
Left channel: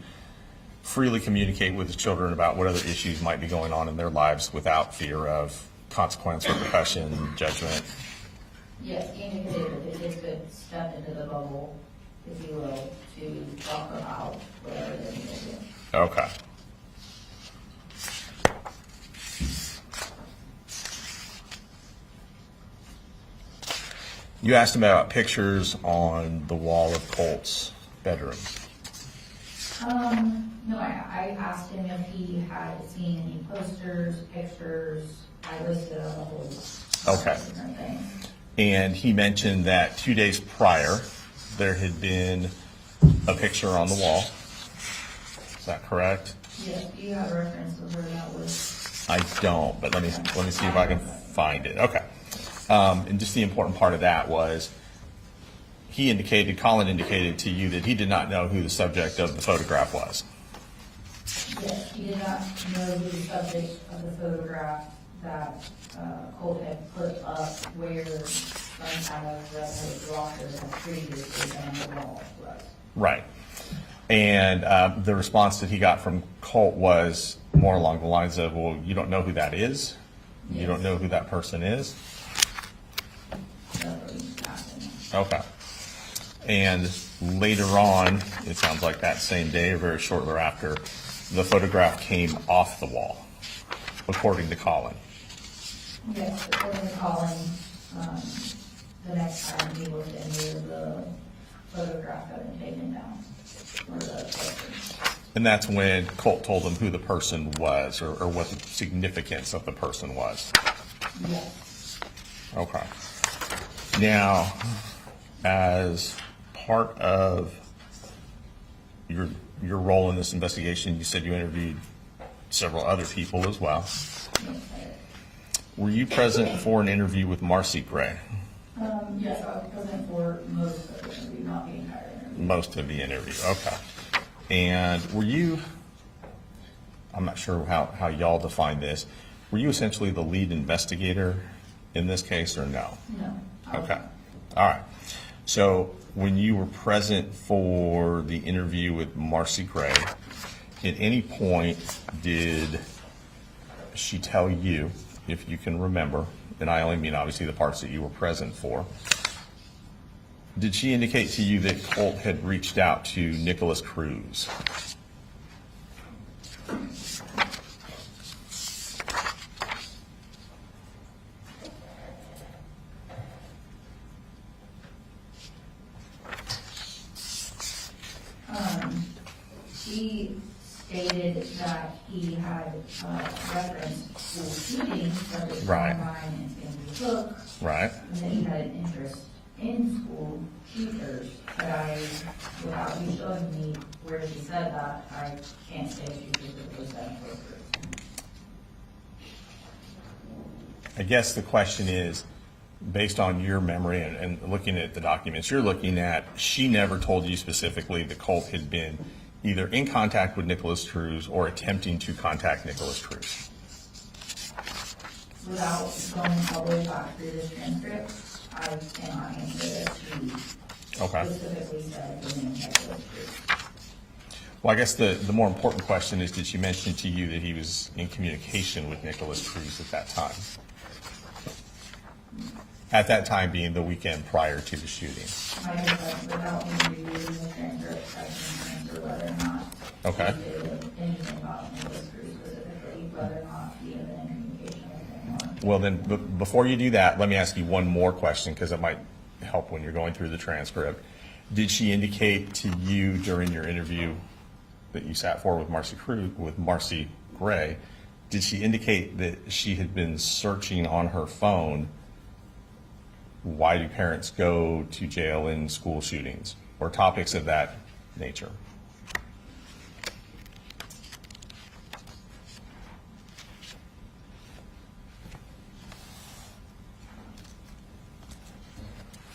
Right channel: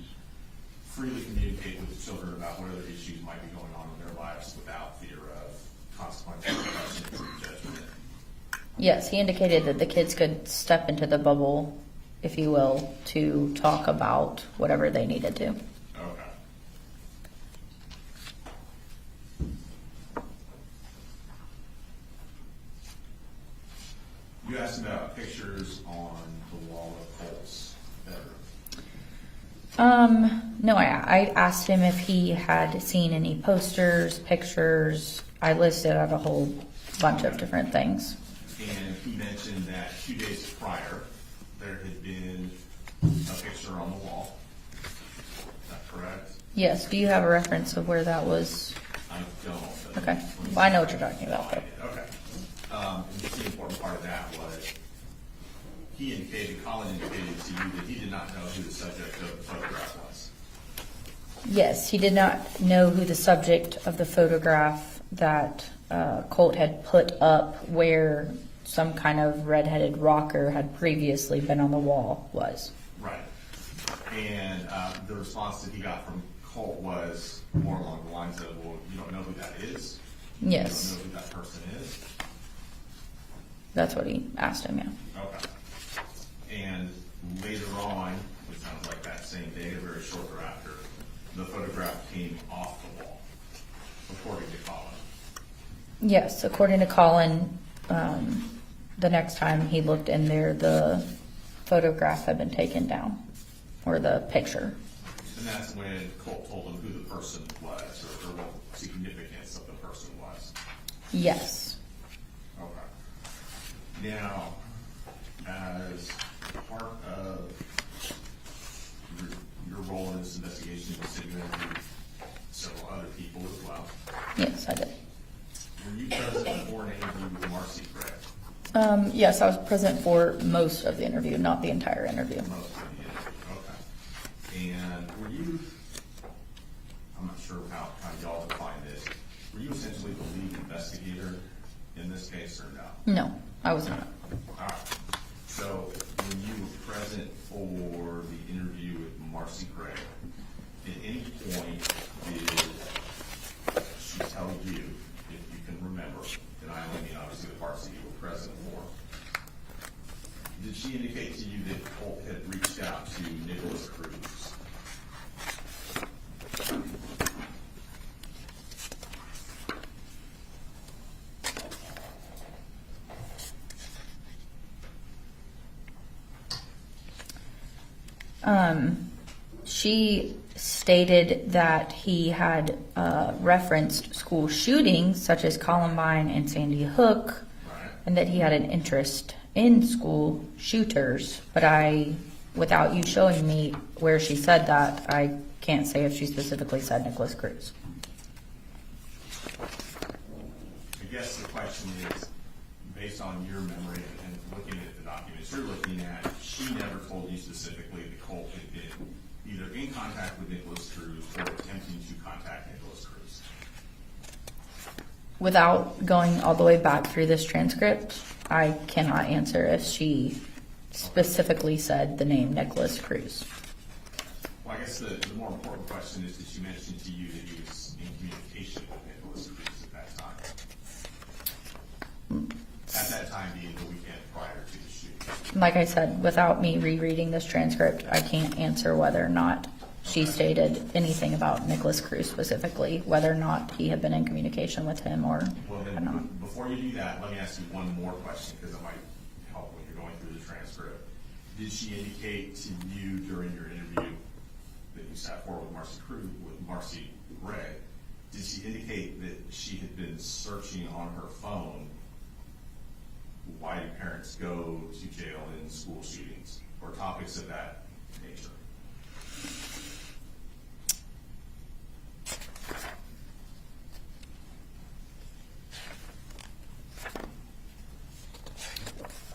freely communicate with his children about what other issues might be going on in their lives without fear of consequence, repercussion, judgment. Yes, he indicated that the kids could step into the bubble, if you will, to talk about whatever they needed to. Okay. You asked him about pictures on the wall of Colt's bedroom. No, I asked him if he had seen any posters, pictures. I listed out a whole bunch Okay. of different things. And he mentioned that 2 days prior, there had been a picture on the wall. Is that correct? Yes, do you have a reference of where that was? I don't, but let me Okay. see if I know I what can you're talking about. find it. Okay. And just the important part of that was, Colin indicated to you that he did not know who the subject of the photograph was. Yes, he did not know who the subject of the photograph that Colt had put up where some kind of redheaded rocker had previously been on the wall was. Right. And the response that he got from Colt was more along the lines of, well, you don't know who that is? Yes. You don't know who that person is? That's what he asked him, yeah. Okay. And later on, it sounds like that same day or very shortly thereafter, the photograph came off the wall, according to Colin. Yes, according to Colin, the next time he looked in there, the photograph had been taken down, or the picture. And that's when Colt told him who the person was, or what the significance of the person was. Yes. Okay. Now, as part of your role in this investigation, you said you interviewed several other people as well. Yes, I did. Were you present for an interview with Marcy Gray? Yes, I was present for most of the interview, not the entire interview. Most of the interview, okay. And were you, I'm not sure how y'all define this, were you essentially the lead investigator in this case or no? No, I was Okay. not. All right. So when you were present for the interview with Marcy Gray, at any point did she tell you, if you can remember, and I only mean obviously the parts that you were present for, did she indicate to you that Colt had reached out to Nicholas Cruz? She stated that he had referenced school shootings such as Columbine and Sandy Hook, Right. and that he had an interest in school shooters. But without you showing me where she said that, I can't say if she specifically said Nicholas Cruz. I guess the question is, based on your memory and looking at the documents you're looking at, she never told you specifically that Colt had been either in contact with Nicholas Cruz or attempting to contact Nicholas Cruz. Without going all the way back through this transcript, I cannot answer if she specifically said the name Nicholas Cruz. Well, I guess the more important question is, did she mention to you that he was in communication with Nicholas Cruz at that time? At that time being the weekend prior to the shooting. Like I said, without me rereading this transcript, I can't answer whether or not she Okay. stated anything about Nicholas Cruz specifically, whether or not he had been in communication with him or. Well, then, before you do that, let me ask you one more question, because it might help when you're going through the transcript. Did she indicate to you during your interview that you sat for with Marcy Gray, did she indicate that she had been searching on her phone, why do parents go to jail in school shootings, or topics of that nature?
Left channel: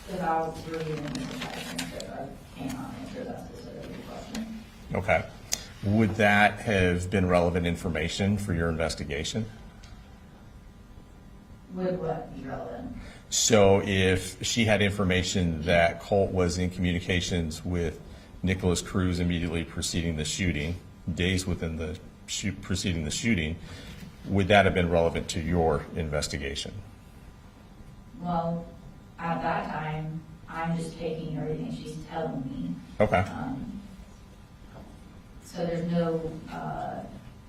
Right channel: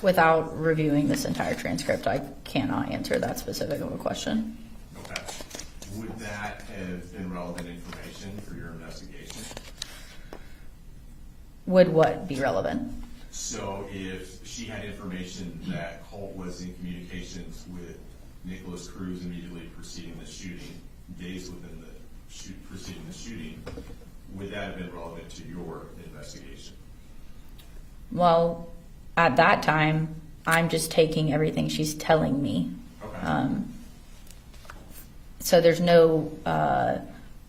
Without reviewing this entire transcript, I cannot answer that specific of a question. Okay. Would that have been relevant information for your investigation? Would what be relevant? So if she had information that Colt was in communications with Nicholas Cruz immediately preceding the shooting, days within the preceding the shooting, would that have been relevant to your investigation? Well, at that time, I'm just taking everything she's telling me. Okay. So there's no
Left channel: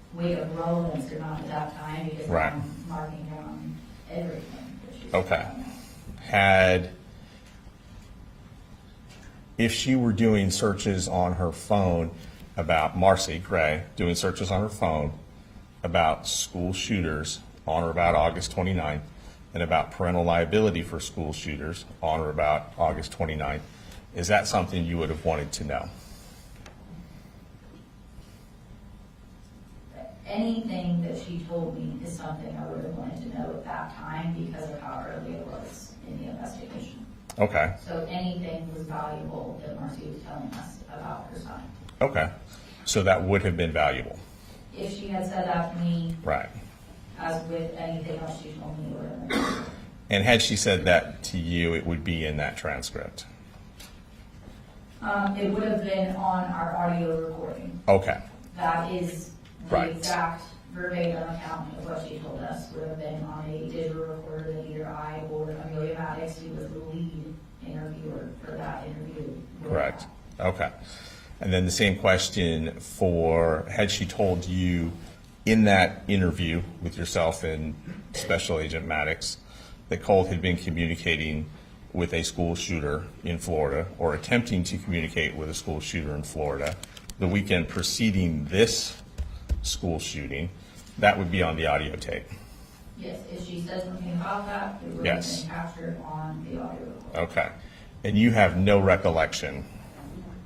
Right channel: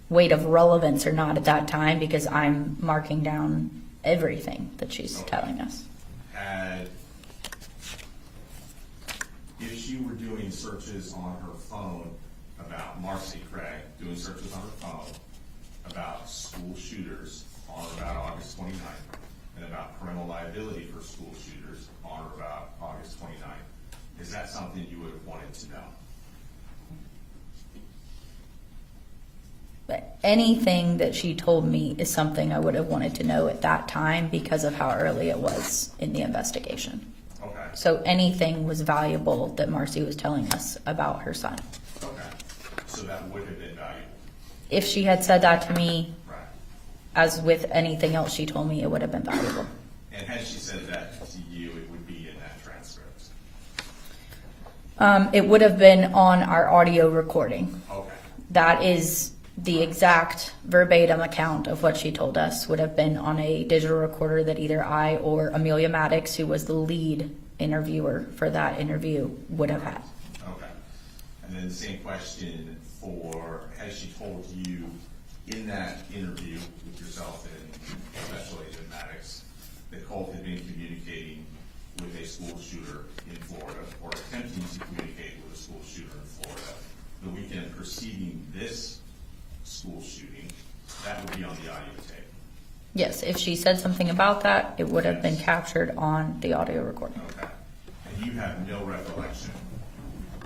weight of relevance or not at that time, because Right. I'm marking down everything that she's telling us. If she were doing searches on her phone about Marcy Gray, doing searches on her phone about school shooters on or about August 29th, and about parental liability for school shooters on or about August 29th, is that something you would have wanted to know? Anything that she told me is something I would have wanted to know at that time because of how early it was in the investigation. Okay. So anything was valuable that Marcy was telling us about her son. Okay. So that would have been valuable. If she had said that to me, Right. as with anything else she told me, it would have been valuable. And had she said that to you, it would be in that transcript? It would have been on our audio recording. Okay. That is the Right. exact verbatim account of what she told us would have been on a digital recorder that either I or Amelia Maddox, who was the lead interviewer for that interview, would have Correct. had. Okay. And then the same question for, had she told you in that interview with yourself and Special Agent Maddox that Colt had been communicating with a school shooter in Florida, or attempting to communicate with a school shooter in Florida the weekend preceding this school shooting, that would be on the audio tape? Yes, if she said something about that, it would have been Yes. captured on the audio recording. Okay. And you have no recollection,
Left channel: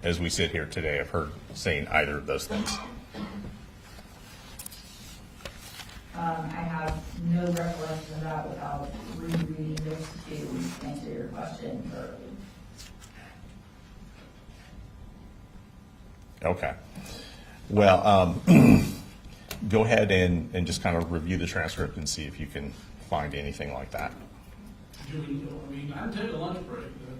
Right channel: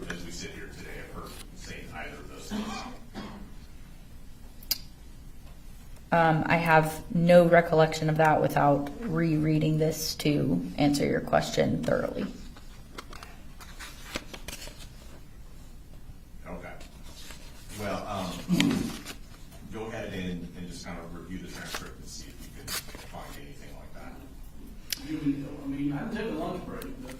as we sit here today, of her saying either of those things? I have no recollection of that without rereading this to answer your question thoroughly. Okay. Well, go ahead and just kind of review the transcript and see if you can find anything like that. I mean, I can take a lunch break, but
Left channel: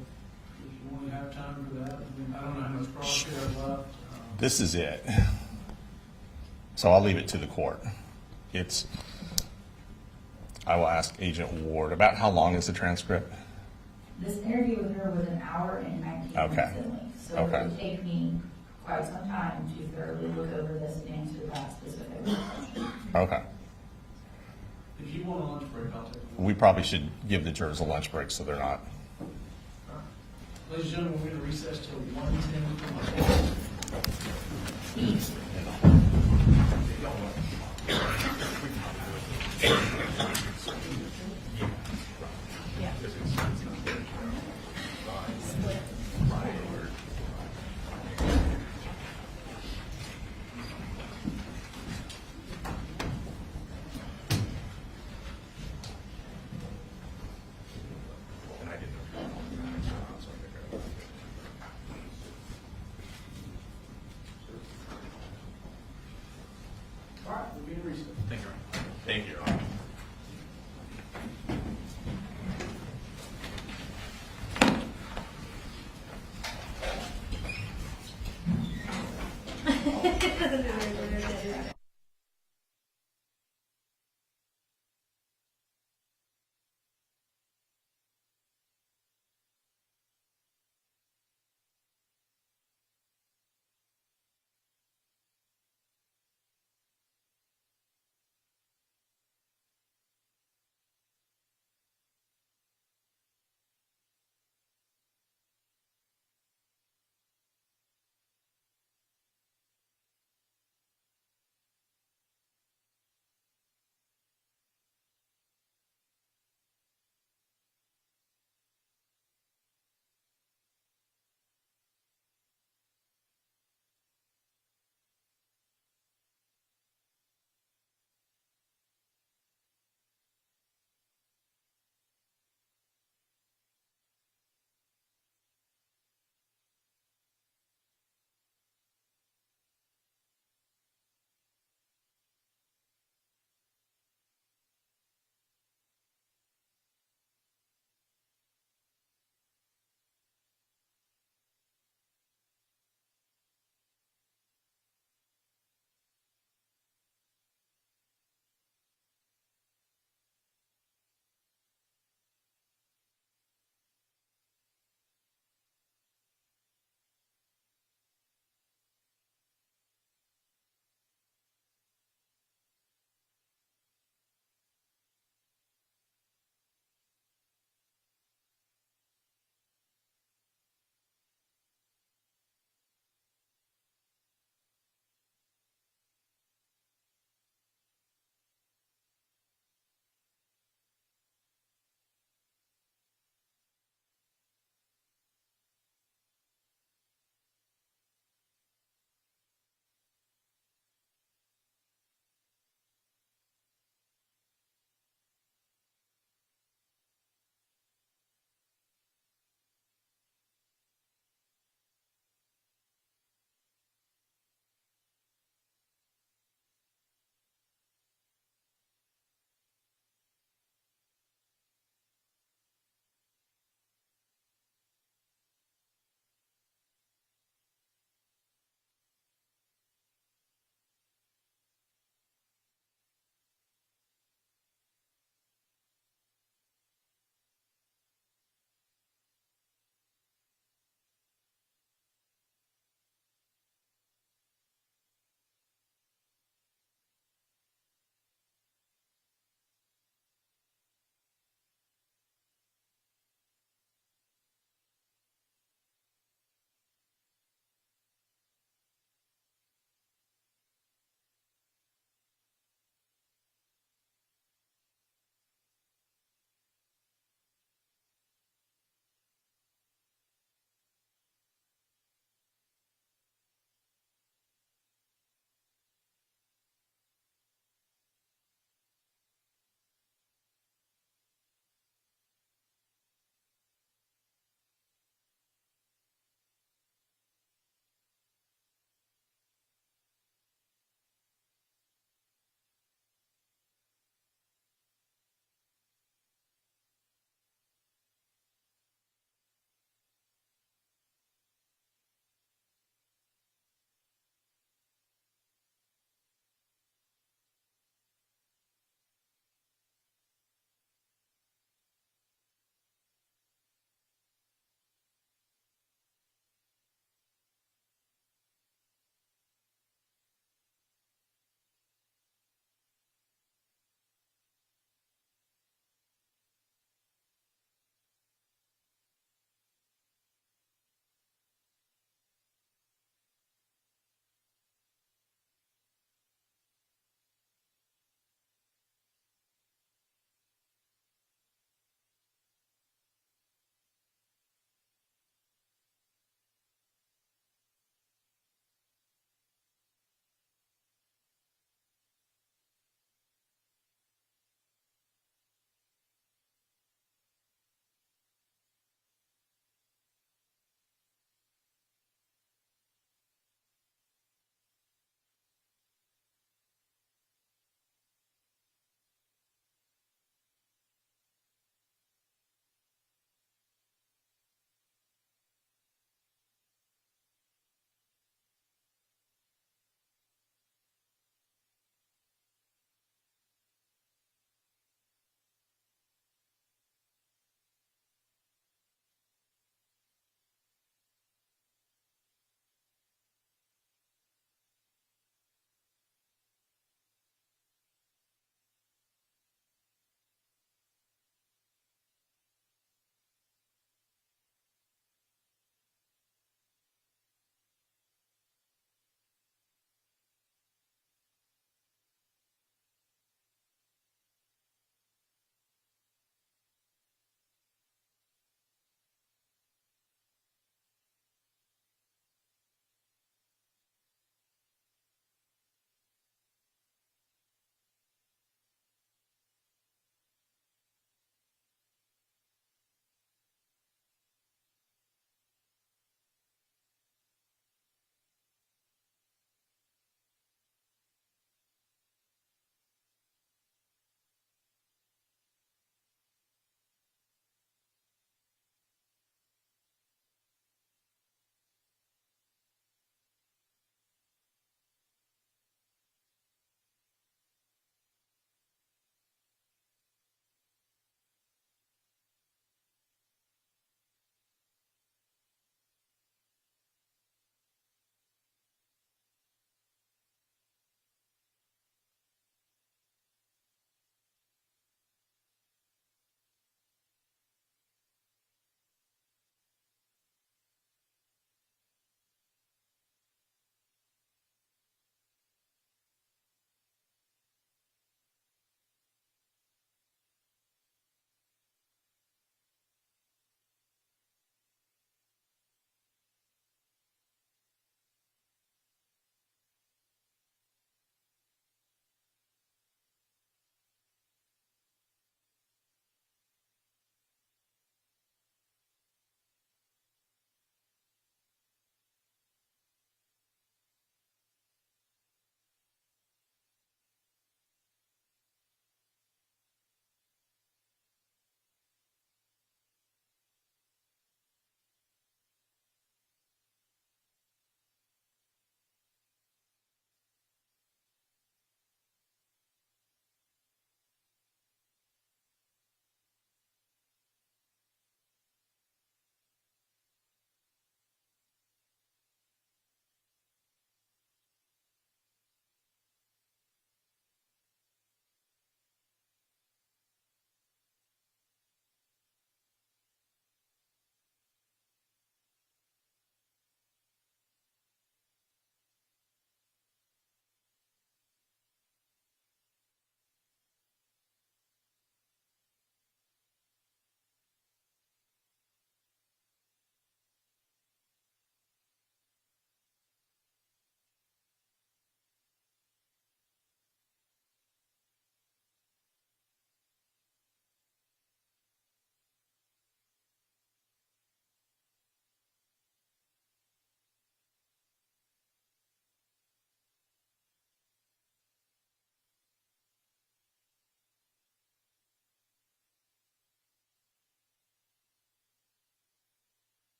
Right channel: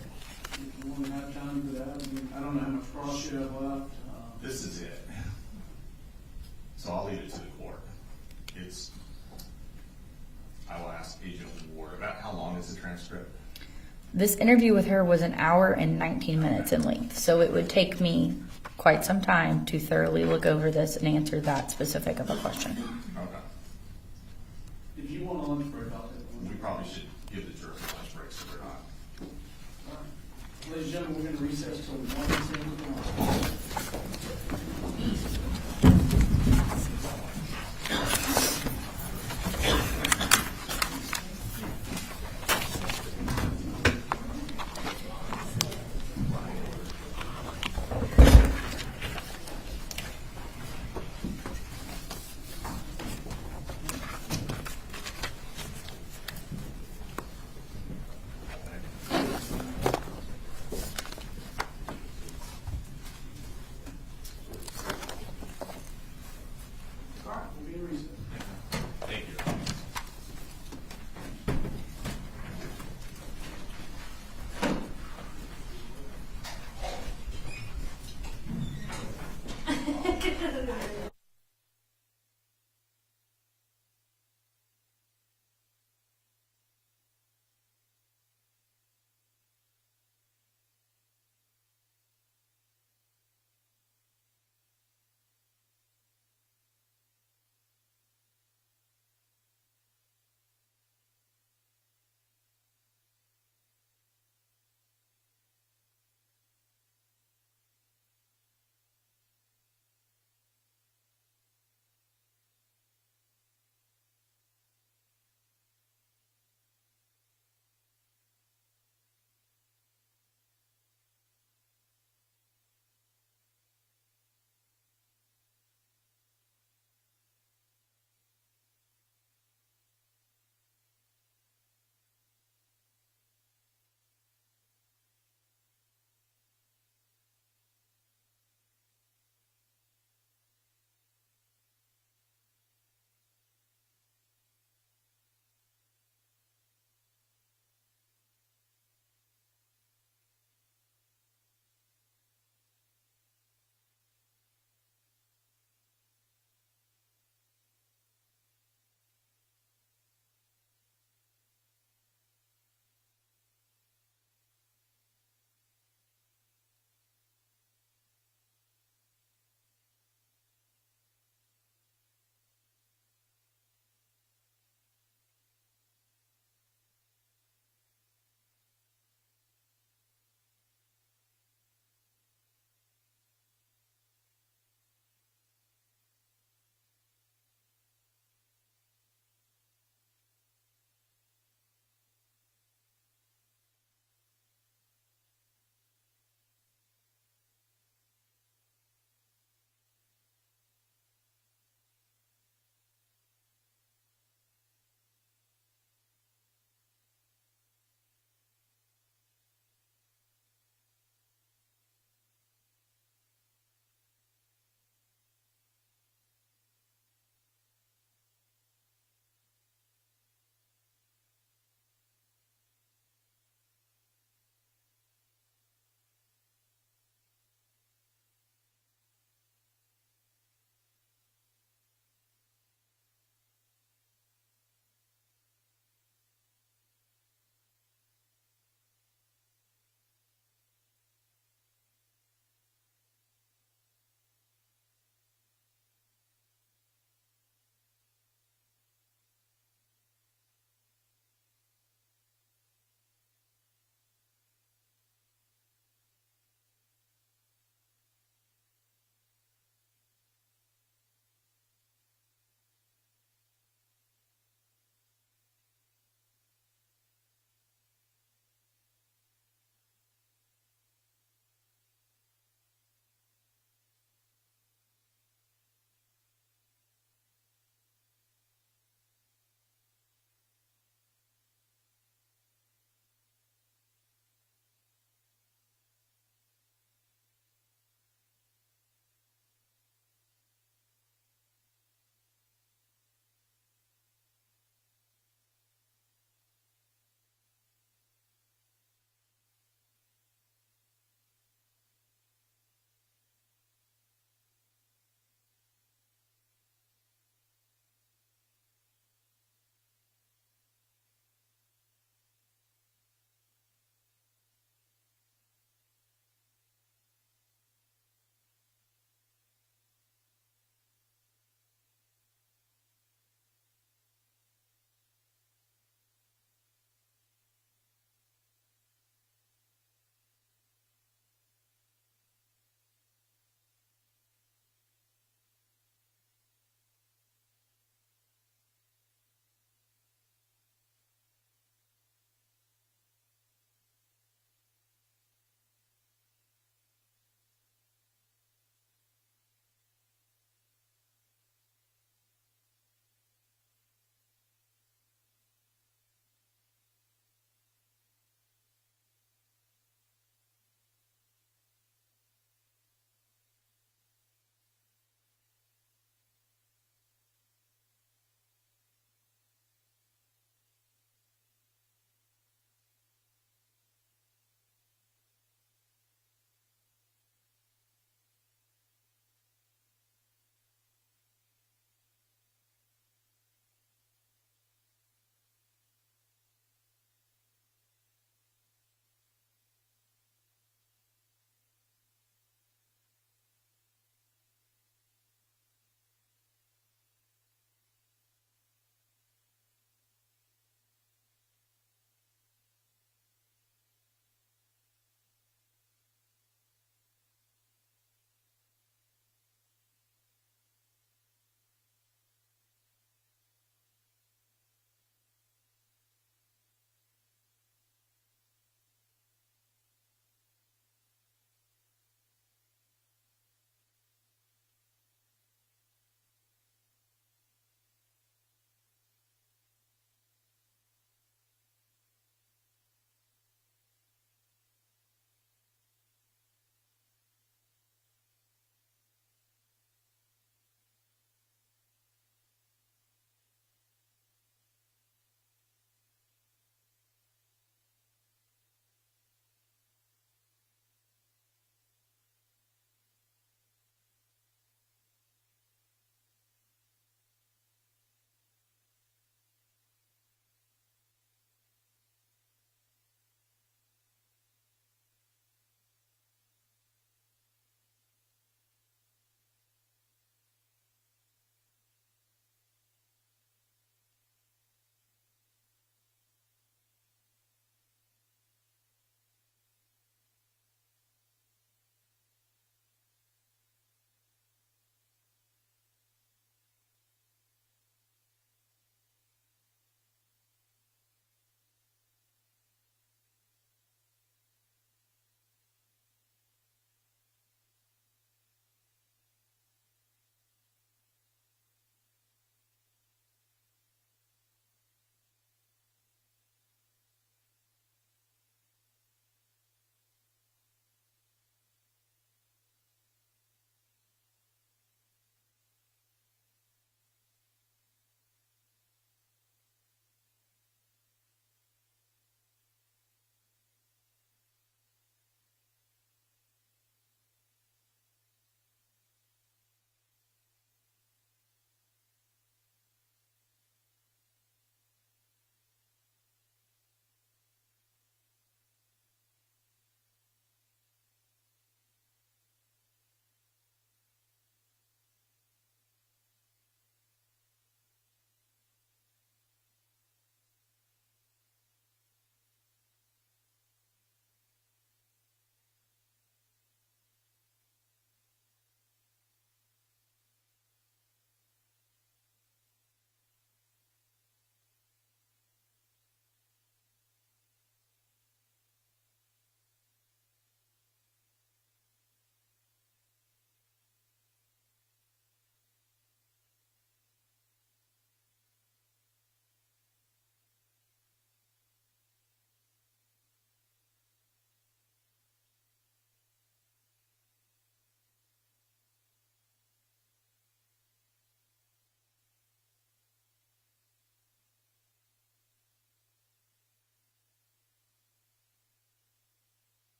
if you want to have time for that, I mean, I don't know how much cross you have left. This is it. So I'll leave it to the court. I will ask Agent Ward, about how long is the transcript? This interview with her was an hour and 19 Okay. minutes in length, so it Okay. would take me quite some time to thoroughly look over this and answer that specific of a question. Okay. If you want a lunch break, I'll take one. We probably should give the jurors a lunch break so they're not. All right. Ladies and gentlemen, we're going to recess till 1:10.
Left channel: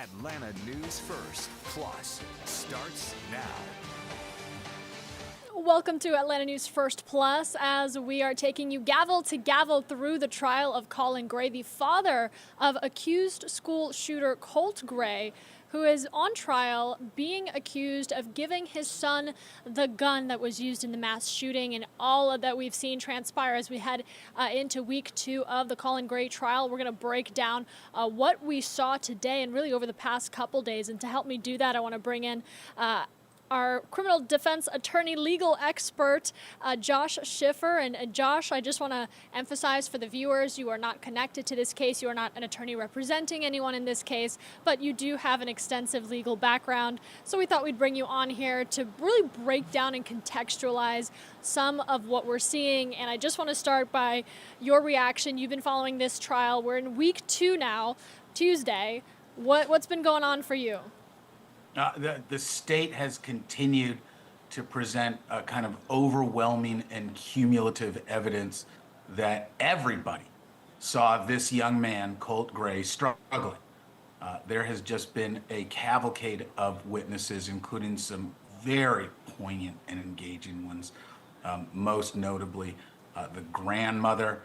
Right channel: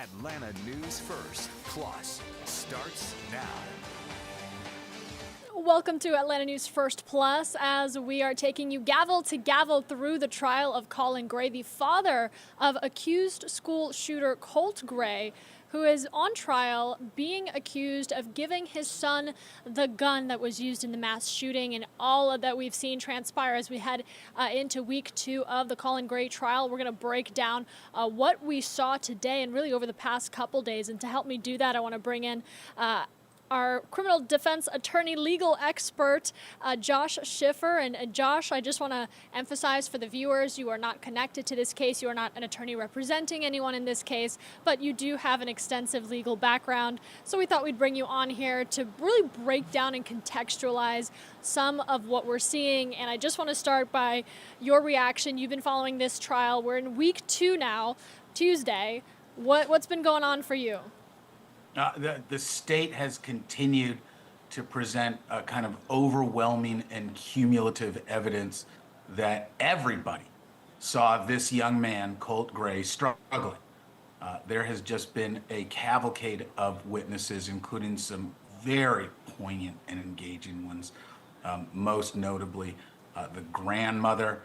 Atlanta News First Plus starts now. Welcome to Atlanta News First Plus, as we are taking you gavel to gavel through the trial of Colin Gray, the father of accused school shooter Colt Gray, who is on trial being accused of giving his son the gun that was used in the mass shooting, and all of that we've seen transpire as we head into week 2 of the Colin Gray trial. We're going to break down what we saw today and really over the past couple days. And to help me do that, I want to bring in our criminal defense attorney, legal expert, Josh Schiffer. And Josh, I just want to emphasize for the viewers, you are not connected to this case. You are not an attorney representing anyone in this case, but you do have an extensive legal background. So we thought we'd bring you on here to really break down and contextualize some of what we're seeing. And I just want to start by your reaction. You've been following this trial. We're in week 2 now, Tuesday. What's been going on for you? The state has continued to present a kind of overwhelming and cumulative evidence that everybody saw this young man, Colt Gray, struggling. There has just been a cavalcade of witnesses, including some very poignant and engaging ones, most notably the grandmother,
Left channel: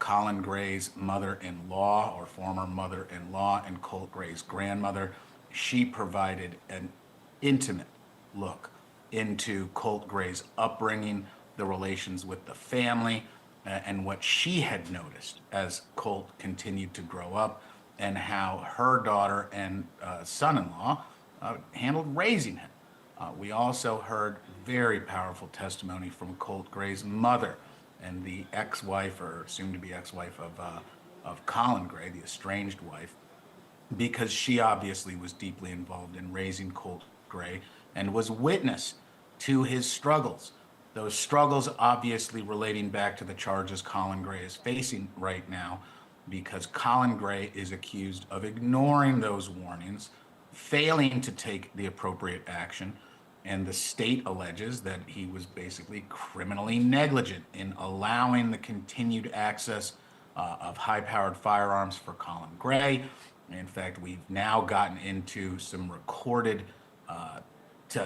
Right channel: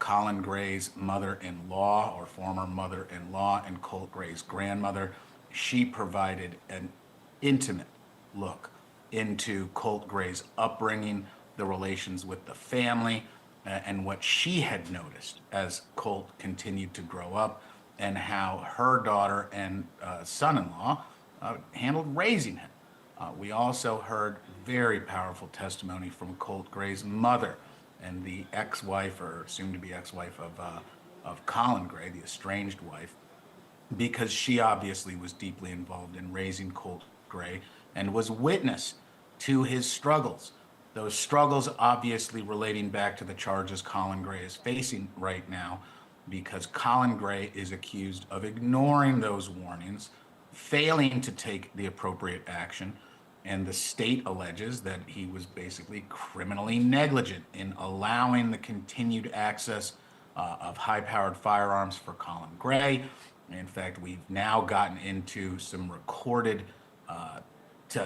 Colin Gray's mother-in-law or former mother-in-law, and Colt Gray's grandmother. She provided an intimate look into Colt Gray's upbringing, the relations with the family, and what she had noticed as Colt continued to grow up, and how her daughter and son-in-law handled raising him. We also heard very powerful testimony from Colt Gray's mother and the ex-wife, or soon-to-be ex-wife of Colin Gray, the estranged wife, because she obviously was deeply involved in raising Colt Gray and was witness to his struggles. Those struggles obviously relating back to the charges Colin Gray is facing right now, because Colin Gray is accused of ignoring those warnings, failing to take the appropriate action, and the state alleges that he was basically criminally negligent in allowing the continued access of high-powered firearms for Colin Gray. In fact, we've now gotten into some recorded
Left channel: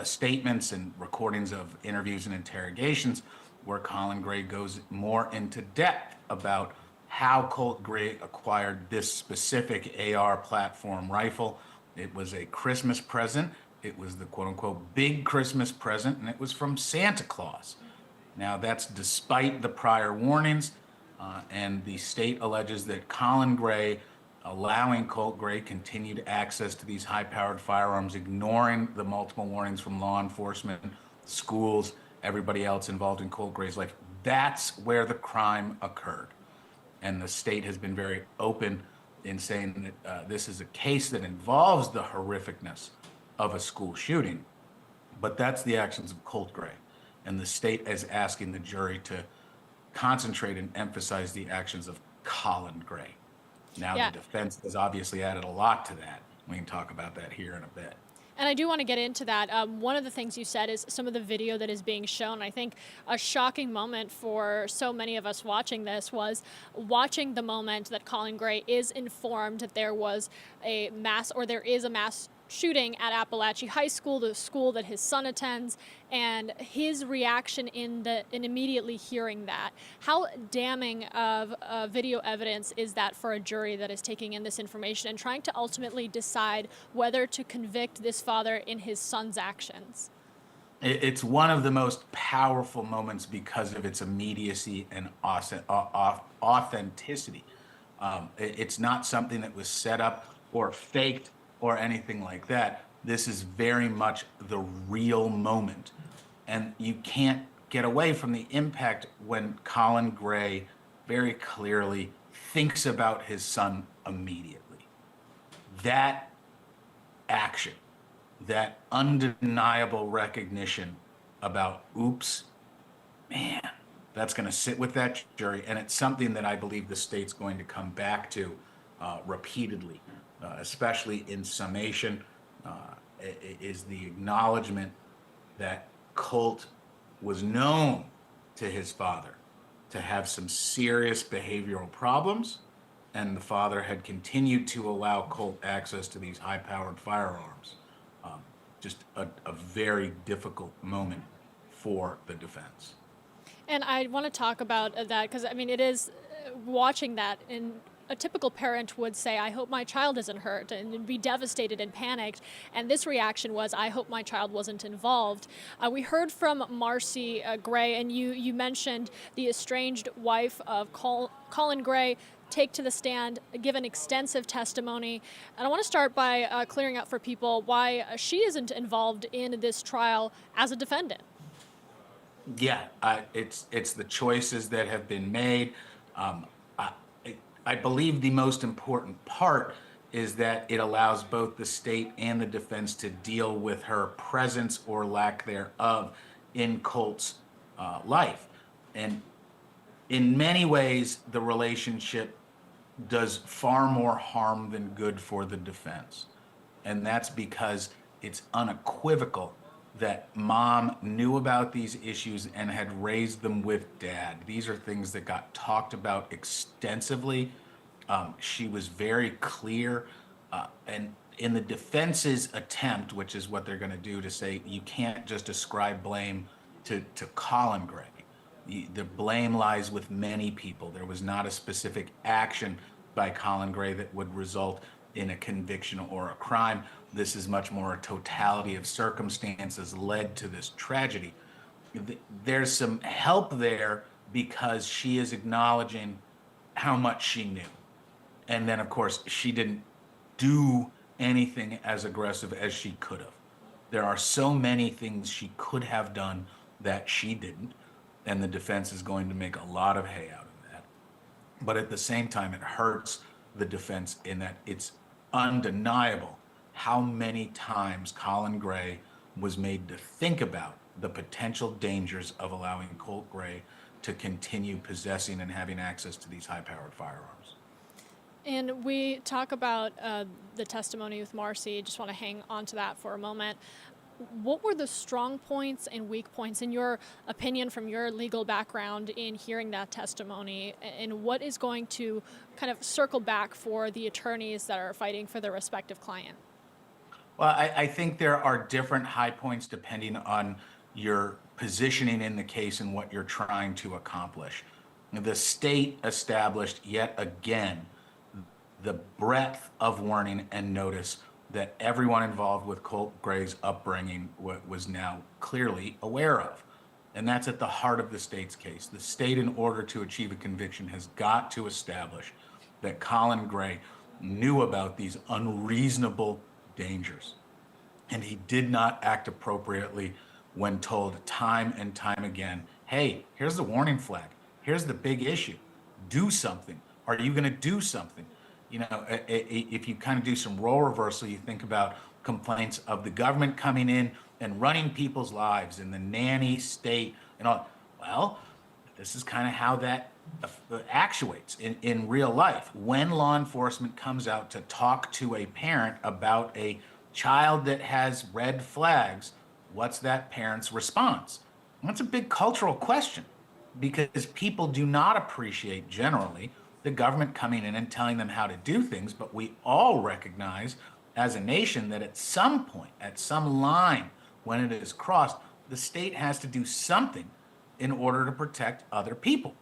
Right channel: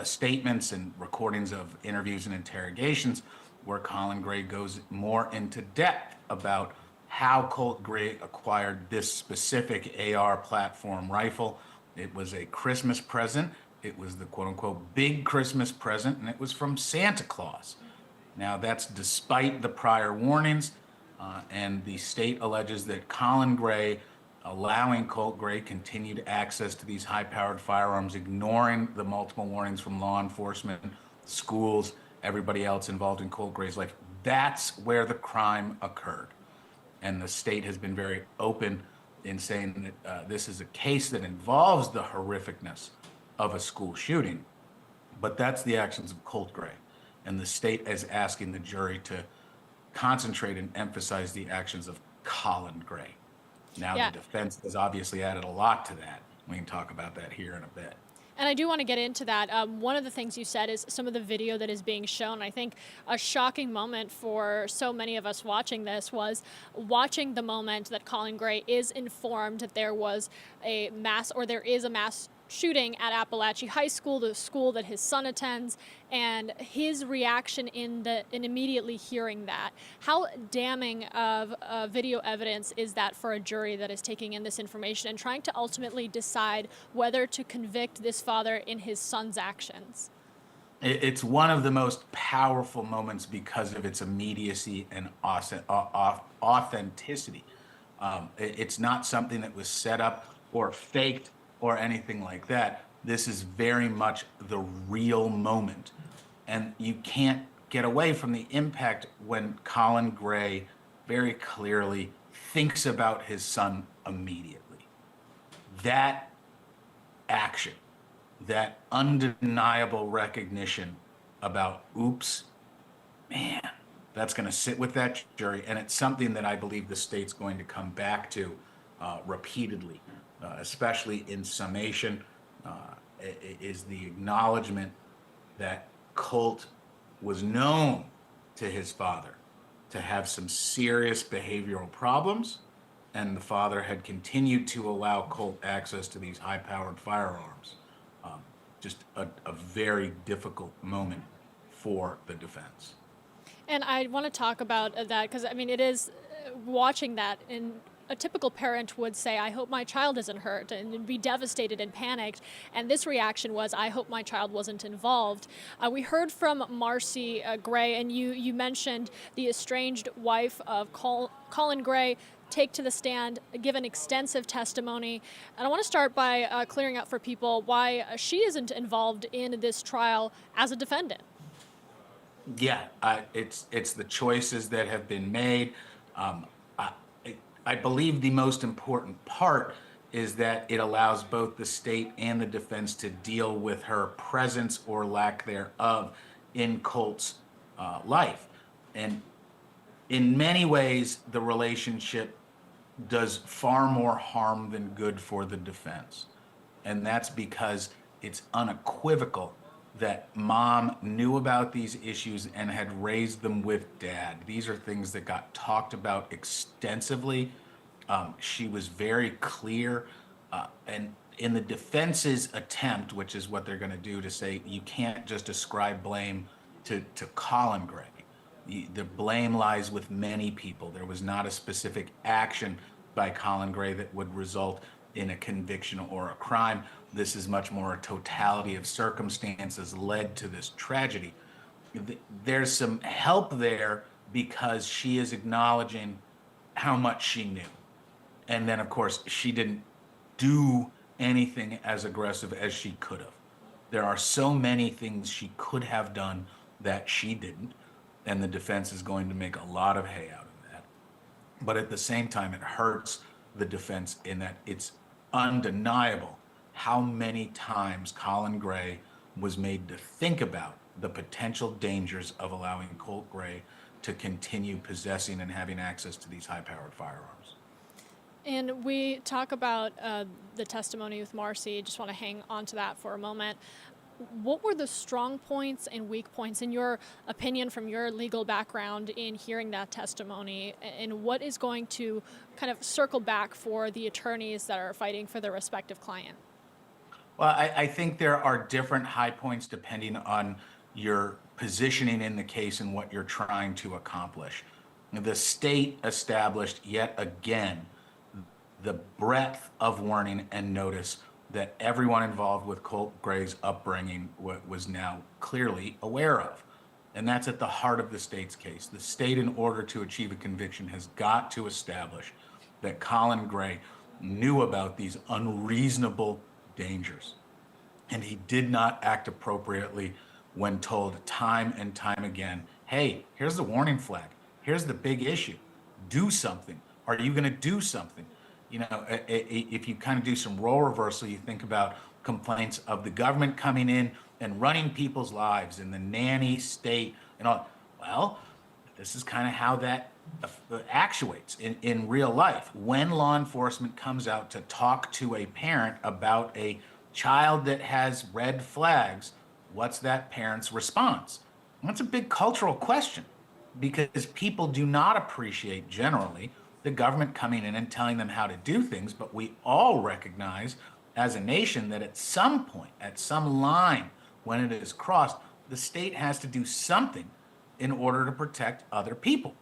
statements and recordings of interviews and interrogations where Colin Gray goes more into depth about how Colt Gray acquired this specific AR platform rifle. It was a Christmas present. It was the quote-unquote big Christmas present, and it was from Santa Claus. Now, that's despite the prior warnings, and the state alleges that Colin Gray allowing Colt Gray continued access to these high-powered firearms, ignoring the multiple warnings from law enforcement, schools, everybody else involved in Colt Gray's life. That's where the crime occurred. And the state has been very open in saying that this is a case that involves the horrificness of a school shooting, but that's the actions of Colt Gray. And the state is asking the jury to concentrate and emphasize the actions of Colin Gray. Now, the defense has obviously added a lot to that. We can talk about that here in a bit. And I do want to get into that. One of the things you said is some of the video that is being shown. I think a shocking moment for so many of us watching this was watching the moment that Colin Gray is informed that there was a mass, or there is a mass shooting at Apalachee High School, the school that his son attends, and his reaction in immediately hearing that. How damning of video evidence is that for a jury that is taking in this information and trying to ultimately decide whether to convict this father in his son's actions? It's one of the most powerful moments because of its immediacy and authenticity. It's not something that was set up or faked or anything like that. This is very much the real moment. And you can't get away from the impact when Colin Gray very clearly thinks about his son immediately. That action, that undeniable recognition about, oops, man, that's going to sit with that jury. And it's something that I believe the state's going to come back to repeatedly. Especially in summation, is the acknowledgement that Colt was known to his father to have some serious behavioral problems and the father had continued to allow Colt access to these high-powered firearms. Just a very difficult moment for the defense. And I want to talk about that because, I mean, it is watching that, and a typical parent would say, I hope my child isn't hurt, and be devastated and panicked. And this reaction was, I hope my child wasn't involved. We heard from Marcy Gray, and you mentioned the estranged wife of Colin Gray take to the stand, give an extensive testimony. And I want to start by clearing up for people why she isn't involved in this trial as a defendant. Yeah, it's the choices that have been made. I believe the most important part is that it allows both the state and the defense to deal with her presence or lack thereof in Colt's life. And in many ways, the relationship does far more harm than good for the defense. And that's because it's unequivocal that mom knew about these issues and had raised them with dad. These are things that got talked about extensively. She was very clear, and in the defense's attempt, which is what they're going to do, to say you can't just ascribe blame to Colin Gray. The blame lies with many people. There was not a specific action by Colin Gray that would result in a conviction or a crime. This is much more a totality of circumstances led to this tragedy. There's some help there because she is acknowledging how much she knew. And then, of course, she didn't do anything as aggressive as she could have. There are so many things she could have done that she didn't, and the defense is going to make a lot of hay out of that. But at the same time, it hurts the defense in that it's undeniable how many times Colin Gray was made to think about the potential dangers of allowing Colt Gray to continue possessing and having access to these high-powered firearms. And we talk about the testimony with Marcy. Just want to hang on to that for a moment. What were the strong points and weak points, in your opinion, from your legal background, in hearing that testimony? And what is going to kind of circle back for the attorneys that are fighting for their respective client? Well, I think there are different high points depending on your positioning in the case and what you're trying to accomplish. The state established yet again the breadth of warning and notice that everyone involved with Colt Gray's upbringing was now clearly aware of. And that's at the heart of the state's case. The state, in order to achieve a conviction, has got to establish that Colin Gray knew about these unreasonable dangers. And he did not act appropriately when told time and time again, hey, here's the warning flag. Here's the big issue. Do something. Are you going to do something? You know, if you kind of do some role reversal, you think about complaints of the government coming in and running people's lives in the nanny state and all. Well, this is kind of how that actuates in real life. When law enforcement comes out to talk to a parent about a child that has red flags, what's that parent's response? That's a big cultural question, because people do not appreciate generally the government coming in and telling them how to do things, but we all recognize as a nation that at some point, at some line, when it is crossed, the state has to do something in order to protect other people.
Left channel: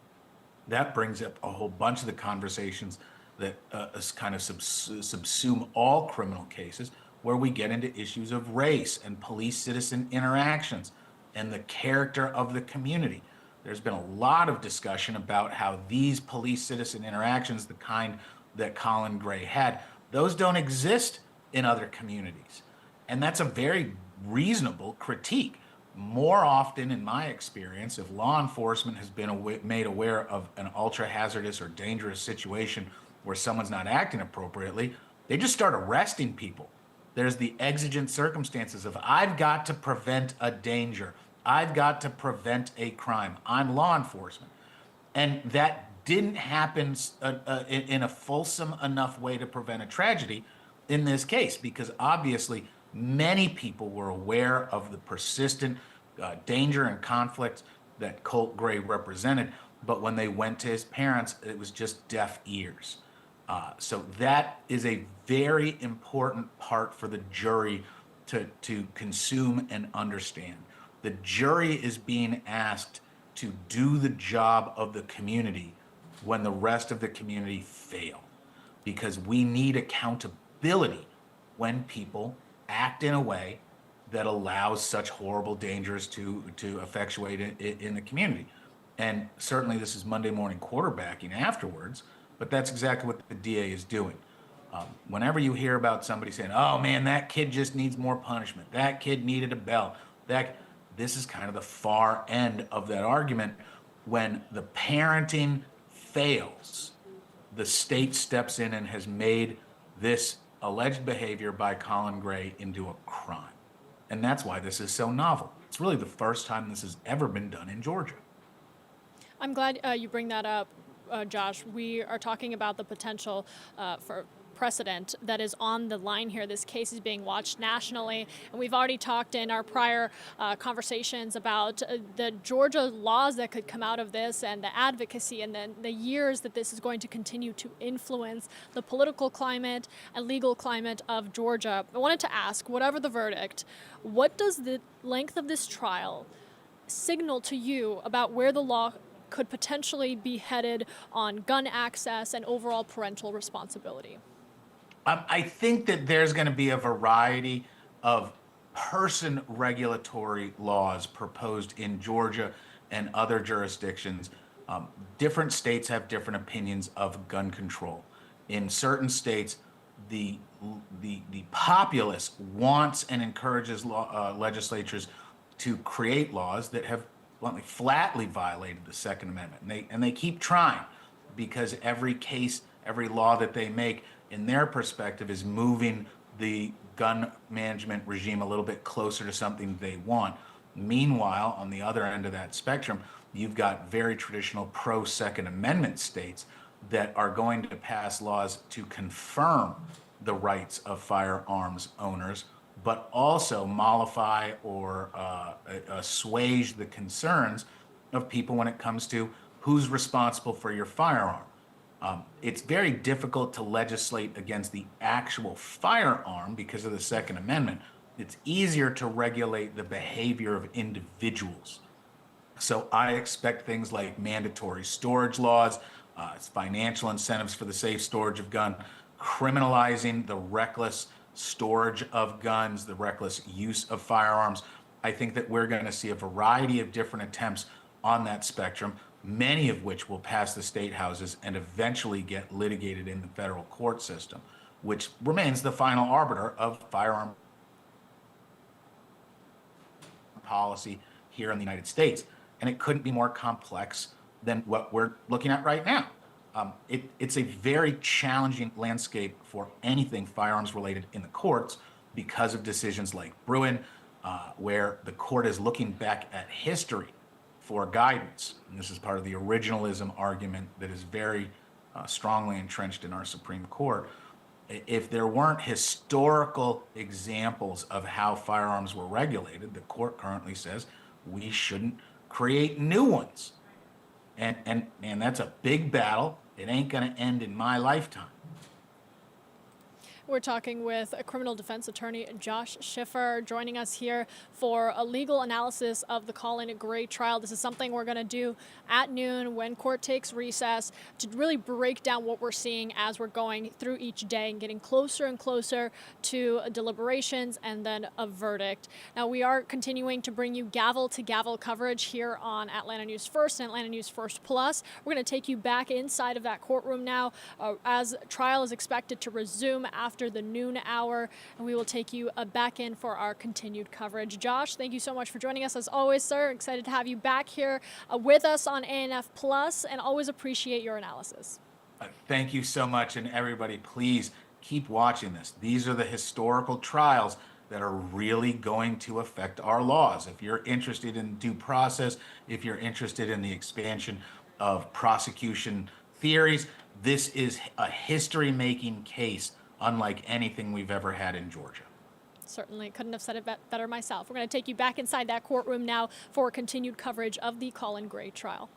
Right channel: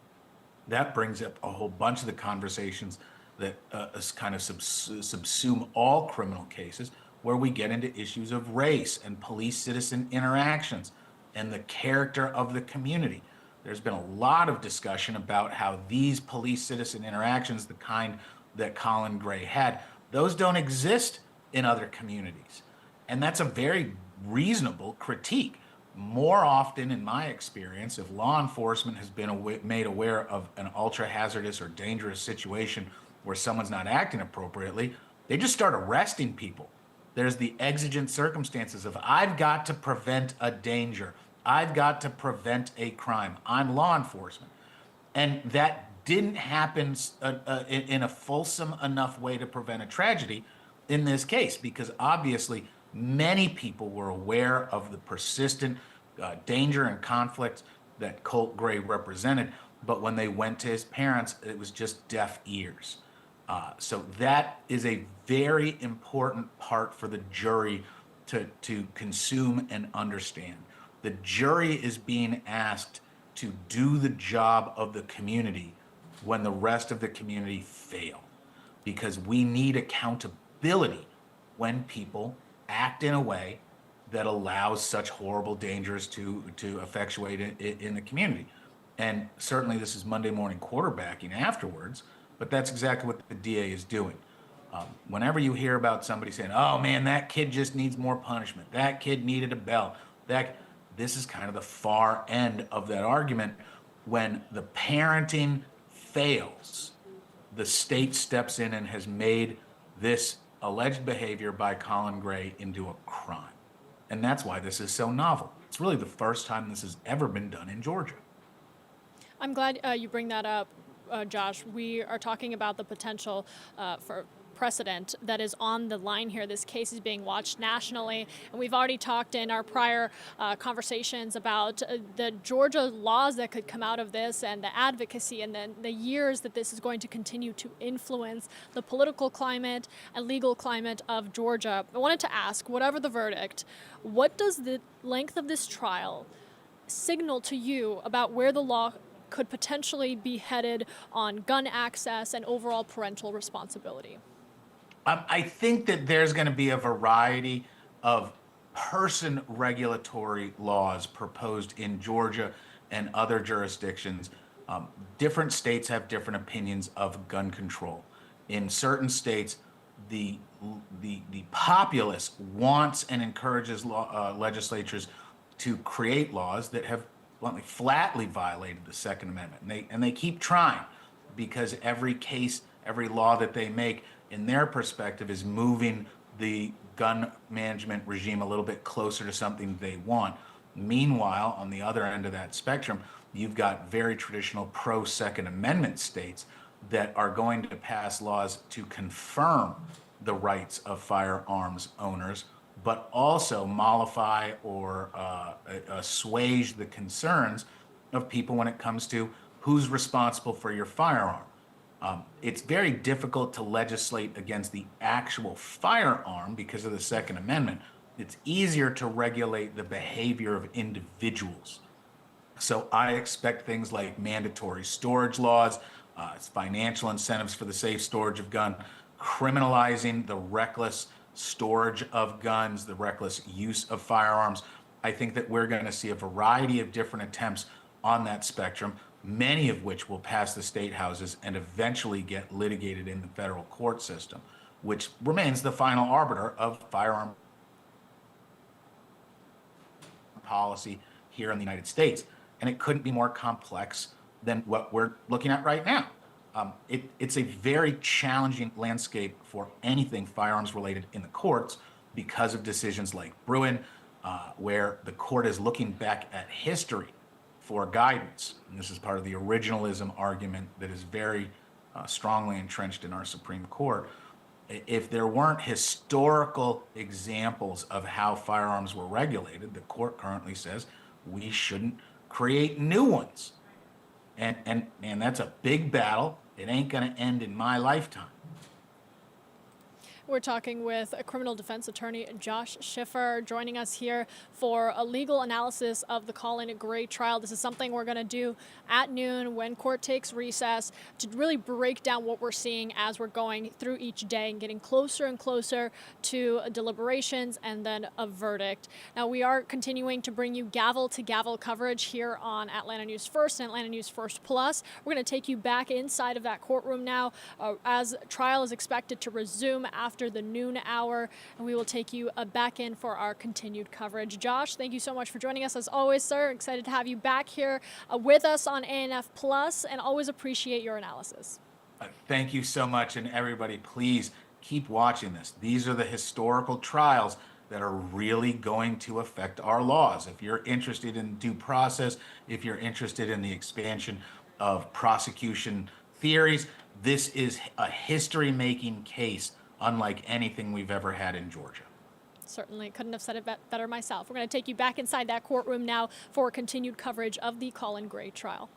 That brings up a whole bunch of the conversations that kind of subsume all criminal cases, where we get into issues of race and police-citizen interactions and the character of the community. There's been a lot of discussion about how these police-citizen interactions, the kind that Colin Gray had, those don't exist in other communities. And that's a very reasonable critique. More often, in my experience, if law enforcement has been made aware of an ultra-hazardous or dangerous situation where someone's not acting appropriately, they just start arresting people. There's the exigent circumstances of, I've got to prevent a danger. I've got to prevent a crime. I'm law enforcement. And that didn't happen in a fulsome enough way to prevent a tragedy in this case, because obviously many people were aware of the persistent danger and conflict that Colt Gray represented, but when they went to his parents, it was just deaf ears. So that is a very important part for the jury to consume and understand. The jury is being asked to do the job of the community when the rest of the community fail, because we need accountability when people act in a way that allows such horrible dangers to effectuate in the community. And certainly this is Monday morning quarterbacking afterwards, but that's exactly what the DA is doing. Whenever you hear about somebody saying, oh man, that kid just needs more punishment, that kid needed a belt, this is kind of the far end of that argument. When the parenting fails, the state steps in and has made this alleged behavior by Colin Gray into a crime. And that's why this is so novel. It's really the first time this has ever been done in Georgia. I'm glad you bring that up, Josh. We are talking about the potential for precedent that is on the line here. This case is being watched nationally, and we've already talked in our prior conversations about the Georgia laws that could come out of this, and the advocacy, and then the years that this is going to continue to influence the political climate and legal climate of Georgia. I wanted to ask, whatever the verdict, what does the length of this trial signal to you about where the law could potentially be headed on gun access and overall parental responsibility? I think that there's going to be a variety of person regulatory laws proposed in Georgia and other jurisdictions. Different states have different opinions of gun control. In certain states, the populace wants and encourages legislatures to create laws that have flatly violated the Second Amendment. And they keep trying, because every case, every law that they make, in their perspective, is moving the gun management regime a little bit closer to something they want. Meanwhile, on the other end of that spectrum, you've got very traditional pro-Second Amendment states that are going to pass laws to confirm the rights of firearms owners, but also mollify or assuage the concerns of people when it comes to who's responsible for your firearm. It's very difficult to legislate against the actual firearm because of the Second Amendment. It's easier to regulate the behavior of individuals. So I expect things like mandatory storage laws, financial incentives for the safe storage of guns, criminalizing the reckless storage of guns, the reckless use of firearms. I think that we're going to see a variety of different attempts on that spectrum, many of which will pass the state houses and eventually get litigated in the federal court system, which remains the final arbiter of firearm policy here in the United States. And it couldn't be more complex than what we're looking at right now. It's a very challenging landscape for anything firearms related in the courts because of decisions like Bruin, where the court is looking back at history for guidance. And this is part of the originalism argument that is very strongly entrenched in our Supreme Court. If there weren't historical examples of how firearms were regulated, the court currently says we shouldn't create new ones. And that's a big battle. It ain't going to end in my lifetime. We're talking with a criminal defense attorney, Josh Schiffer, joining us here for a legal analysis of the Colin Gray trial. This is something we're going to do at noon when court takes recess to really break down what we're seeing as we're going through each day and getting closer and closer to deliberations and then a verdict. Now, we are continuing to bring you gavel-to-gavel coverage here on Atlanta News First and Atlanta News First Plus. We're going to take you back inside of that courtroom now as trial is expected to resume after the noon hour, and we will take you back in for our continued coverage. Josh, thank you so much for joining us as always, sir. Excited to have you back here with us on ANF Plus, and always appreciate your analysis. Thank you so much, and everybody, please keep watching this. These are the historical trials that are really going to affect our laws. If you're interested in due process, if you're interested in the expansion of prosecution theories, this is a history-making case unlike anything we've ever had in Georgia. Certainly couldn't have said it better myself. We're going to take you back inside that courtroom now for continued coverage of the Colin Gray trial.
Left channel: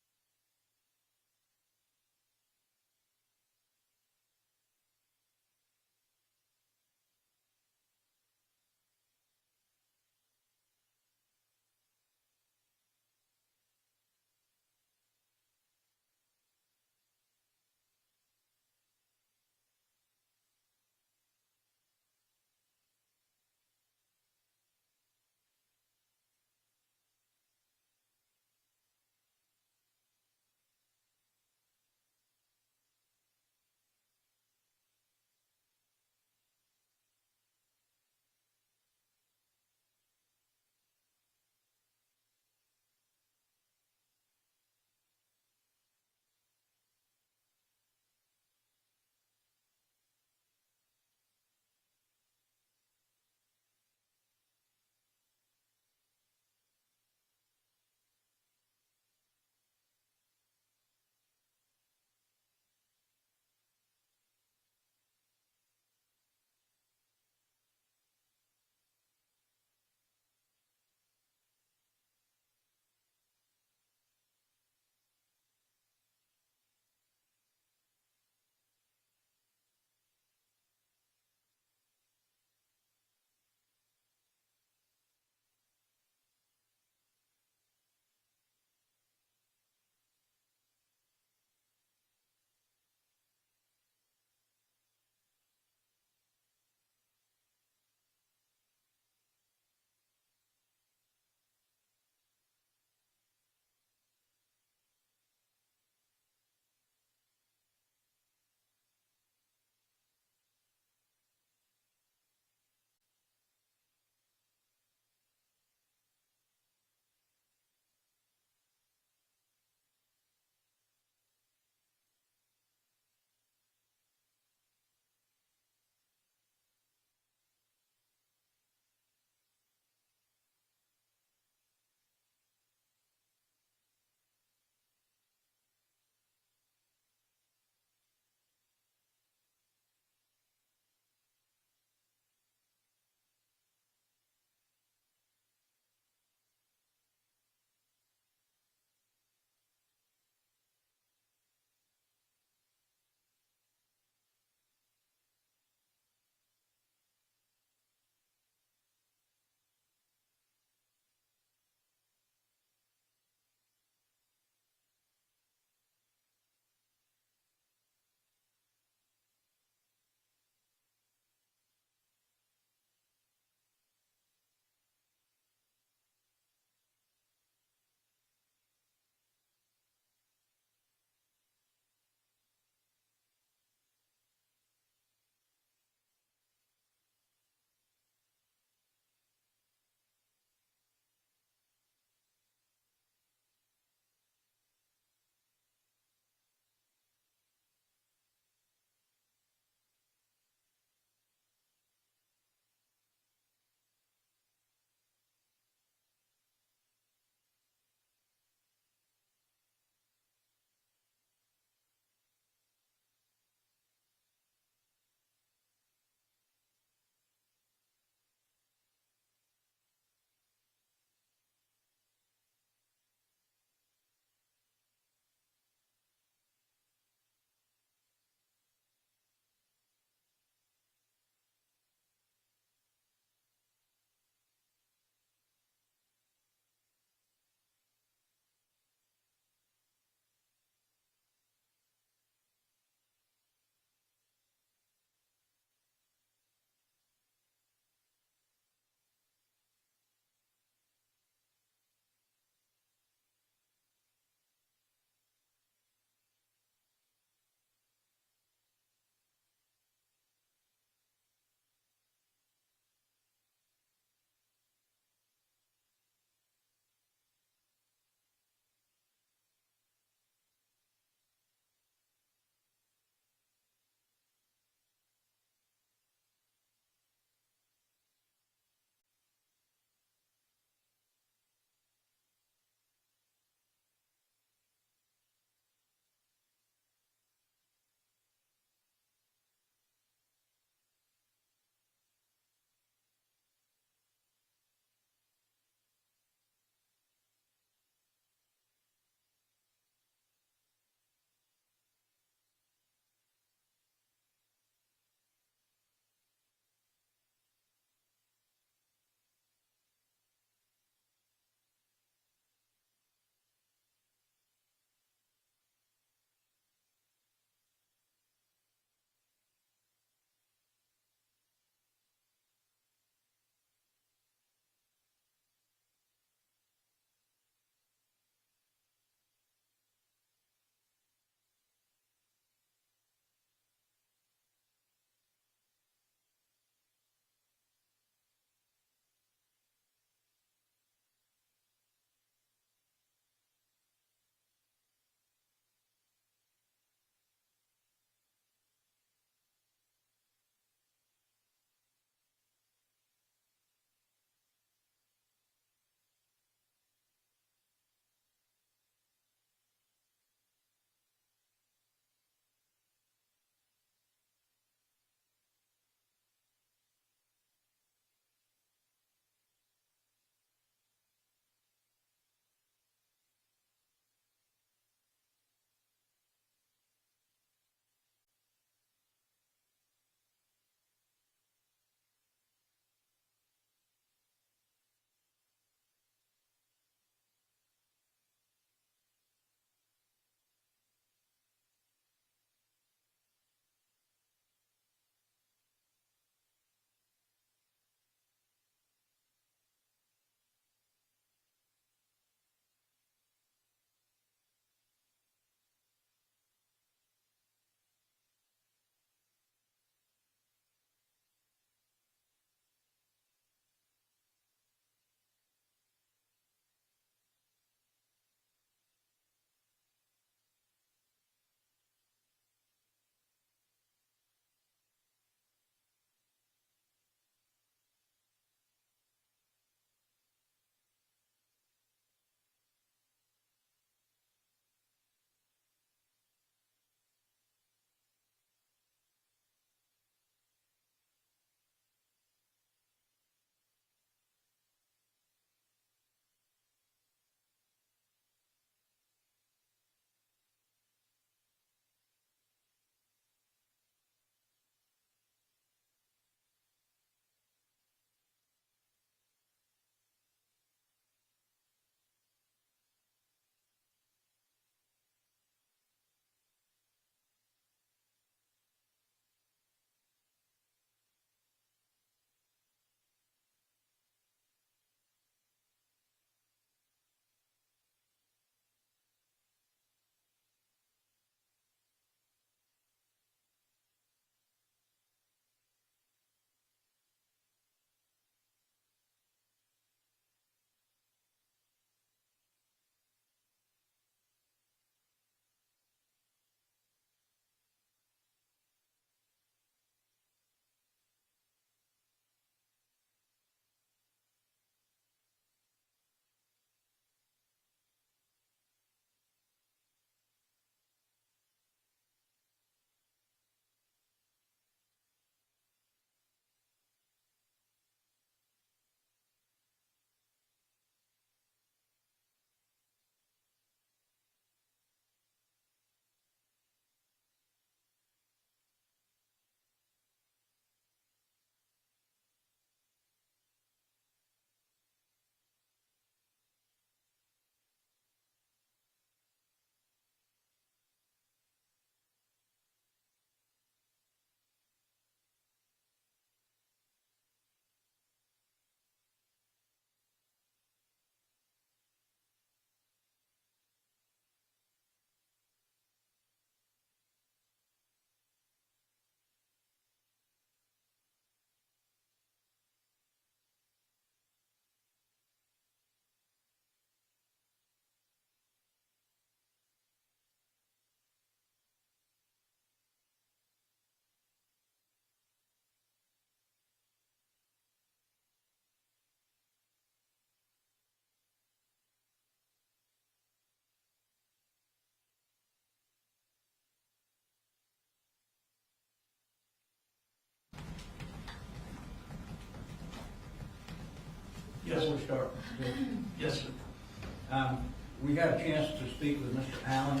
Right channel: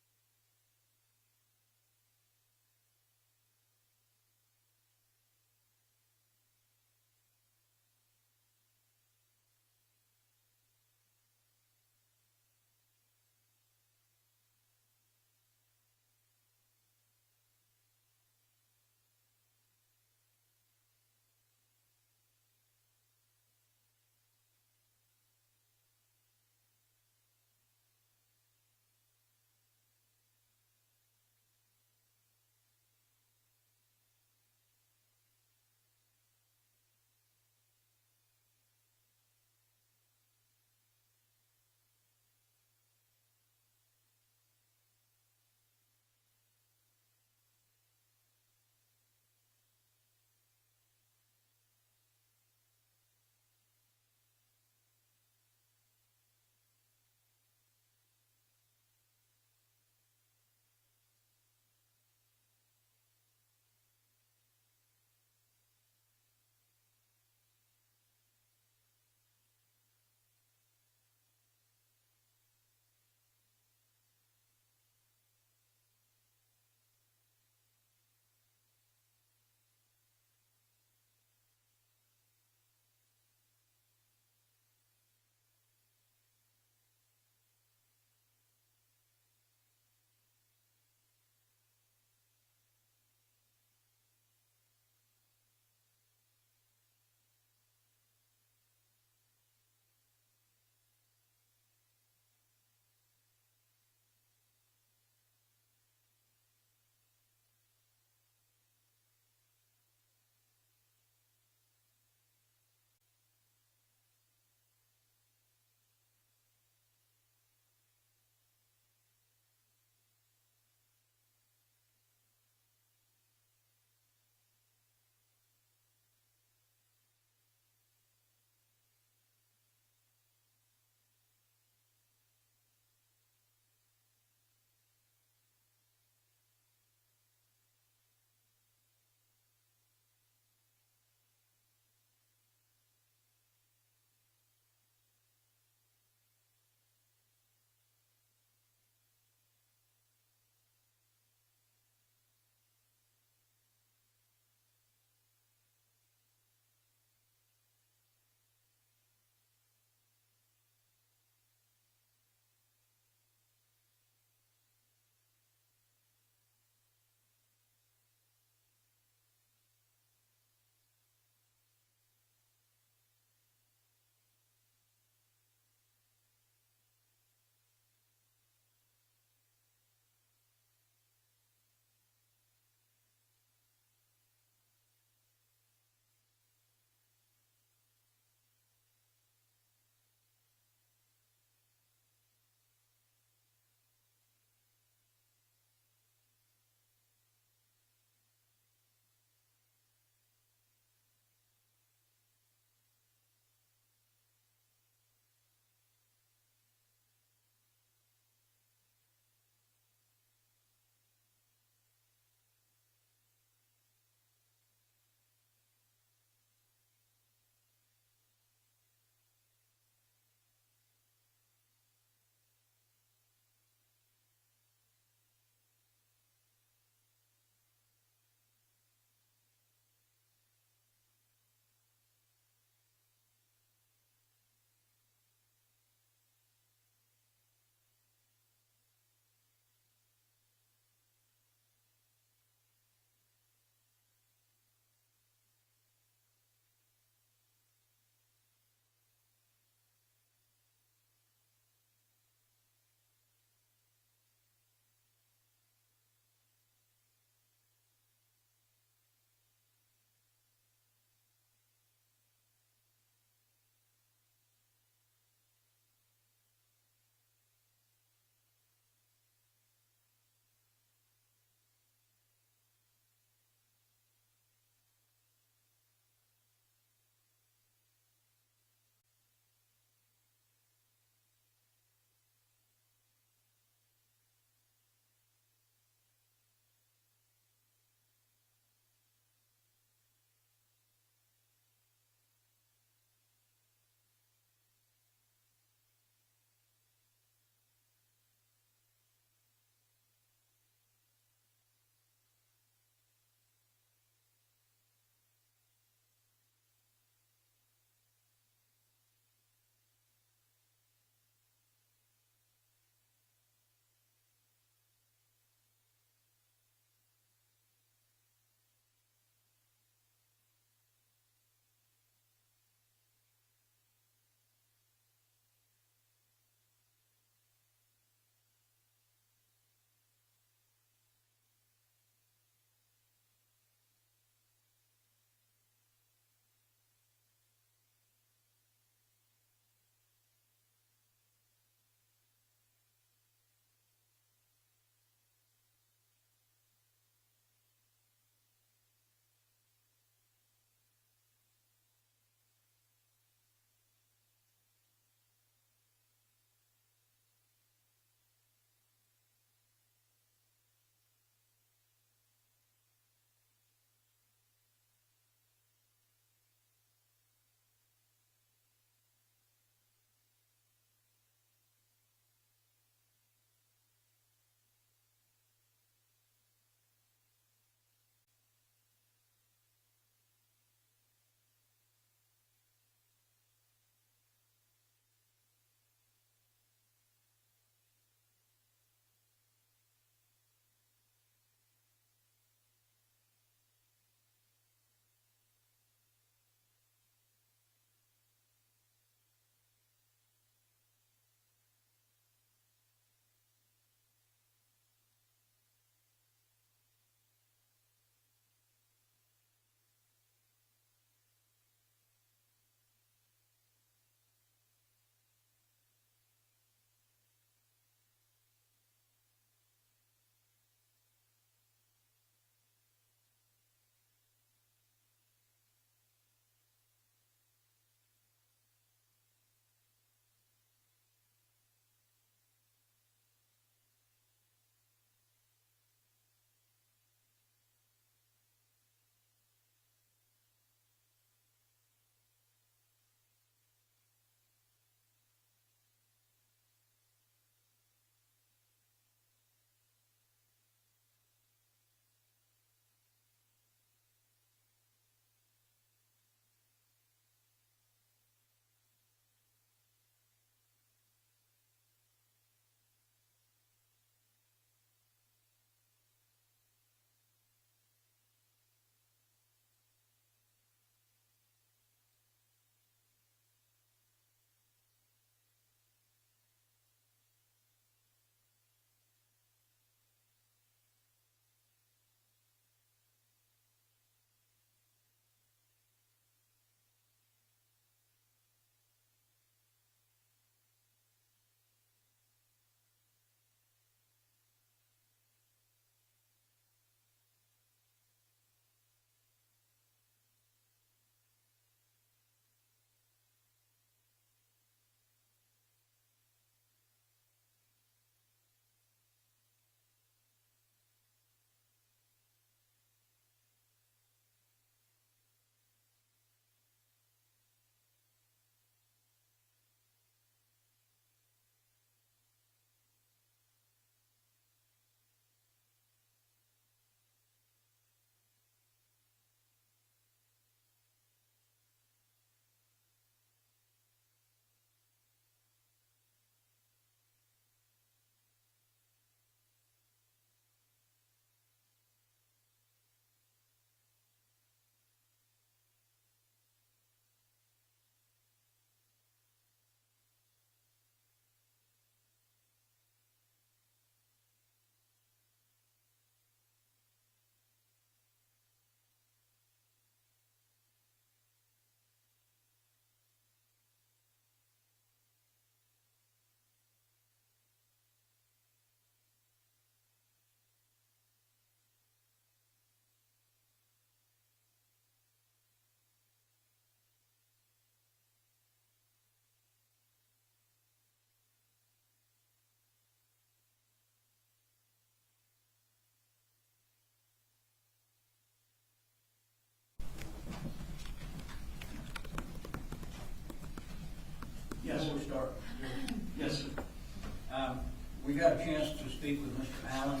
we got a chance to speak with Mr. Allen.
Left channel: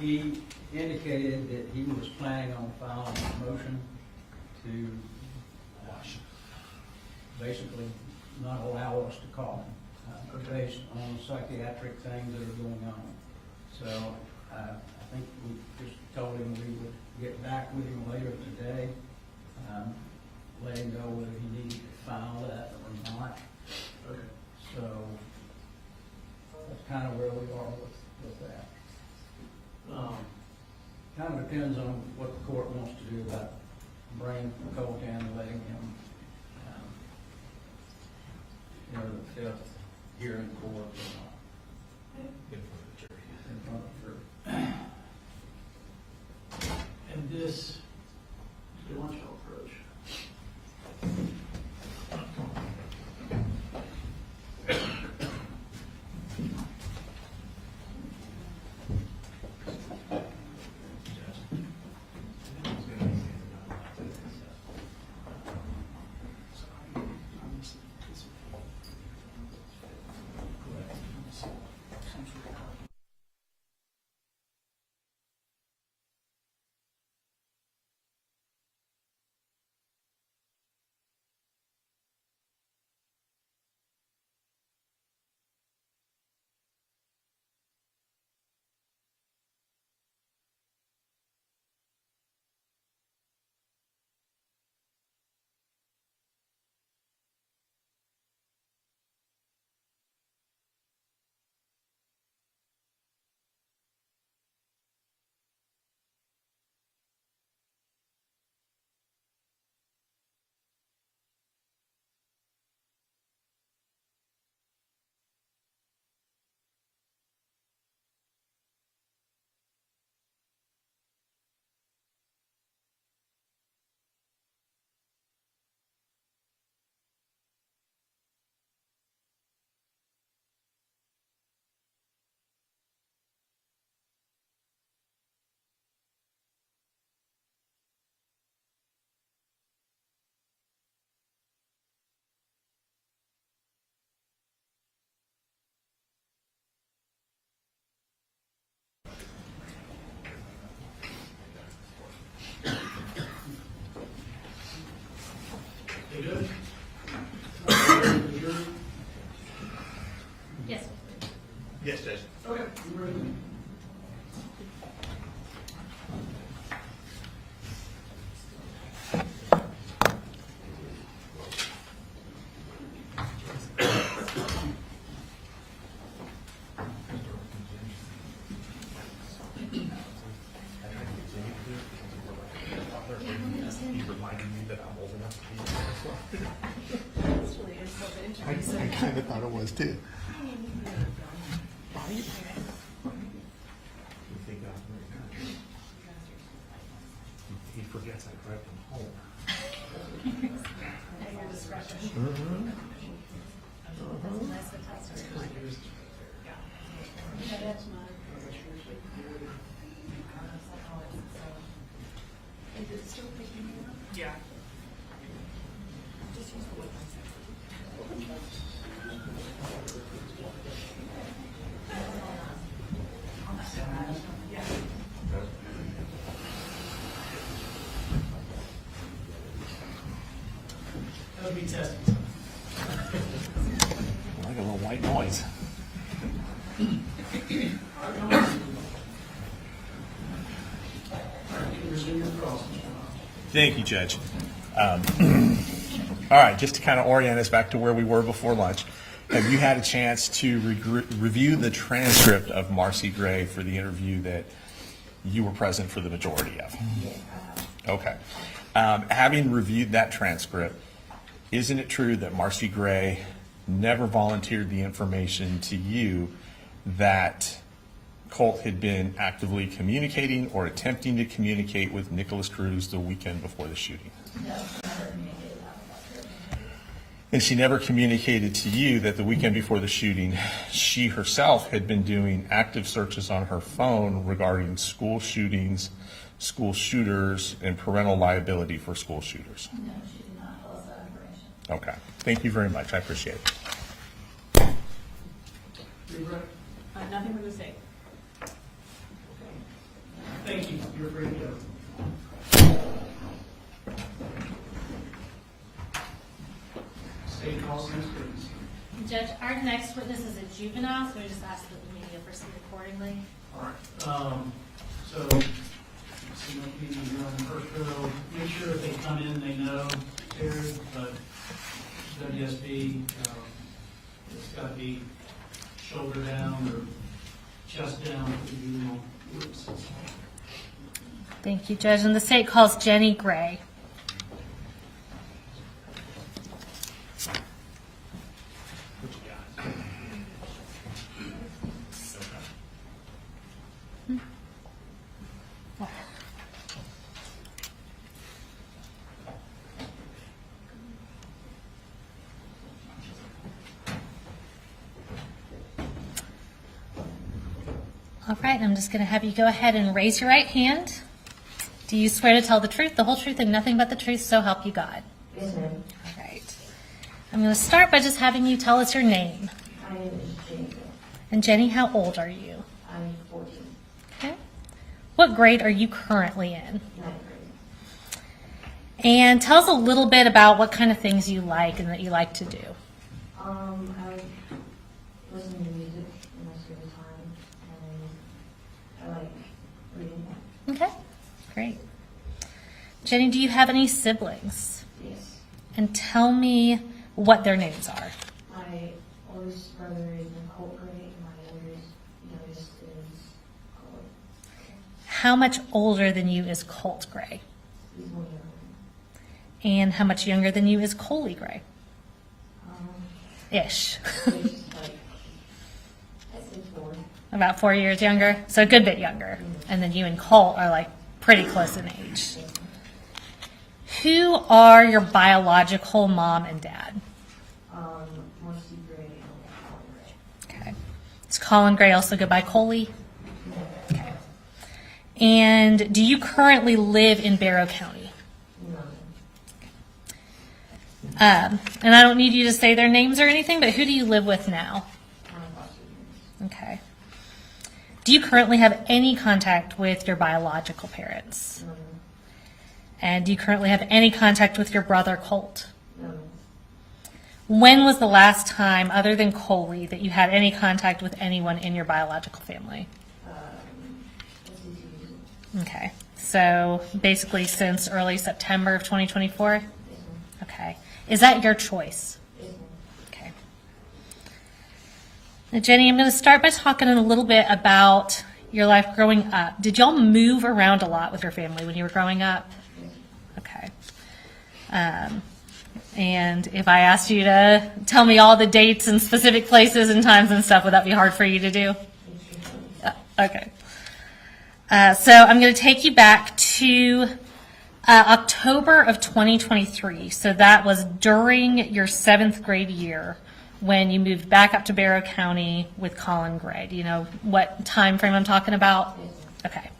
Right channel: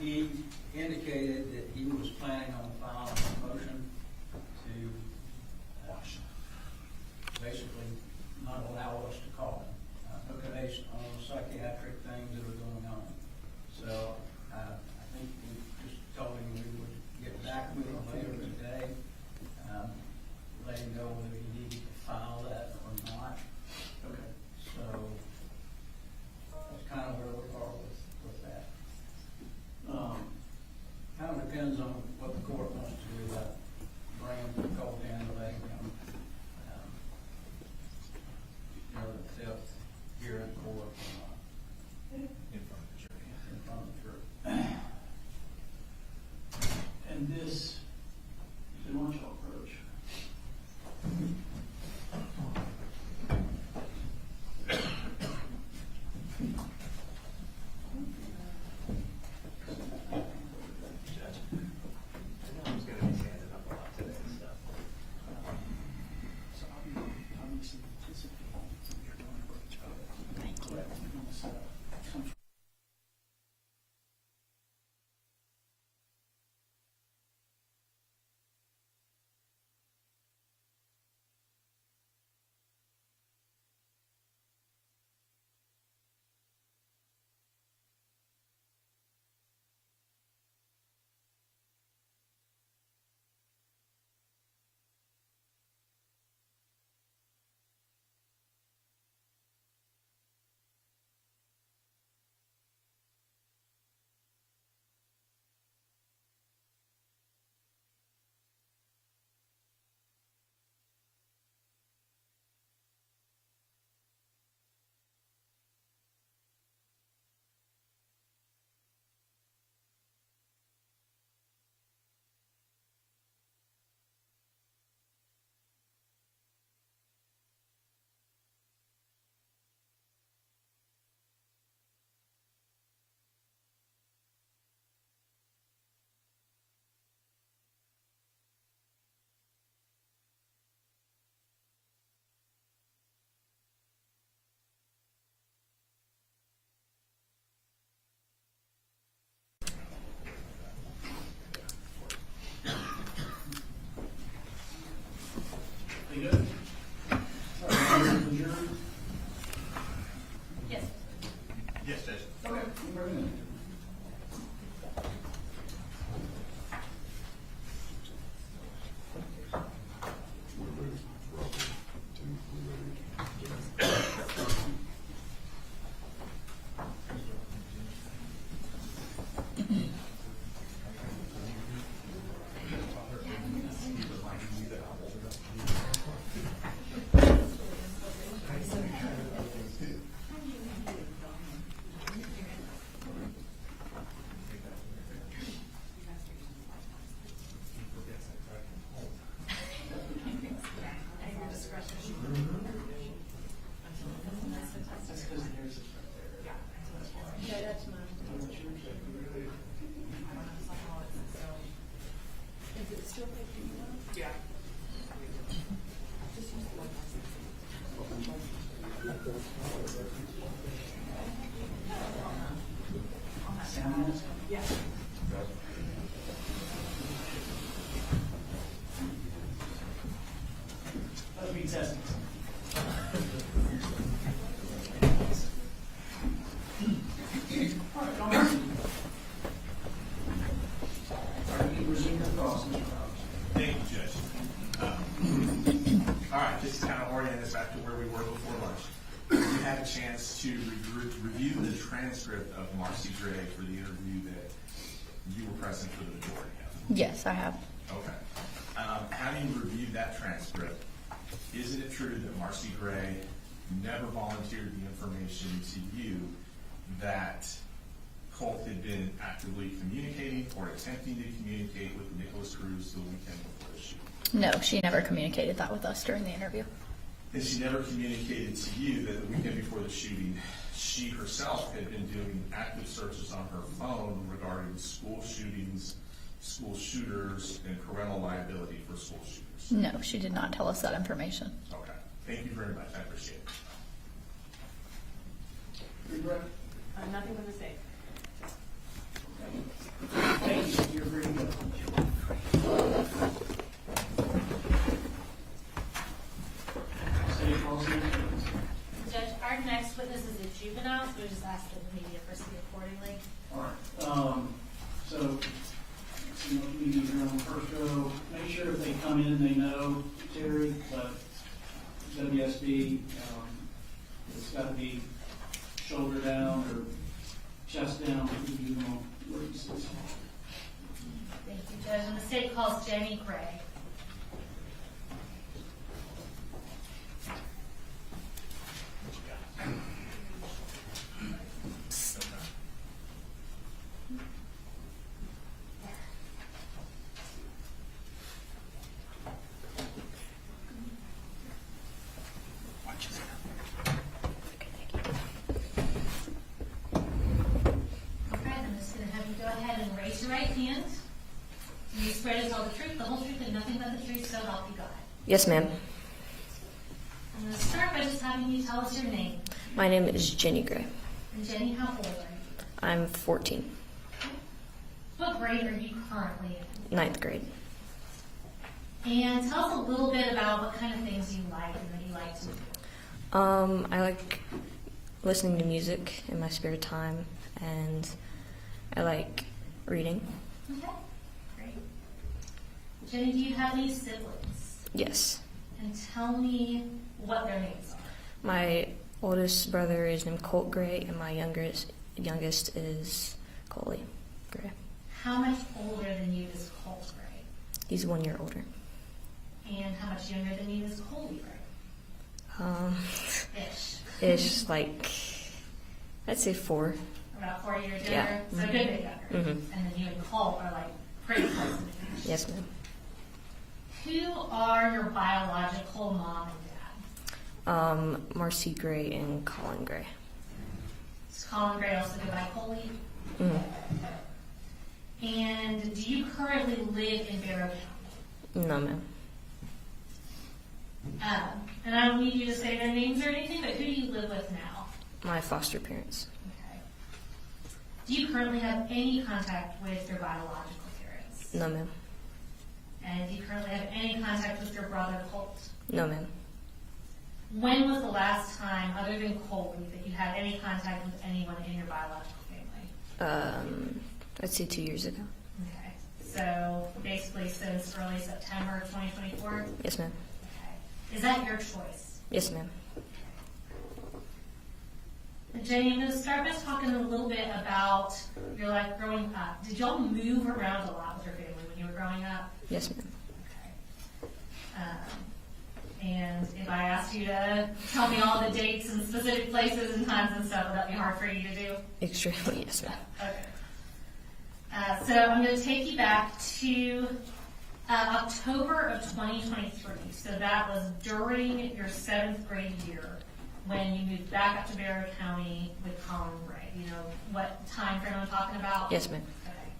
He indicated that he was planning on filing a motion to basically not allow us to call him, based on psychiatric things that are going on. So I think we just told him we would get back with him later today, let him know whether he needed to file that or not. Okay. So that's kind of where we are with that. Kind of depends on what the court wants to do about bringing Colt in and letting him, the fifth hearing court In front of the jury. in front of the jury. And this, the launch approach. You good? Yes. Yes, Judge. Okay, you ready? I kind of thought it was too. He forgets I grabbed him home. At your discretion. Okay, that's mine. Is it still picking you up? Yeah. Just use the one. Yeah. That would be testing. Like a little white noise. All right, come on. All right, you can resume your cross, Mr. Hobbs. Thank you, Judge. All right, just to kind of orient us back to where we were before lunch, have you had a chance to review the transcript of Marcy Gray for the interview that you were present for the majority of? Yes, I have. Okay. Having reviewed that transcript, isn't it true that Marcy Gray never volunteered the information to you that Colt had been actively communicating or attempting to communicate with Nicholas Cruz the weekend before the shooting? No, she never communicated that with us during the interview. And she never communicated to you that the weekend before the shooting, she herself had been doing active searches on her phone regarding school shootings, school shooters, and parental liability for school shooters? No, she did not tell us that information. Okay. Thank you very much. I appreciate it. You ready? Nothing for the state. Thank you, you're free to go. State policy. Judge, our next witness is a juvenile, so we just ask that the media proceed accordingly. All right, so, see what you need here on the first row. Make sure if they come in, they know Terry, but WSB, it's gotta be shoulder down or chest down for the juvenile witnesses. Thank you, Judge. And the state calls Jenny Gray. All right, I'm just going to have you go ahead and raise your right hand. Do you swear to tell the truth, the whole truth, and nothing but the truth, so help you God? Yes, ma'am. All right. I'm going to start by just having you tell us your name. My name is Jenny Gray. And Jenny, how old are you? I'm 14. Okay. What grade are you currently in? 9th grade. And tell us a little bit about what kind of things you like and that you like to do. I like listening to music in my spare time, and I like reading. Okay, great. Jenny, do you have any siblings? Yes. And tell me what their names are. My oldest brother is named Colt Gray, and my youngest is Coley Gray. How much older than you is Colt Gray? He's 1 year older. And how much younger than you is Coley Gray? Ish, like, I'd say 4. About 4 years younger? Yeah. So a good bit younger. Mm-hmm. And then you and Colt are like pretty close in age. Yes, ma'am. Who are your biological mom and dad? Marcy Gray and Colin Gray. Okay. Does Colin Gray also go by Coley? Mm. Okay. And do you currently live in Barrow County? No, ma'am. And I don't need you to say their names or anything, but who do you live with now? My foster parents. Okay. Do you currently have any contact with your biological parents? No, ma'am. And do you currently have any contact with your brother Colt? No, ma'am. When was the last time, other than Coley, that you had any contact with anyone in your biological family? I'd say 2 years ago. Okay. So basically since early September of 2024? Yes, ma'am. Okay. Is that your choice? Yes, ma'am. Okay. Now, Jenny, I'm going to start by talking a little bit about your life growing up. Did y'all move around a lot with your family when you were growing up? Yes, ma'am. Okay. And if I asked you to tell me all the dates and specific places and times and stuff, would that be hard for you to do? Extremely, yes, ma'am. Okay. So I'm going to take you back to October of 2023. So that was during your 7th grade year when you moved back up to Barrow County with Colin Gray. Do you know what time frame I'm talking about? Yes, ma'am. Okay.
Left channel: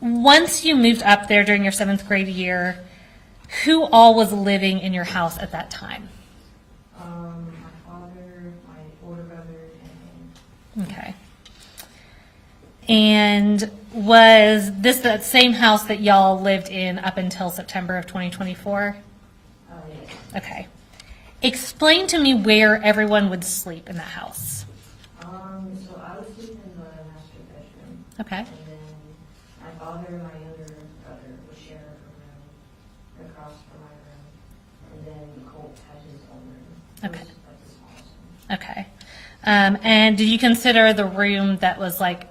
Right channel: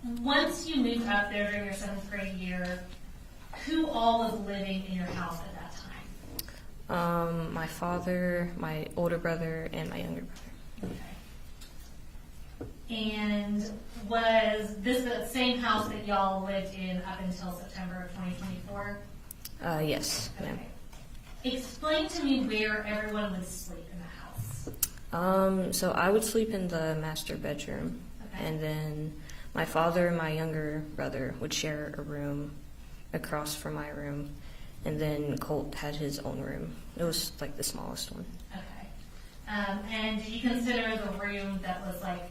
Once you moved up there during your 7th grade year, who all was living in your house at that time? My father, my older brother, and my younger brother. Okay. And was this the same house that y'all lived in up until September of 2024? Yes. Okay. Explain to me where everyone would sleep in that house. So I would sleep in the master bedroom. Okay. And then my father and my younger brother would share a room across from my room. And then Colt had his own room. It was like the smallest one. Okay. And did you consider the room that was like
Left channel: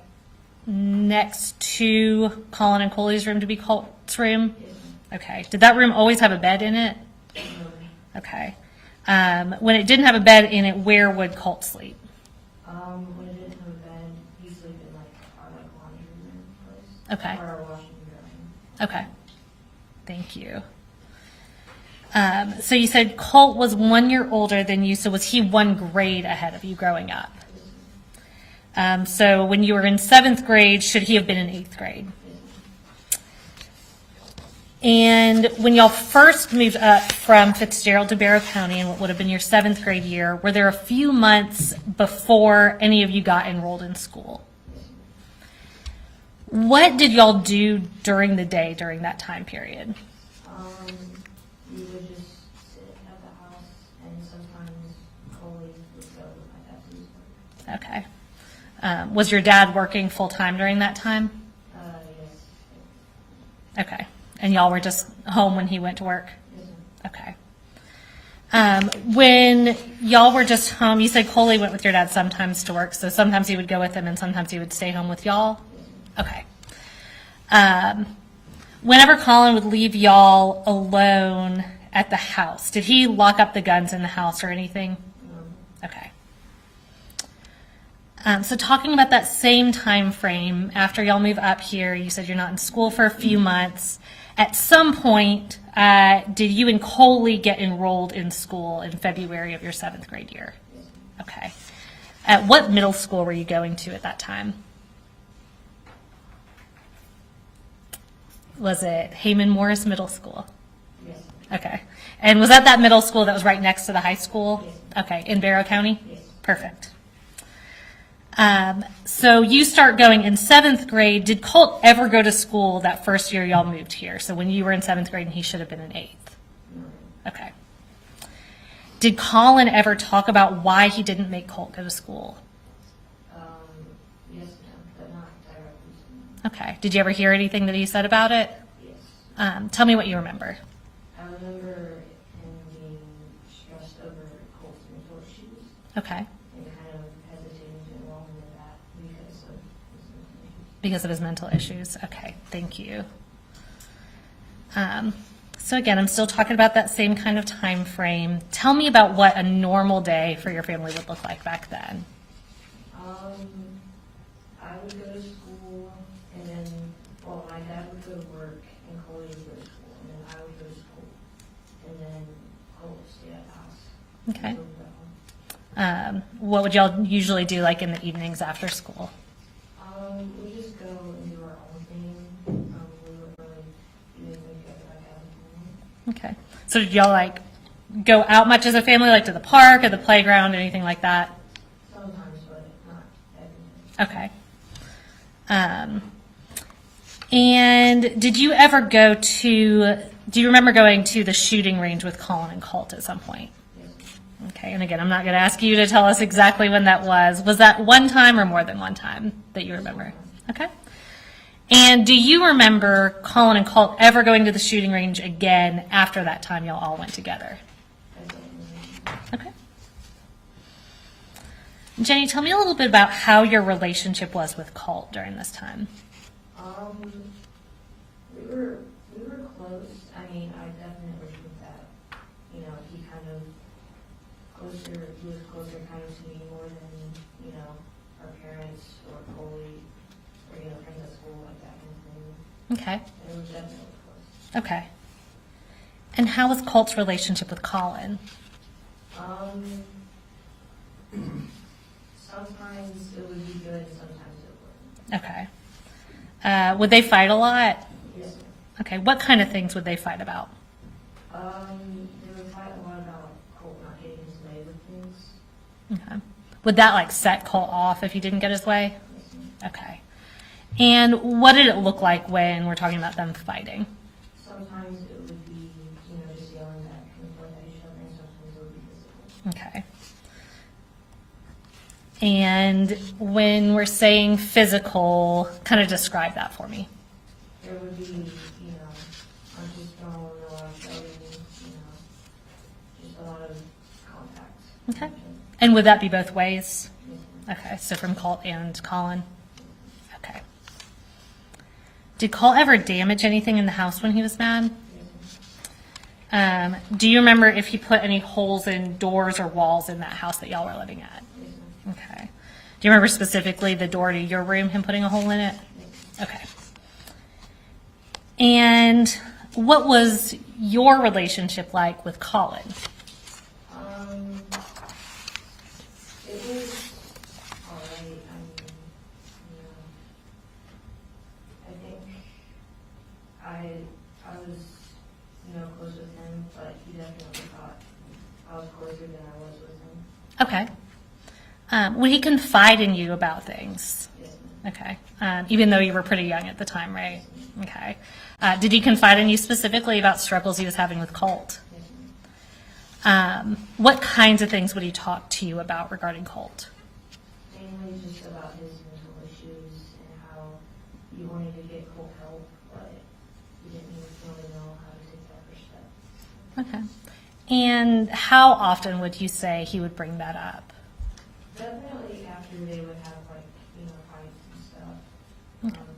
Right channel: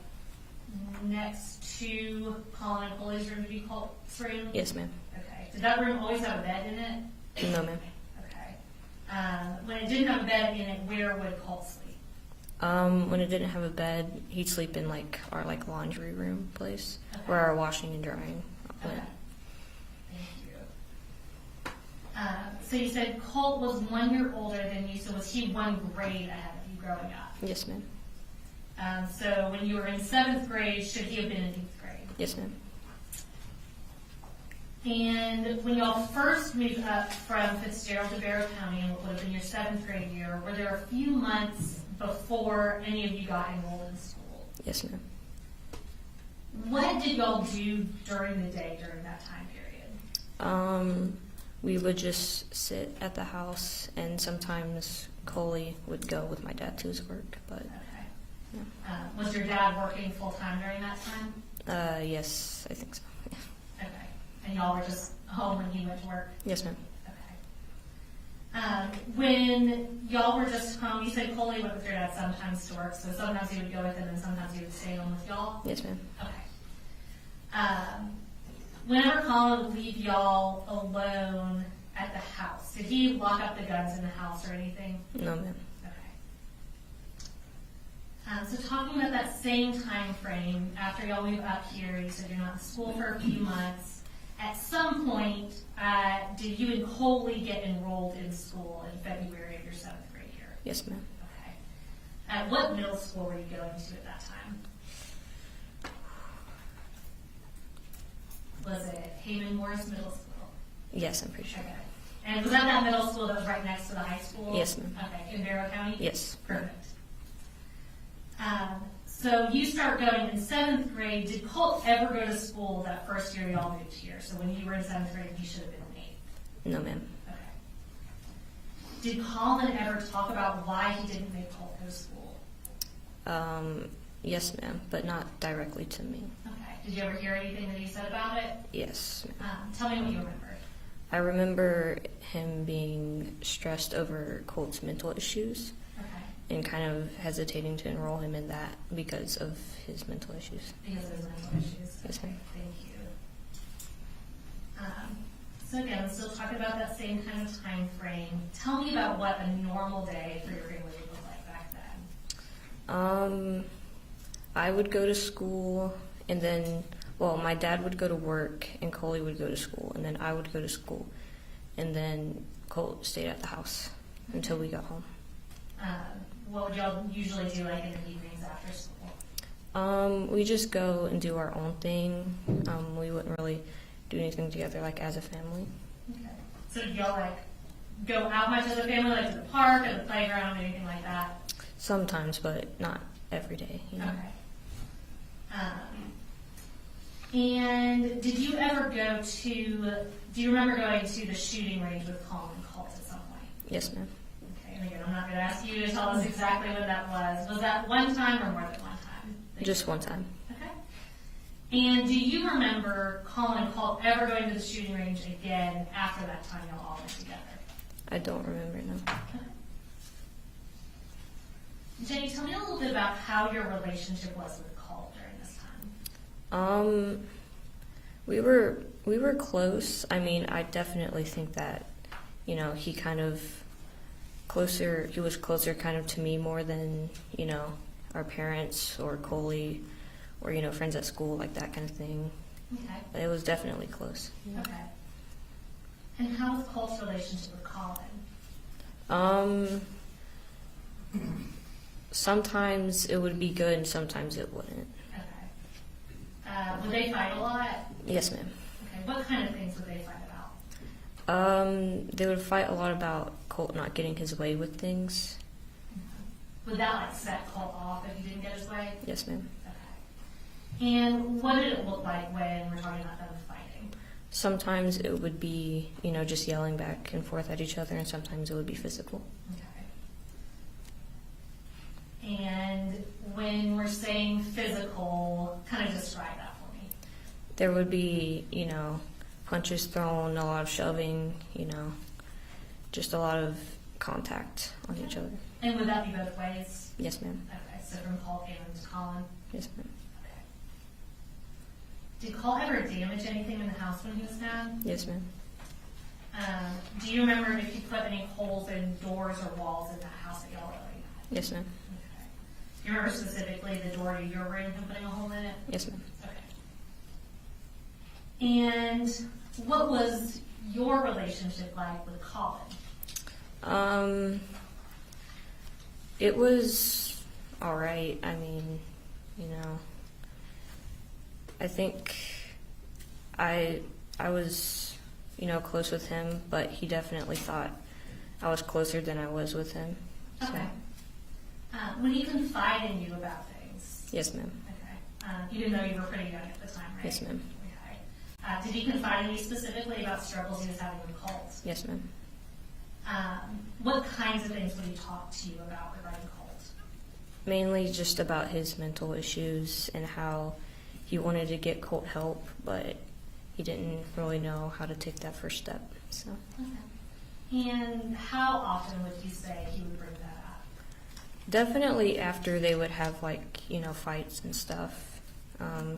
next to Colin and Coley's room to be Colt's room? Yes, ma'am. Okay. Did that room always have a bed in it? No, ma'am. Okay. When it didn't have a bed in it, where would Colt sleep? When it didn't have a bed, he'd sleep in like our laundry room place. Okay. Or our washing and drying. Okay. Thank you. So you said Colt was 1 year older than you, so was he 1 grade ahead of you growing up? Yes, ma'am. So when you were in 7th grade, should he have been in 8th grade? Yes, ma'am. And when y'all first moved up from Fitzgerald to Barrow County in what would have been your 7th grade year, were there a few months before any of you got enrolled in school? Yes, ma'am. What did y'all do during the day during that time period? We would just sit at the house, and sometimes Coley would go with my dad to his work. But Okay. Was your dad working full-time during that time? yes, I think so. Okay. And y'all were just home when he went to work? Yes, ma'am. Okay. When y'all were just home, you said Coley went with your dad sometimes to work, so sometimes he would go with him and sometimes he would stay home with y'all? Yes, ma'am. Okay. Whenever Colin would leave y'all alone at the house, did he lock up the guns in the house or anything? No, ma'am. Okay. So talking about that same time frame, after y'all move up here, you said you're not in school for a few months. At some point, did you and Coley get enrolled in school in February of your 7th grade year? Yes, ma'am. Okay. At what middle school were you going to at that time? Was it Heyman Morris Middle School? Yes, I'm pretty sure. Okay. And was that middle school that was right next to the high school? Yes, ma'am. Okay. In Barrow County? Yes. Perfect. So you start going in 7th grade. Did Colt ever go to school that first year y'all moved here? So when you were in 7th grade and he should have been in 8th? No, ma'am. Okay. Did Colin ever talk about why he didn't make Colt go to school? Yes, ma'am, but not directly to me. Okay. Did you ever hear anything that he said about it? Yes. Tell me what you remember. I remember him being stressed over Colt's mental issues. Okay. And kind of hesitating to enroll him in that because of his mental issues. Because of his mental issues. Okay, thank you. So again, I'm still talking about that same kind of time frame. Tell me about what a normal day for your family would look like back then. I would go to school, and then, well, my dad would go to work, and Coley would go to school, and then I would go to school, and then Colt stayed at the house until we got home. What would y'all usually do like in the evenings after school? We just go and do our own thing. We wouldn't really do anything together like as a family. Okay. So did y'all like go out much as a family, like to the park or the playground, anything like that? Sometimes, but not every day. You know? Okay. And did you ever do you remember going to the shooting range with Colin and Colt at some point? Yes, ma'am. Okay, and again, I'm not going to ask you to tell us exactly when that was. Was that one time or more than one time that you Just remember? one time. Okay. And do you remember Colin and Colt ever going to the shooting range again after that time y'all all went together? I don't remember. Okay. Jenny, tell me a little bit about how your relationship was with Colt during this time. We were close. I mean, I definitely think that, you know, he was closer kind of to me more than, you know, our parents or Coley or, you know, friends at school, like that kind of thing. Okay. But it was definitely close. Okay. And how was Colt's relationship with Colin? Sometimes it would be good, sometimes it wouldn't. Okay. Would they fight a lot? Yes, ma'am. Okay. What kind of things would they fight about? They would fight a lot about Colt not getting his way with things. Okay. Would that like set Colt off if he didn't get his way? Yes, ma'am. Okay. And what did it look like when we're talking about them fighting? Sometimes it would be, you know, just yelling back and forth at each other, and sometimes it would be physical. Okay. And when we're saying physical, kind of describe that for me. There would be, you know, punches thrown, a lot of shoving, you know, just a lot of contact with each other. And would that be both ways? Yes, ma'am. Okay, so from Colt and Colin? Yes, ma'am. Okay. Did Colt ever damage anything in the house when he was mad? Yes, ma'am. Do you remember if he put any holes in doors or walls in that house that y'all were living at? Yes, ma'am. Okay. Do you remember specifically the door to your room, him putting a hole in it? Yes, ma'am. Okay. And what was your relationship like with Colin? It was all right. I mean, you know, I think I I was, close with him, but he definitely thought I was closer than I was with him. Okay. Would he confide in you about things? Yes, ma'am. Okay. Even though you were pretty young at the time, right? Yes, ma'am. Okay. Did he confide in you specifically about struggles he was having with Colt? Yes, ma'am. What kinds of things would he talk to you about regarding Colt? Mainly just about his mental issues and how he wanted to get Colt help, but he didn't really know how to take that first step. So. Okay. And how often would you say he would bring that up? Definitely after they would have fights and stuff.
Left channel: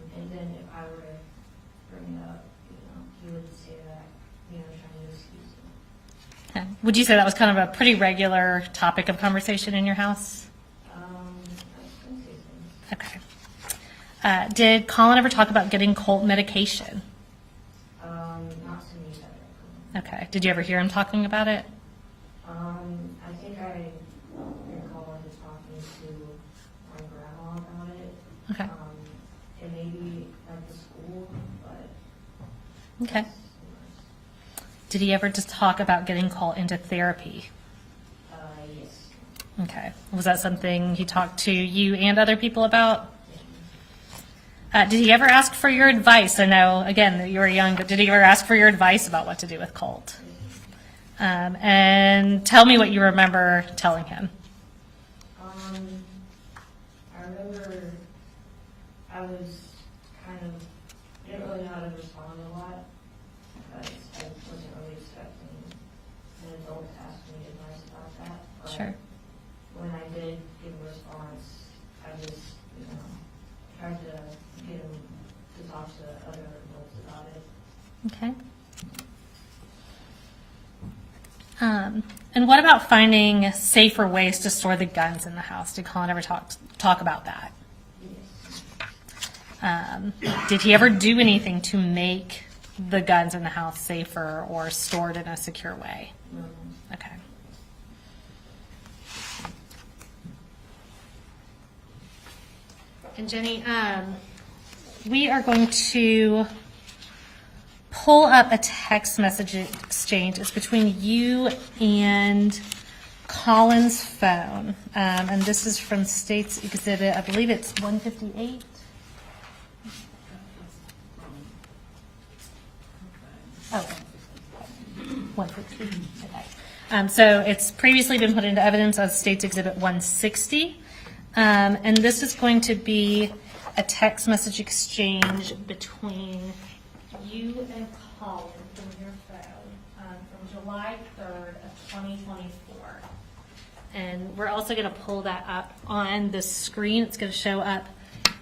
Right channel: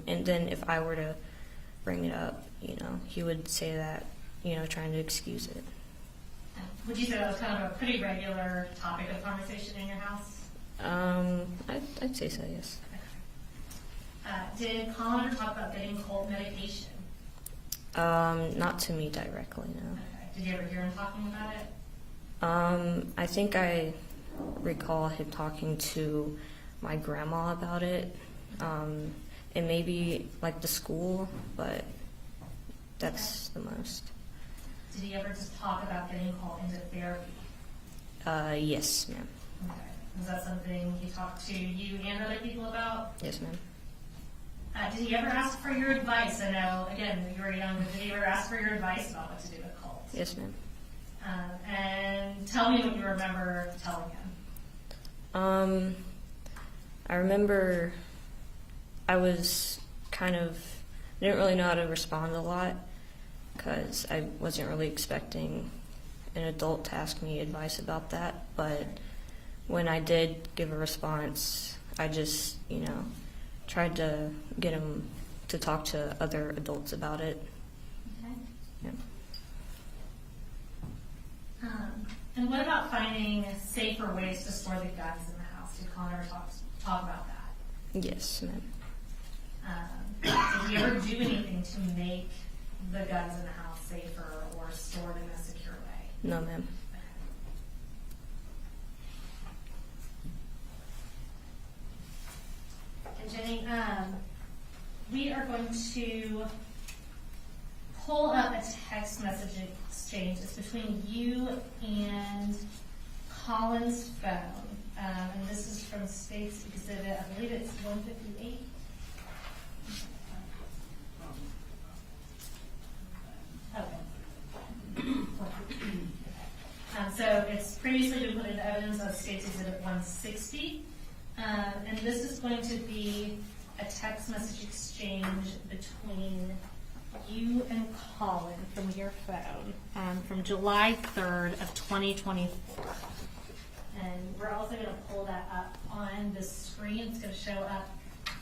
And then if I were to bring it up, he would say that, trying to excuse it. Okay. Would you say that was kind of a pretty regular topic of conversation in your house? I'd say so, yes. Okay. Did Colin ever talk about getting Colt medication? Not to me directly, no. Okay. Did you ever hear him talking about it? I think I recall him talking to my grandma about it. Okay. And maybe the school, but that's the most. Did he ever just talk about getting Colt into therapy? Yes, ma'am. Okay. Was that something he talked to you and other people about? Yes, ma'am. Did he ever ask for your advice? I know, again, that you were young, but did he ever ask for your advice about what to do with Colt? Yes, ma'am. And tell me what you remember telling him. I remember I was I didn't really know how to respond a lot because I wasn't really expecting an adult to ask me advice about that. But Sure. when I did give a response, I just, tried to get him to talk to other adults about it. Okay. Yeah. And what about finding safer ways to store the guns in the house? Did Colin ever talk about that? Yes. Did he ever do anything to make the guns in the house safer or stored in a secure way? No, ma'am. Okay. And Jenny, we are going to pull up a text message exchange. It's between you and Colin's phone. And this is from State's Exhibit, I believe it's 158. Okay. 150. Okay. So it's previously been put into evidence as State's Exhibit 160. And this is going to be a text message exchange between you and Colin from your phone from July 3rd of 2024. And we're also going to pull that up on the screen. It's going to show up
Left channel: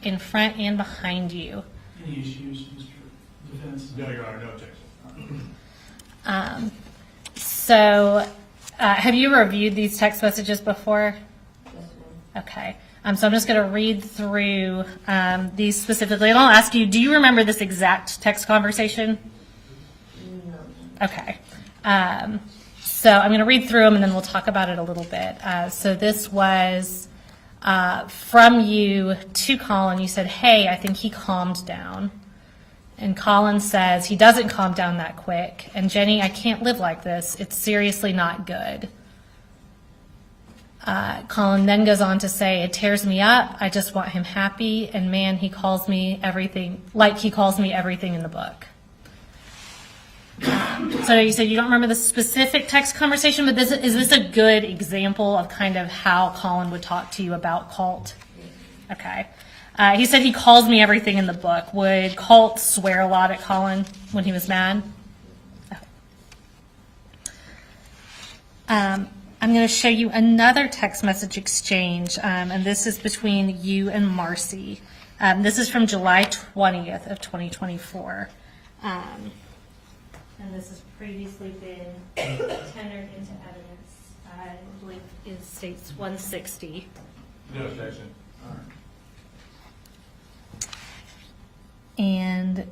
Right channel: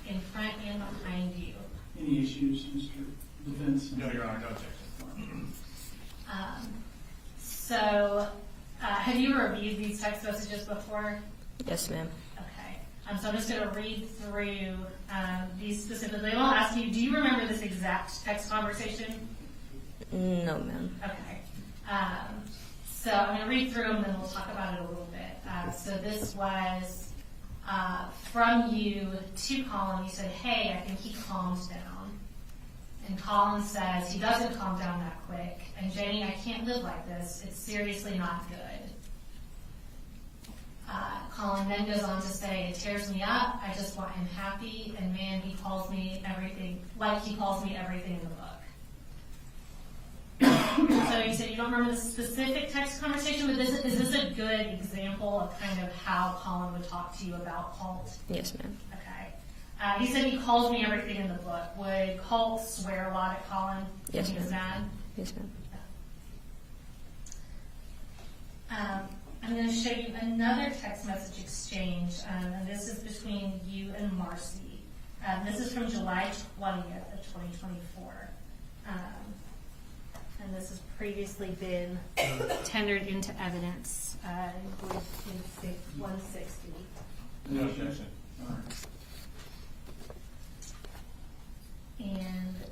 in front and behind you. Any issues, Mr. Defense? No, Your Honor, no objection. So, have you reviewed these text messages before? Yes, ma'am. Okay. So I'm just going to read through these specifically, and I'll ask you, do you remember this exact text conversation? No, ma'am. Okay. So I'm going to read through them, and then we'll talk about it a little bit. So this was from you to Colin. You said, hey, I think he calmed down. And Colin says, he doesn't calm down that quick. And Jenny, I can't live like this. It's seriously not good. Colin then goes on to say, it tears me up. I just want him happy. And man, he calls me everything, like he calls me everything in the book. So you said you don't remember the specific text conversation, but is this a good example of kind of how Colin would talk to you about Colt? Yes, ma'am. Okay. He said he calls me everything in the book. Would Colt swear a lot at Colin when he was mad? Yes, ma'am. I'm going to show you another text message exchange, and this is between you and Marcy. This is from July 20th of 2024. And this has previously been tendered into evidence. I believe it states 160. No objection. All right. And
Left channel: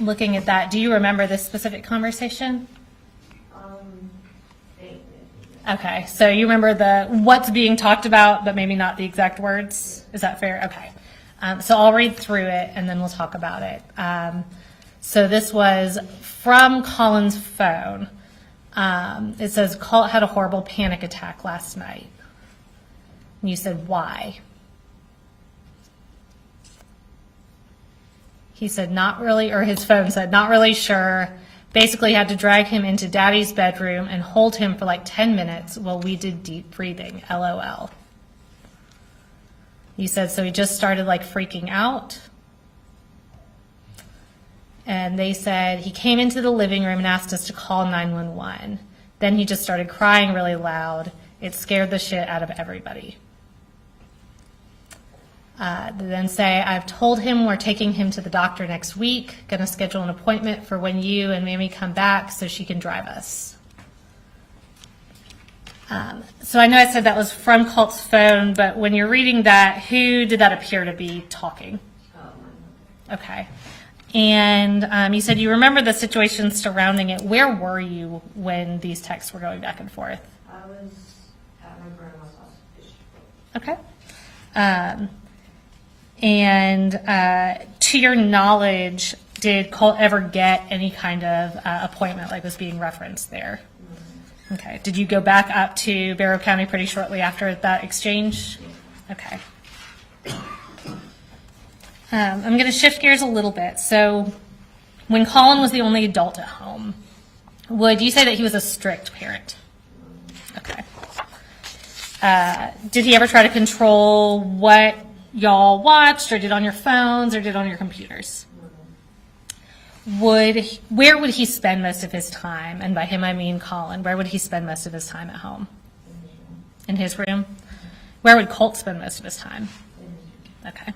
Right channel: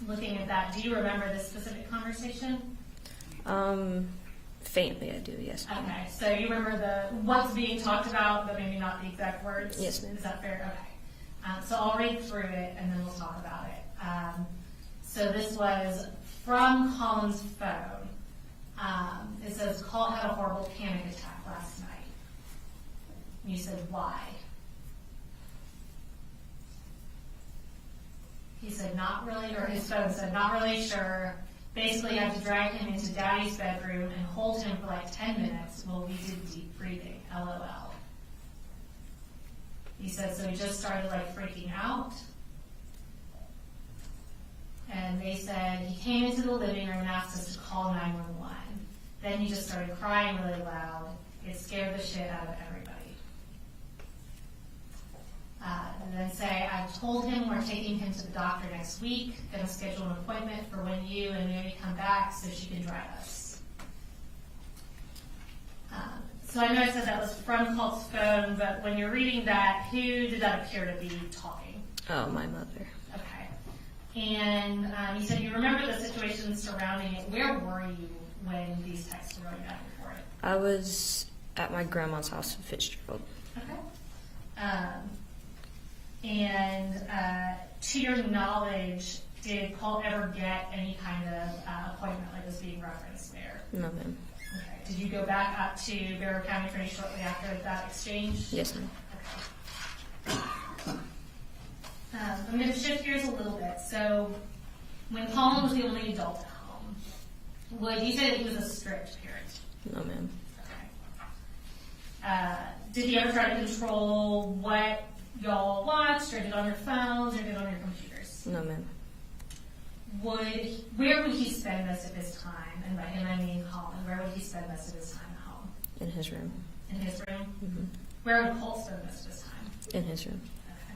looking at that, do you remember this specific conversation? Faintly, I do, yes. Okay, so you remember what's being talked about, but maybe not the exact words? Yes, ma'am. Is that fair? Okay. So I'll read through it, and then we'll talk about it. So this was from Colin's phone. It says, Colt had a horrible panic attack last night. And you said, why? He said, not really, or his phone said, not really sure. Basically had to drag him into Daddy's bedroom and hold him for like 10 minutes while we did deep breathing, LOL. You said, so he just started like freaking out. And they said he came into the living room and asked us to call 911. Then he just started crying really loud. It scared the shit out of everybody. They then say, I've told him we're taking him to the doctor next week, going to schedule an appointment for when you and Mammy come back so she can drive us. So I know I said that was from Colt's phone, but when you're reading that, who did that appear to be talking? Oh, my mother. Okay. And you said you remember the situation surrounding it. Where were you when these texts were going back and forth? I was at my grandma's house in Fitzgerald. Okay. And to your knowledge, did Colt ever get any kind of appointment like was being referenced there? No, ma'am. Okay. Did you go back up to Barrow County pretty shortly after that exchange? Yes, ma'am. Okay. I'm going to shift gears a little bit. So when Colin was the only adult at home, would you say that he was a strict parent? No, ma'am. Okay. Did he ever try to control what y'all watched or did on your phones or did on your computers? No, ma'am. Where would he spend most of his time? And by him, I mean Colin. Where would he spend most of his time at home? In his room. In his room? Where would Colt spend most of his time? In his room. Okay.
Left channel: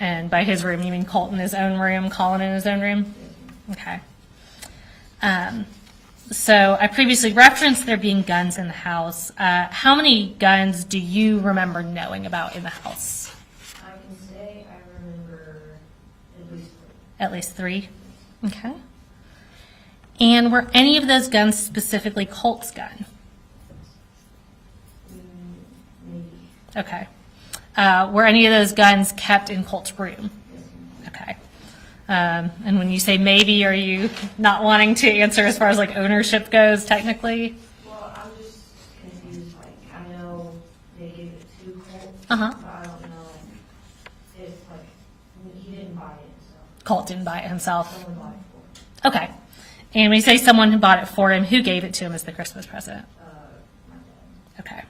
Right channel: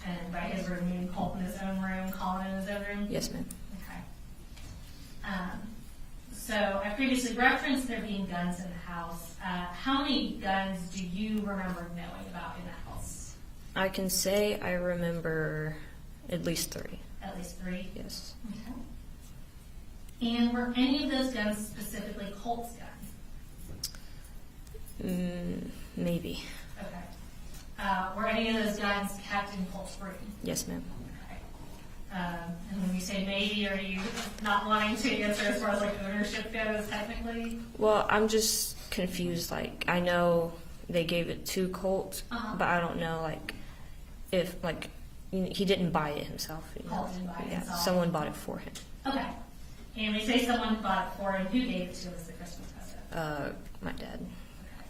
And by his room, you mean Colt in his own room, Colin in his own room? Yes, ma'am. Okay. So I previously referenced there being guns in the house. How many guns do you remember knowing about in the house? I can say I remember at least 3. At least 3? Yes. Okay. And were any of those guns specifically Colt's gun? Maybe. Okay. Were any of those guns kept in Colt's room? Yes, ma'am. Okay. And when you say maybe, are you not wanting to answer as far as like ownership goes technically? Well, I'm just confused. Like, I know they gave it to Colt, Uh-huh. but I don't know, like, if, like, he didn't buy it himself. Colt didn't buy it himself. Someone bought it for him. Okay. And when you say someone who bought it for him, who gave it to him as the Christmas present? My dad. Okay.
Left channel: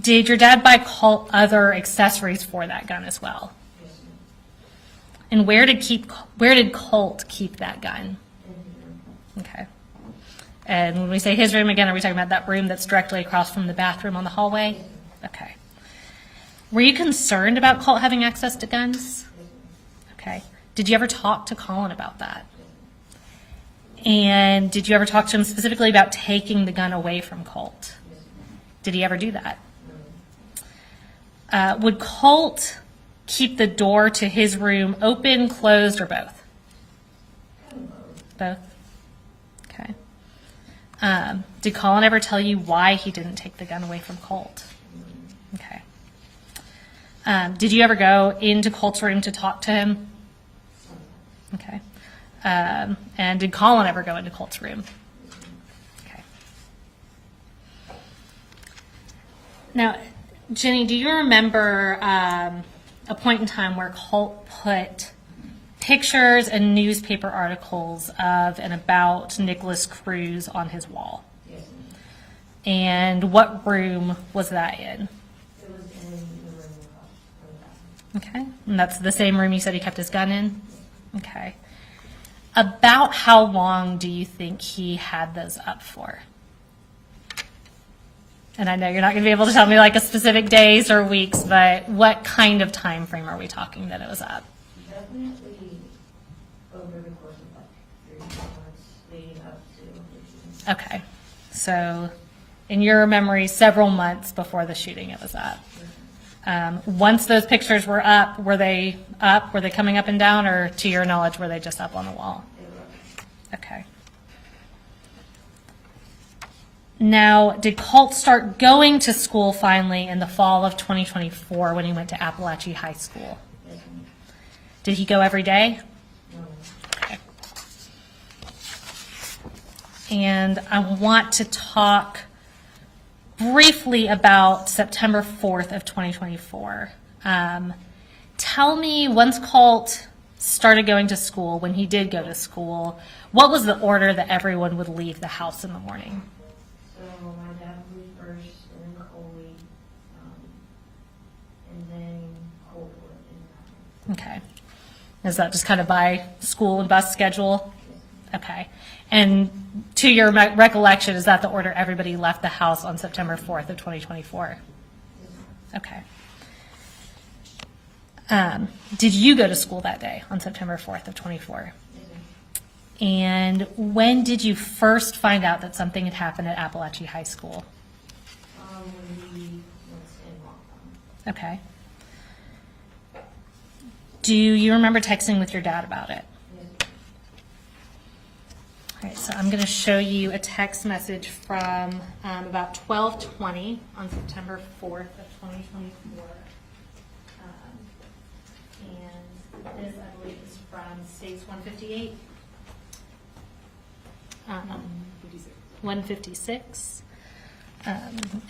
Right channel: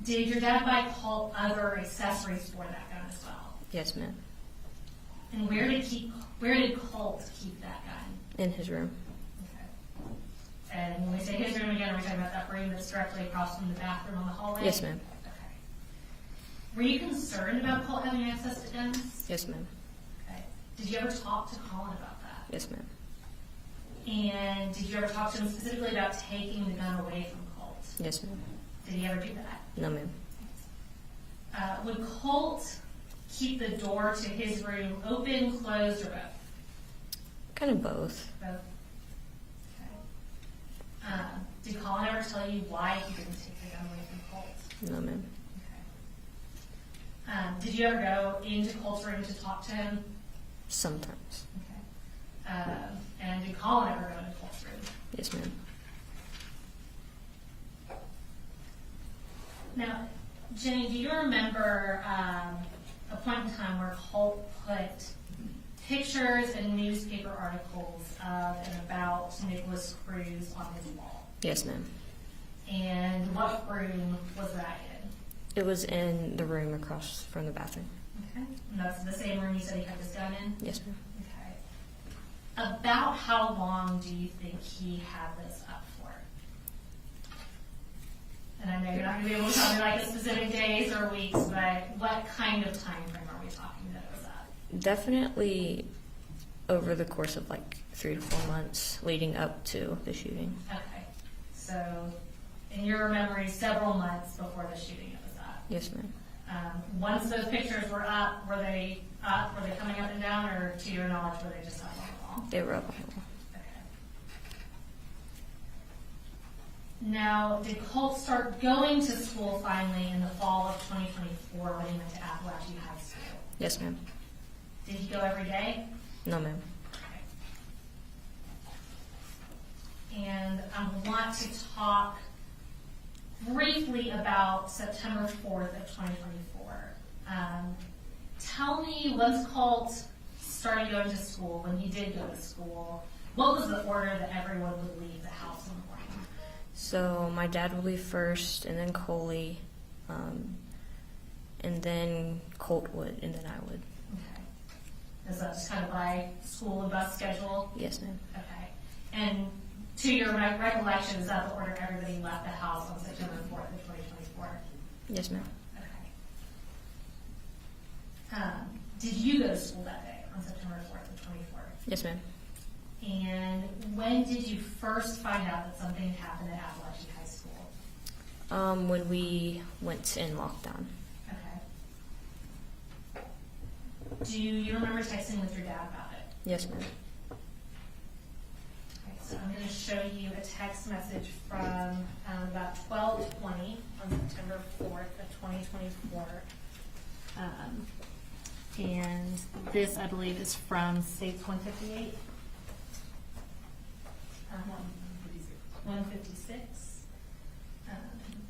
Did your dad buy Colt other accessories for that gun as well? Yes, ma'am. And where did Colt keep that gun? In his room. Okay. And when we say his room again, are we talking about that room that's directly across from the bathroom on the hallway? Yes, ma'am. Okay. Were you concerned about Colt having access to guns? Yes, ma'am. Okay. Did you ever talk to Colin about that? Yes, ma'am. And did you ever talk to him specifically about taking the gun away from Colt? Yes, ma'am. Did he ever do that? No, ma'am. Would Colt keep the door to his room open, closed, or both? Kind of both. Both. Okay. Did Colin ever tell you why he didn't take the gun away from Colt? No, ma'am. Okay. Did you ever go into Colt's room to talk to him? Sometimes. Okay. And did Colin ever go into Colt's room? Yes, ma'am. Okay. Now, Jenny, do you remember a point in time where Colt put pictures and newspaper articles of and about Nicholas Cruz on his wall? Yes, ma'am. And what room was that in? It was in the room across from the bathroom. Okay. And that's the same room you said he kept his gun in? Yes, ma'am. Okay. About how long do you think he had those up for? And I know you're not going to be able to tell me like a specific days or weeks, but what kind of time frame are we talking that it was up? Definitely over the course of like 3 to 4 months leading up to the shooting. Okay. So in your memory, several months before the shooting it was up. Yes, ma'am. Once those pictures were up? Were they coming up and down, or to your knowledge, were they just up on the wall? They were up. Okay. Now, did Colt start going to school finally in the fall of 2024 when he went to Apalachee High School? Yes, ma'am. Did he go every day? No, ma'am. Okay. And I want to talk briefly about September 4th of 2024. Tell me, once Colt started going to school, when he did go to school, what was the order that everyone would leave the house in the morning? So my dad would leave first, and then Coley, and then Colt would, and then I would. Okay. Is that just kind of by school and bus schedule? Yes, ma'am. Okay. And to your recollection, is that the order everybody left the house on September 4th of 2024? Yes, ma'am. Okay. Did you go to school that day on September 4th of 24? Yes, ma'am. And when did you first find out that something had happened at Apalachee High School? When we went in lockdown. Okay. Do you remember texting with your dad about it? Yes, ma'am. All right, so I'm going to show you a text message from about 12:20 on September 4th of 2024. And this, I believe, is from States 158. 156.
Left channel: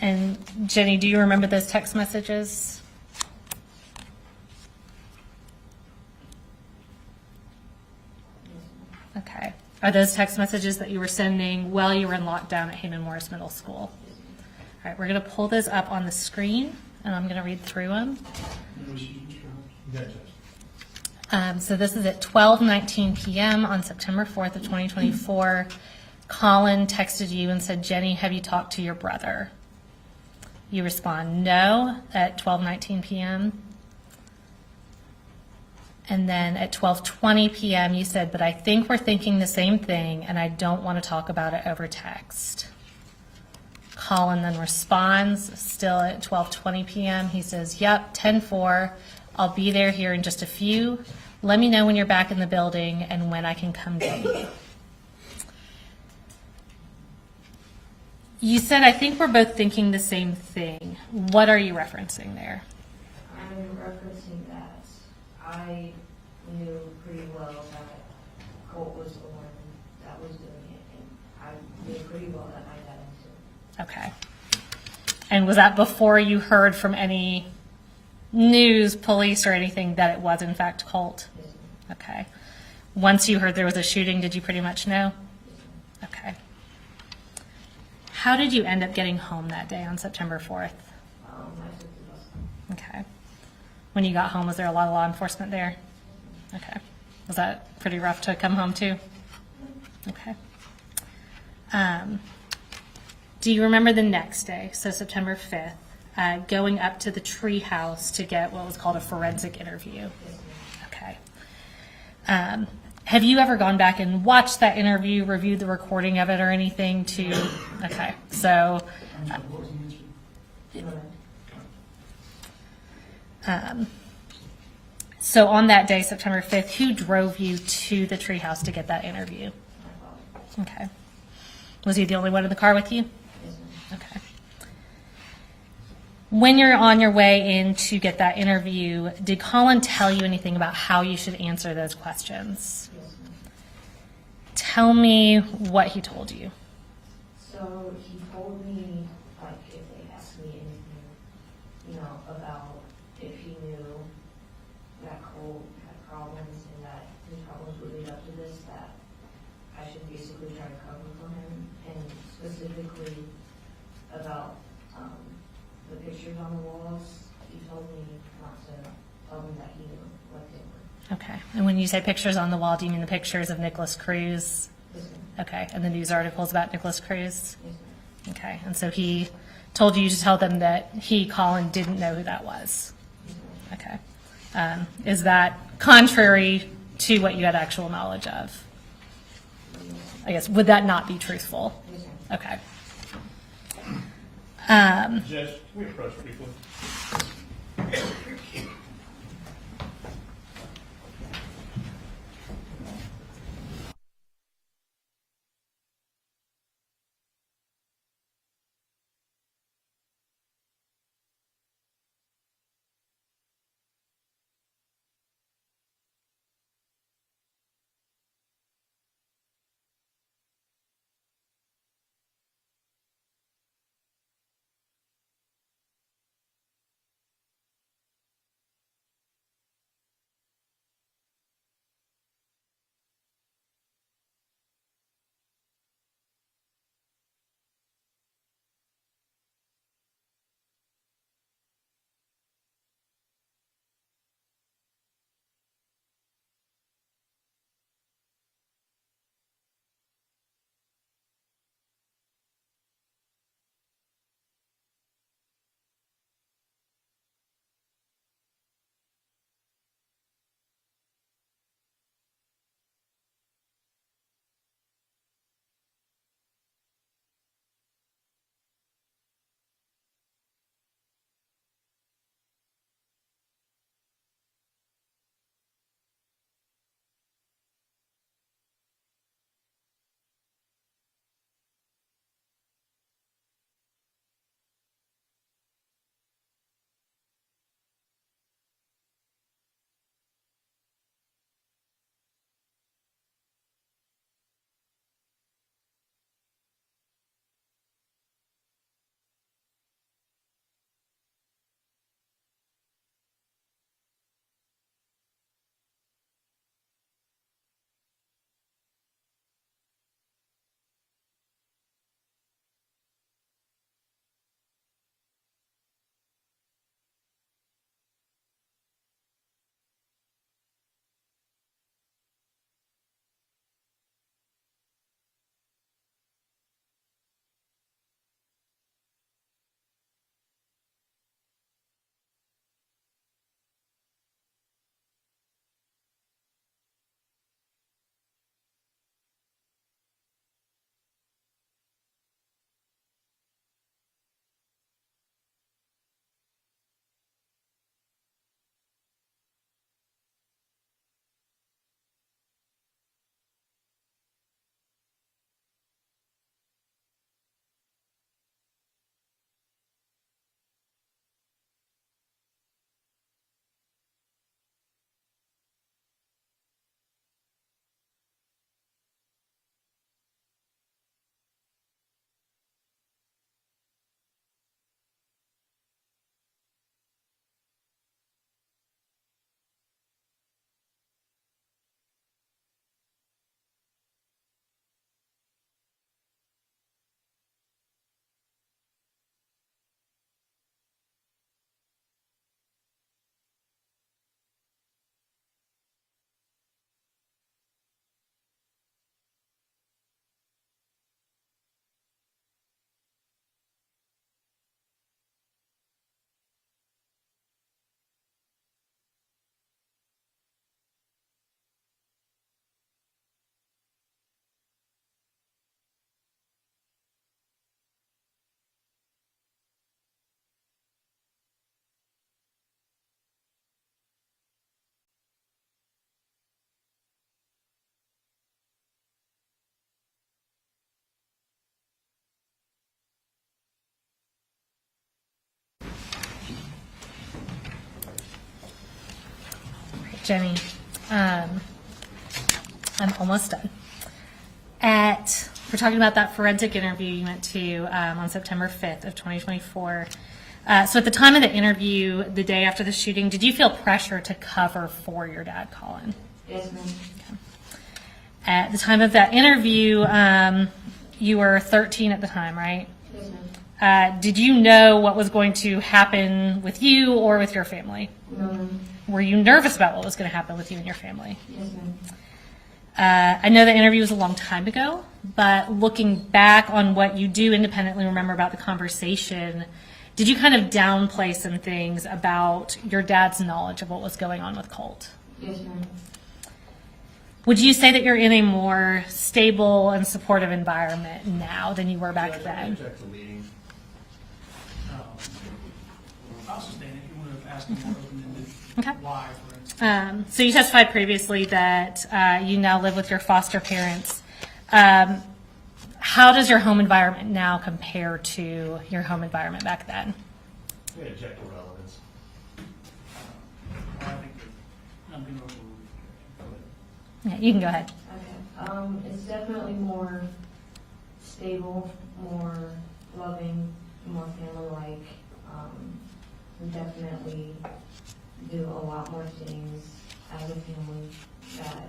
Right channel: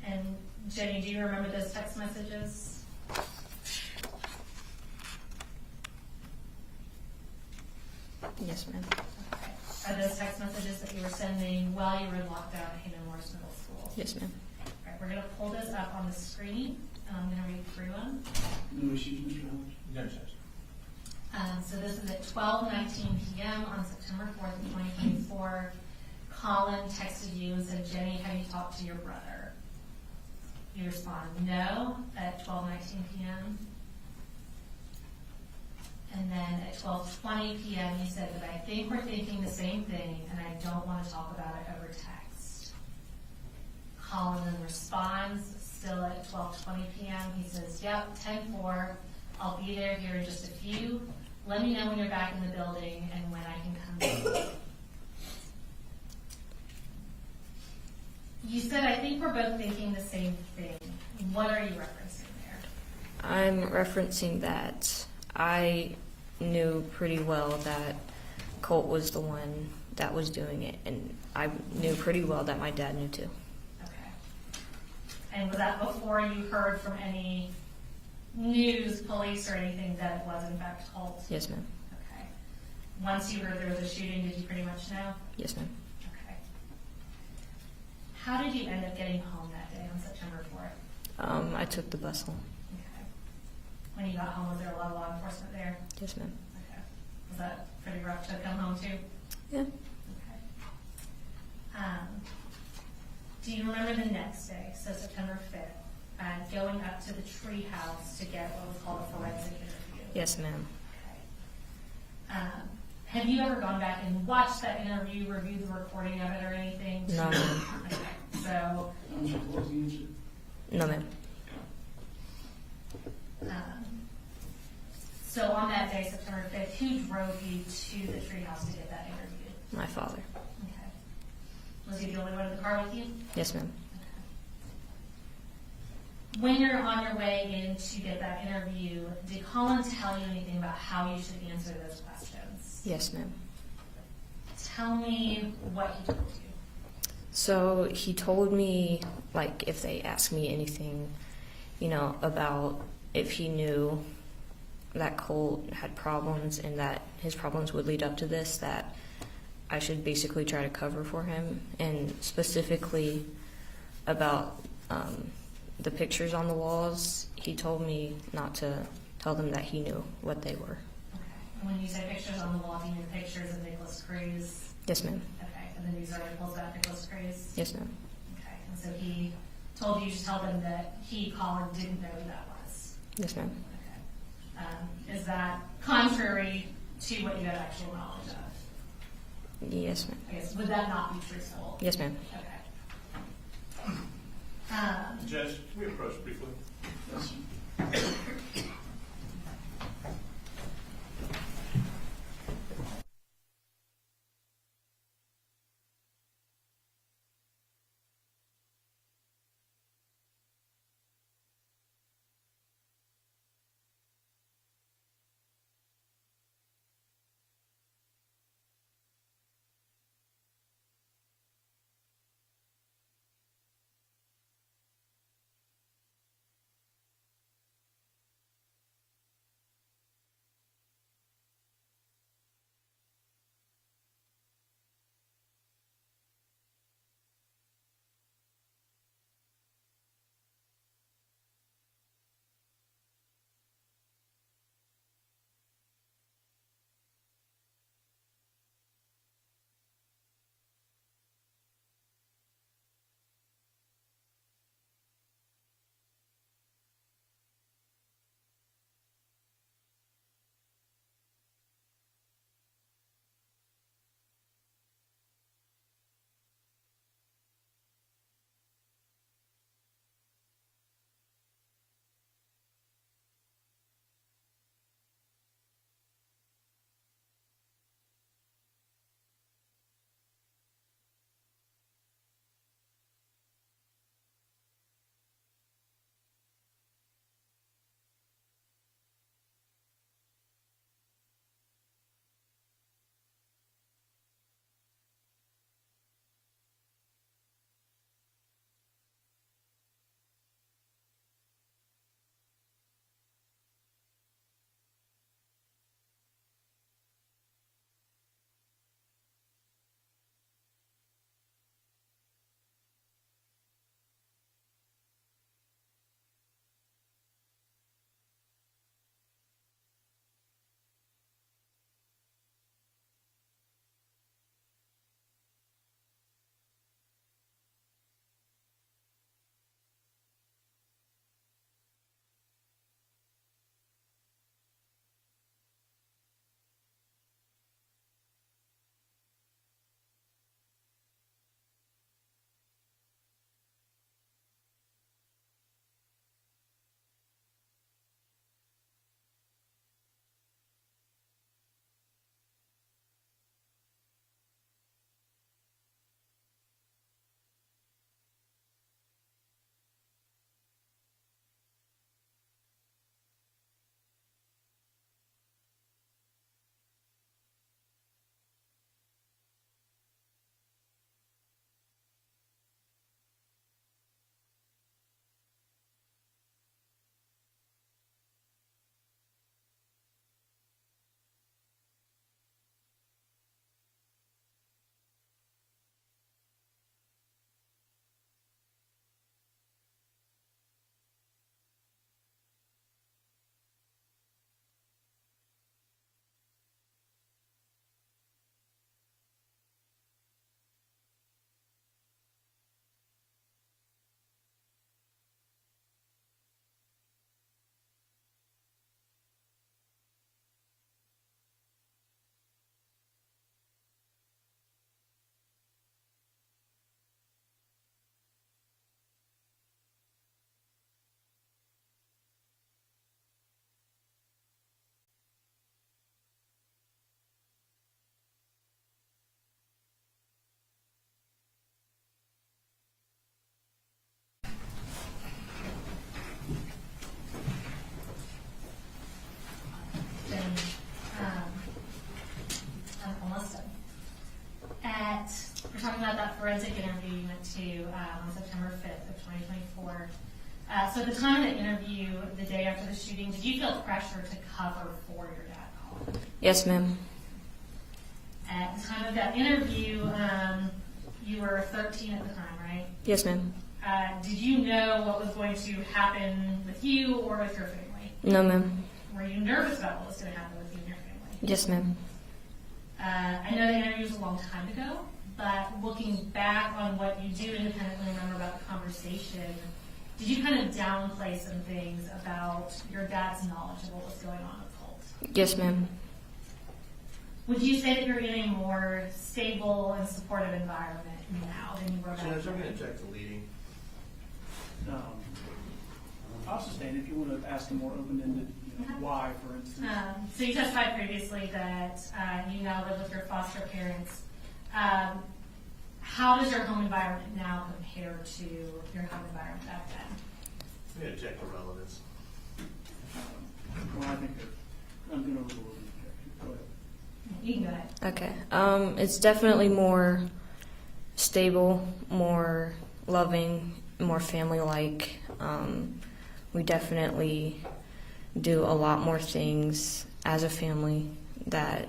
And Jenny, do you remember those text messages? Yes, ma'am. Okay. Are those text messages that you were sending while you were in lockdown at Heyman Morris Middle School? Yes, ma'am. All right, we're going to pull those up on the screen, and I'm going to read through them. No issues, Mr. Hunt. So this is at 12:19 p.m. on September 4th of 2024. Colin texted you and said, Jenny, have you talked to your brother? You respond, no, at 12:19 p.m. And then at 12:20 p.m. you said, but I think we're thinking the same thing and I don't want to talk about it over text. Colin then responds, still at 12:20 p.m. He says, yep, 10-4. I'll be there here in just a few. Let me know when you're back in the building and when I can come get you. You said, I think we're both thinking the same thing. What are you referencing there? I'm referencing that I knew pretty well that Colt was the one that was doing it, and I knew pretty well that my dad knew too. Okay. And was that before you heard from any news, police, or anything that it was in fact Colt? Yes, ma'am. Okay. Once you heard there was a shooting, did you pretty much know? Yes, ma'am. Okay. How did you end up getting home that day on September 4th? I took the bus home. Okay. When you got home, was there a lot of law enforcement there? Yes, ma'am. Okay. Was that pretty rough to come home to? Yeah. Okay. Do you remember the next day, so September 5th, going up to the tree house to get what was called a forensic interview? Yes, ma'am. Okay. Have you ever gone back and watched that interview, reviewed the recording of it or anything to? No. Okay. So. What was the answer? No, ma'am. So on that day, September 5th, who drove you to the treehouse to get that interview? My father. Okay. Was he the only one in the car with you? Yes, ma'am. Okay. When you're on your way in to get that interview, did Colin tell you anything about how you should answer those questions? Yes, ma'am. Tell me what he told you. So he told me, like, if they asked me anything, you know, about if he knew that Colt had problems and that his problems would lead up to this, that I should basically try to cover for him, and specifically about the pictures on the walls. He told me not to tell them that he knew what they were. Okay. And when you say pictures on the wall, do you mean the pictures of Nicholas Cruz? Yes, ma'am. Okay. And the news articles about Nicholas Cruz? Yes, ma'am. Okay. And so he told you to tell them that he, Colin, didn't know who that was? Yes, ma'am. Okay. Is that contrary to what you had actual knowledge of? Yes, ma'am. I guess, would that not be truthful? Yes, ma'am. Okay. Judge, can we approach briefly? Jenny, I'm almost done. We're talking about that forensic interview you went to on September 5th of 2024. So at the time of the interview, the day after the shooting, did you feel pressure to cover for your dad, Colin? Yes, ma'am. At the time of that interview, you were 13 at the time, right? Yes, ma'am. Did you know what was going to happen with you or with your family? No, ma'am. Were you nervous about what was going to happen with you and your family? Yes, ma'am. I know the interview was a long time ago, but looking back on what you do independently remember about the conversation, did you kind of downplay some things about your dad's knowledge of what was going on with Colt? Yes, ma'am. Would you say that you're in a more stable and supportive environment now than you were back then? I'll sustain if you want to ask a more open-ended why, for instance. So you testified previously that you now live with your foster parents. How does your home environment now compare to your home environment back then? We object to relevance. Well, I think that I'm going to overrule you. Go ahead. Yeah, you can go ahead. Okay. It's definitely more stable, more loving, more family-like. We definitely do a lot more things as a family that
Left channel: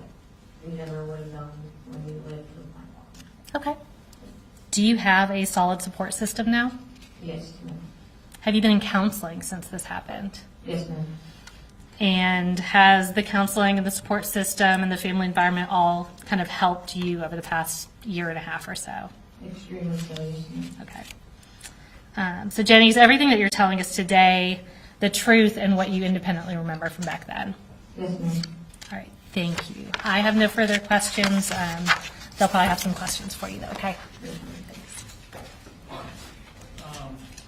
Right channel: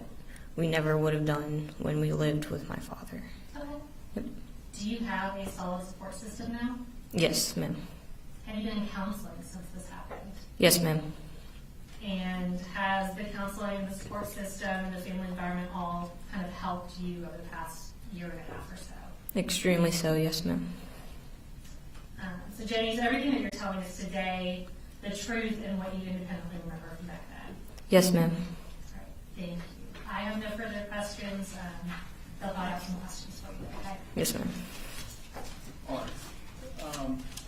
we never would have done when we lived with my father. Okay. Do you have a solid support system now? Yes, ma'am. Have you been in counseling since this happened? Yes, ma'am. And has the counseling and the support system and the family environment all kind of helped you over the past year and a half or so? Extremely so, yes, ma'am. Okay. So Jenny, is everything that you're telling us today the truth and what you independently remember from back then? Yes, ma'am. All right, thank you. I have no further questions. They'll probably have some questions for you though, okay? Yes, ma'am. All right.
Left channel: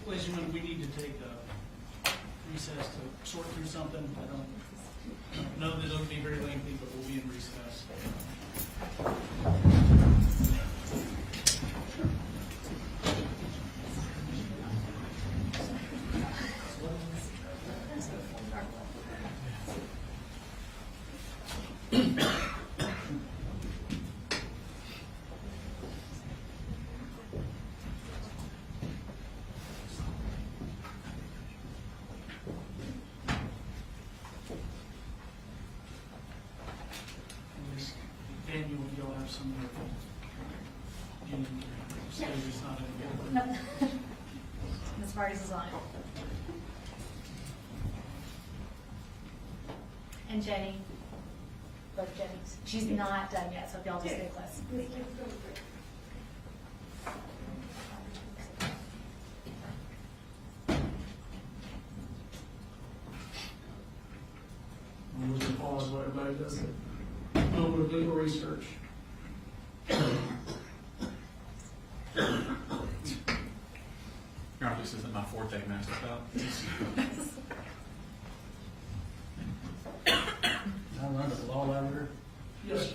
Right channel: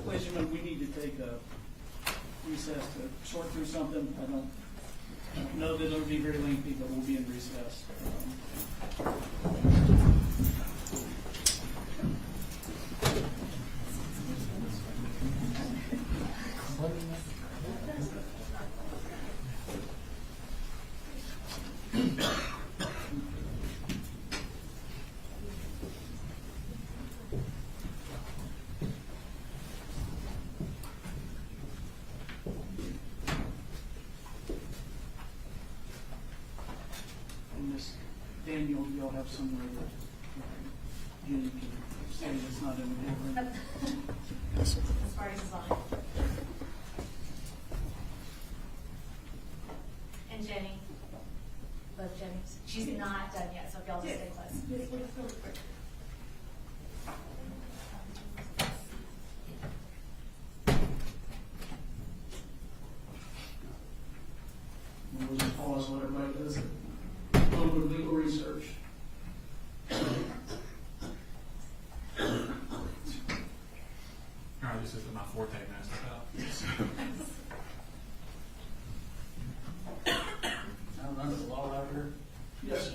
Ladies and gentlemen, we need to take a recess to sort through something. I don't know that it'll be very lengthy, but we'll be in recess. And Miss Daniel, you'll have some Jean can say it's not in the paper. As far as design. And Jenny, both Jenny's, she's not done yet, so if y'all just stay close. And we'll just pause what everybody does. A little bit of legal research. Your Honor, this isn't my forte, Master Bell. I run the law lavender. Yes, sir.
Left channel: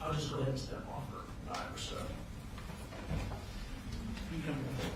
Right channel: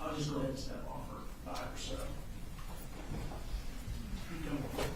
I'll just go ahead and step off for 5 or so. You come over.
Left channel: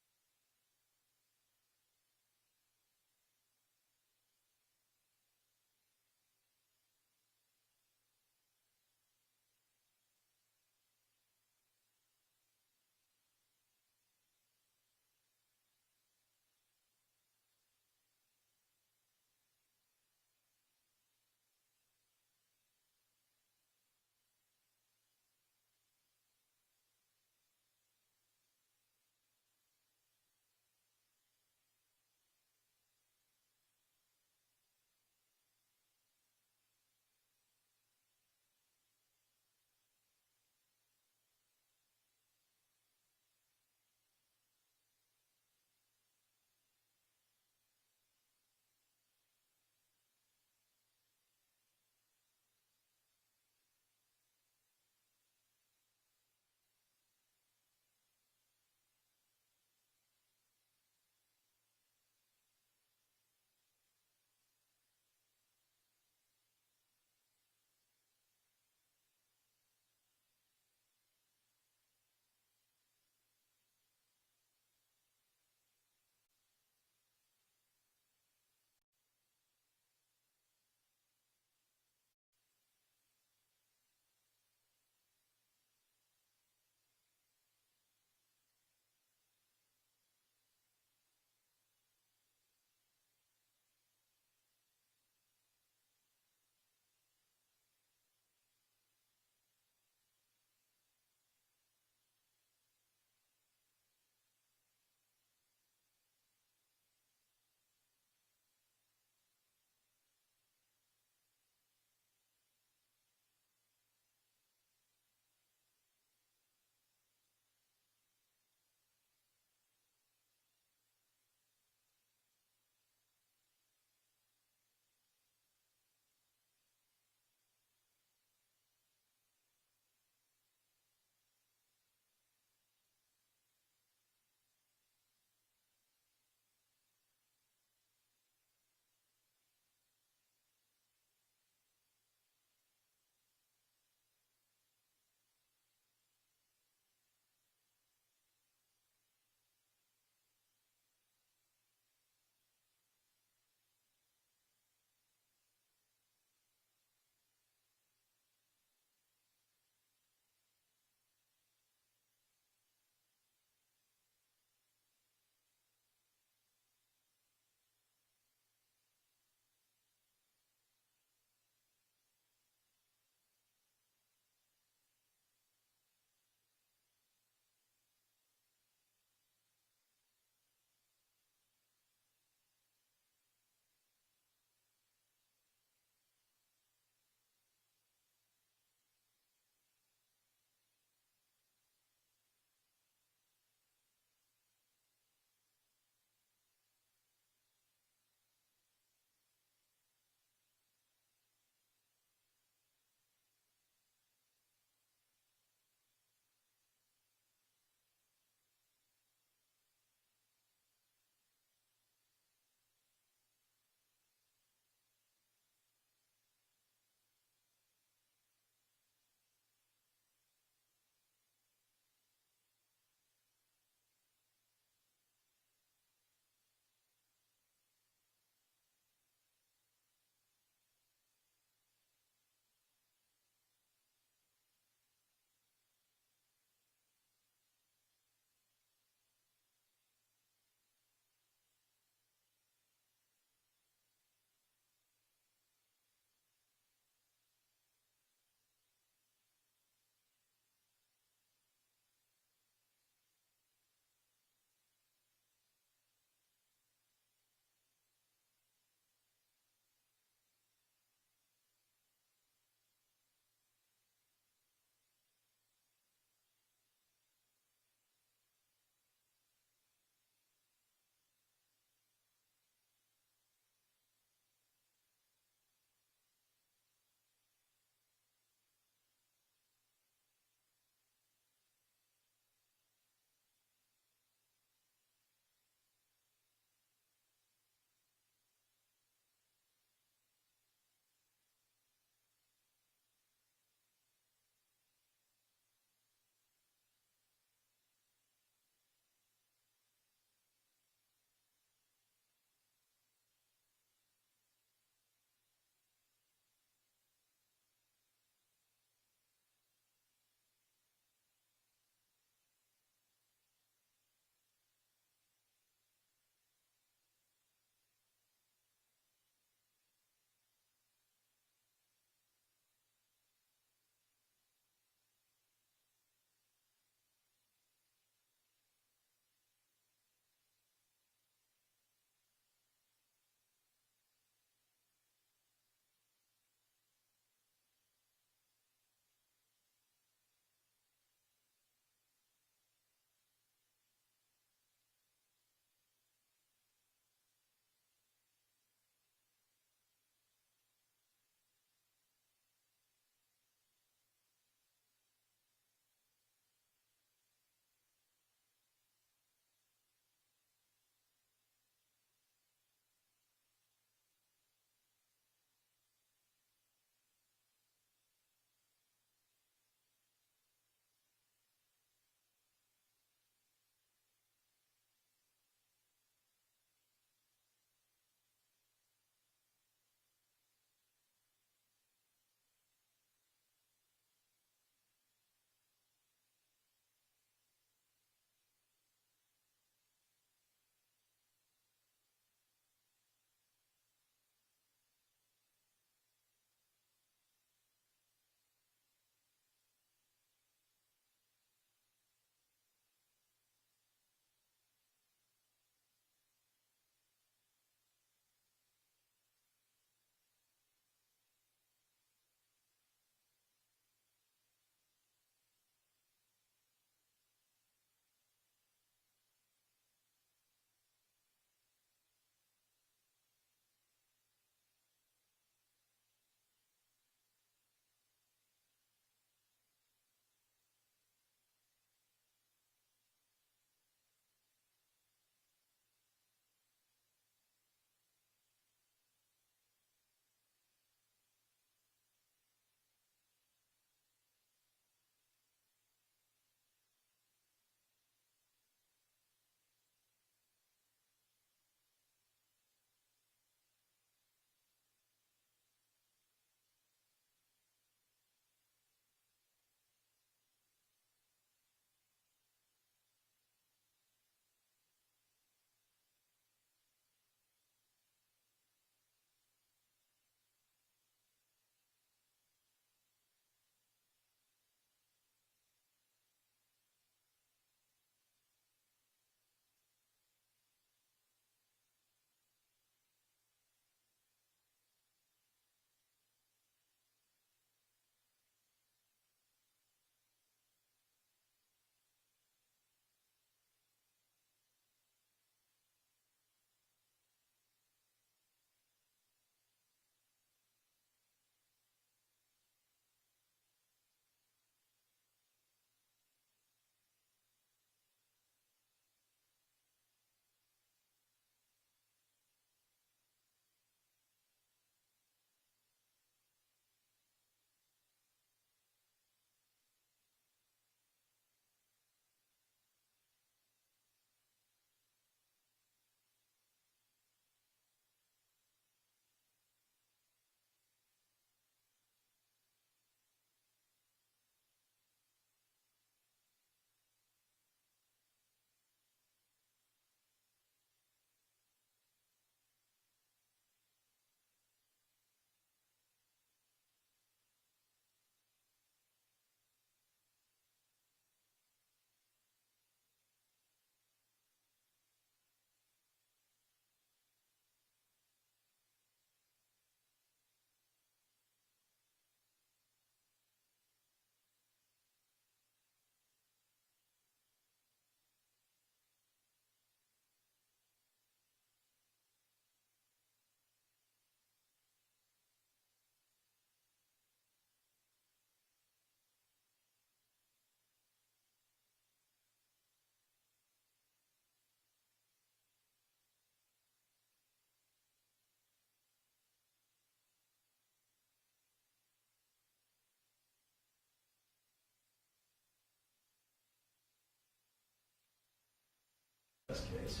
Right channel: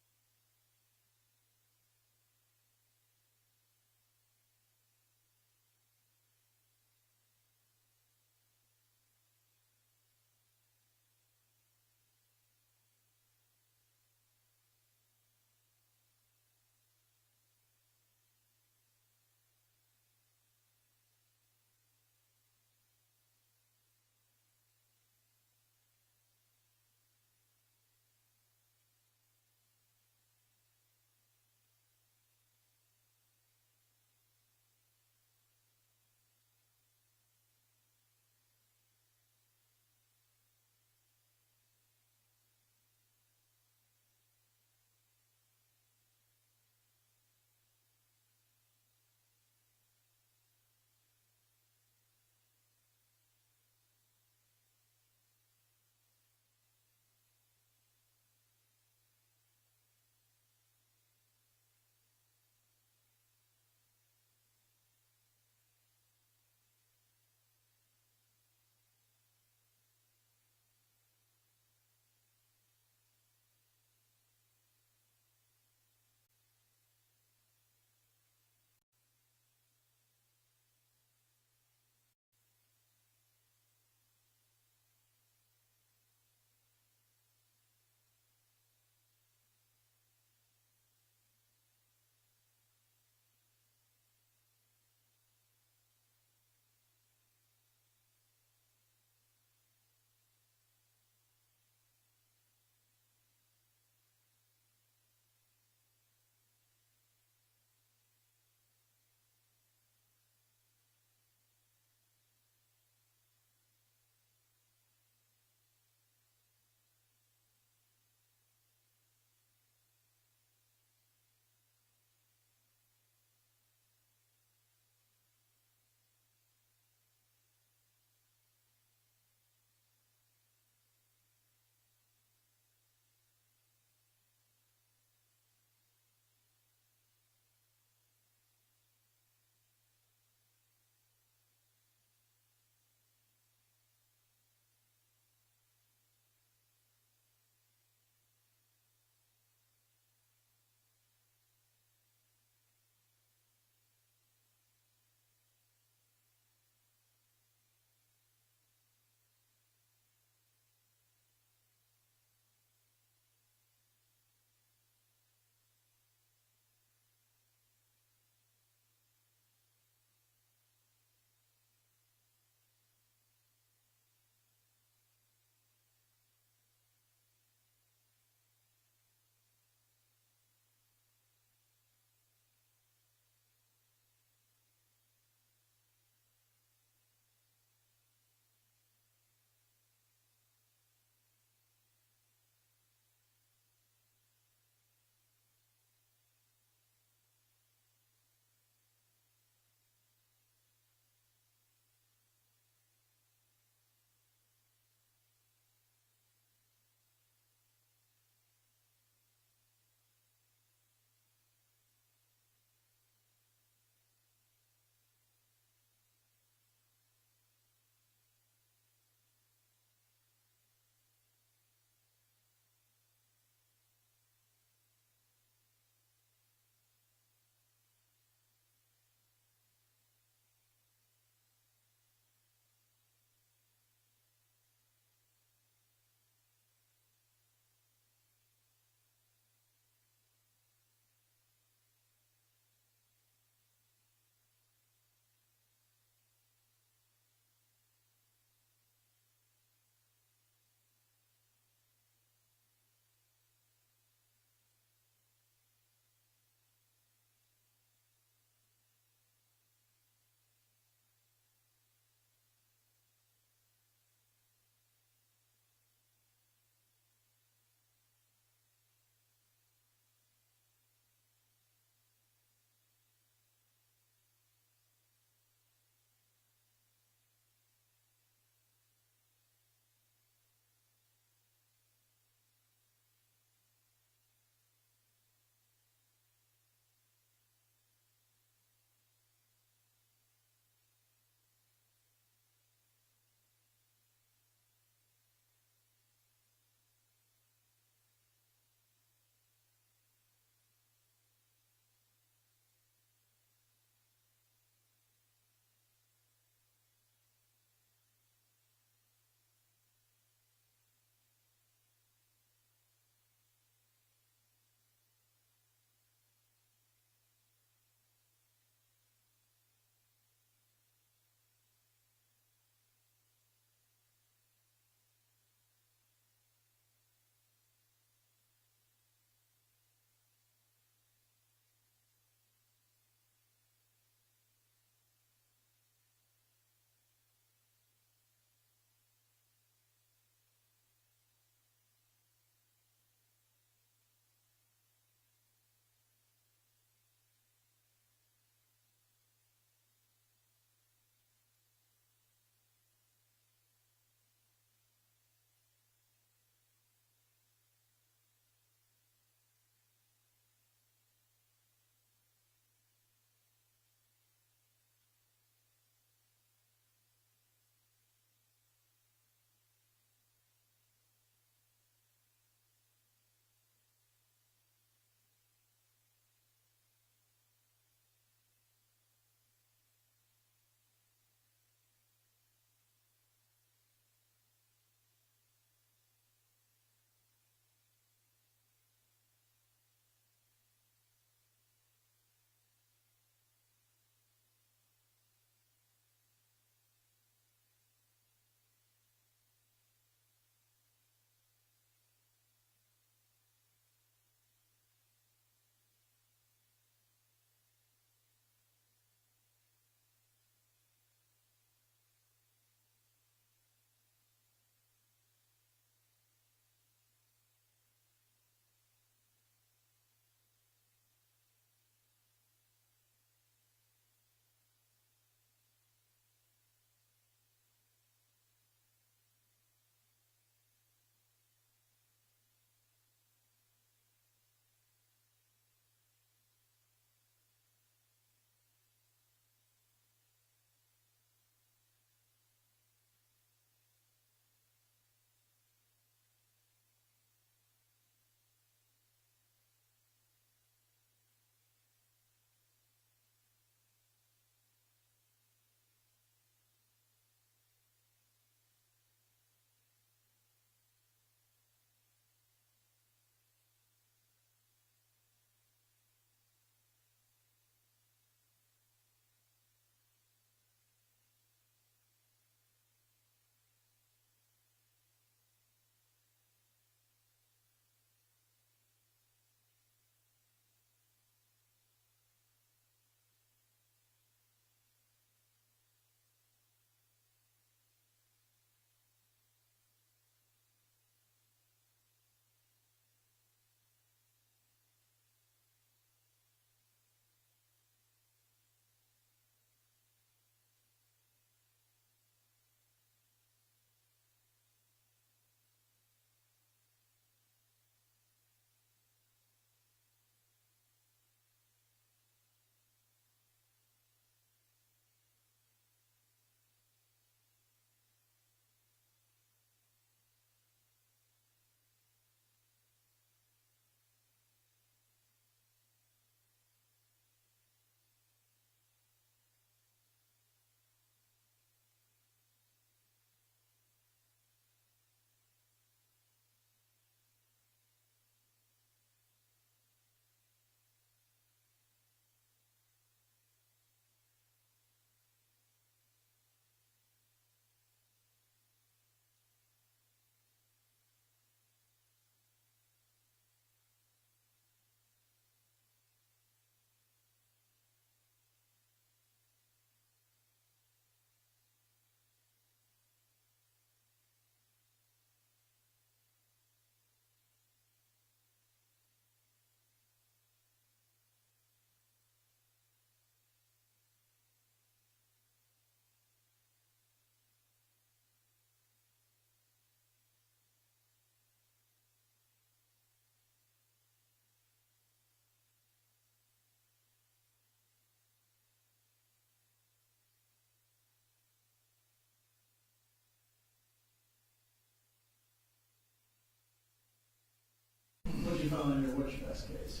find, or what's your best case?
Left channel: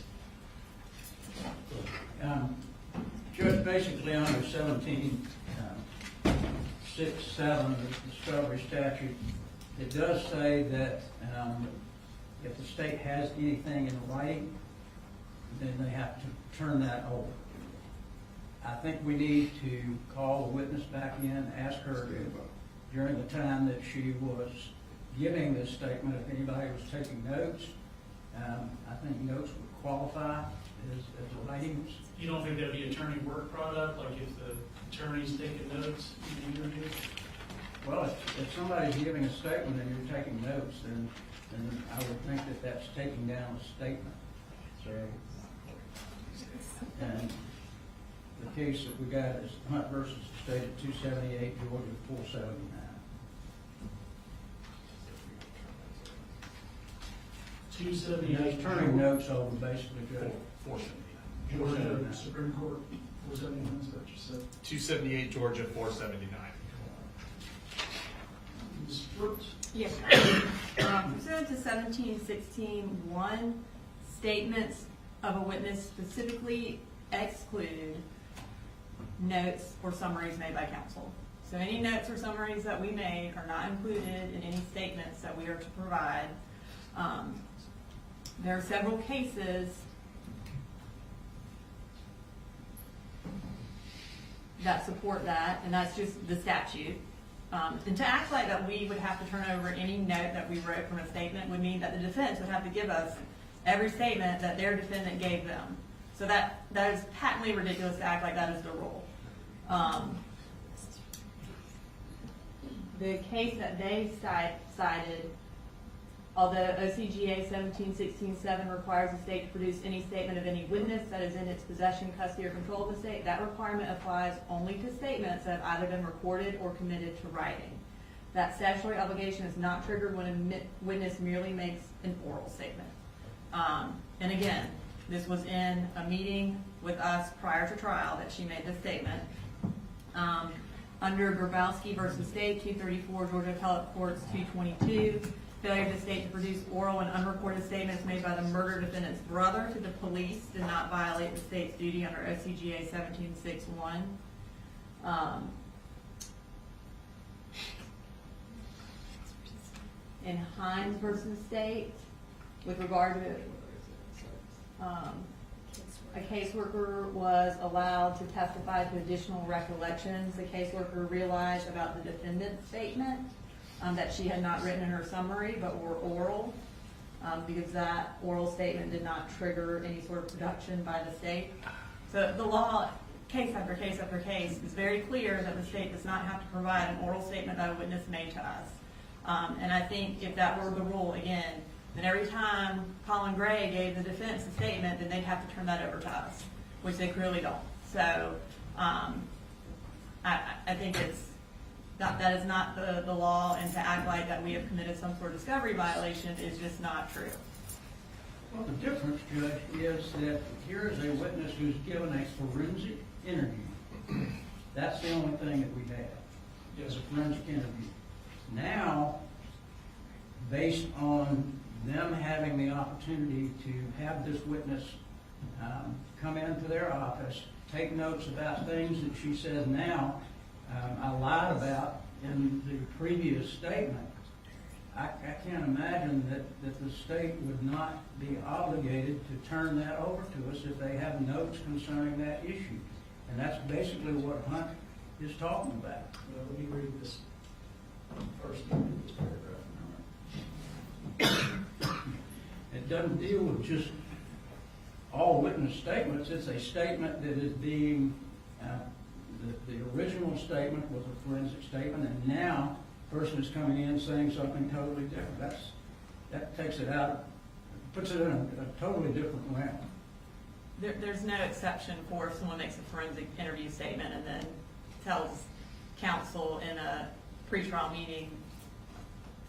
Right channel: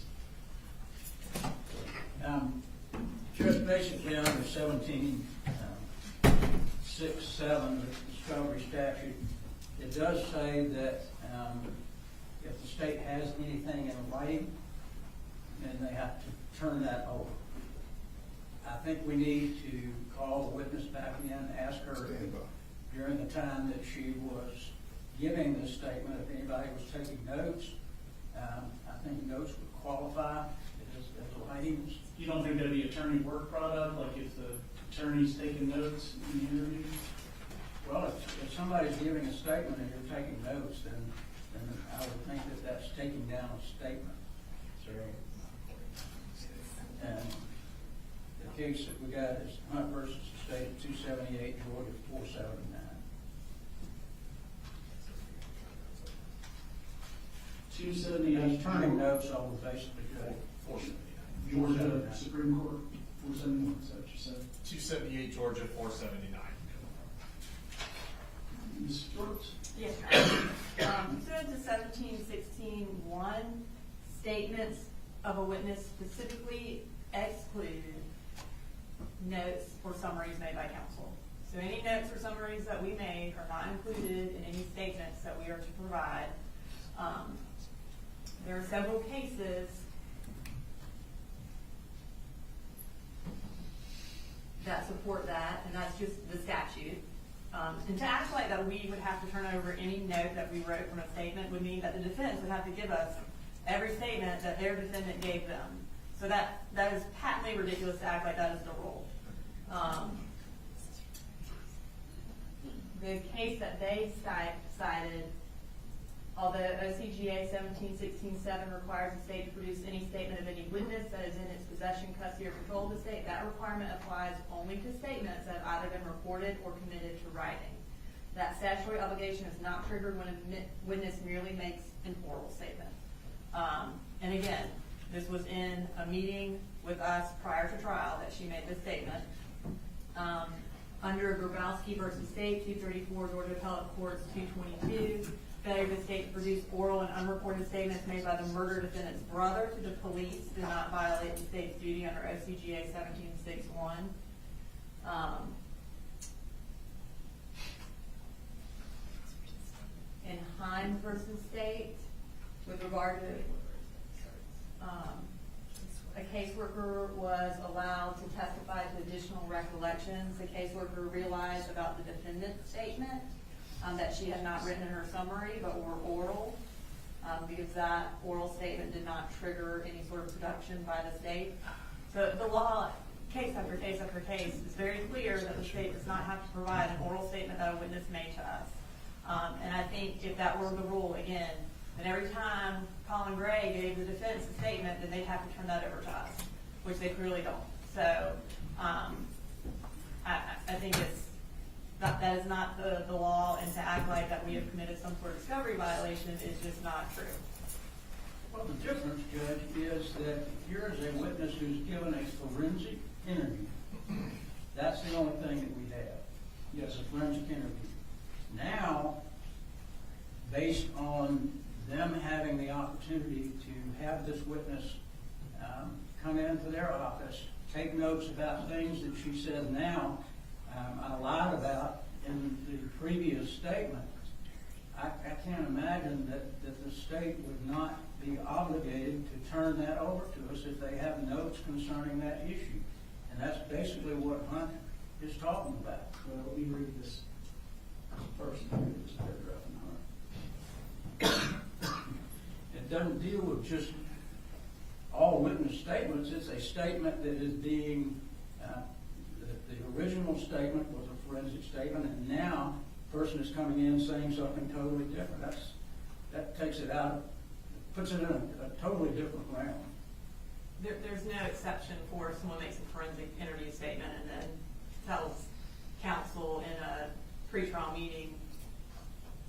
Just basically under 17, 6, 7, the discovery statute, it does say that if the state has anything in writing, then they have to turn that over. I think we need to call the witness back in, ask her if, during the time that she was giving this statement, if anybody was taking notes. I think notes would qualify as writings. You don't think that'd be attorney work product, like if the attorney's taking notes in the interview? Well, if somebody's giving a statement and you're taking notes, then I would think that that's taking down a statement. So, and the case that we got is Hunt versus the State of 278, Georgia 479. He's turning notes over basically good. 479. Georgia Supreme Court, 479, is that what you said? 278 Georgia 479. Ms. Brooks? Yes. Pursuant to 1716(1), statements of a witness specifically exclude notes or summaries made by counsel. So any notes or summaries that we made are not included in any statements that we are to provide. There are several cases that support that, and that's just the statute. And to act like that we would have to turn over any note that we wrote from a statement would mean that the defense would have to give us every statement that their defendant gave them. So that is patently ridiculous to act like that is the rule. The case that they cited, although OCGA 1716(7) requires the state to produce any statement of any witness that is in its possession, custody, or control of the state, that requirement applies only to statements that have either been recorded or committed to writing. That statutory obligation is not triggered when a witness merely makes an oral statement. And again, this was in a meeting with us prior to trial that she made this statement. Under Grabowski v. State, 234, Georgia Appellate Courts 222, failure of the state to produce oral and unreported statements made by the murder defendant's brother to the police did not violate the state's duty under OCGA 1761. In Hines v. State, with regard to a caseworker was allowed to testify to additional recollections the caseworker realized about the defendant's statement that she had not written in her summary but were oral, because that oral statement did not trigger any sort of production by the state. So the law, case after case after case, is very clear that the state does not have to provide an oral statement that a witness made to us. And I think if that were the rule, again, then every time Colin Gray gave the defense a statement, then they'd have to turn that over to us, which they clearly don't. So I think that is not the law, and to act like that we have committed some sort of discovery violation is just not true. Well, the difference, Judge, is that here is a witness who's given a forensic interview. That's the only thing that we have. Yes, a forensic interview. Now, based on them having the opportunity to have this witness come into their office, take notes about things that she says now I lied about in the previous statement, I can't imagine that the state would not be obligated to turn that over to us if they have notes concerning that issue. And that's basically what Hunt is talking about. Let me read this first paragraph. It doesn't deal with just all witness statements. It's a statement that is being, the original statement was a forensic statement, and now the person is coming in saying something totally different. That takes it out, puts it in a totally different realm. There's no exception for if someone makes a forensic interview statement and then tells counsel in a pretrial meeting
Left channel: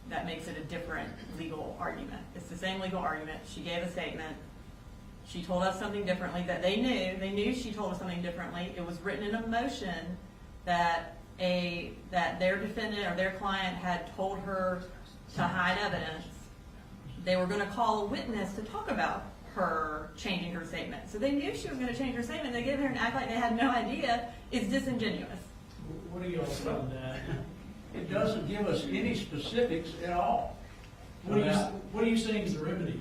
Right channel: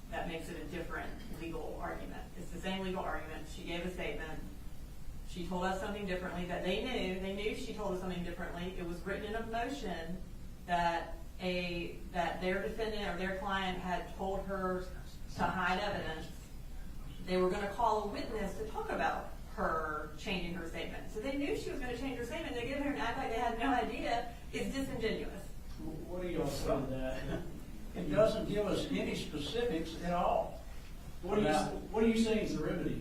that makes it a different legal argument. It's the same legal argument. She gave a statement. She told us something differently that they knew. They knew she told us something differently. It was written in a motion that their defendant or their client had told her to hide evidence. they were gonna call a witness to talk about her changing her statement. So they knew she was gonna change her statement. They get there and act like they had no idea. It's disingenuous. What do y'all say to that? It doesn't give us any specifics at all. What are you saying is the remedy?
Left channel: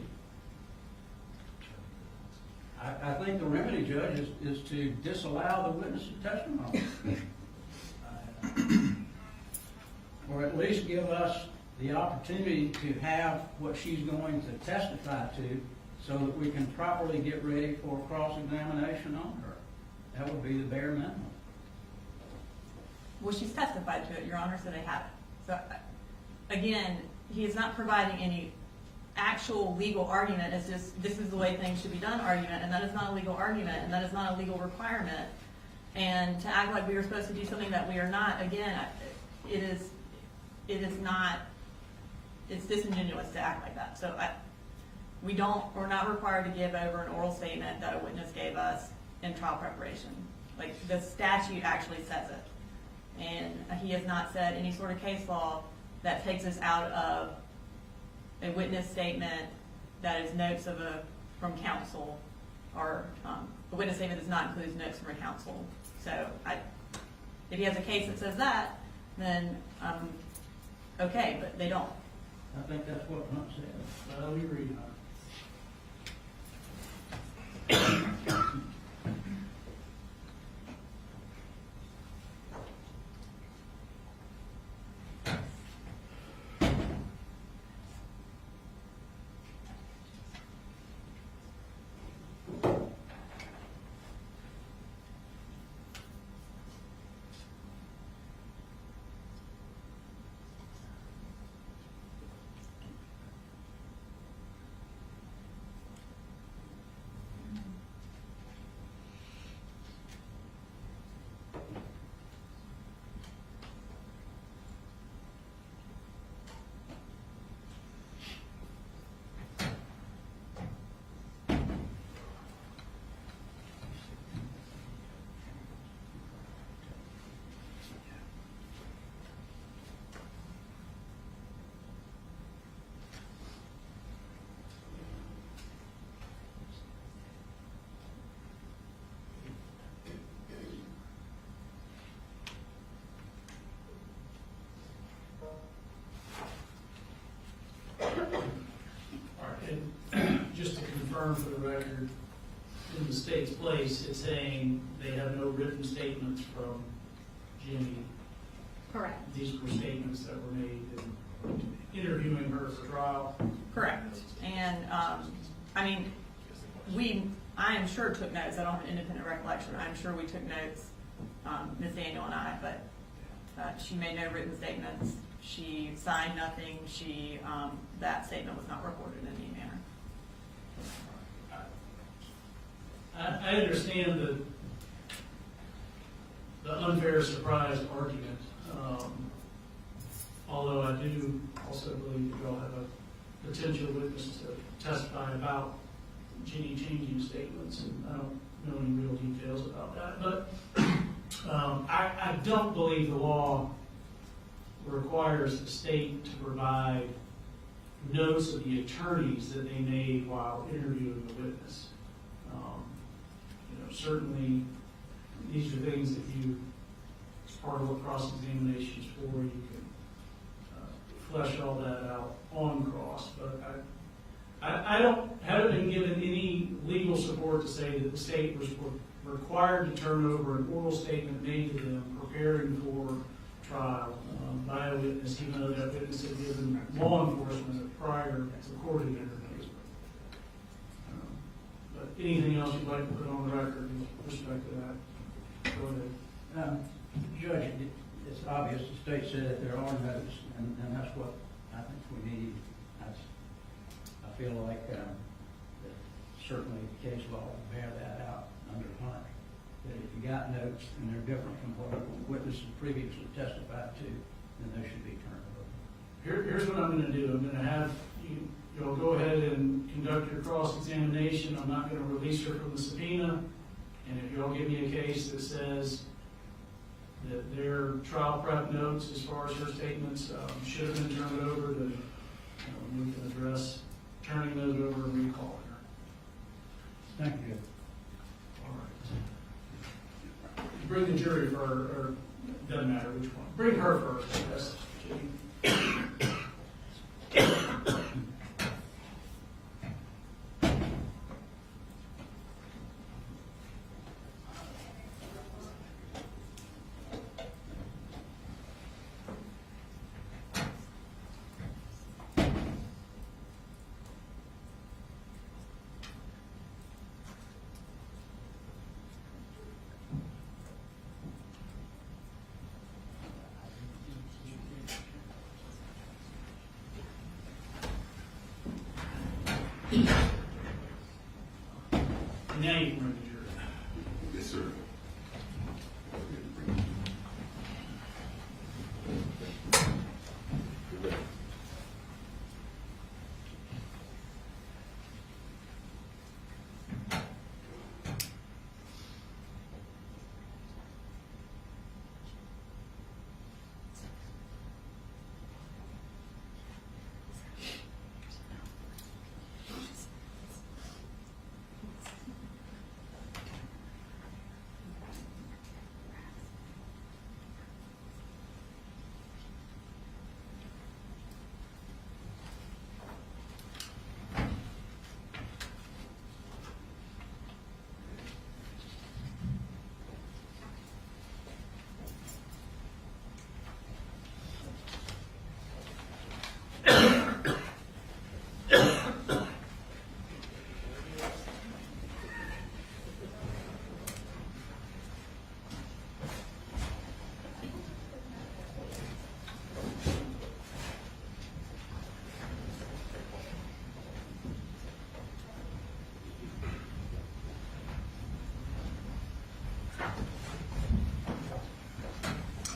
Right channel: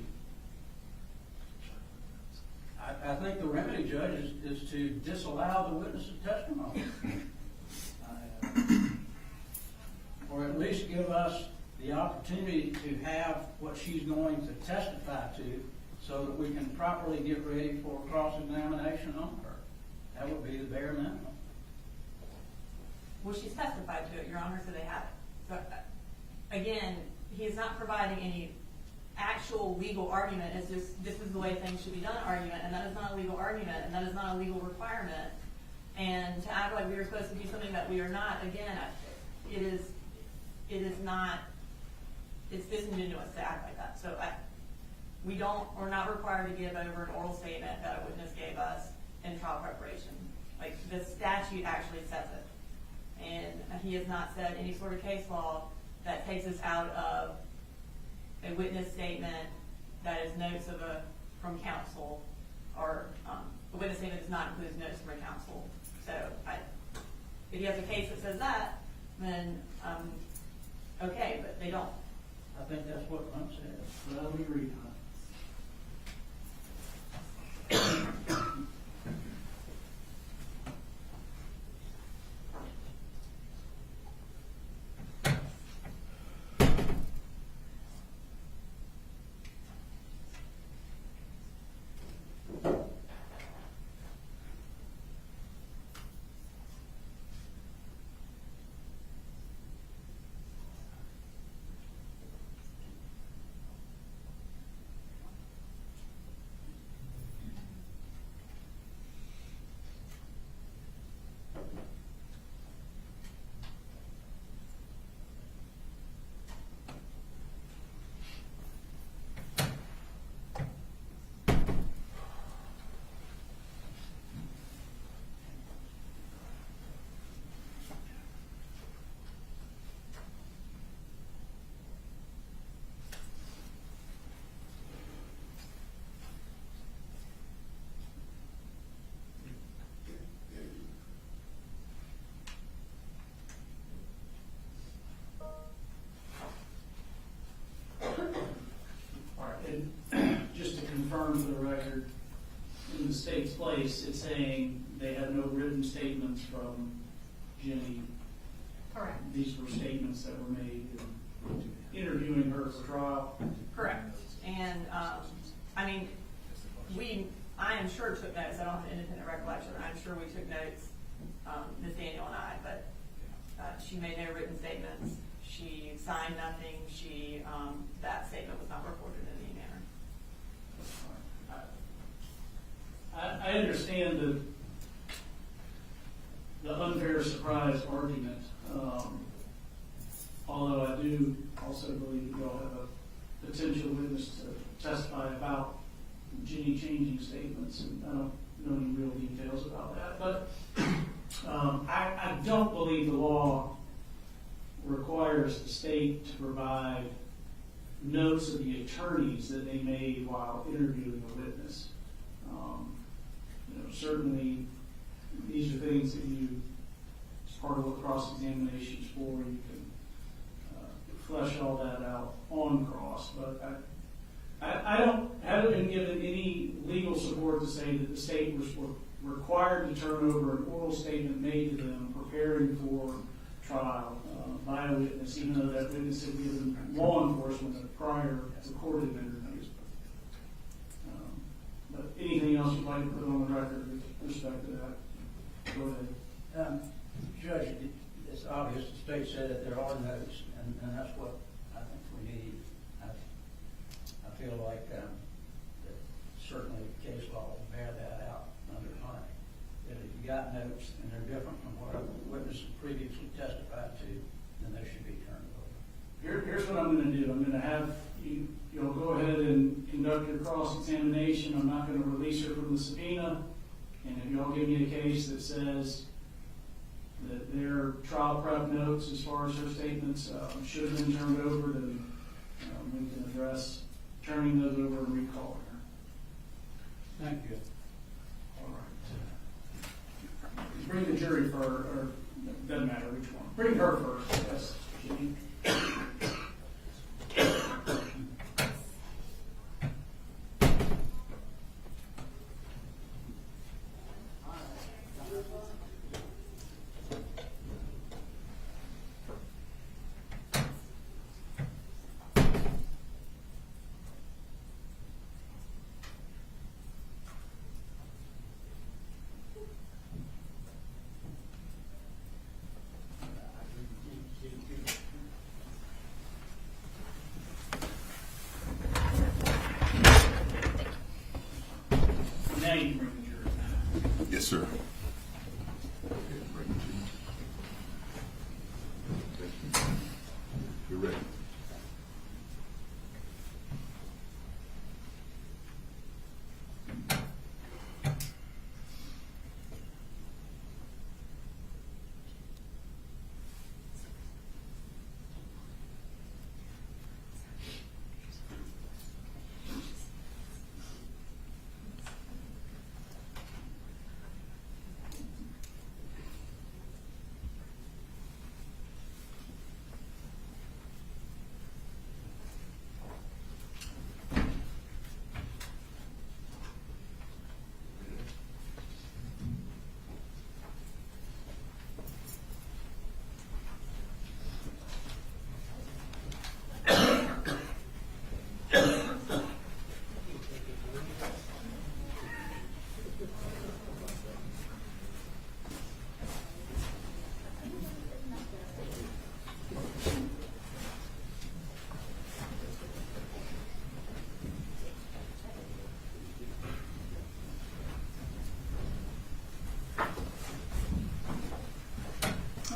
I think the remedy, Judge, is to disallow the witness's testimony. Or at least give us the opportunity to have what she's going to testify to so that we can properly get ready for cross-examination on her. That would be the bare minimum. Well, she's testified to it, Your Honor, so they have it. So, again, he is not providing any actual legal argument. It's just, this is the way things should be done argument, and that is not a legal argument, and that is not a legal requirement. And to act like we were supposed to do something that we are not, again, it is not, it's disingenuous to act like that. So we're not required to give over an oral statement that a witness gave us in trial preparation. Like, the statute actually says it. And he has not said any sort of case law that takes us out of a witness statement that is notes from counsel, or a witness statement does not include notes from a counsel. So if he has a case that says that, then okay, but they don't. I think that's what Hunt said. Well, we agree, huh? Just to confirm for the record, in the state's place, it's saying they have no written statements from Jenny. Correct. These were statements that were made in interviewing her for trial. Correct. And I mean, I am sure took notes. I don't have an independent recollection. I'm sure we took notes, Ms. Daniel and I, but she made no written statements. She signed nothing. That statement was not recorded in any manner. I understand the unfair surprise argument, although I do also believe that y'all have a potential witness to testify about Jenny changing statements, and I don't know any real details about that. But I don't believe the law requires the state to provide notes of the attorneys that they made while interviewing the witness. Certainly, these are things that you, as part of what cross-examination is for, you can flesh all that out on cross. But haven't been given any legal support to say that the state was required to turn over an oral statement made to them preparing for trial by a witness, even though that witness had given law enforcement a prior recorded interview. But anything else you'd like to put on the record with respect to that? Go ahead. Judge, it's obvious the state said that there are notes, and that's what I think we need. I feel like certainly case law will bear that out under Hunt. That if you got notes and they're different from what a witness previously testified to, then they should be turned over. Here's what I'm going to do. I'm going to have you'll go ahead and conduct your cross-examination. I'm not going to release her from the subpoena. And if y'all give me a case that says that their trial prep notes, as far as her statements, should have been turned over, then we can address turning those over to recall her. Thank you. All right. Bring the jury for, or doesn't matter which one. Bring her first, yes. Now you can bring the jury. Yes, sir.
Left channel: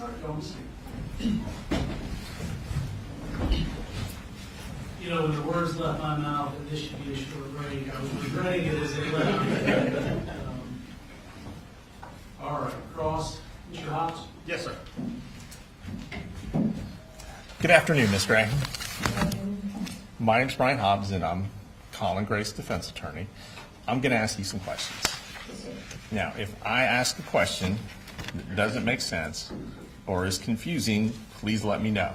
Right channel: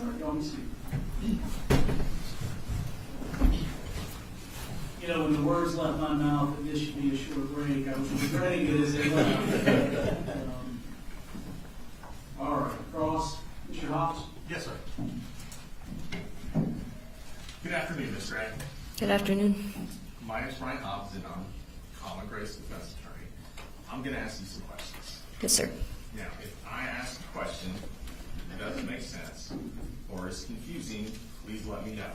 All right, y'all, see. You know, when the words left my mouth that this should be a short break, I was regretting it as it left. All right, cross. Mr. Hobbs? Yes, sir. Good afternoon, Ms. Gray. Good afternoon. My name's Brian Hobbs, and I'm Colin Gray's defense attorney. I'm going to ask you some questions. Yes, sir. Now, if I ask a question that doesn't make sense or is confusing, please let me know.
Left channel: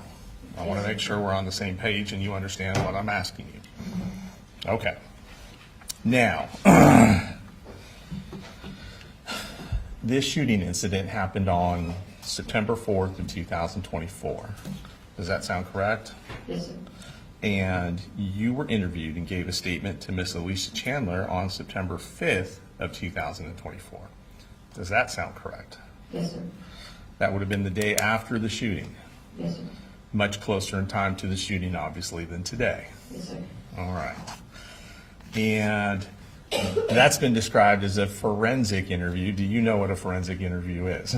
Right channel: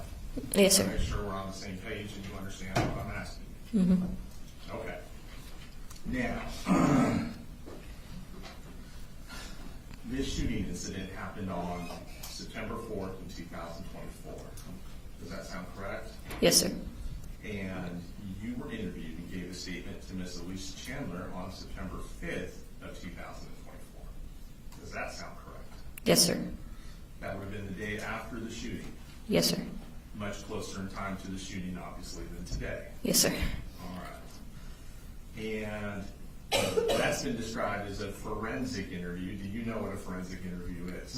I Yes, want sir. to make sure we're on the same page and you understand what I'm asking you. Mm-hmm. Okay. Now, this shooting incident happened on September 4th of 2024. Does that sound correct? Yes, sir. And you were interviewed and gave a statement to Miss Alicia Chandler on September 5th of 2024. Does that sound correct? Yes, sir. That would have been the day after the shooting. Yes, sir. Much closer in time to the shooting, obviously, than today. Yes, sir. All right. And that's been described as a forensic interview. Do you know what a forensic interview is?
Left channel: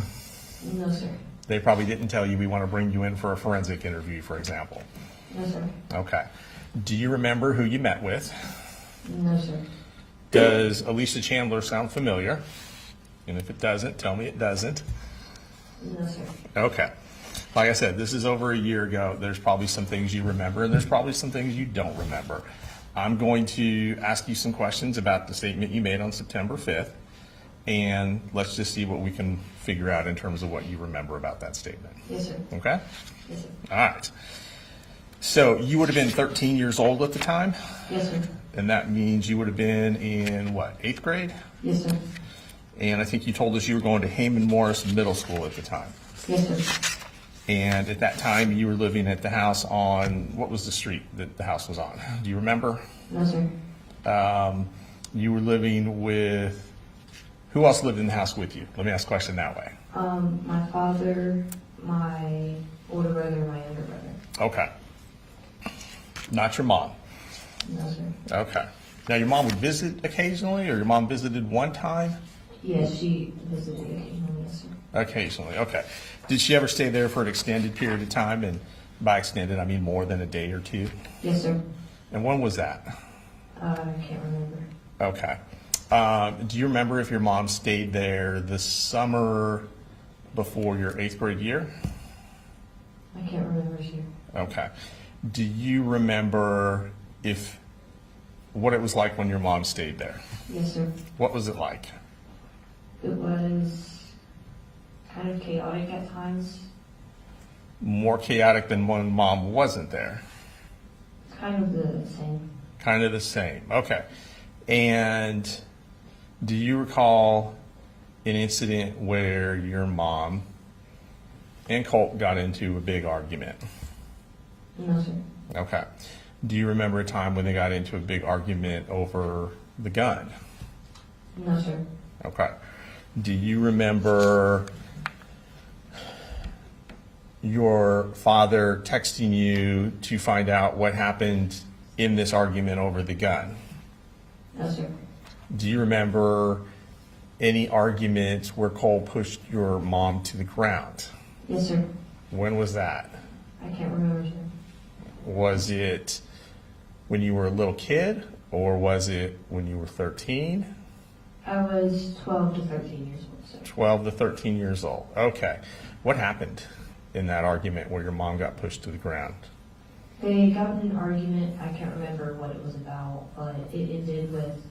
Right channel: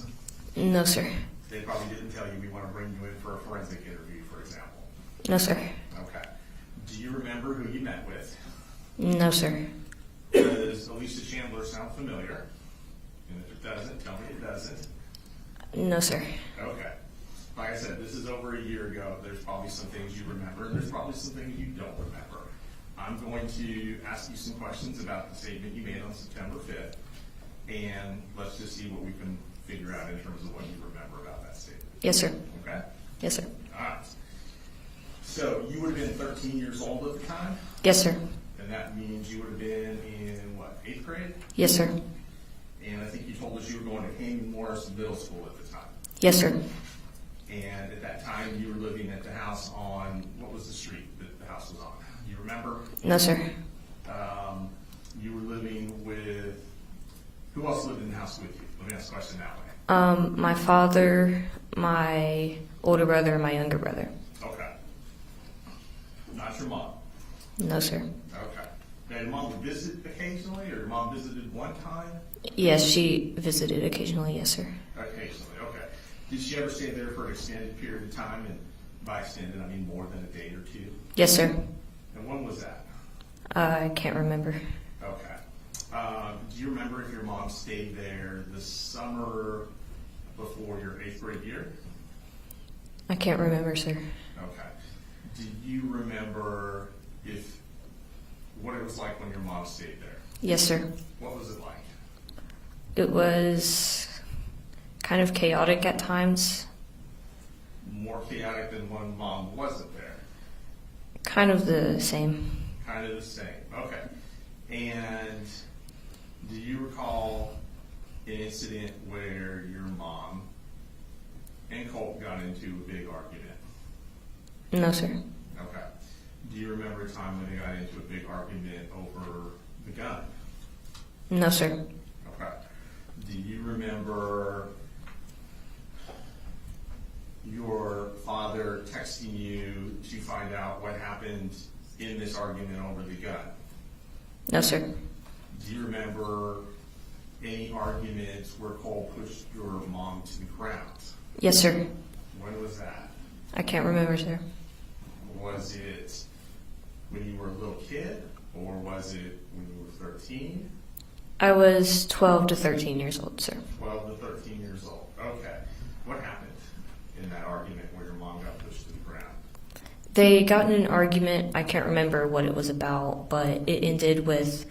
No, sir. They probably didn't tell you we want to bring you in for a forensic interview, for example. No, sir. Okay. Do you remember who you met with? No, sir. Does Alicia Chandler sound familiar? And if it doesn't, tell me it doesn't. No, sir. Okay. Like I said, this is over a year ago. There's probably some things you remember, and there's probably some things you don't remember. I'm going to ask you some questions about the statement you made on September 5th, and let's just see what we can figure out in terms of what you remember about that statement. Yes, sir. Okay? Yes, sir. All right. So you would have been 13 years old at the time, Yes, sir. and that means you would have been in, what, 8th grade? Yes, sir. And I think you told us you were going to Heyman Morris Middle School at the time. Yes, sir. And at that time, you were living at the house on, what was the street that the house was on? Do you remember? No, sir. You were living with, who else lived in the house with you? Let me ask the question that way. My father, my older brother, and my younger brother. Okay. Not your mom? No, sir. Okay. Now, your mom would visit occasionally, or your mom visited one time? Yes, she visited occasionally. Yes, sir. Occasionally, okay. Did she ever stay there for an extended period of time? And by extended, I mean more than a day or two? Yes, sir. And when was that? I can't remember. Okay. Do you remember if your mom stayed there the summer before your 8th grade year? I can't remember, sir. Okay. Do you remember if what it was like when your mom stayed there? Yes, sir. What was it like? It was kind of chaotic at times. More chaotic than when mom wasn't there? Kind of the same. Kind of the same. Okay. And do you recall an incident where your mom and Colt got into a big argument? No, sir. Okay. Do you remember a time when they got into a big argument over the gun? No, sir. Okay. Do you remember your father texting you to find out what happened in this argument over the gun? No, sir. Do you remember any arguments where Cole pushed your mom to the ground? Yes, sir. When was that? I can't remember, sir. Was it when you were a little kid, or was it when you were 13? I was 12 to 13 years old, sir. 12 to 13 years old. Okay. What happened in that argument where your mom got pushed to the ground? They got in an argument. I can't remember what it was about, but it ended with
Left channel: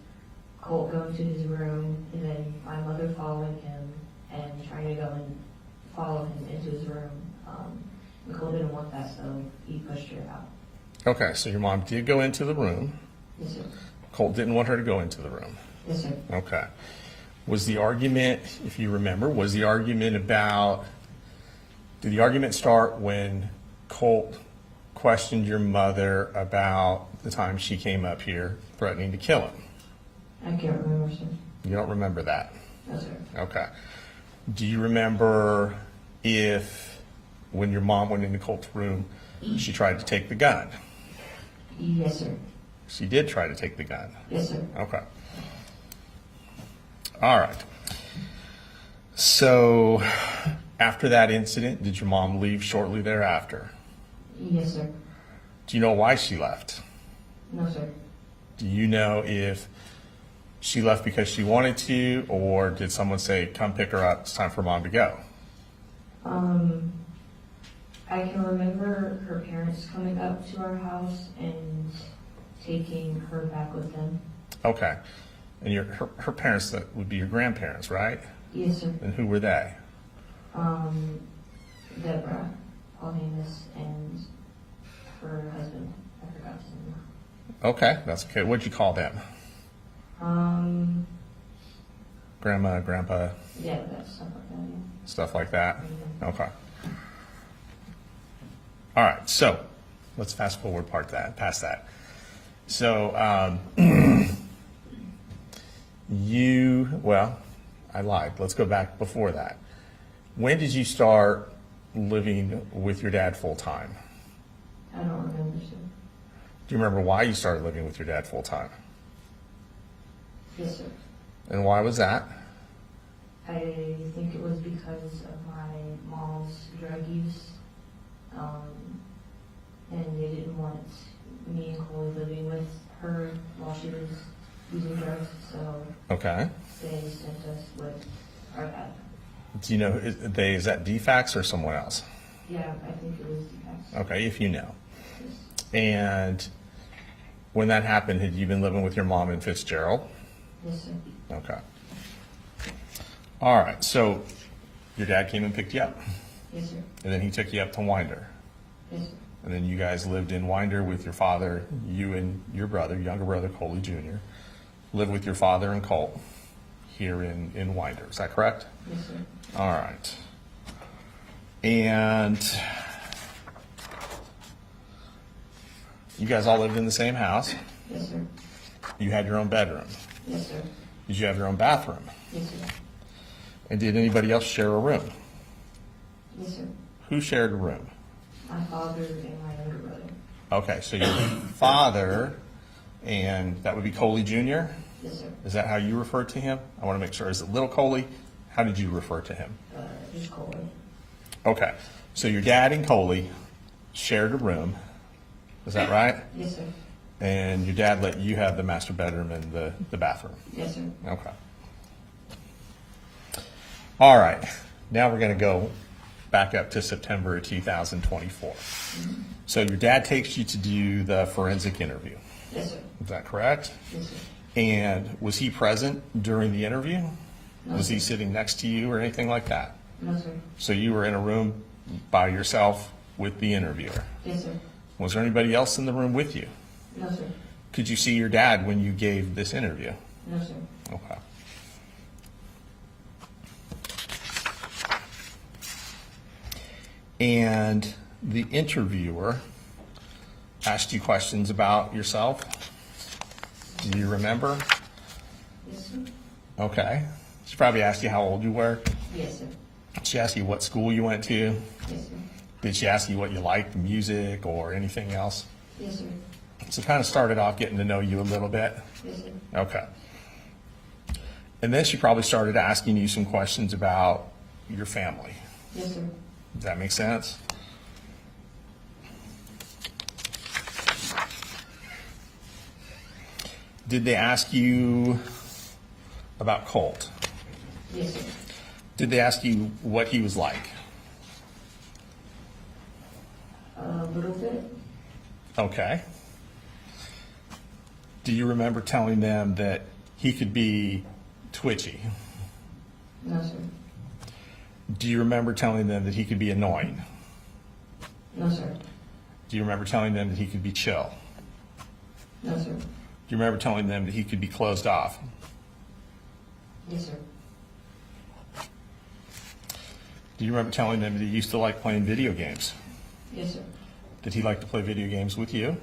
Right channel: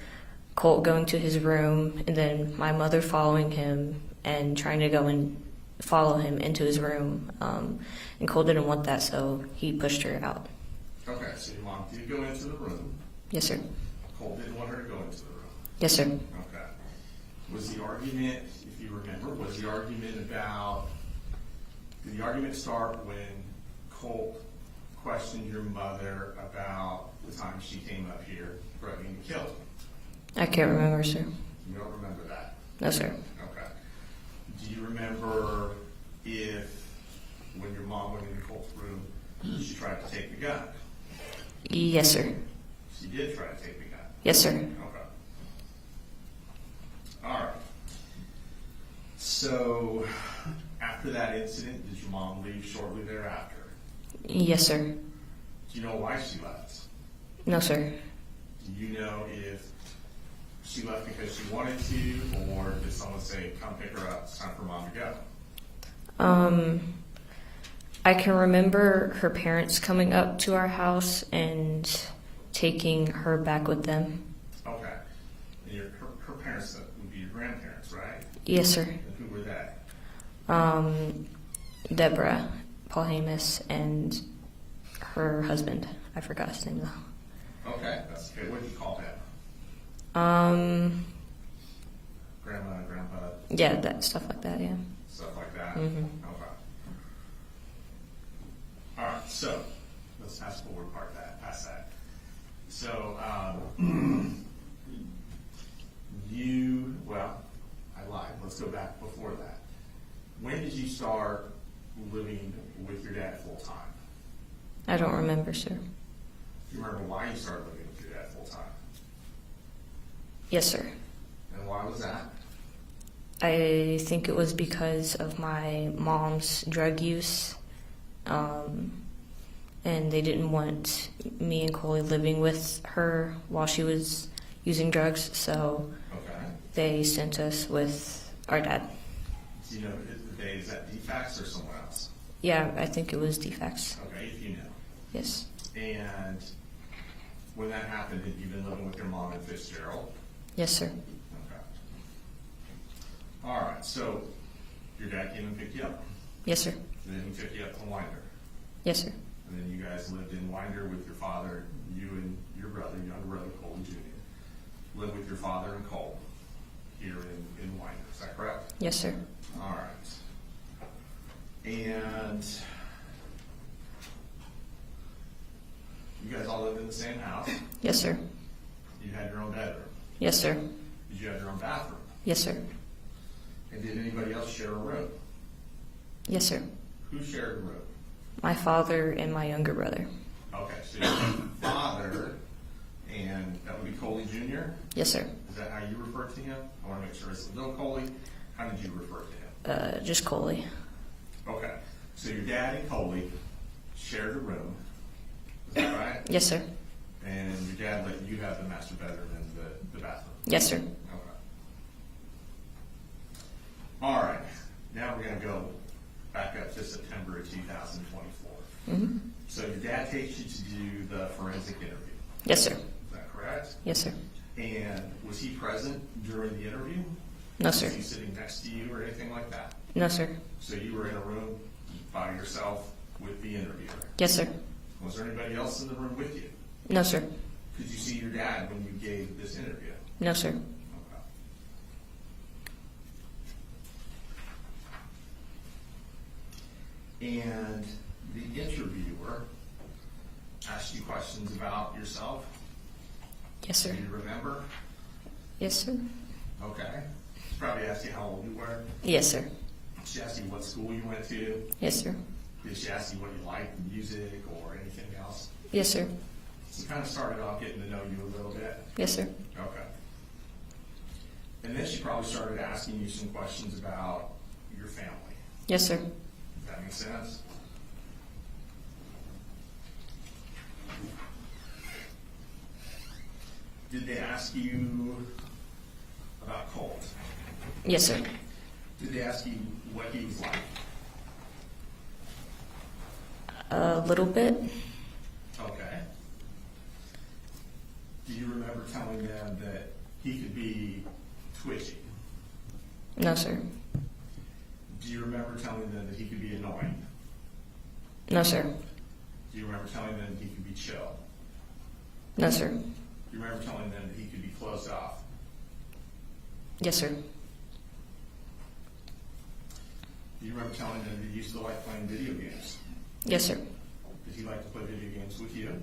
Colt going to his room and then my mother following him and trying to go and follow him into his room. And Colt didn't want that, so he pushed her out. Okay, so your mom did go into the room. Yes, sir. Colt didn't want her to go into the room. Yes, sir. Okay. Was the argument, if you remember, was the argument about, did the argument start when Colt questioned your mother about the time she came up here threatening to kill him? I can't remember, sir. You don't remember that? No, sir. Okay. Do you remember if, when your mom went into Colt's room, she tried to take the gun? Yes, sir. She did try to take the gun? Yes, sir. Okay. All right. So, after that incident, did your mom leave shortly thereafter? Yes, sir. Do you know why she left? No, sir. Do you know if she left because she wanted to, or did someone say, come pick her up, it's time for mom to go? I can remember her parents coming up to our house and taking her back with them. Okay. And her parents, that would be your grandparents, right? Yes, sir. And who were they? Deborah, Paul Hamus, and her husband. I forgot his name though. Okay, that's okay. What'd you call them? Grandma, grandpa? Yeah, that stuff like that, yeah. Stuff like that? Mm-hmm. Okay. All right, so let's fast forward past that. So, well, I lied. Let's go back before that. When did you start living with your dad full time? I don't remember, sir. Do you remember why you started living with your dad full time? Yes, sir. And why was that? I think it was because of my mom's drug use. And they didn't want me and Coley living with her while she was using drugs, so okay, they sent us with our dad. Do you know, is that DFAX or someone else? Yeah, I think it was DFAX. Okay, if you know. Yes. And when that happened, had you been living with your mom in Fitzgerald? Yes, sir. Okay. All right, so your dad came and picked you up? Yes, sir. And then he took you up to Winder? Yes, sir. And then you guys lived in Winder with your father, you and your brother, younger brother, Coley Jr., lived with your father and Cole here in Winder. Is that correct? Yes, sir. All right. And you guys all lived in the same house? Yes, sir. You had your own bedroom? Yes, sir. Did you have your own bathroom? Yes, sir. And did anybody else share a room? Yes, sir. Who shared a room? My father and my younger brother. Okay, so your father, and that would be Coley Jr.? Yes, sir. Is that how you refer to him? I want to make sure. Is it Little Coley? How did you refer to him? Just Coley. Okay, so your dad and Coley shared a room. Is that right? Yes, sir. And your dad let you have the master bedroom and the bathroom? Yes, sir. Okay. All right, now we're going to go back up to September of 2024. Mm-hmm. So your dad takes you to do the forensic interview. Yes, sir. Is that correct? Yes, sir. And was he present during the interview? No, Was sir. he sitting next to you or anything like that? No, sir. So you were in a room by yourself with the interviewer? Yes, sir. Was there anybody else in the room with you? No, sir. Could you see your dad when you gave this interview? No, sir. Okay. And the interviewer asked you questions about yourself? Yes, sir. Do you remember? Yes, sir. Okay. She probably asked you how old you were. Yes, sir. She asked you what school you went to. Yes, sir. Did she ask you what you liked, music or anything else? Yes, sir. So kind of started off getting to know you a little bit. Yes, sir. Okay. And then she probably started asking you some questions about your family. Yes, sir. Does that make sense? Did they ask you about Colt? Yes, sir. Did they ask you what he was like? A little bit. Okay. Do you remember telling them that he could be twitchy? No, sir. Do you remember telling them that he could be annoying? No, sir. Do you remember telling them that he could be chill? No, sir. Do you remember telling them that he could be closed off? Yes, sir. Do you remember telling them that he used to like playing video games? Yes, sir. Did he like to play video games with you?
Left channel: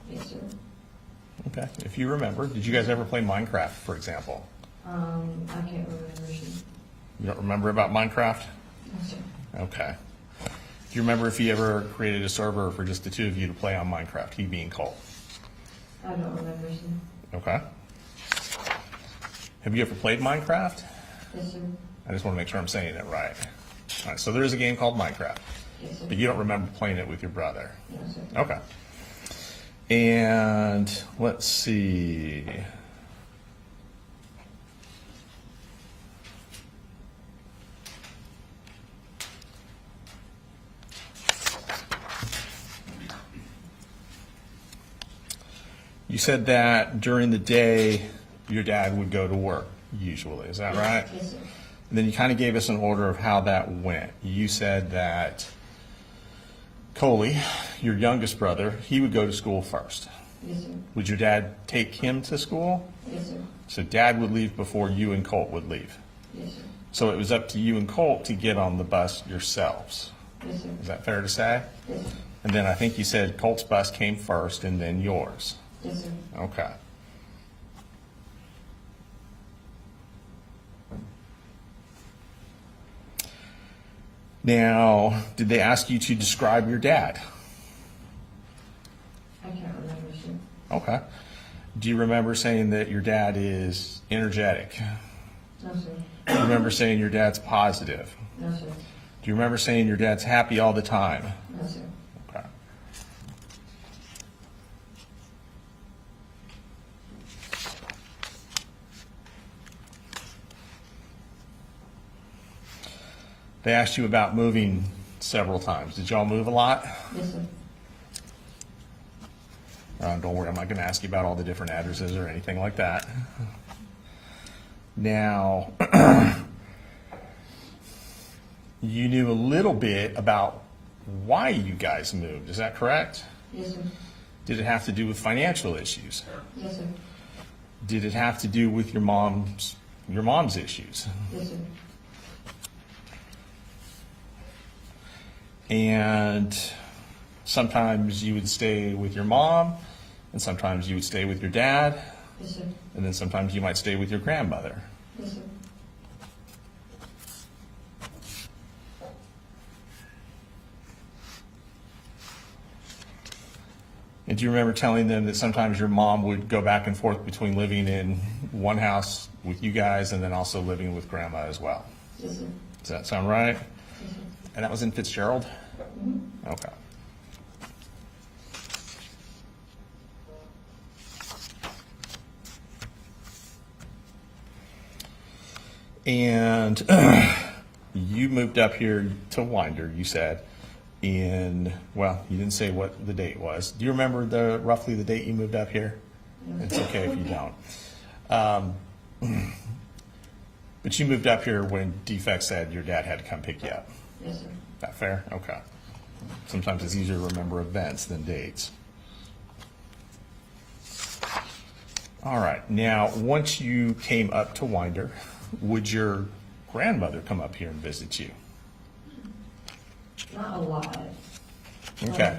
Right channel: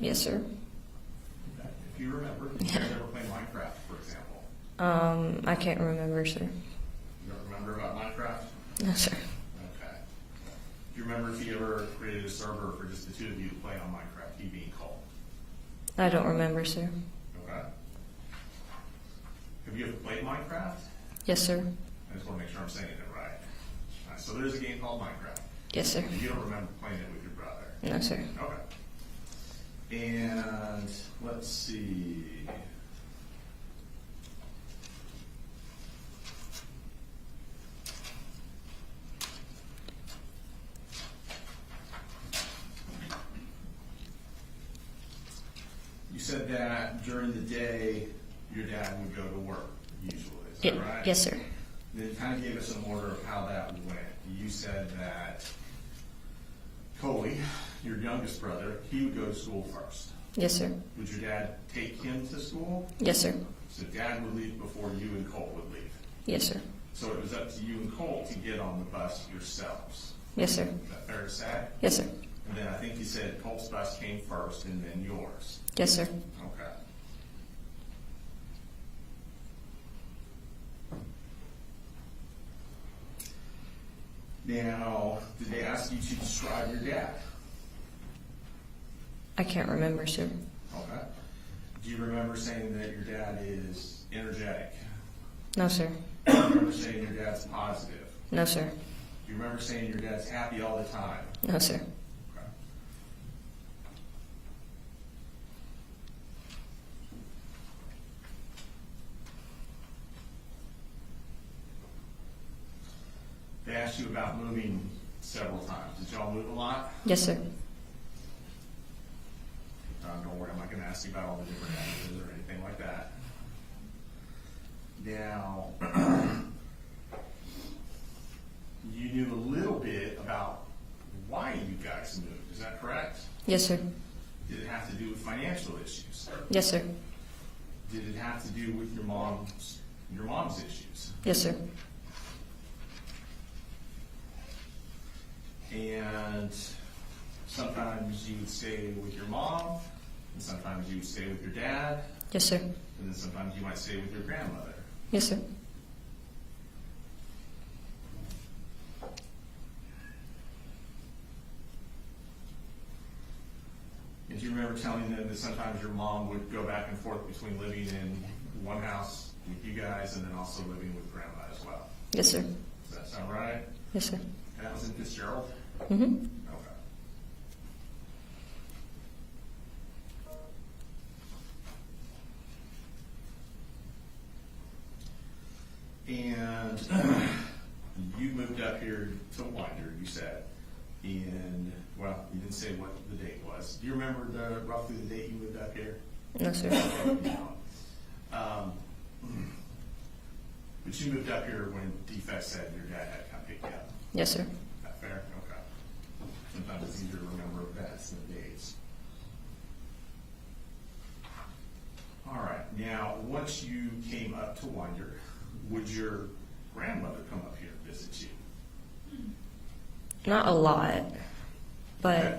Yes, sir. Okay. If you remember, did you guys ever play Minecraft, for example? I can't remember, sir. You don't remember about Minecraft? No, sir. Okay. Do you remember if he ever created a server for just the two of you to play on Minecraft, he being Cole? I don't remember, sir. Okay. Have you ever played Minecraft? Yes, sir. I just want to make sure I'm saying it right. All right, so there is a game called Minecraft. Yes, sir. But you don't remember playing it with your brother? No, sir. Okay. And let's see. You said that during the day, your dad would go to work, usually. Is that right? Yes, sir. And then you kind of gave us an order of how that went. You said that Coley, your youngest brother, he would go to school first. Yes, sir. Would your dad take him to school? Yes, sir. So dad would leave before you and Colt would leave. Yes, sir. So it was up to you and Colt to get on the bus yourselves. Yes, sir. Is that fair to say? Yes, sir. And then I think you said Colt's bus came first and then yours. Yes, sir. Okay. Now, did they ask you to describe your dad? I can't remember, sir. Okay. Do you remember saying that your dad is energetic? No, sir. Do you remember saying your dad's positive? No, sir. Do you remember saying your dad's happy all the time? No, sir. Okay. They asked you about moving several times. Did y'all move a lot? Yes, sir. Don't worry, I'm not going to ask you about all the different addresses or anything like that. Now, you knew a little bit about why you guys moved. Is that correct? Yes, sir. Did it have to do with financial issues? Yes, sir. Did it have to do with your mom's issues? Yes, sir. And sometimes you would stay with your mom, and sometimes you would stay with your dad, Yes, sir. and then sometimes you might stay with your grandmother. Yes, sir. And do you remember telling them that sometimes your mom would go back and forth between living in one house with you guys and then also living with grandma as well? Yes, sir. Does that sound right? Yes, sir. And that was in Fitzgerald? Mm-hmm. Okay. And you moved up here to Winder, you said, well, you didn't say what the date was. Do you remember roughly the date you moved up here? No, sir. It's okay if you don't. But you moved up here when Defect said your dad had to come pick you up. Yes, sir. That fair? Okay. Sometimes it's easier to remember events than dates. All right. Now, once you came up to Winder, would your grandmother come up here and visit you? Not a lot, but Okay.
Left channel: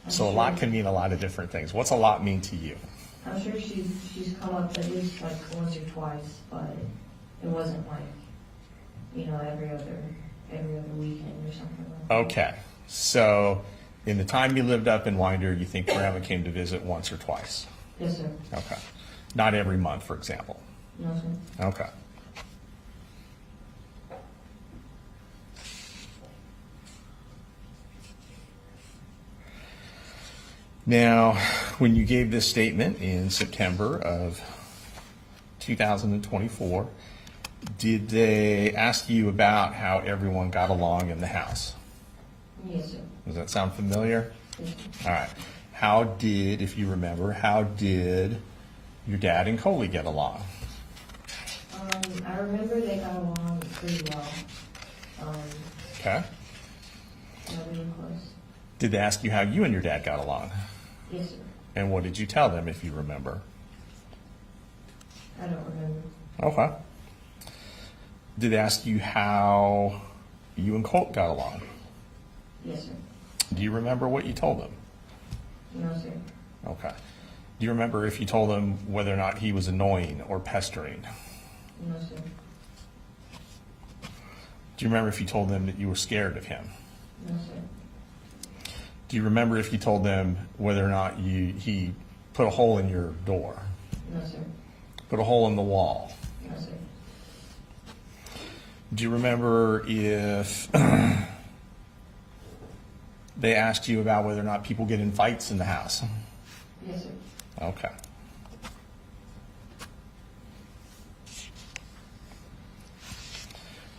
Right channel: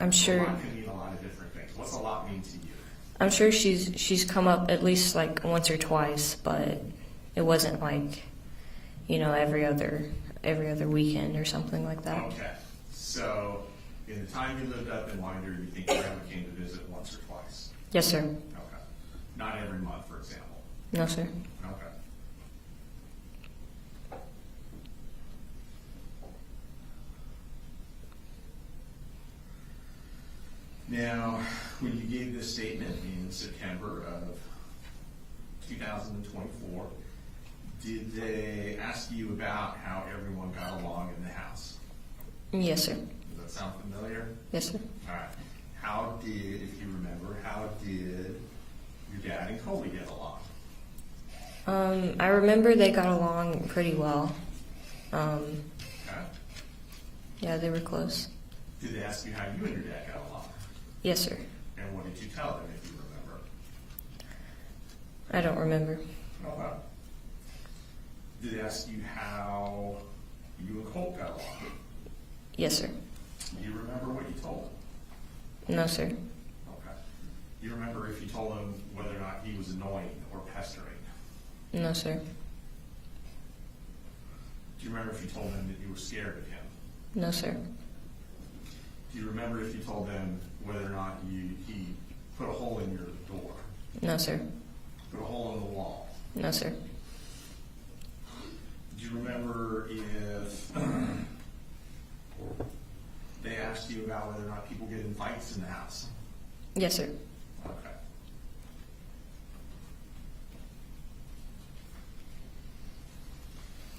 I'm So sure. a lot can mean a lot of different things. What's a lot mean to you? I'm sure she's come up at least like once or twice, but it wasn't like, every other weekend or something like that. Okay. So in the time you lived up in Winder, you think grandma came to visit once or twice? Yes, sir. Okay. Not every month, for example. No, sir. Okay. Now, when you gave this statement in September of 2024, did they ask you about how everyone got along in the house? Yes, sir. Does that sound familiar? Yes, sir. All right. If you remember, how did your dad and Coley get along? I remember they got along pretty well. Okay. Yeah, they were close. Did they ask you how you and your dad got along? Yes, sir. And what did you tell them, if you remember? I don't remember. Okay. Did they ask you how you and Colt got along? Yes, sir. Do you remember what you told them? No, sir. Okay. Do you remember if you told them whether or not he was annoying or pestering? No, sir. Do you remember if you told them that you were scared of him? No, sir. Do you remember if you told them whether or not he put a hole in your door? No, sir. Put a hole in the wall? No, sir. Do you remember if they asked you about whether or not people get in fights in the house? Yes, sir. Okay.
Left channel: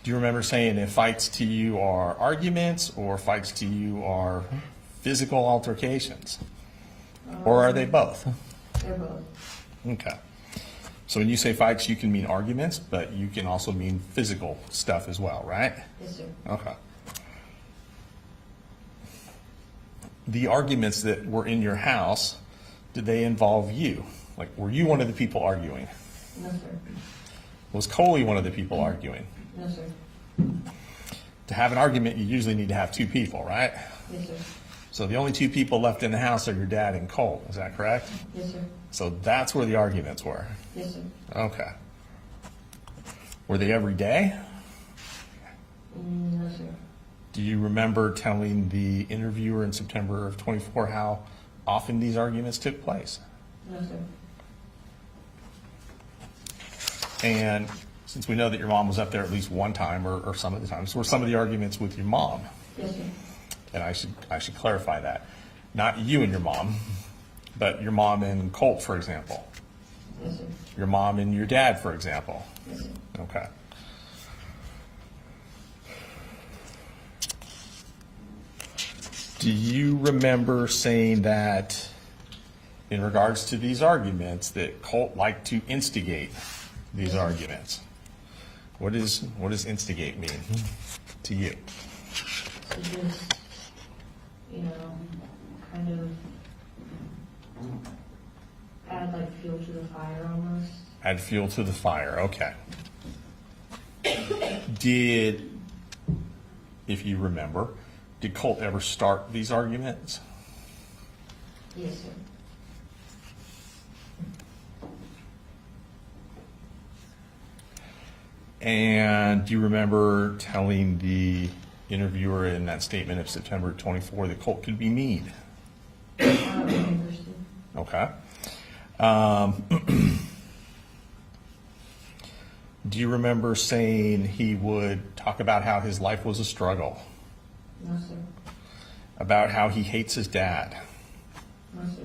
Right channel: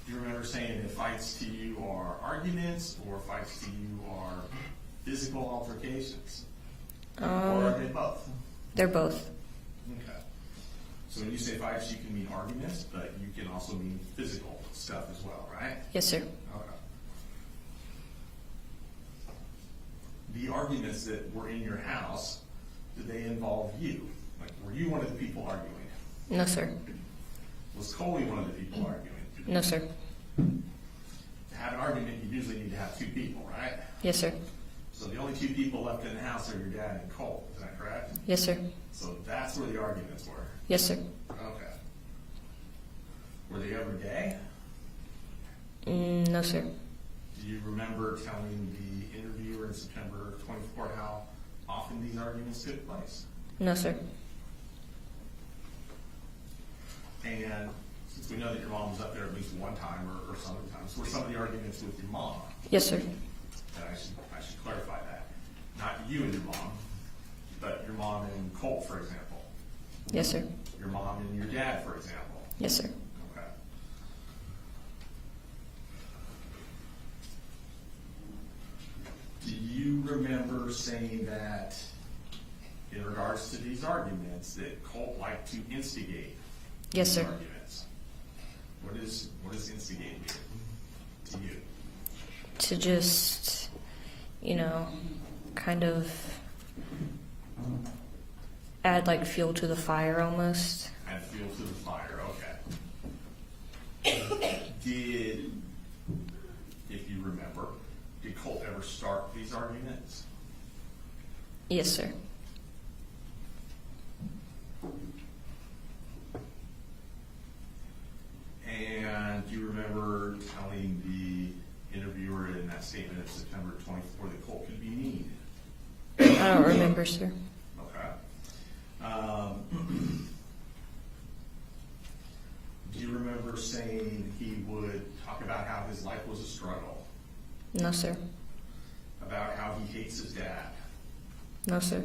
Do you remember saying if fights to you are arguments or fights to you are physical altercations? Or are they both? They're both. Okay. So when you say fights, you can mean arguments, but you can also mean physical stuff as well, right? Yes, sir. Okay. The arguments that were in your house, did they involve you? Like, were you one of the people arguing? No, sir. Was Coley one of the people arguing? No, sir. To have an argument, you usually need to have two people, right? Yes, sir. So the only two people left in the house are your dad and Cole, is that correct? Yes, sir. So that's where the arguments were? Yes, sir. Okay. Were they every day? No, sir. Do you remember telling the interviewer in September of 24 how often these arguments took place? No, sir. And since we know that your mom was up there at least one time or some of the times, were some of the arguments with your mom? Yes, sir. And I should clarify that. Not you and your mom, but your mom and Colt, for example. Yes, sir. Your mom and your dad, for example. Yes, sir. Okay. Do you remember saying that in regards to these arguments that Colt liked to instigate Yes, these sir. arguments? What does instigate mean to you? To just, kind of add like fuel to the fire almost. Add fuel to the fire, okay. If you remember, did Colt ever start these arguments? Yes, sir. And do you remember telling the interviewer in that statement of September 24 that Colt could be mean? I don't remember, sir. Okay. Do you remember saying he would talk about how his life was a struggle? No, sir. About how he hates his dad? No, sir.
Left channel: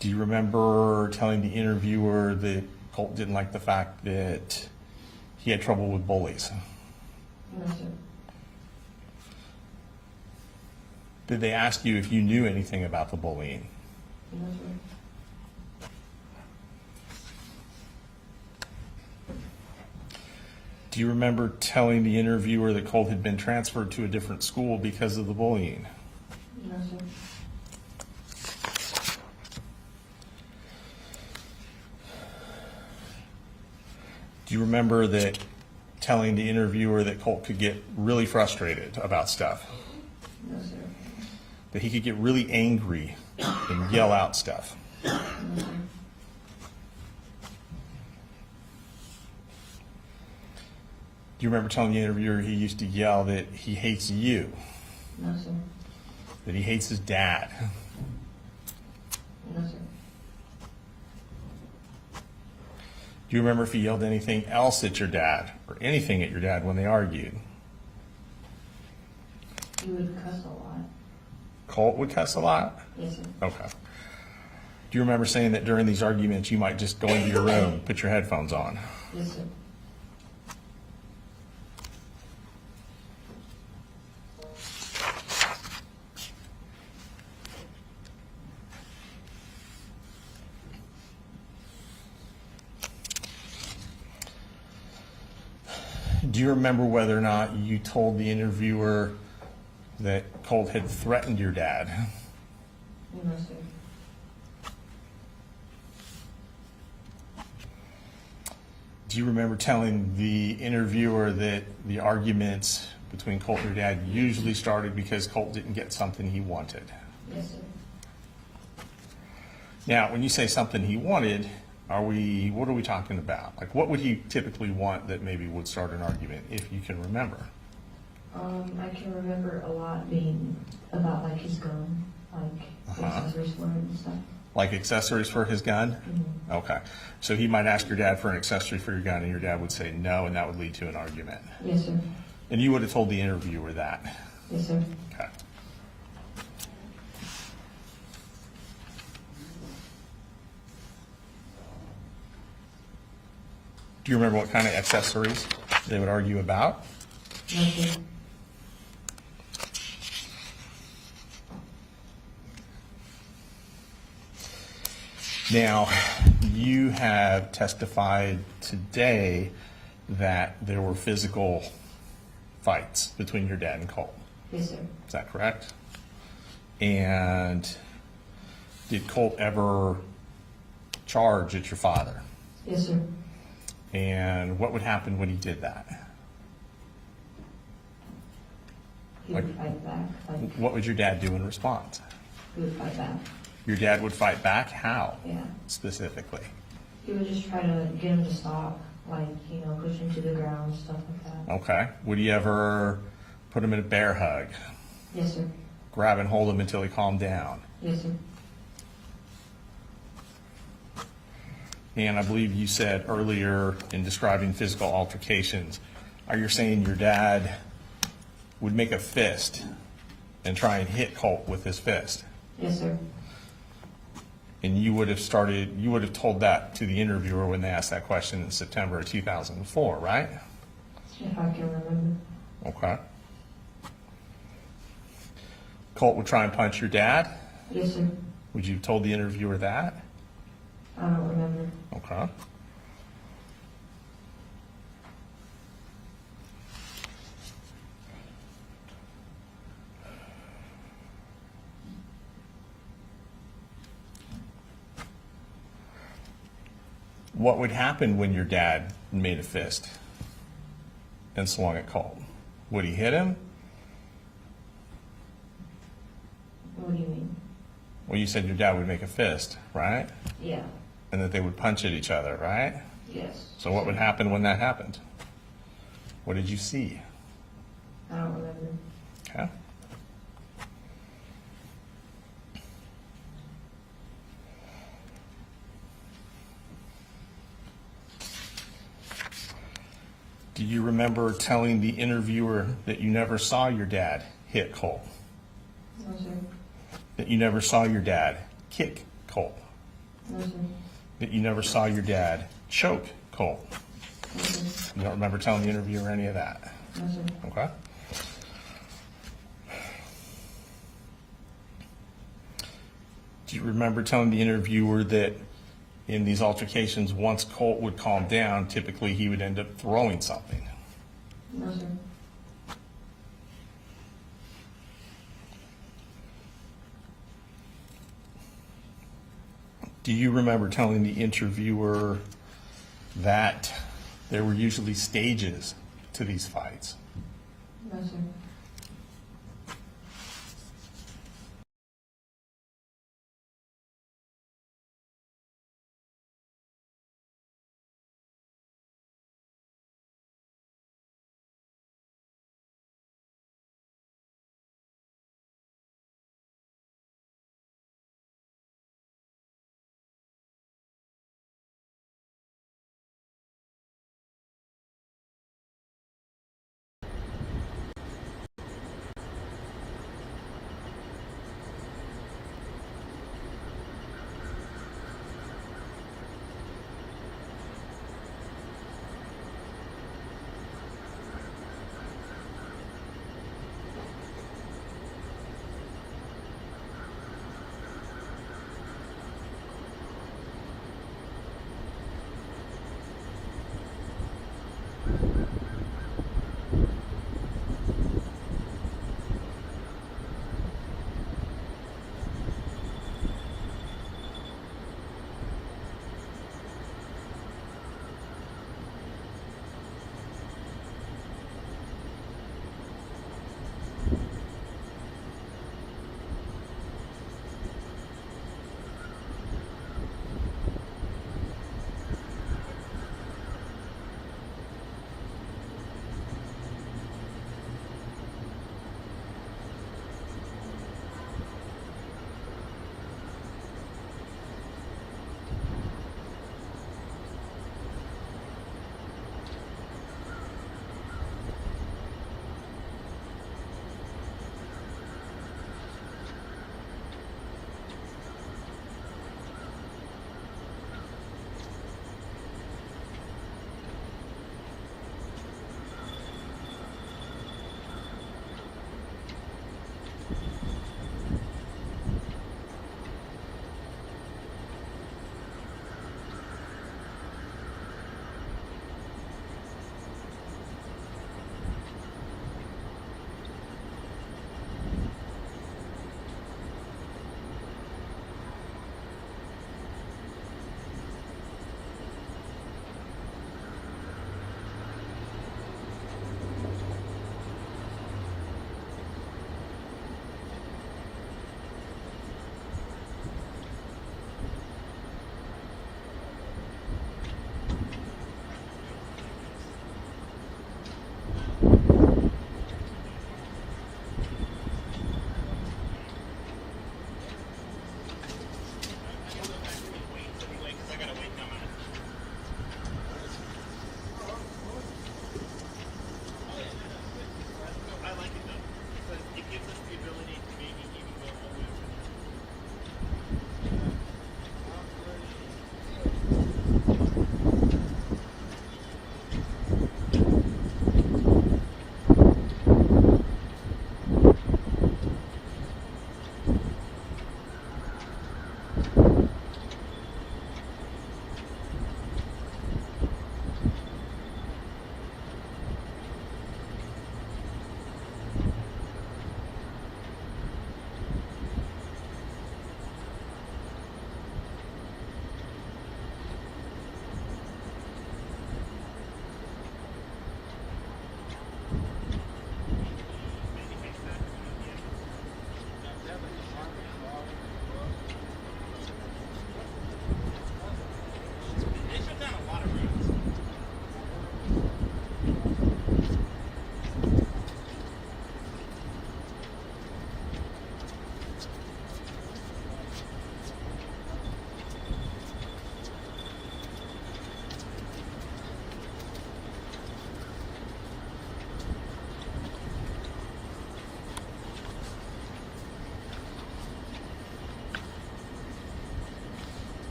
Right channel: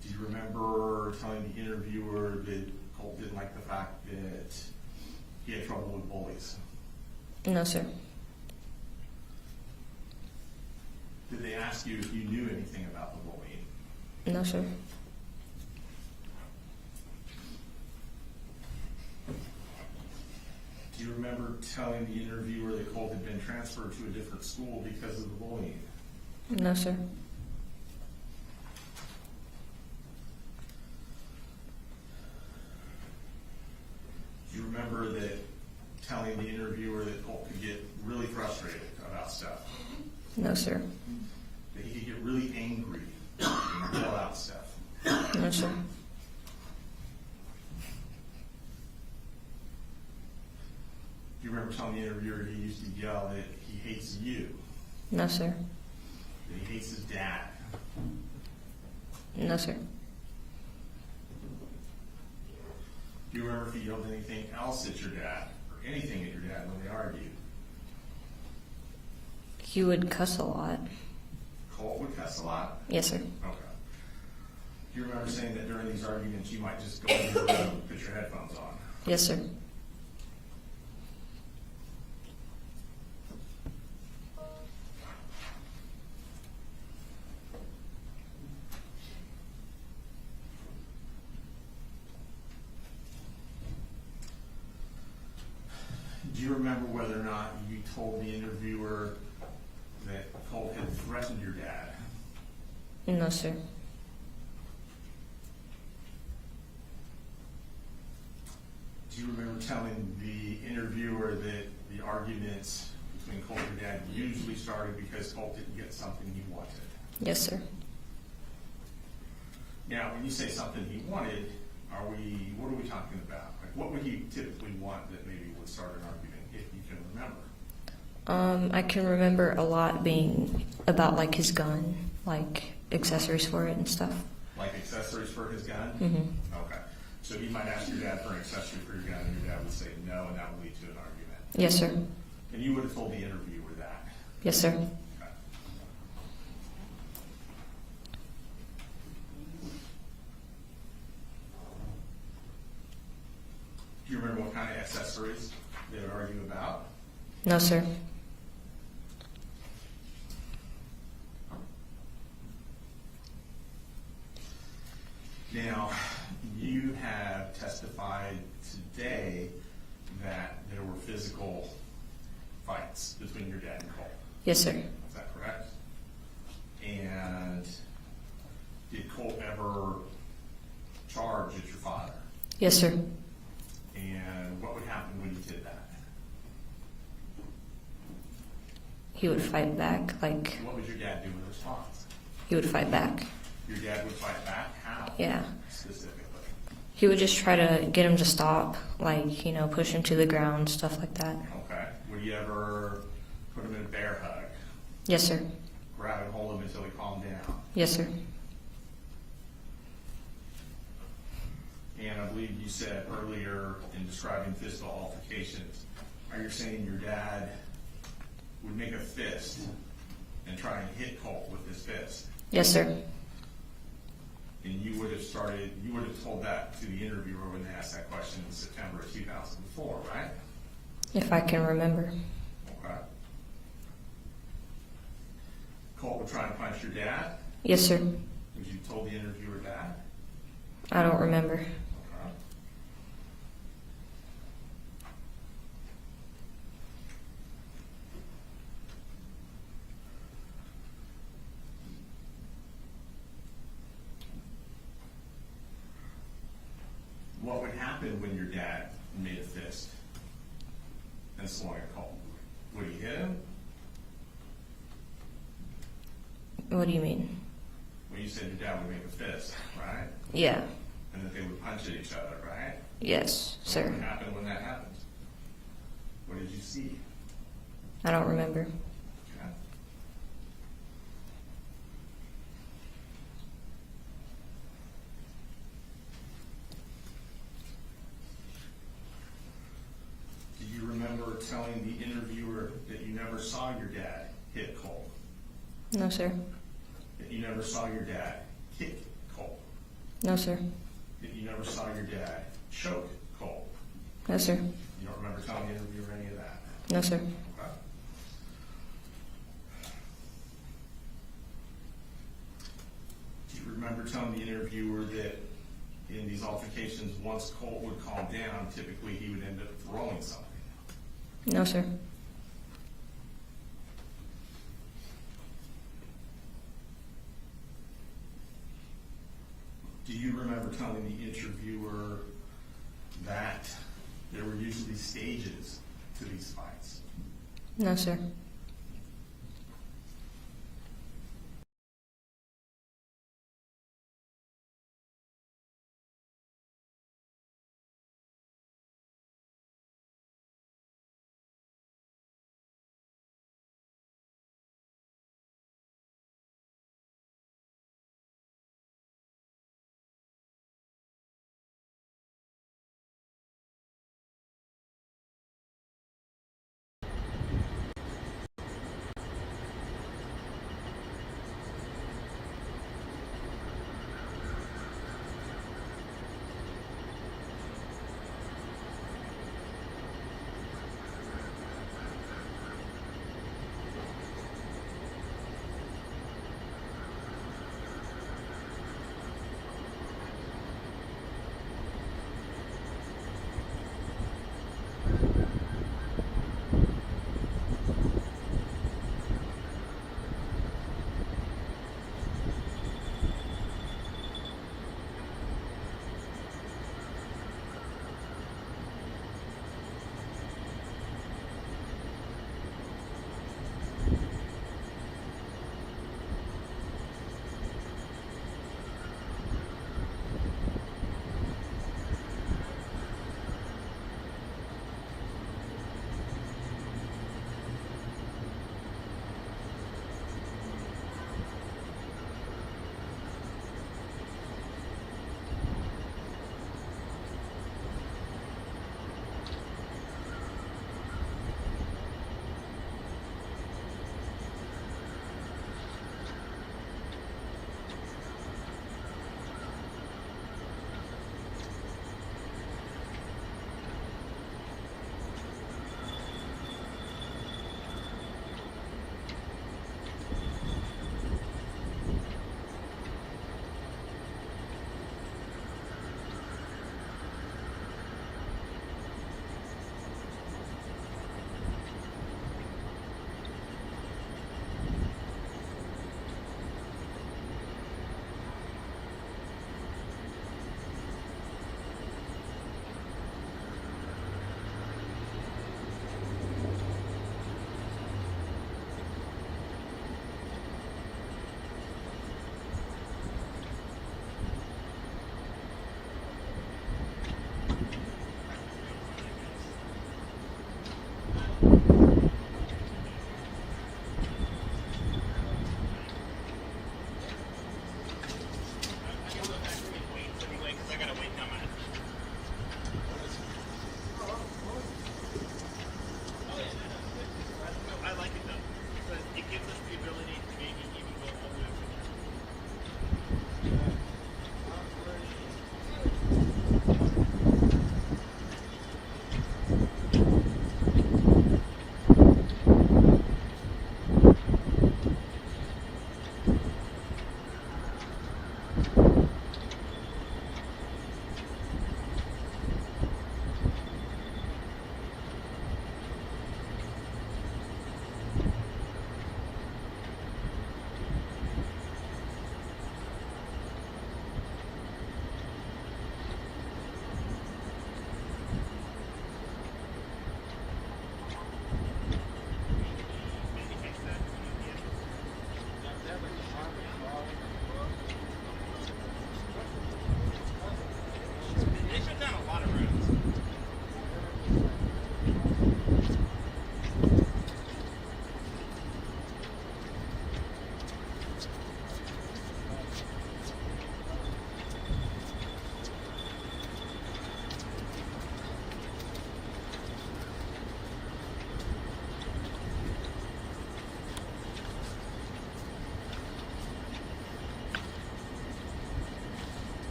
Do you remember telling the interviewer that Colt didn't like the fact that he had trouble with bullies? No, sir. Did they ask you if you knew anything about the bullying? No, sir. Do you remember telling the interviewer that Colt had been transferred to a different school because of the bullying? No, sir. Do you remember that telling the interviewer that Colt could get really frustrated about stuff? No, sir. That he could get really angry and yell out stuff? No, sir. Do you remember telling the interviewer he used to yell that he hates you? No, sir. That he hates his dad? No, sir. Do you remember if he yelled anything else at your dad or anything at your dad when they argued? He would cuss a lot. Colt would cuss a lot? Yes, sir. Okay. Do you remember saying that during these arguments you might just go into your room and put your headphones on? Yes, sir. Do you remember whether or not you told the interviewer that Colt had threatened your dad? No, sir. Do you remember telling the interviewer that the arguments between Colt and your dad usually started because Colt didn't get something he wanted? Yes, sir. Now, when you say something he wanted, what are we talking about? Like, what would he typically want that maybe would start an argument, if you can remember? I can remember a lot being about like his gun, like accessories for it and stuff. Like accessories for his gun? Mm-hmm. Okay. So he might ask your dad for an accessory for your gun, and your dad would say no, and that would lead to an argument. Yes, sir. And you would have told the interviewer that? Yes, sir. Okay. Do you remember what kind of accessories they would argue about? No, sir. Now, you have testified today that there were physical fights between your dad and Colt. Yes, sir. Is that correct? And did Colt ever charge at your father? Yes, sir. And what would happen when he did that? He would fight back. Like, What would your dad do in response? he would fight back. Your dad would fight back? How? Yeah. Specifically? He would just try to get him to stop, like, push him to the ground, stuff like that. Okay. Would he ever put him in a bear hug? Yes, sir. Grab and hold him until he calmed down? Yes, sir. And I believe you said earlier in describing physical altercations, are you saying your dad would make a fist and try and hit Colt with his fist? Yes, sir. And you would have told that to the interviewer when they asked that question in September of 2004, right? If I can remember. Okay. Colt would try and punch your dad? Yes, sir. Would you have told the interviewer that? I don't remember. Okay. What would happen when your dad made a fist and swung at Colt? Would he hit him? What do you mean? Well, you said your dad would make a fist, right? Yeah. And that they would punch at each other, right? Yes. So what would happen when that happened? What did you see? I don't remember. Okay. Do you remember telling the interviewer that you never saw your dad hit Colt? No, sir. That you never saw your dad kick Colt? No, sir. That you never saw your dad choke Colt? No, sir. You don't remember telling the interviewer any of that? No, sir. Okay. Do you remember telling the interviewer that in these altercations, once Colt would calm down, typically he would end up throwing something? No, sir. Do you remember telling the interviewer that there were usually stages to these fights? No, sir.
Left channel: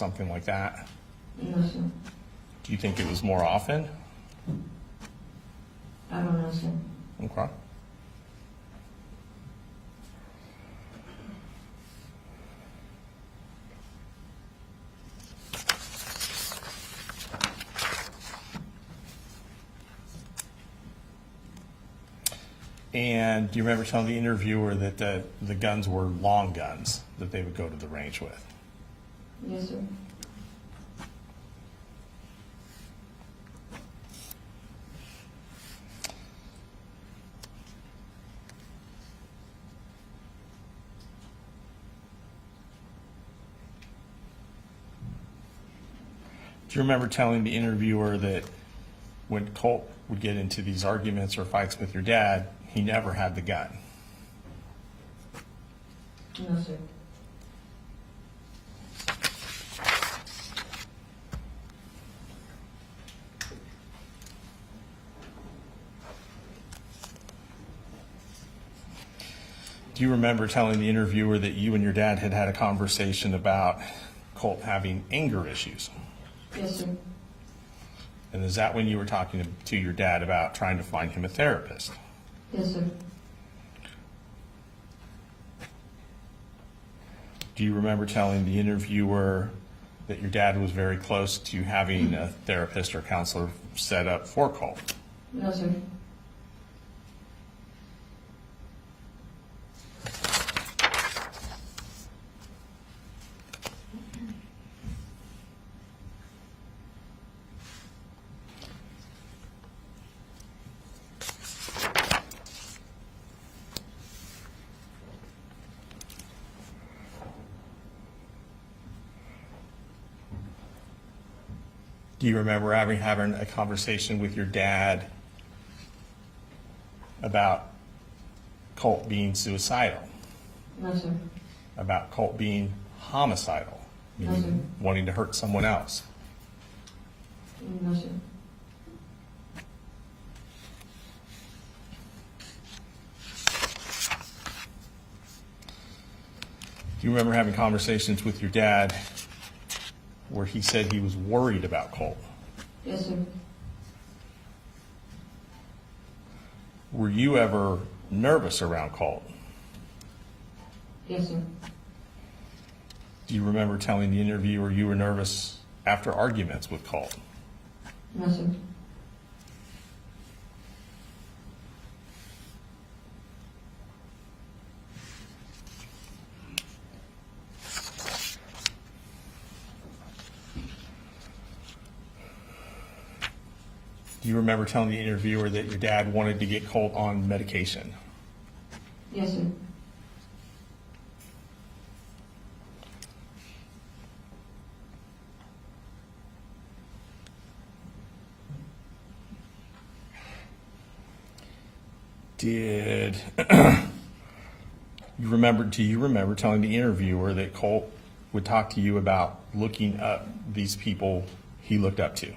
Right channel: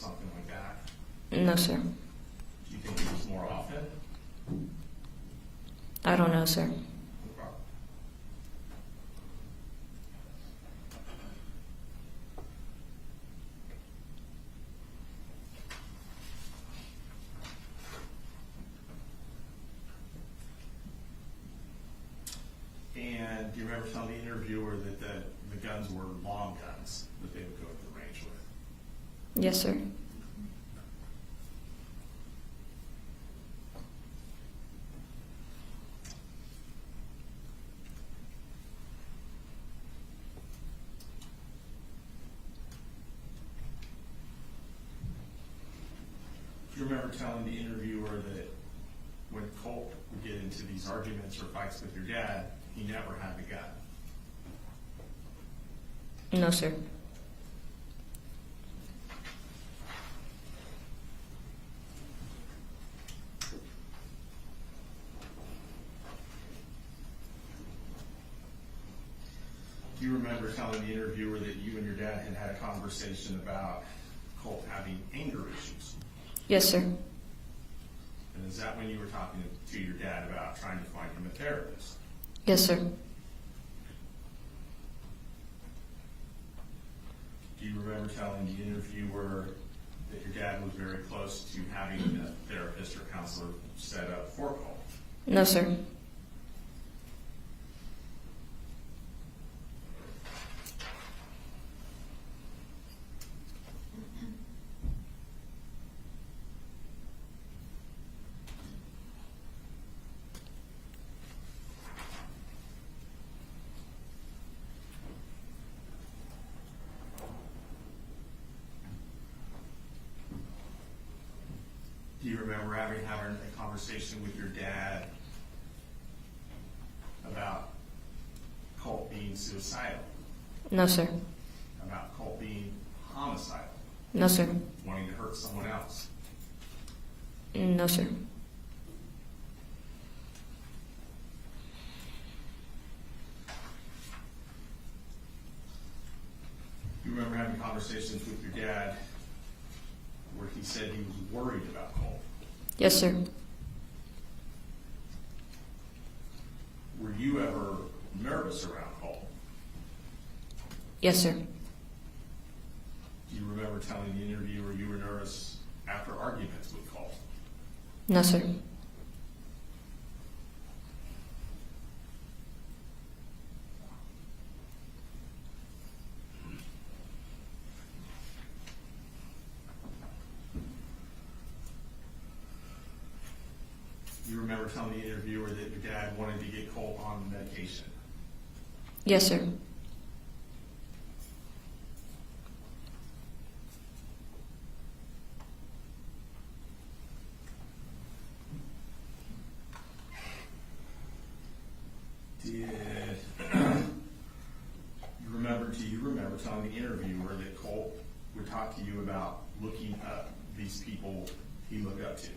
something like that? No, sir. Do you think it was more often? I don't know, sir. Okay. And do you remember telling the interviewer that the guns were long guns that they would go to the range with? Yes, sir. Do you remember telling the interviewer that when Colt would get into these arguments or fights with your dad, he never had the gun? No, sir. Do you remember telling the interviewer that you and your dad had had a conversation about Colt having anger issues? Yes, sir. And is that when you were talking to your dad about trying to find him a therapist? Yes, sir. Do you remember telling the interviewer that your dad was very close to having a therapist or counselor set up for Colt? No, sir. Do you remember having a conversation with your dad about Colt being suicidal? No, sir. About Colt being homicidal? No, sir. Wanting to hurt someone else? No, sir. Do you remember having conversations with your dad where he said he was worried about Colt? Yes, sir. Were you ever nervous around Colt? Yes, sir. Do you remember telling the interviewer you were nervous after arguments with Colt? No, sir. Do you remember telling the interviewer that your dad wanted to get Colt on medication? Yes, sir. Do you remember telling the interviewer that Colt would talk to you about looking up these people he looked up to?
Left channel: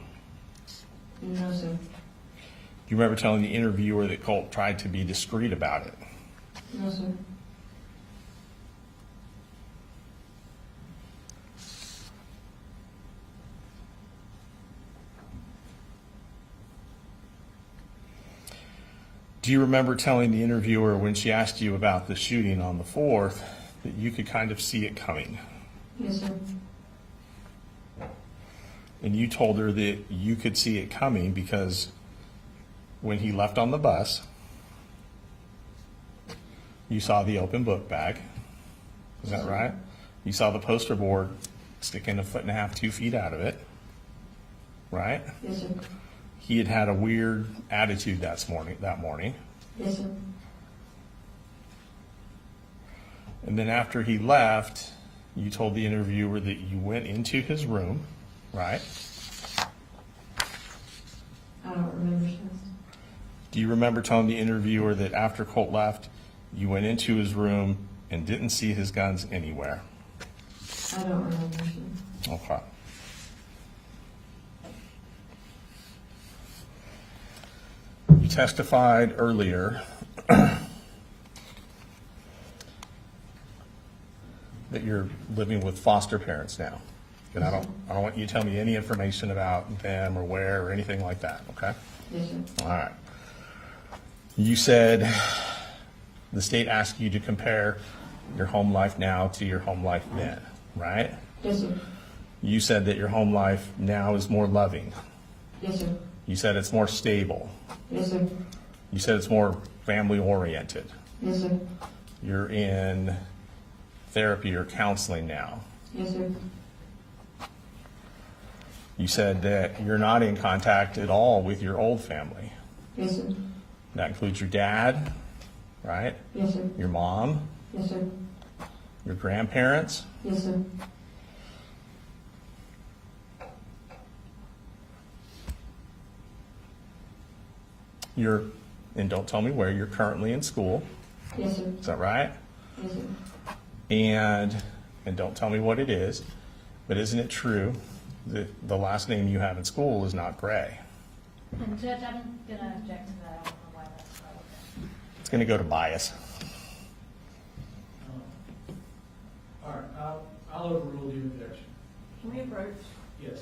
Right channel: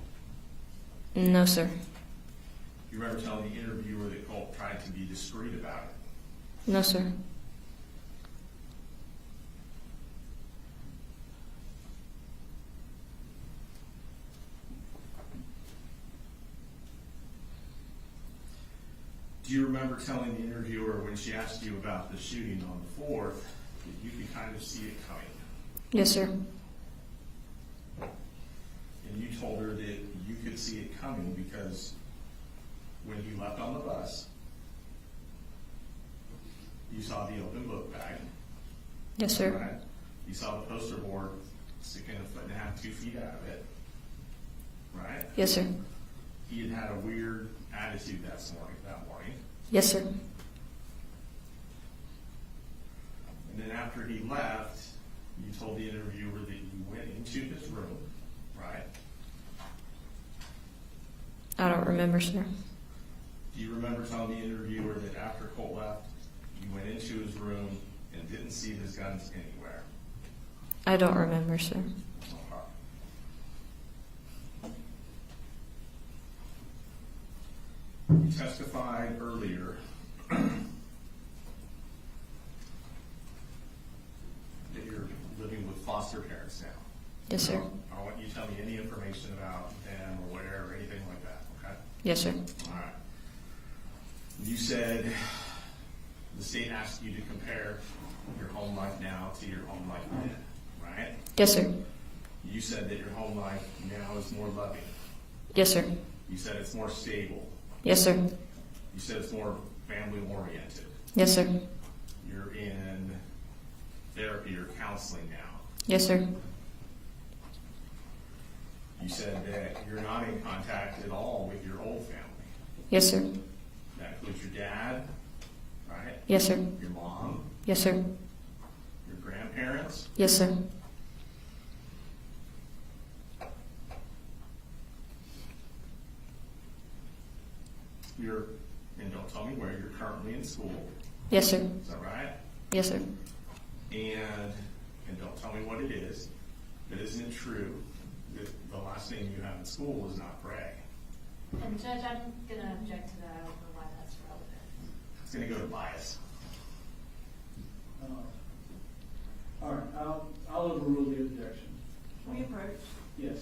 No, sir. Do you remember telling the interviewer that Colt tried to be discreet about it? No, sir. Do you remember telling the interviewer when she asked you about the shooting on the 4th that you could kind of see it coming? Yes, sir. And you told her that you could see it coming because when he left on the bus, you saw the open book bag. Yes, Is that sir. right? You saw the poster board sticking 1.5 feet, 2 feet out of it. Right? Yes, sir. He had had a weird attitude that morning. Yes, sir. And then after he left, you told the interviewer that you went into his room, right? I don't remember, sir. Do you remember telling the interviewer that after Colt left, you went into his room and didn't see his guns anywhere? I don't remember, sir. Okay. You testified earlier that you're living with foster parents now. Yes, And sir. I don't want you to tell me any information about them or where or anything like that, okay? Yes, sir. All right. You said the state asked you to compare your home life now to your home life then, right? Yes, sir. You said that your home life now is more loving. Yes, sir. You said it's more stable. Yes, sir. You said it's more family oriented. Yes, sir. You're in therapy or counseling now. Yes, sir. You said that you're not in contact at all with your old family. Yes, sir. That includes your dad, right? Yes, sir. Your mom, Yes, sir. your grandparents. Yes, sir. And don't tell me where, you're currently in school. Yes, sir. Is that right? Yes, sir. And don't tell me what it is, but isn't it true that the last name you have in school is not Gray? And Judge, I'm gonna object to that. I don't know why that's relevant. It's going to go to bias. All right, I'll overrule the objection. Can we approach? Yes.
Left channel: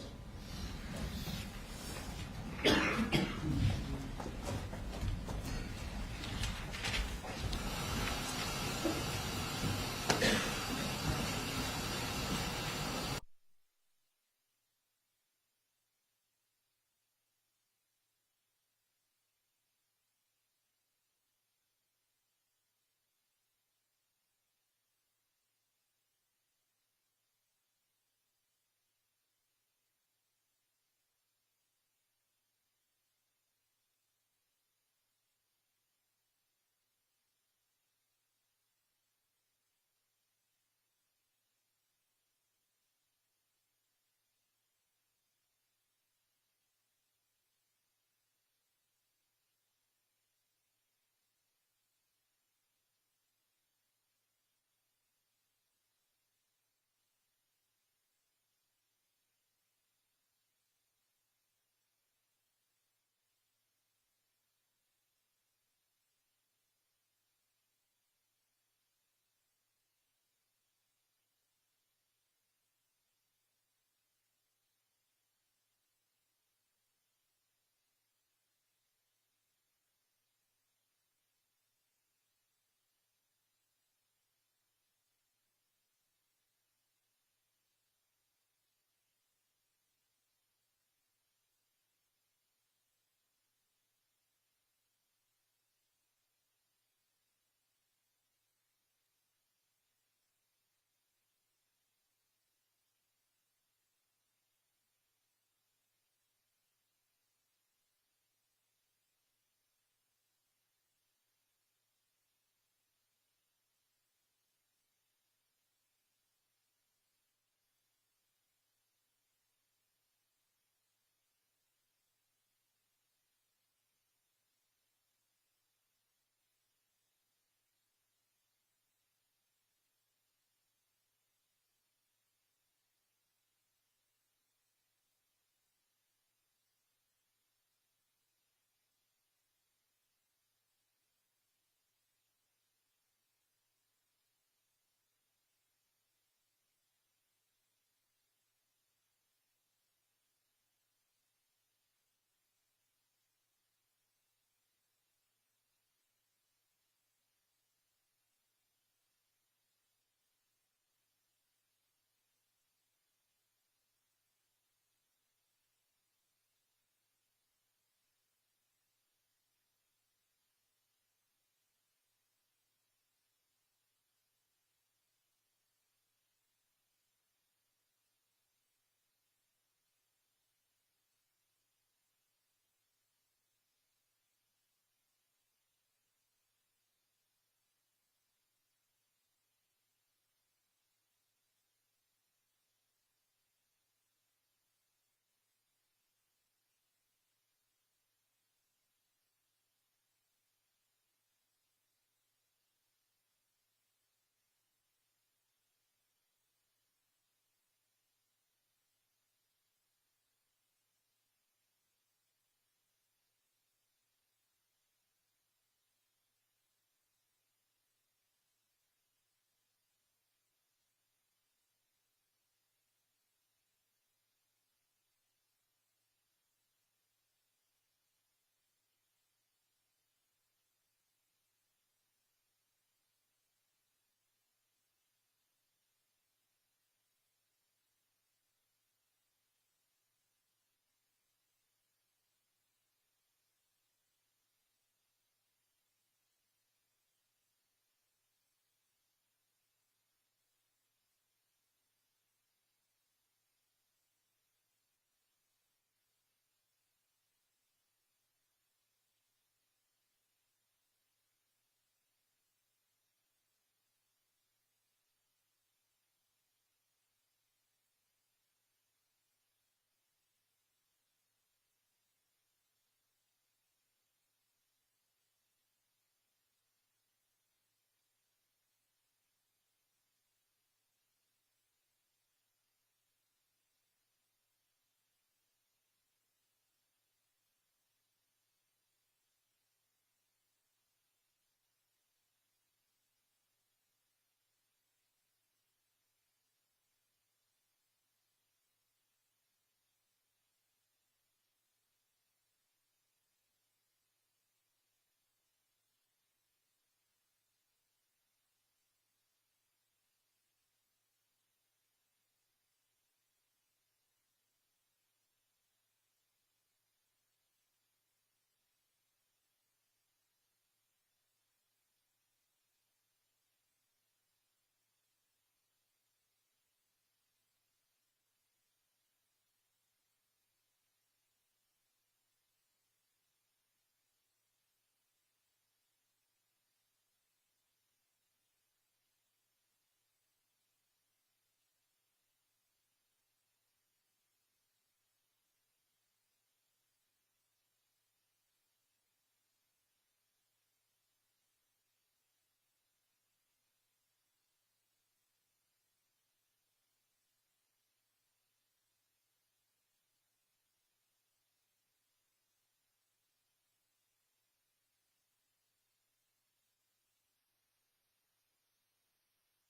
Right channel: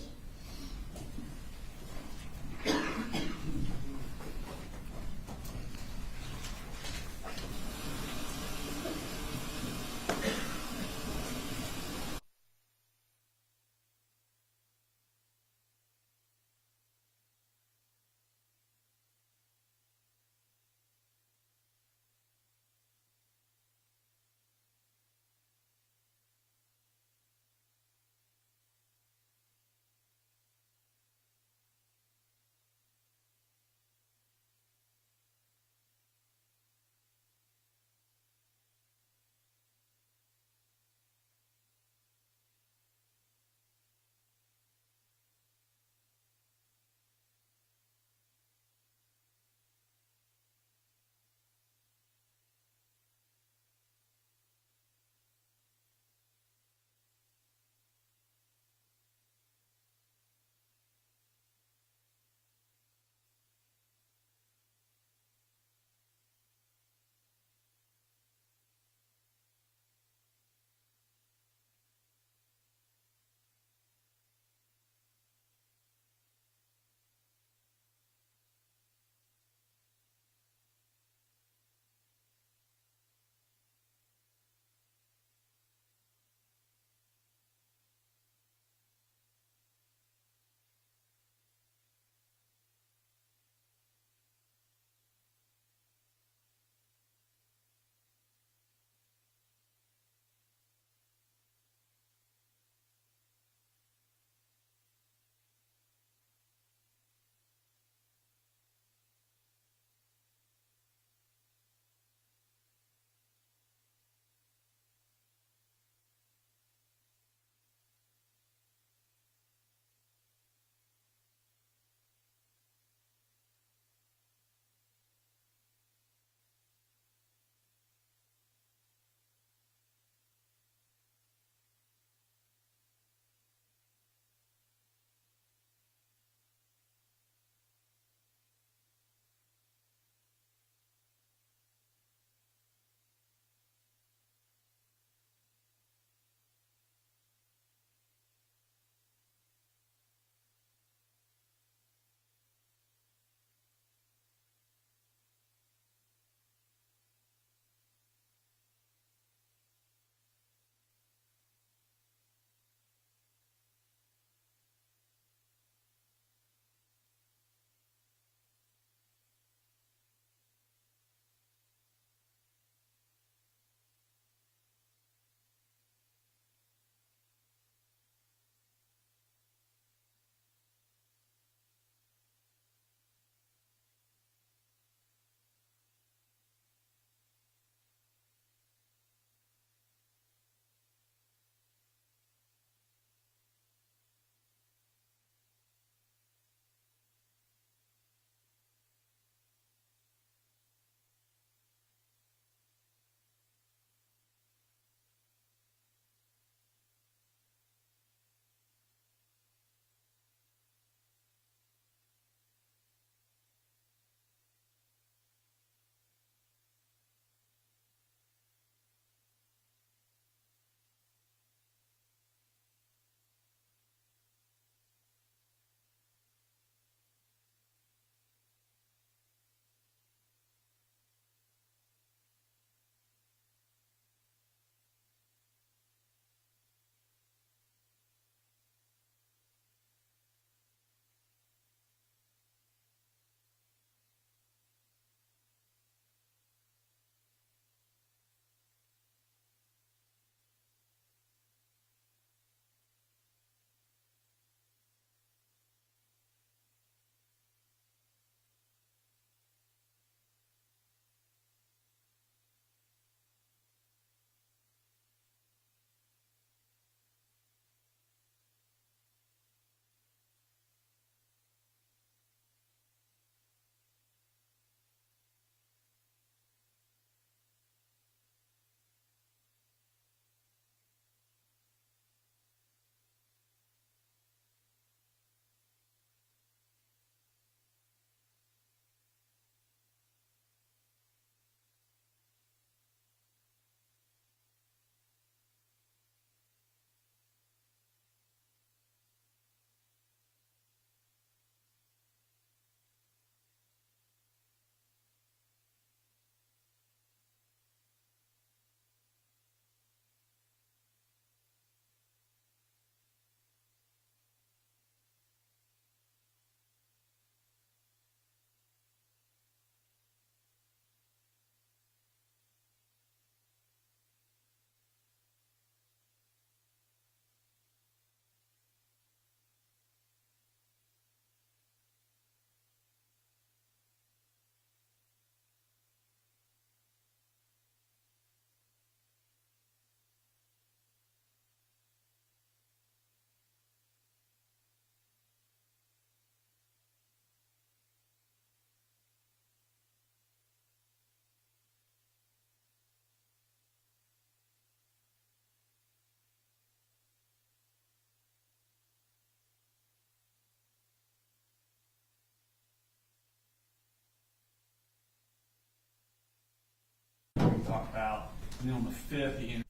And then on the 5th, he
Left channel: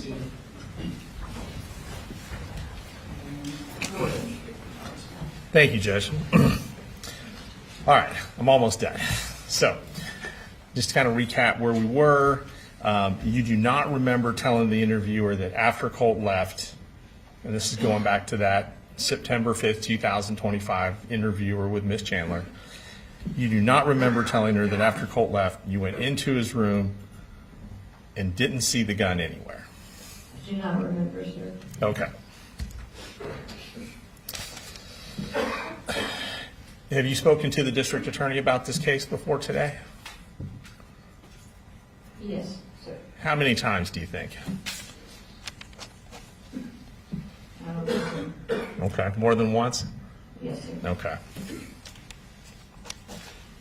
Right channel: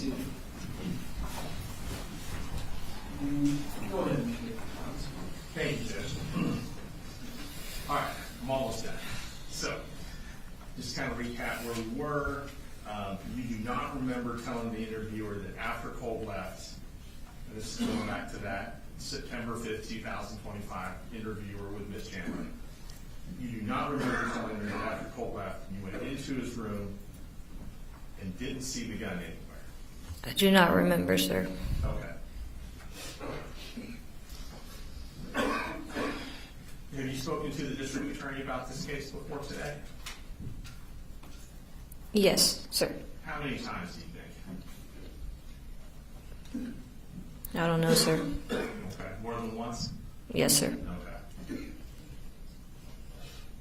see. Go ahead. Thank you, Judge. All right, I'm almost done. So, just to kind of recap where we were, you do not remember telling the interviewer that after Colt left, and this is going back to that September 5th, 2025 interviewer with Miss Chandler, you do not remember telling her that after Colt left, you went into his room and didn't see the gun anywhere. I do not remember, sir. Okay. Have you spoken to the district attorney about this case before today? Yes, sir. How many times do you think? I don't know, sir. Okay, more than once? Yes, sir. Okay.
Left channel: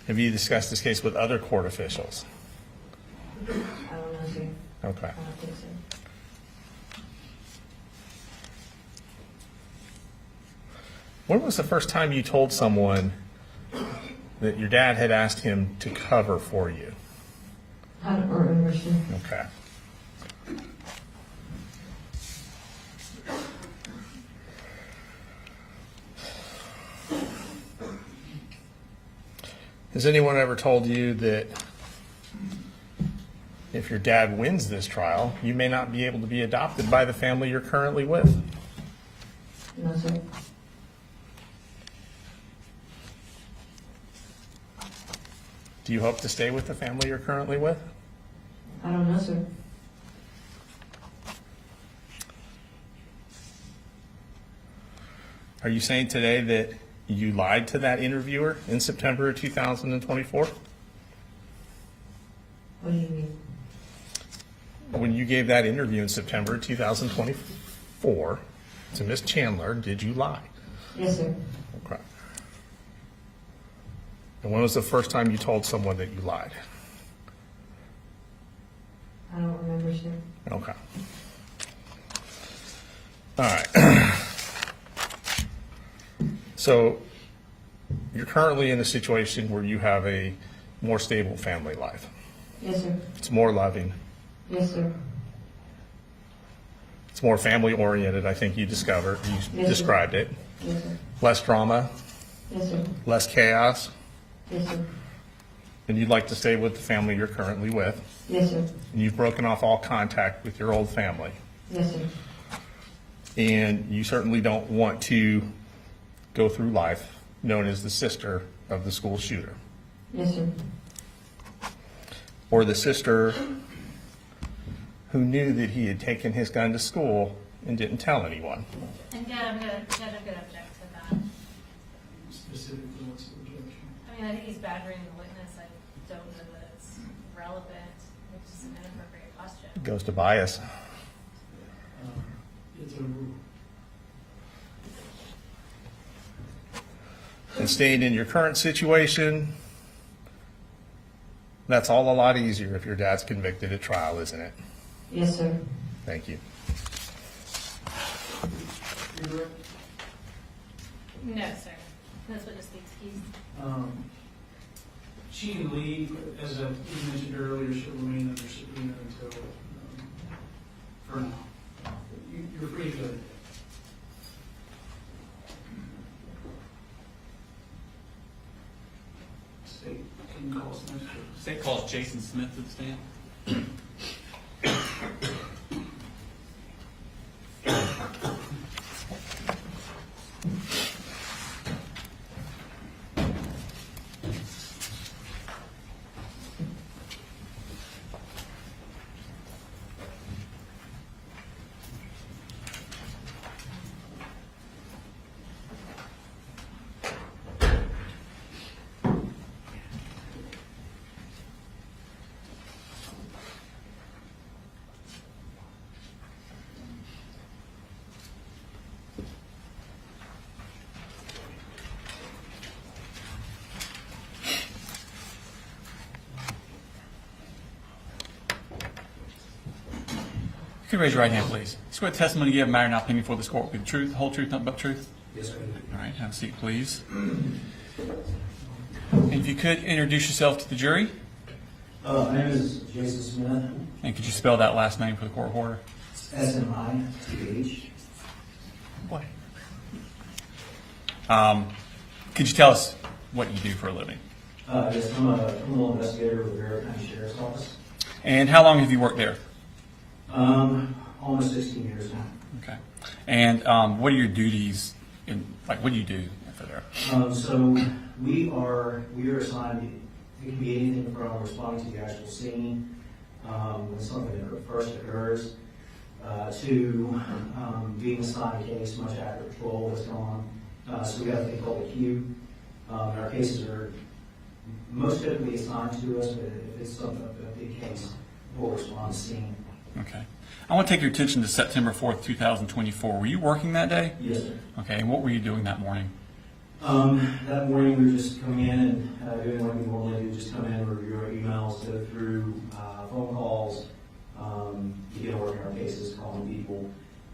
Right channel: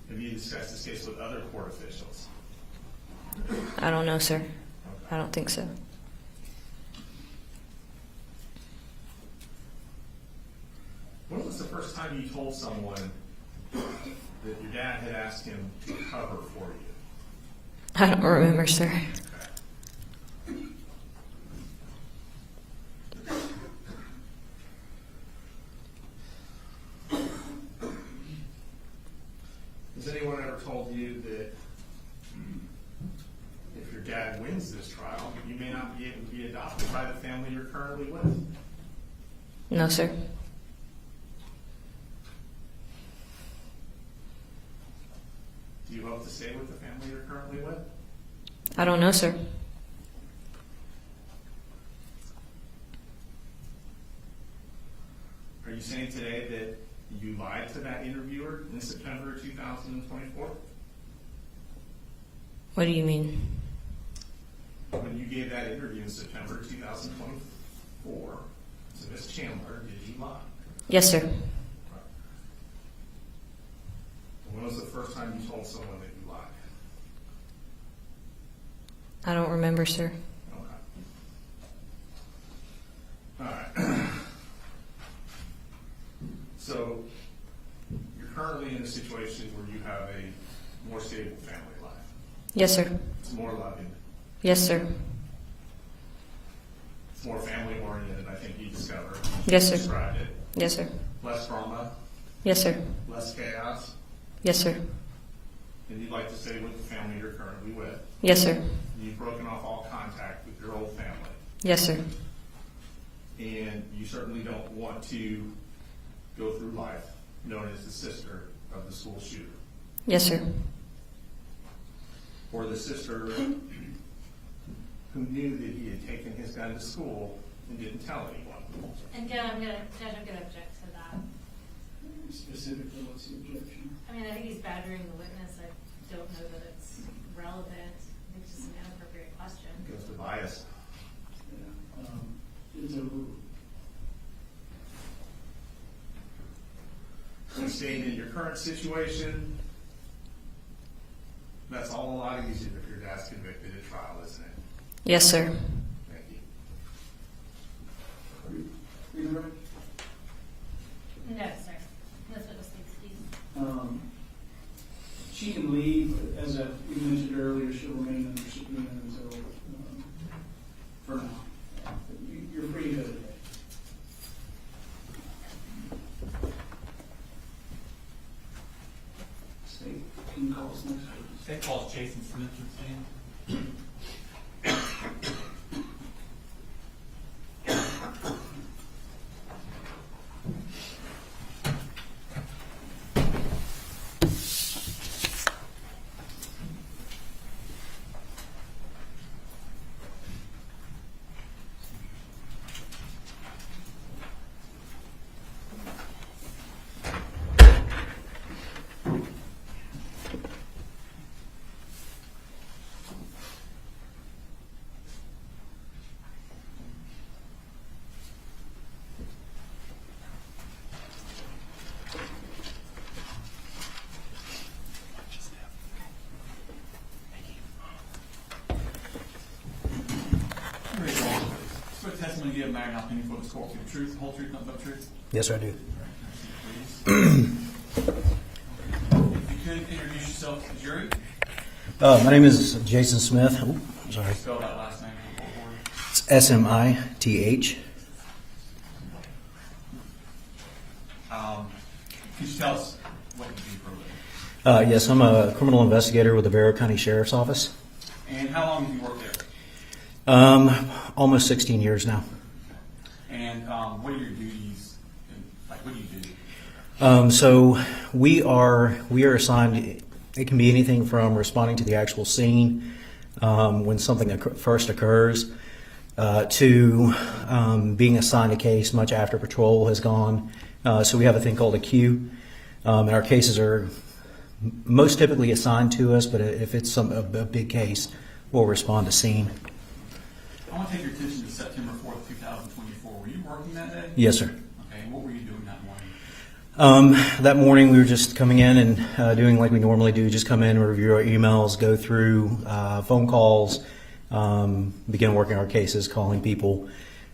Have you discussed this case with other court officials? I don't know, sir. Okay. I don't think so. When was the first time you told someone that your dad had asked him to cover for you? I don't remember, sir. Okay. Has anyone ever told you that if your dad wins this trial, you may not be able to be adopted by the family you're currently with? No, sir. Do you hope to stay with the family you're currently with? I don't know, sir. Are you saying today that you lied to that interviewer in September of 2024? What do you mean? When you gave that interview in September of 2024 to Miss Chandler, did you lie? Yes, sir. Okay. And when was the first time you told someone that you lied? I don't remember, sir. Okay. All right. So you're currently in a situation where you have a more stable family life. Yes, sir. It's more loving. Yes, sir. It's more family oriented, I think you discovered. You Yes, sir. described it. Yes, sir. Less drama, Yes, sir. less chaos, Yes, sir. and you'd like to stay with the family you're currently with. Yes, sir. And you've broken off all contact with your old family. Yes, sir. And you certainly don't want to go through life known as the sister of the school shooter, Yes, sir. or the sister who knew that he had taken his gun to school and didn't tell anyone. And I'm gonna object to that. Specifically, what's the objection? I mean, I think he's badgering the witness. I don't know that it's relevant. It's just an inappropriate question. It goes to bias. It's a rule. And staying in your current situation, that's all a lot easier if your dad's convicted at trial, isn't it? Yes, sir. Thank you. No, sir. That's what just the excuse. She can leave, but as I mentioned earlier, she'll remain under subpoena until, for now. You're free to go today. State, can you call us next? State calls Jason Smith to the stand. Can you raise your right hand, please? Swear the testimony you give matter not opinion before this court will be the truth, the whole truth, nothing but the truth? Yes, I do. All right, have a seat, please. And if you could introduce yourself to the jury. My name is Jason Smith. And could you spell that last name for the court reporter? It's Smith. Could you tell us what you do for a living? Yes, I'm a criminal investigator with the Barrow County Sheriff's Office. And how long have you worked there? Almost 16 years now. Okay. And what are your duties? What do you do there? So we are assigned. It can be anything from responding to the actual scene when something first occurs to being assigned a case much after patrol has gone. So we have a thing called a queue, and our cases are most typically assigned to us. But if it's a big case, we'll respond to scene. Okay. I want to take your attention to September 4th, 2024. Were you working that day? Yes, sir. Okay. And what were you doing that morning? That morning we were just coming in and doing like we normally do, just come in, review our emails, go through phone calls, begin working our cases, calling people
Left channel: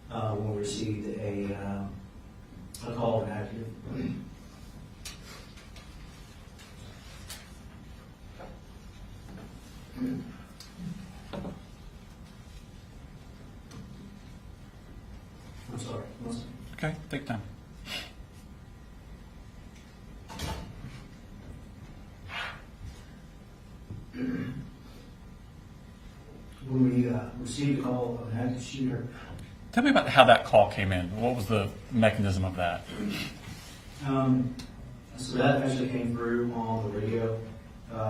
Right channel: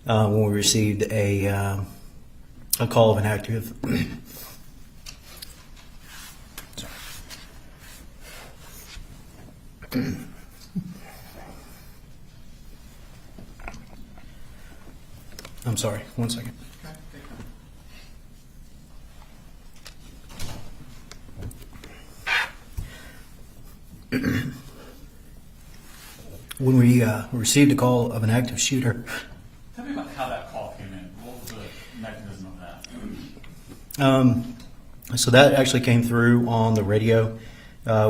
when we received a call of an active. I'm sorry, 1 second. Okay, take your time. When we received a call of an active shooter. Tell me about how that call came in. What was the mechanism of that? So that actually came through on the radio.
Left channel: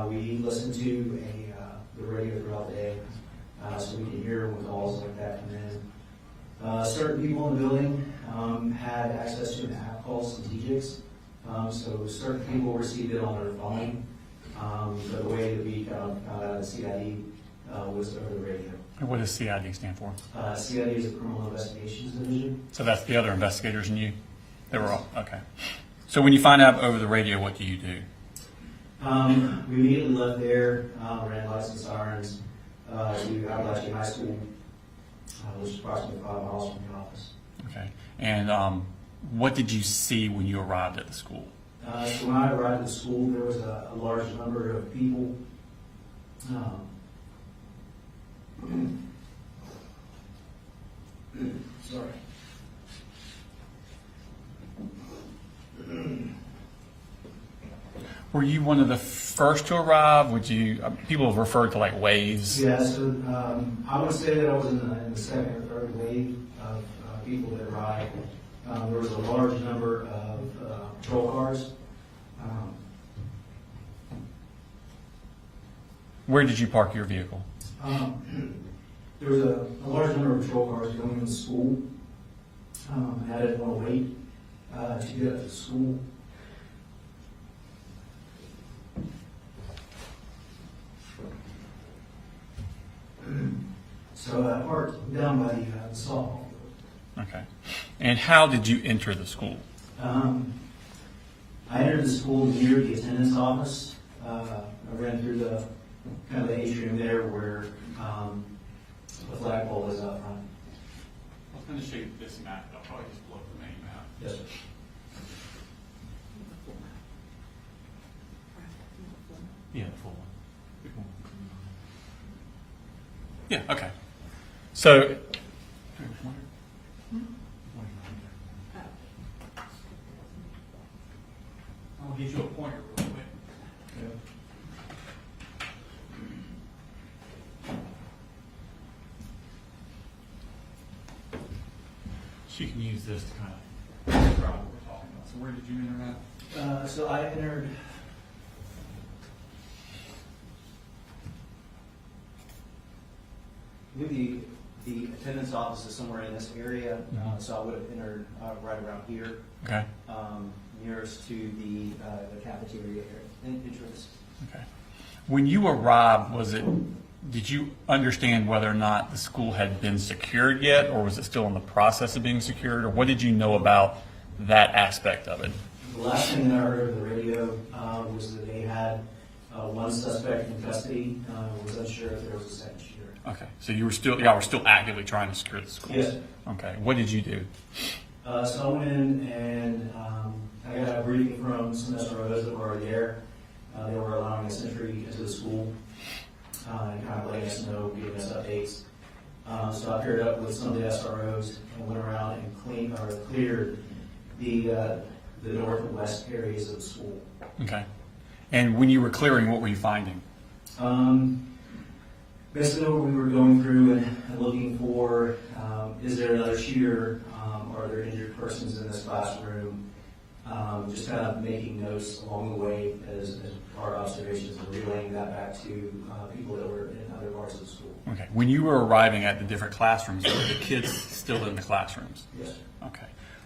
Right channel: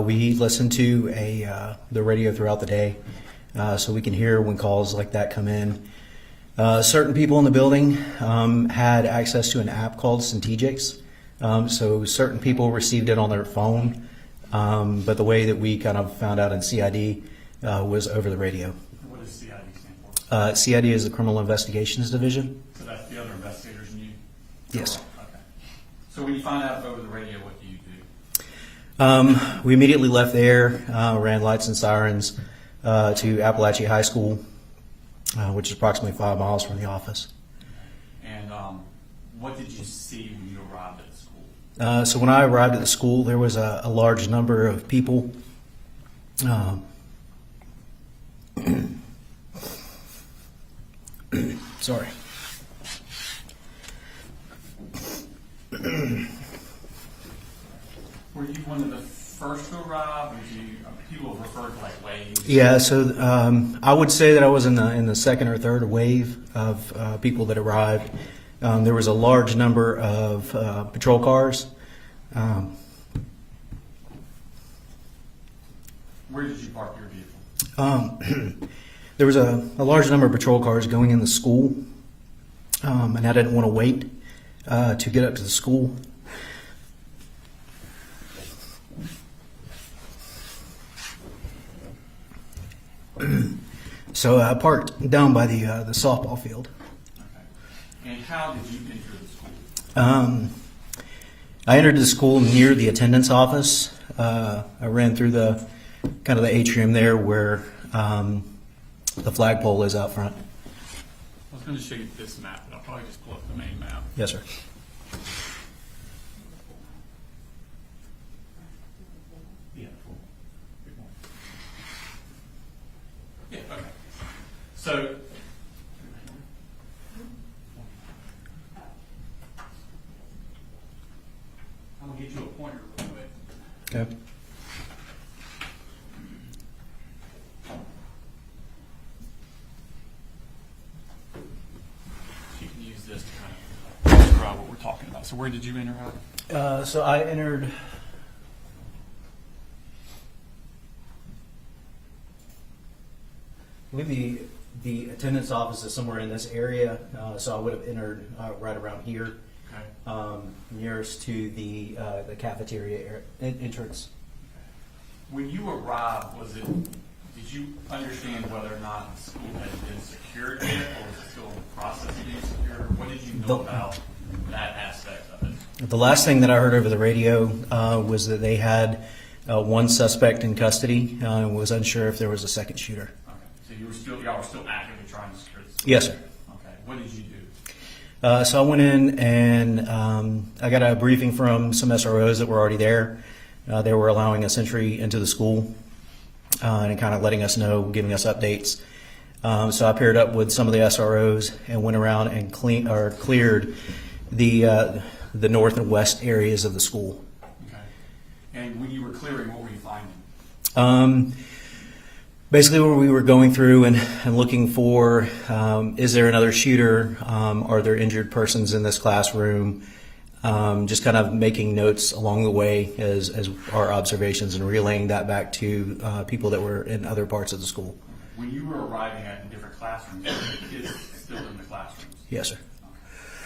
We listen to the radio throughout the day, so we can hear when calls like that come in. Certain people in the building had access to an app called Syntegix. So certain people received it on their phone, but the way that we kind of found out in CID was over the radio. And what does CID stand for? CID is the Criminal Investigations Division. So that's the other investigators and you? Yes. Okay. So when you find out over the radio, what do you do? We immediately left there, ran lights and sirens to Apalachee High School, which is approximately 5 miles from the office. Okay. And what did you see when you arrived at the school? So when I arrived at the school, there was a large number of people. Sorry. Were you one of the first to arrive? Would you? People have referred to like waves. Yeah, so I would say that I was in the second or third wave of people that arrived. There was a large number of patrol cars. Where did you park your vehicle? There was a large number of patrol cars going in the school, and I didn't want to wait to get up to the school. So I parked down by the softball field. Okay. And how did you enter the school? I entered the school near the attendance office. I ran through the kind of the atrium there where the flagpole is out front. I was going to show you this map, but I'll probably just pull up the main map. Yes, sir. Yeah, full. Yeah, okay. So, I'll get you a pointer real quick. Okay. So you can use this to kind of describe what we're talking about. So where did you enter at? So I entered. I believe the attendance office is somewhere in this area, so I would have entered right around here. Okay. Nearest to the cafeteria entrance. Okay. When you arrived, did you understand whether or not the school had been secured yet, or was it still in the process of being secured, or what did you know about that aspect of it? The last thing that I heard over the radio was that they had one suspect in custody and was unsure if there was a second shooter. Okay. So y'all were still actively trying to secure the school? Yes, sir. Okay. What did you do? So I went in and I got a briefing from some SROs that were already there. They were allowing us entry into the school. and kind of letting us know, giving us updates. So I paired up with some of the SROs and went around and cleared the north and west areas of the school. Okay. And when you were clearing, what were you finding? Basically, where we were going through and looking for, is there another shooter? Are there injured persons in this classroom? Just kind of making notes along the way as our observations and relaying that back to people that were in other parts of the school. Okay. When you were arriving at the different classrooms, were the kids still in the classrooms? Yes, sir. Okay.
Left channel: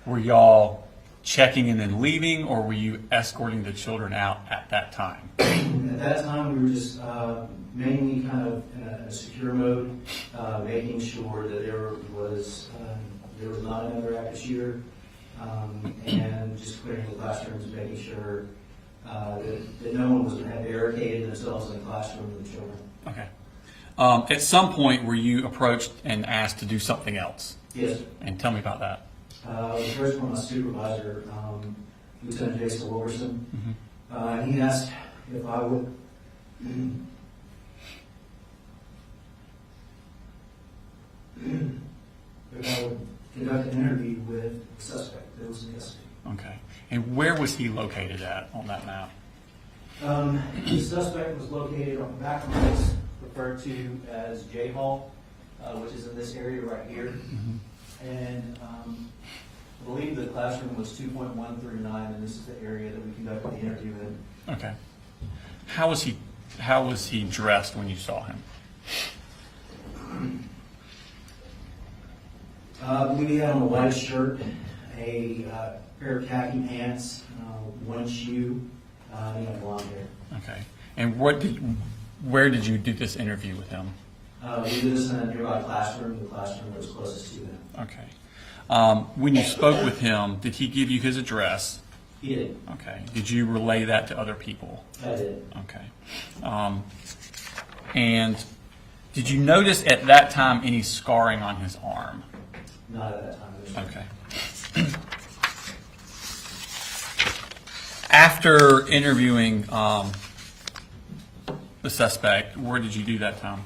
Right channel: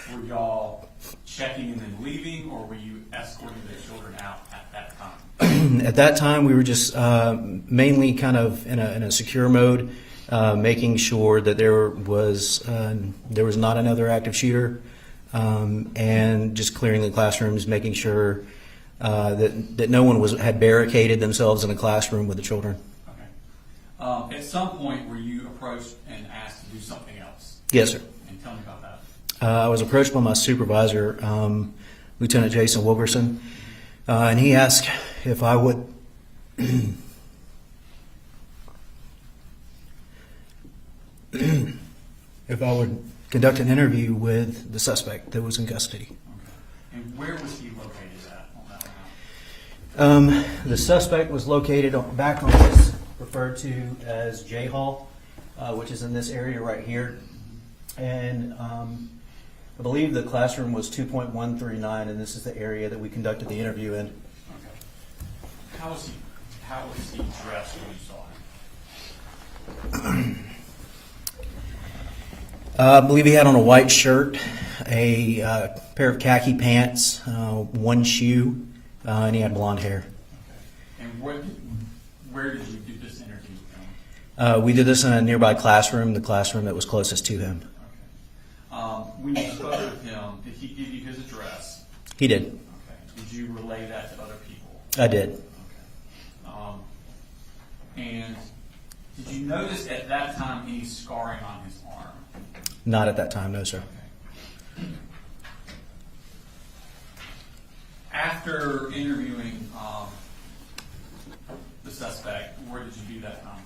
Were y'all checking and then leaving, or were you escorting the children out at that time? At that time, we were just mainly kind of in a secure mode, making sure that there was not another active shooter, and just clearing the classrooms, making sure that no one had barricaded themselves in a classroom with the children. Okay. At some point, were you approached and asked to do something else? Yes, sir. And tell me about that. I was approached by my supervisor, Lieutenant Jason Wilkerson, and he asked if I would conduct an interview with the suspect that was in custody. Okay. And where was he located at on that map? The suspect was located back on this referred to as J Hall, which is in this area right here, and I believe the classroom was 2.139, and this is the area that we conducted the interview in. Okay. How was he dressed when you saw him? I believe he had on a white shirt, a pair of khaki pants, one shoe, and he had blonde hair. Okay. And where did you do this interview with him? We did this in a nearby classroom, the classroom that was closest to him. Okay. When you spoke with him, did he give you his address? He did. Okay. Did you relay that to other people? I did. Okay. And did you notice at that time any scarring on his arm? Not at that time, no, sir. Okay. After interviewing the suspect, where did you do that, Tom?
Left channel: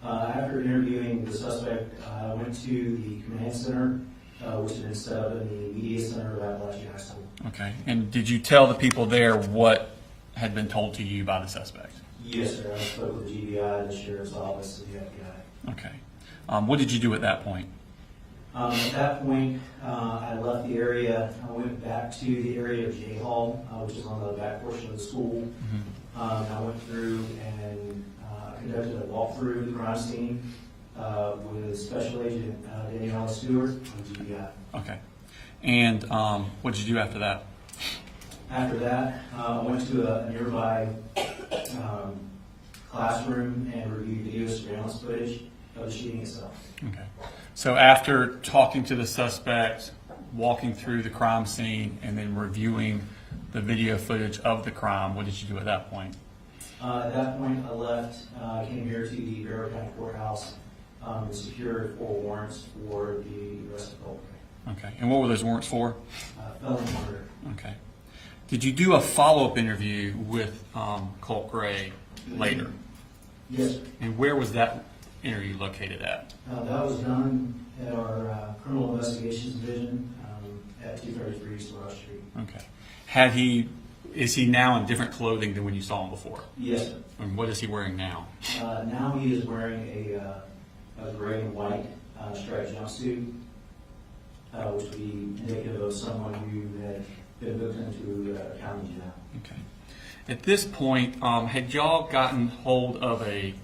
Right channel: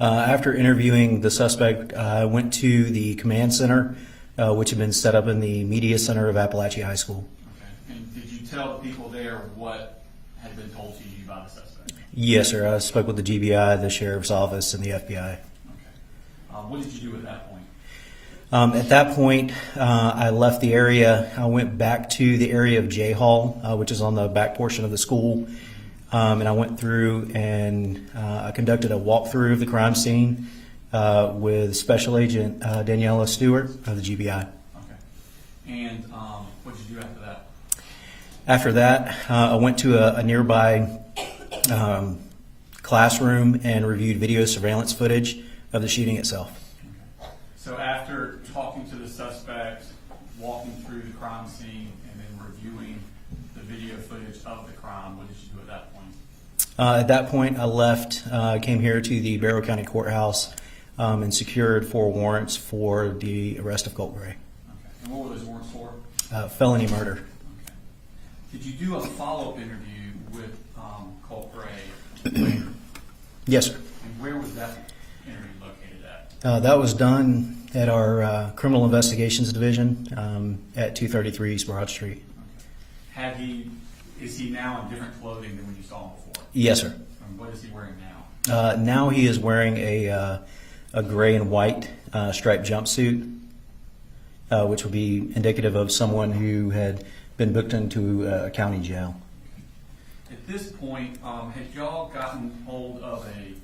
After interviewing the suspect, I went to the command center, which had been set up in the media center of Apalachee High School. Okay. And did you tell the people there what had been told to you by the suspect? Yes, sir. I spoke with the GBI, the sheriff's office, and the FBI. Okay. What did you do at that point? At that point, I left the area. I went back to the area of J Hall, which is on the back portion of the school. And I went through and I conducted a walkthrough of the crime scene with Special Agent Daniela Stewart of the GBI. Okay. And what did you do after that? After that, I went to a nearby classroom and reviewed video surveillance footage of the shooting itself. Okay. So after talking to the suspect, walking through the crime scene, and then reviewing the video footage of the crime, what did you do at that point? At that point, I left, came here to the Barrow County Courthouse and secured 4 warrants for the arrest of Colin Gray. Okay. And what were those warrants for? Felony murder. Okay. Did you do a follow-up interview with Colt Gray later? Yes, sir. And where was that interview located at? That was done at our Criminal Investigations Division at 233 East Broad Street. Okay. Is he now in different clothing than when you saw him before? Yes, sir. And what is he wearing now? Now he is wearing a gray and white striped jumpsuit, which would be indicative of someone who had been booked into a county jail. Okay. At this point, had y'all gotten hold of a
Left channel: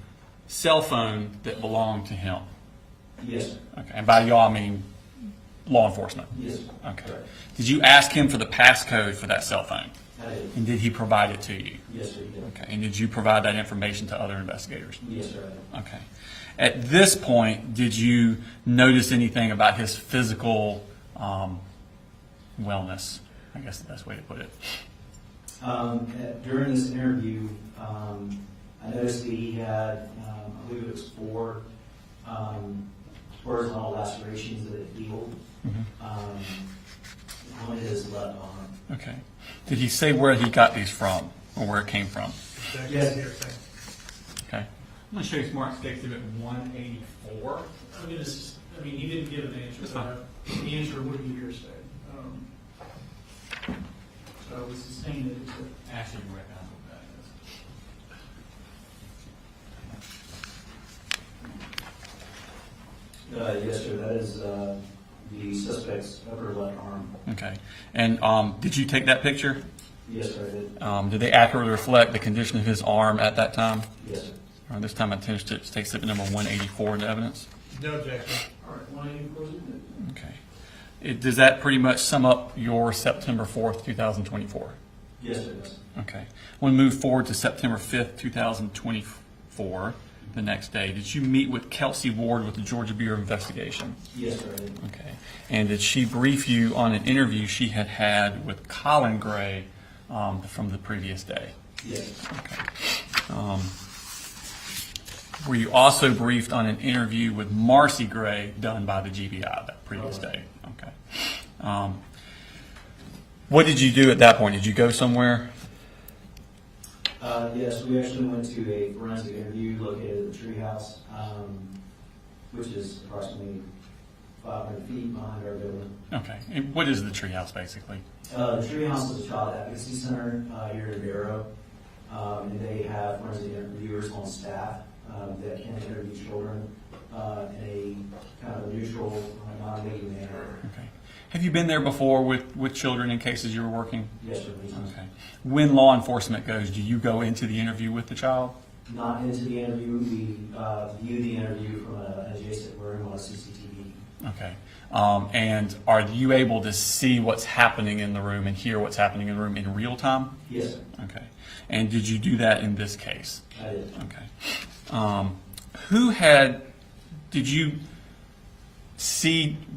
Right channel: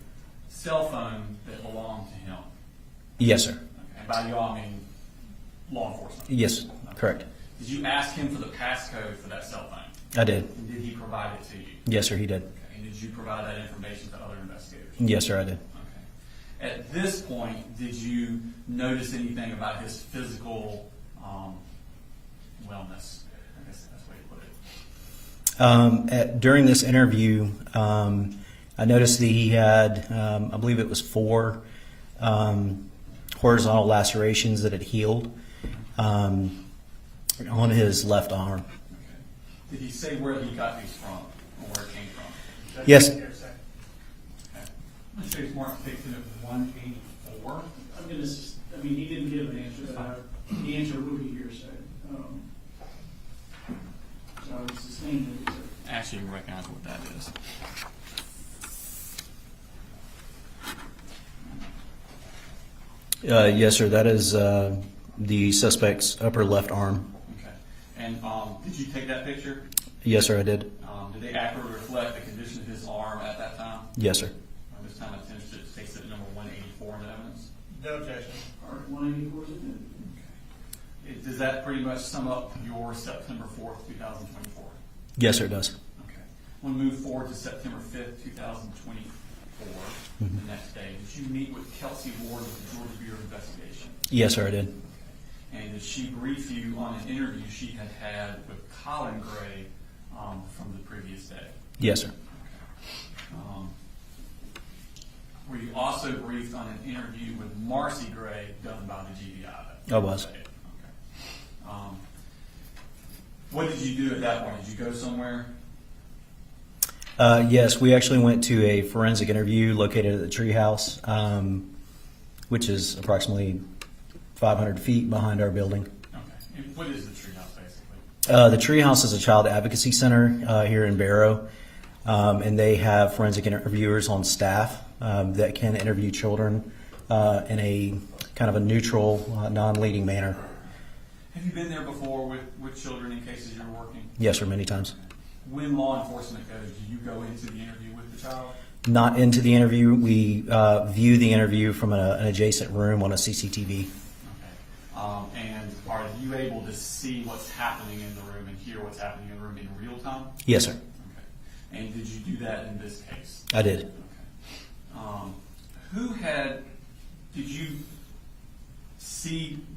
cell phone that belonged to him? Yes, sir. Okay. And by y'all, I mean law enforcement? Yes, okay. Correct. Did you ask him for the passcode for that cell phone? I did. And did he provide it to you? Yes, sir, he did. Okay. And did you provide that information to other investigators? Yes, sir, I did. Okay. At this point, did you notice anything about his physical wellness? I guess the best way to put it. During this interview, I noticed that he had, I believe it was 4 horizontal lacerations that had healed on his left arm. Okay. Did he say where he got these from or where it came from? Yes. I'm gonna show you Smart State Exhibit 184. I'm gonna, I mean, he didn't give an answer. That's fine. The answer would be hearsay. So we sustained it. Actually, you can recognize what that is. Yes, sir. That is the suspect's upper left arm. Okay. And did you take that picture? Yes, sir, I did. Did they accurately reflect the condition of his arm at that time? Yes, sir. This time I intend to take exhibit number 184 into evidence. No objection. All right, 184 is admitted. Okay. Does that pretty much sum up your September 4th, 2024? Yes, sir, it does. Okay. We'll move forward to September 5th, 2024, the next day. Did you meet with Kelsey Ward with the Georgia Bureau of Investigation? Yes, sir, I did. Okay. And did she brief you on an interview she had had with Colin Gray from the previous day? Yes, sir. Okay. Were you also briefed on an interview with Marcy Gray done by the GBI that previous day? Okay. What did you do at that point? Did you go somewhere? Yes, we actually went to a forensic interview located at the treehouse, which is approximately 500 feet behind our building. Okay. And what is the treehouse basically? The treehouse is a child advocacy center here in Barrow, and they have forensic interviewers on staff that can interview children in a kind of a neutral, non-leading manner. Have you been there before with children in cases you were working? Yes, sir, many times. Okay. When law enforcement goes, do you go into the interview with the child? Not into the interview. We view the interview from an adjacent room on a CCTV. Okay. And are you able to see what's happening in the room and hear what's happening in the room in real time? Yes, sir. Okay. And did you do that in this case? I did. Okay.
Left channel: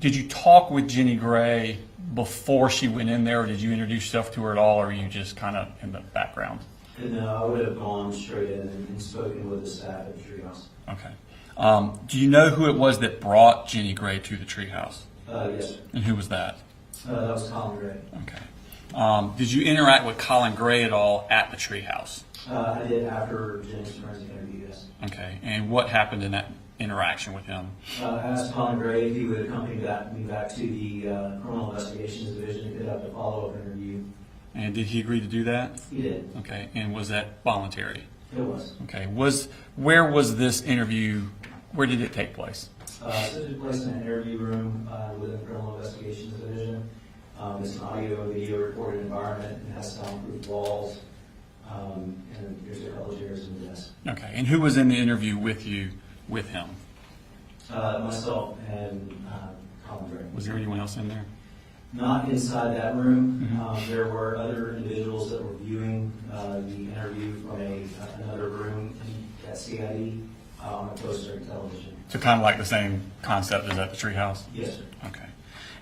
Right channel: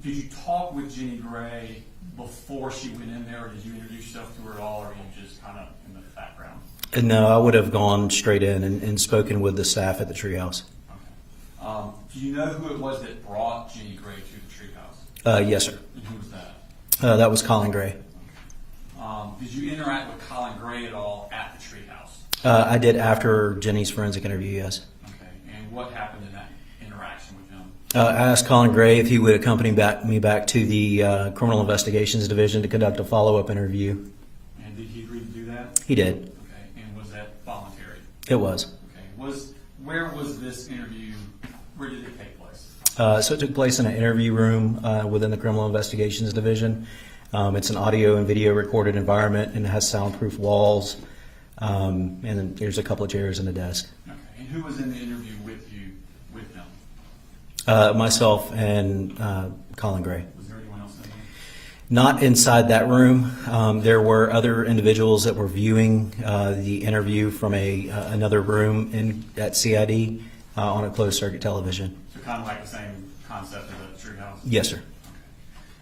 Did you talk with Jenny Gray before she went in there, or did you introduce yourself to her at all, or are you just kind of in the background? No, I would have gone straight in and spoken with the staff at the treehouse. Okay. Do you know who it was that brought Jenny Gray to the treehouse? Yes, sir. And who was that? That was Colin Gray. Okay. Did you interact with Colin Gray at all at the treehouse? I did after Jenny's forensic interview, yes. Okay. And what happened in that interaction with him? I asked Colin Gray if he would accompany me back to the Criminal Investigations Division to conduct a follow-up interview. And did he agree to do that? He did. Okay. And was that voluntary? It was. Okay. Where was this interview? Where did it take place? So it took place in an interview room within the Criminal Investigations Division. It's an audio and video recorded environment, and it has soundproof walls. And there's a couple of chairs and a desk. Okay. And who was in the interview with you, with him? Myself and Colin Gray. Was there anyone else in there? Not inside that room. There were other individuals that were viewing the interview from another room at CID on a closed circuit television. So kind of like the same concept as at the treehouse? Yes, sir. Okay.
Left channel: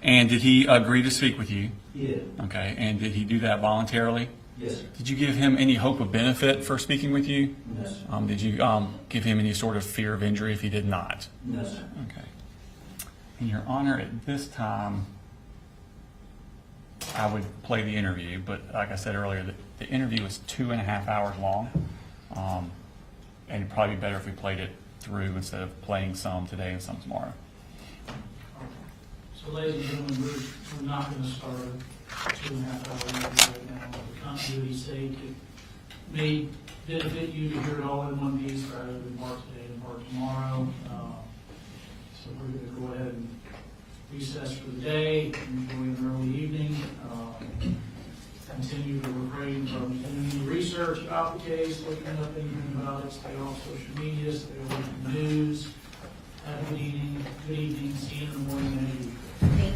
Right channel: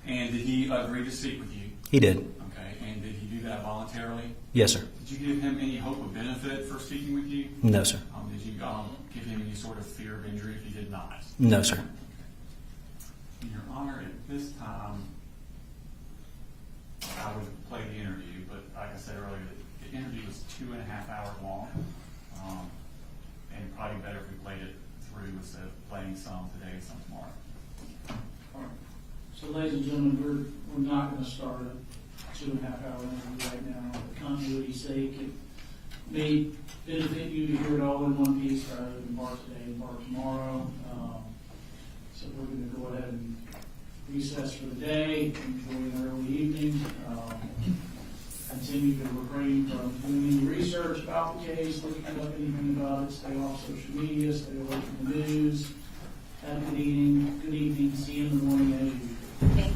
And did he agree to speak with you? He did. Okay. And did he do that voluntarily? Yes, sir. Did you give him any hope of benefit for speaking with you? No, sir. Did you give him any sort of fear of injury if he did not? No, sir. Okay. And Your Honor, at this time, I would play the interview, but like I said earlier, the interview was 2.5 hours long, and it'd probably be better if we played it through instead of playing some today and some tomorrow. So, ladies and gentlemen, we're not going to start a 2.5 hour interview right now. For continuity's sake, it may benefit you to hear it all in one piece rather than mark today and mark tomorrow. So we're going to go ahead and recess for the day, enjoy an early evening, continue to refrain from doing any research about the case, looking up anything about it, stay off social media, stay away from the news. Have a good evening, see you in the morning as usual. Thank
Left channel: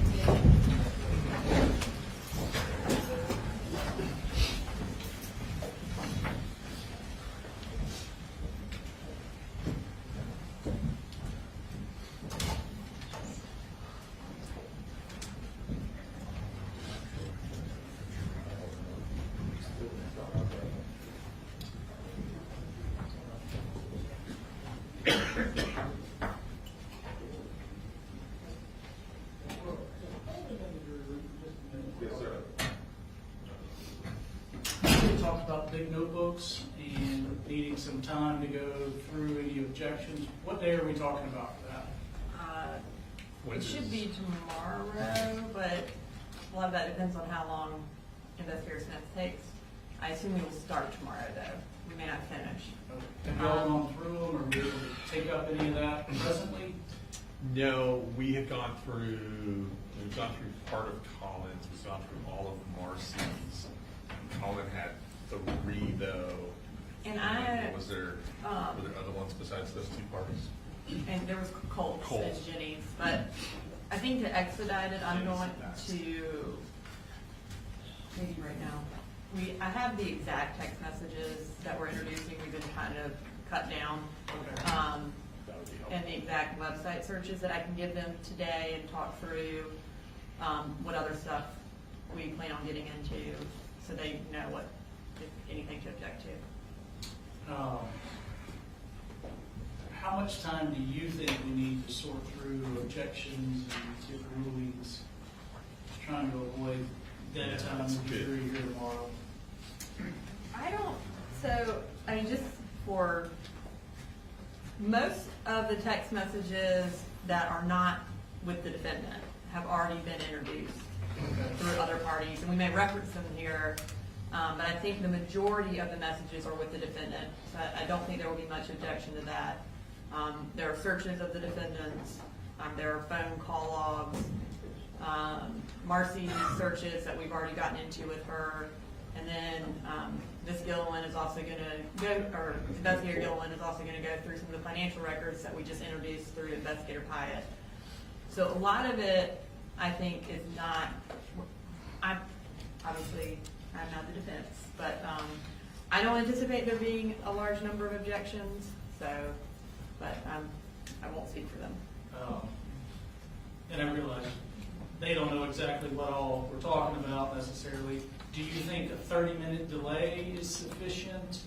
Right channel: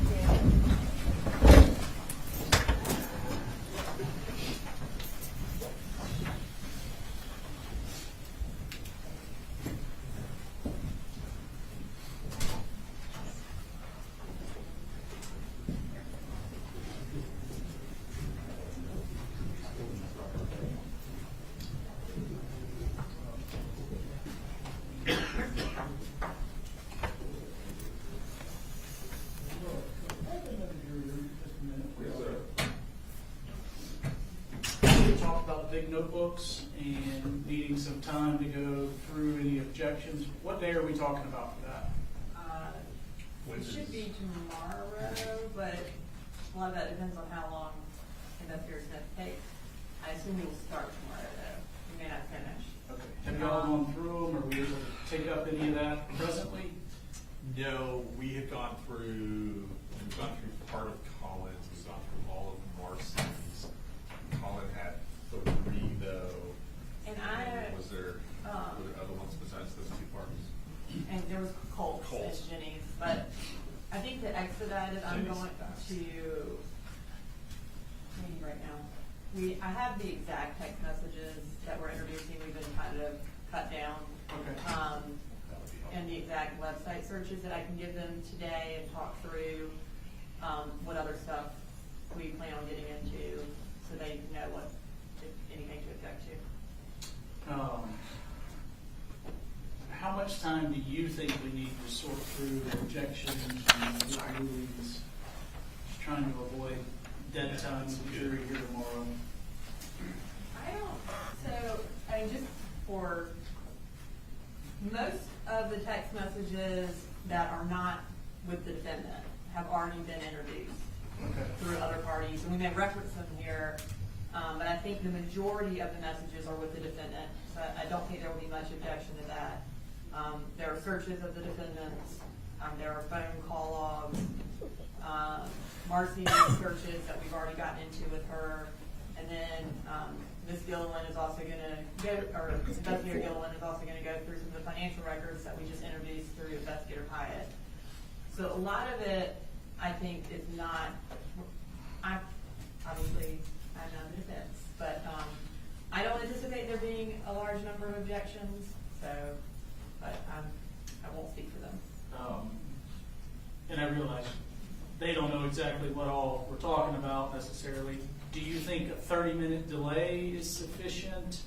you. big notebooks and needing some time to go through any objections. What day are we talking about for that? It should be tomorrow, but a lot of that depends on how long Investigator Smith takes. I assume we will start tomorrow, though. We may not finish. Okay. Have you all gone through them? Are we able to take up any of that presently? No, we have gone through, we've gone through part of Colin's, we've gone through all of Marcy's. Colin had 3 though. And I, Was there, were there other ones besides those 2 parties? and there was Colts and Jenny's, but I think to expedite it, I'm going to, maybe right now. I have the exact text messages that we're introducing, we've been trying to cut down. And the exact website searches that I can give them today and talk through, what other stuff we plan on getting into, so they know what, if anything to object to. How much time do you think we need to sort through objections and get rulings? Just trying to avoid dead time with the jury here tomorrow. I mean, just for most of the text messages that are not with the defendant have already been introduced through other parties, and we may reference them here, but I think the majority of the messages are with the defendant, so I don't think there will be much objection to that. There are searches of the defendants, there are phone call logs, Marcy's searches that we've already gotten into with her, and then Ms. Gilliland is also going to go, or Investigator Gilliland is also going to go through some of the financial records that we just introduced through Investigator Pyatt. So a lot of it, I think, is not, I'm not the defense, but I don't anticipate there being a large number of objections, so, but I won't speak for them. And I realize they don't know exactly what all we're talking about necessarily. Do you think a 30-minute delay is sufficient?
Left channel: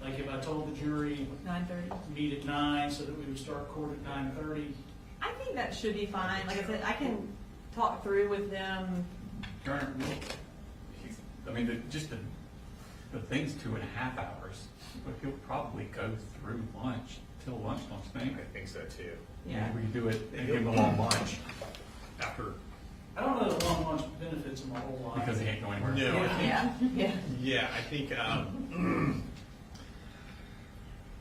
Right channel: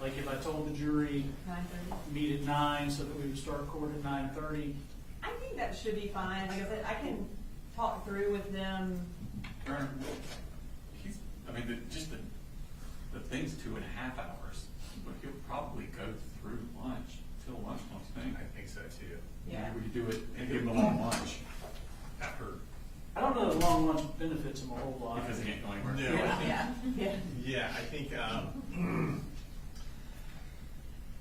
Like if I told the jury 9:30? meet at 9 so that we would start court at 9:30? I think that should be fine. Like I said, I can talk through with them. I mean, the thing's 2.5 hours, but he'll probably go through lunch till lunch, don't you think? I think so too. Yeah. Maybe we could do it, give him a long lunch after. I don't know that long lunch benefits them a whole lot. Because he can't go anywhere. No, I think, Yeah. I think,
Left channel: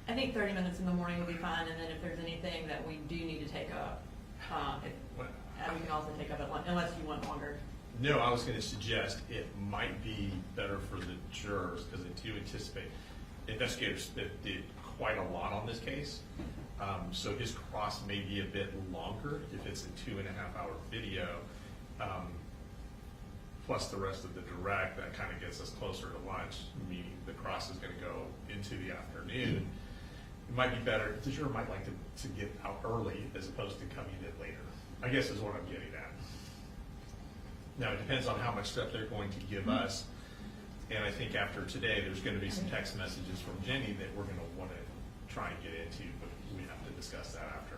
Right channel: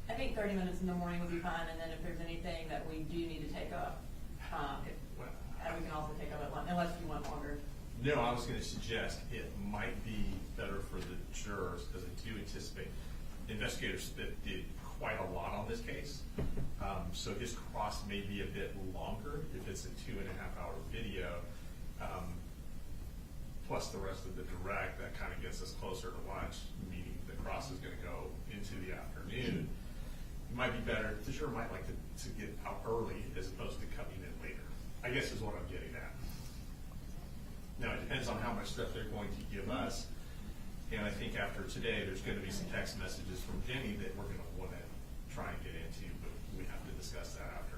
I think 30 minutes in the morning will be fine, and then if there's anything that we do need to take up, we can also take up at lunch, unless you want longer. no, I was gonna suggest it might be better for the jurors, because I do anticipate Investigator Smith did quite a lot on this case. So his cross may be a bit longer if it's a 2.5-hour video. Plus the rest of the direct, that kind of gets us closer to lunch, meaning the cross is going to go into the afternoon. It might be better, the juror might like to get out early as opposed to coming in later, I guess is what I'm getting at. Now, it depends on how much stuff they're going to give us. And I think after today, there's going to be some text messages from Jenny that we're going to want to try and get into, but we have to discuss that after.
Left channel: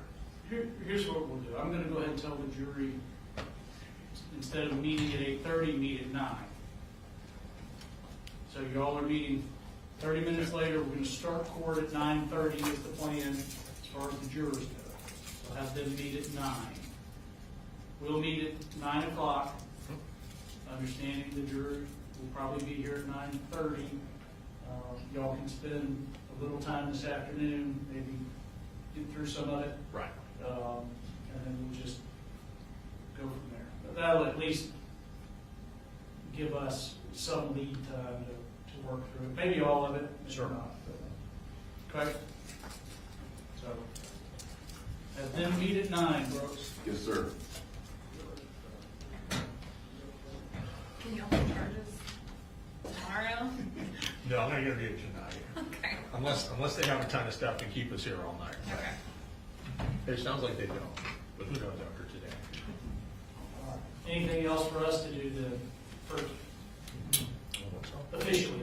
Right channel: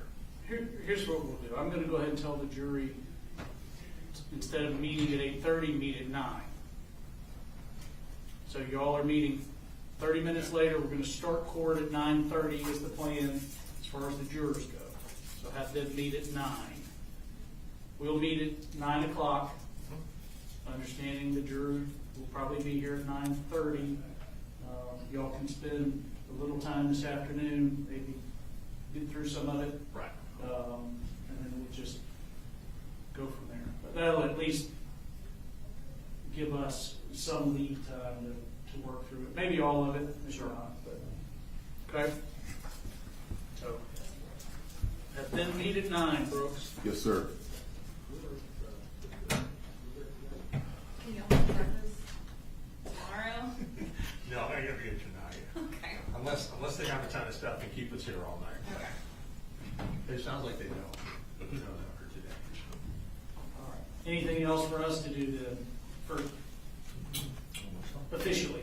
Here's what we'll do. I'm going to go ahead and tell the jury, instead of meeting at 8:30, meet at 9. So y'all are meeting 30 minutes later. We're going to start court at 9:30 is the plan as far as the jurors go. So have them meet at 9. We'll meet at 9 o'clock, understanding the jurors will probably be here at 9:30. Y'all can spend a little time this afternoon, maybe get through some of it. Right. And then we'll just go from there. But that'll at least give us some lead time to work through it. Maybe all of it, maybe not. But, okay? So, have them meet at 9, Brooks. Yes, sir. Can you all start this tomorrow? No, I'm not going to be here tonight. Okay. Unless they have a ton of stuff and keep us here all night. Okay. It sounds like they don't, but who knows after today? Anything else for us to do to, officially?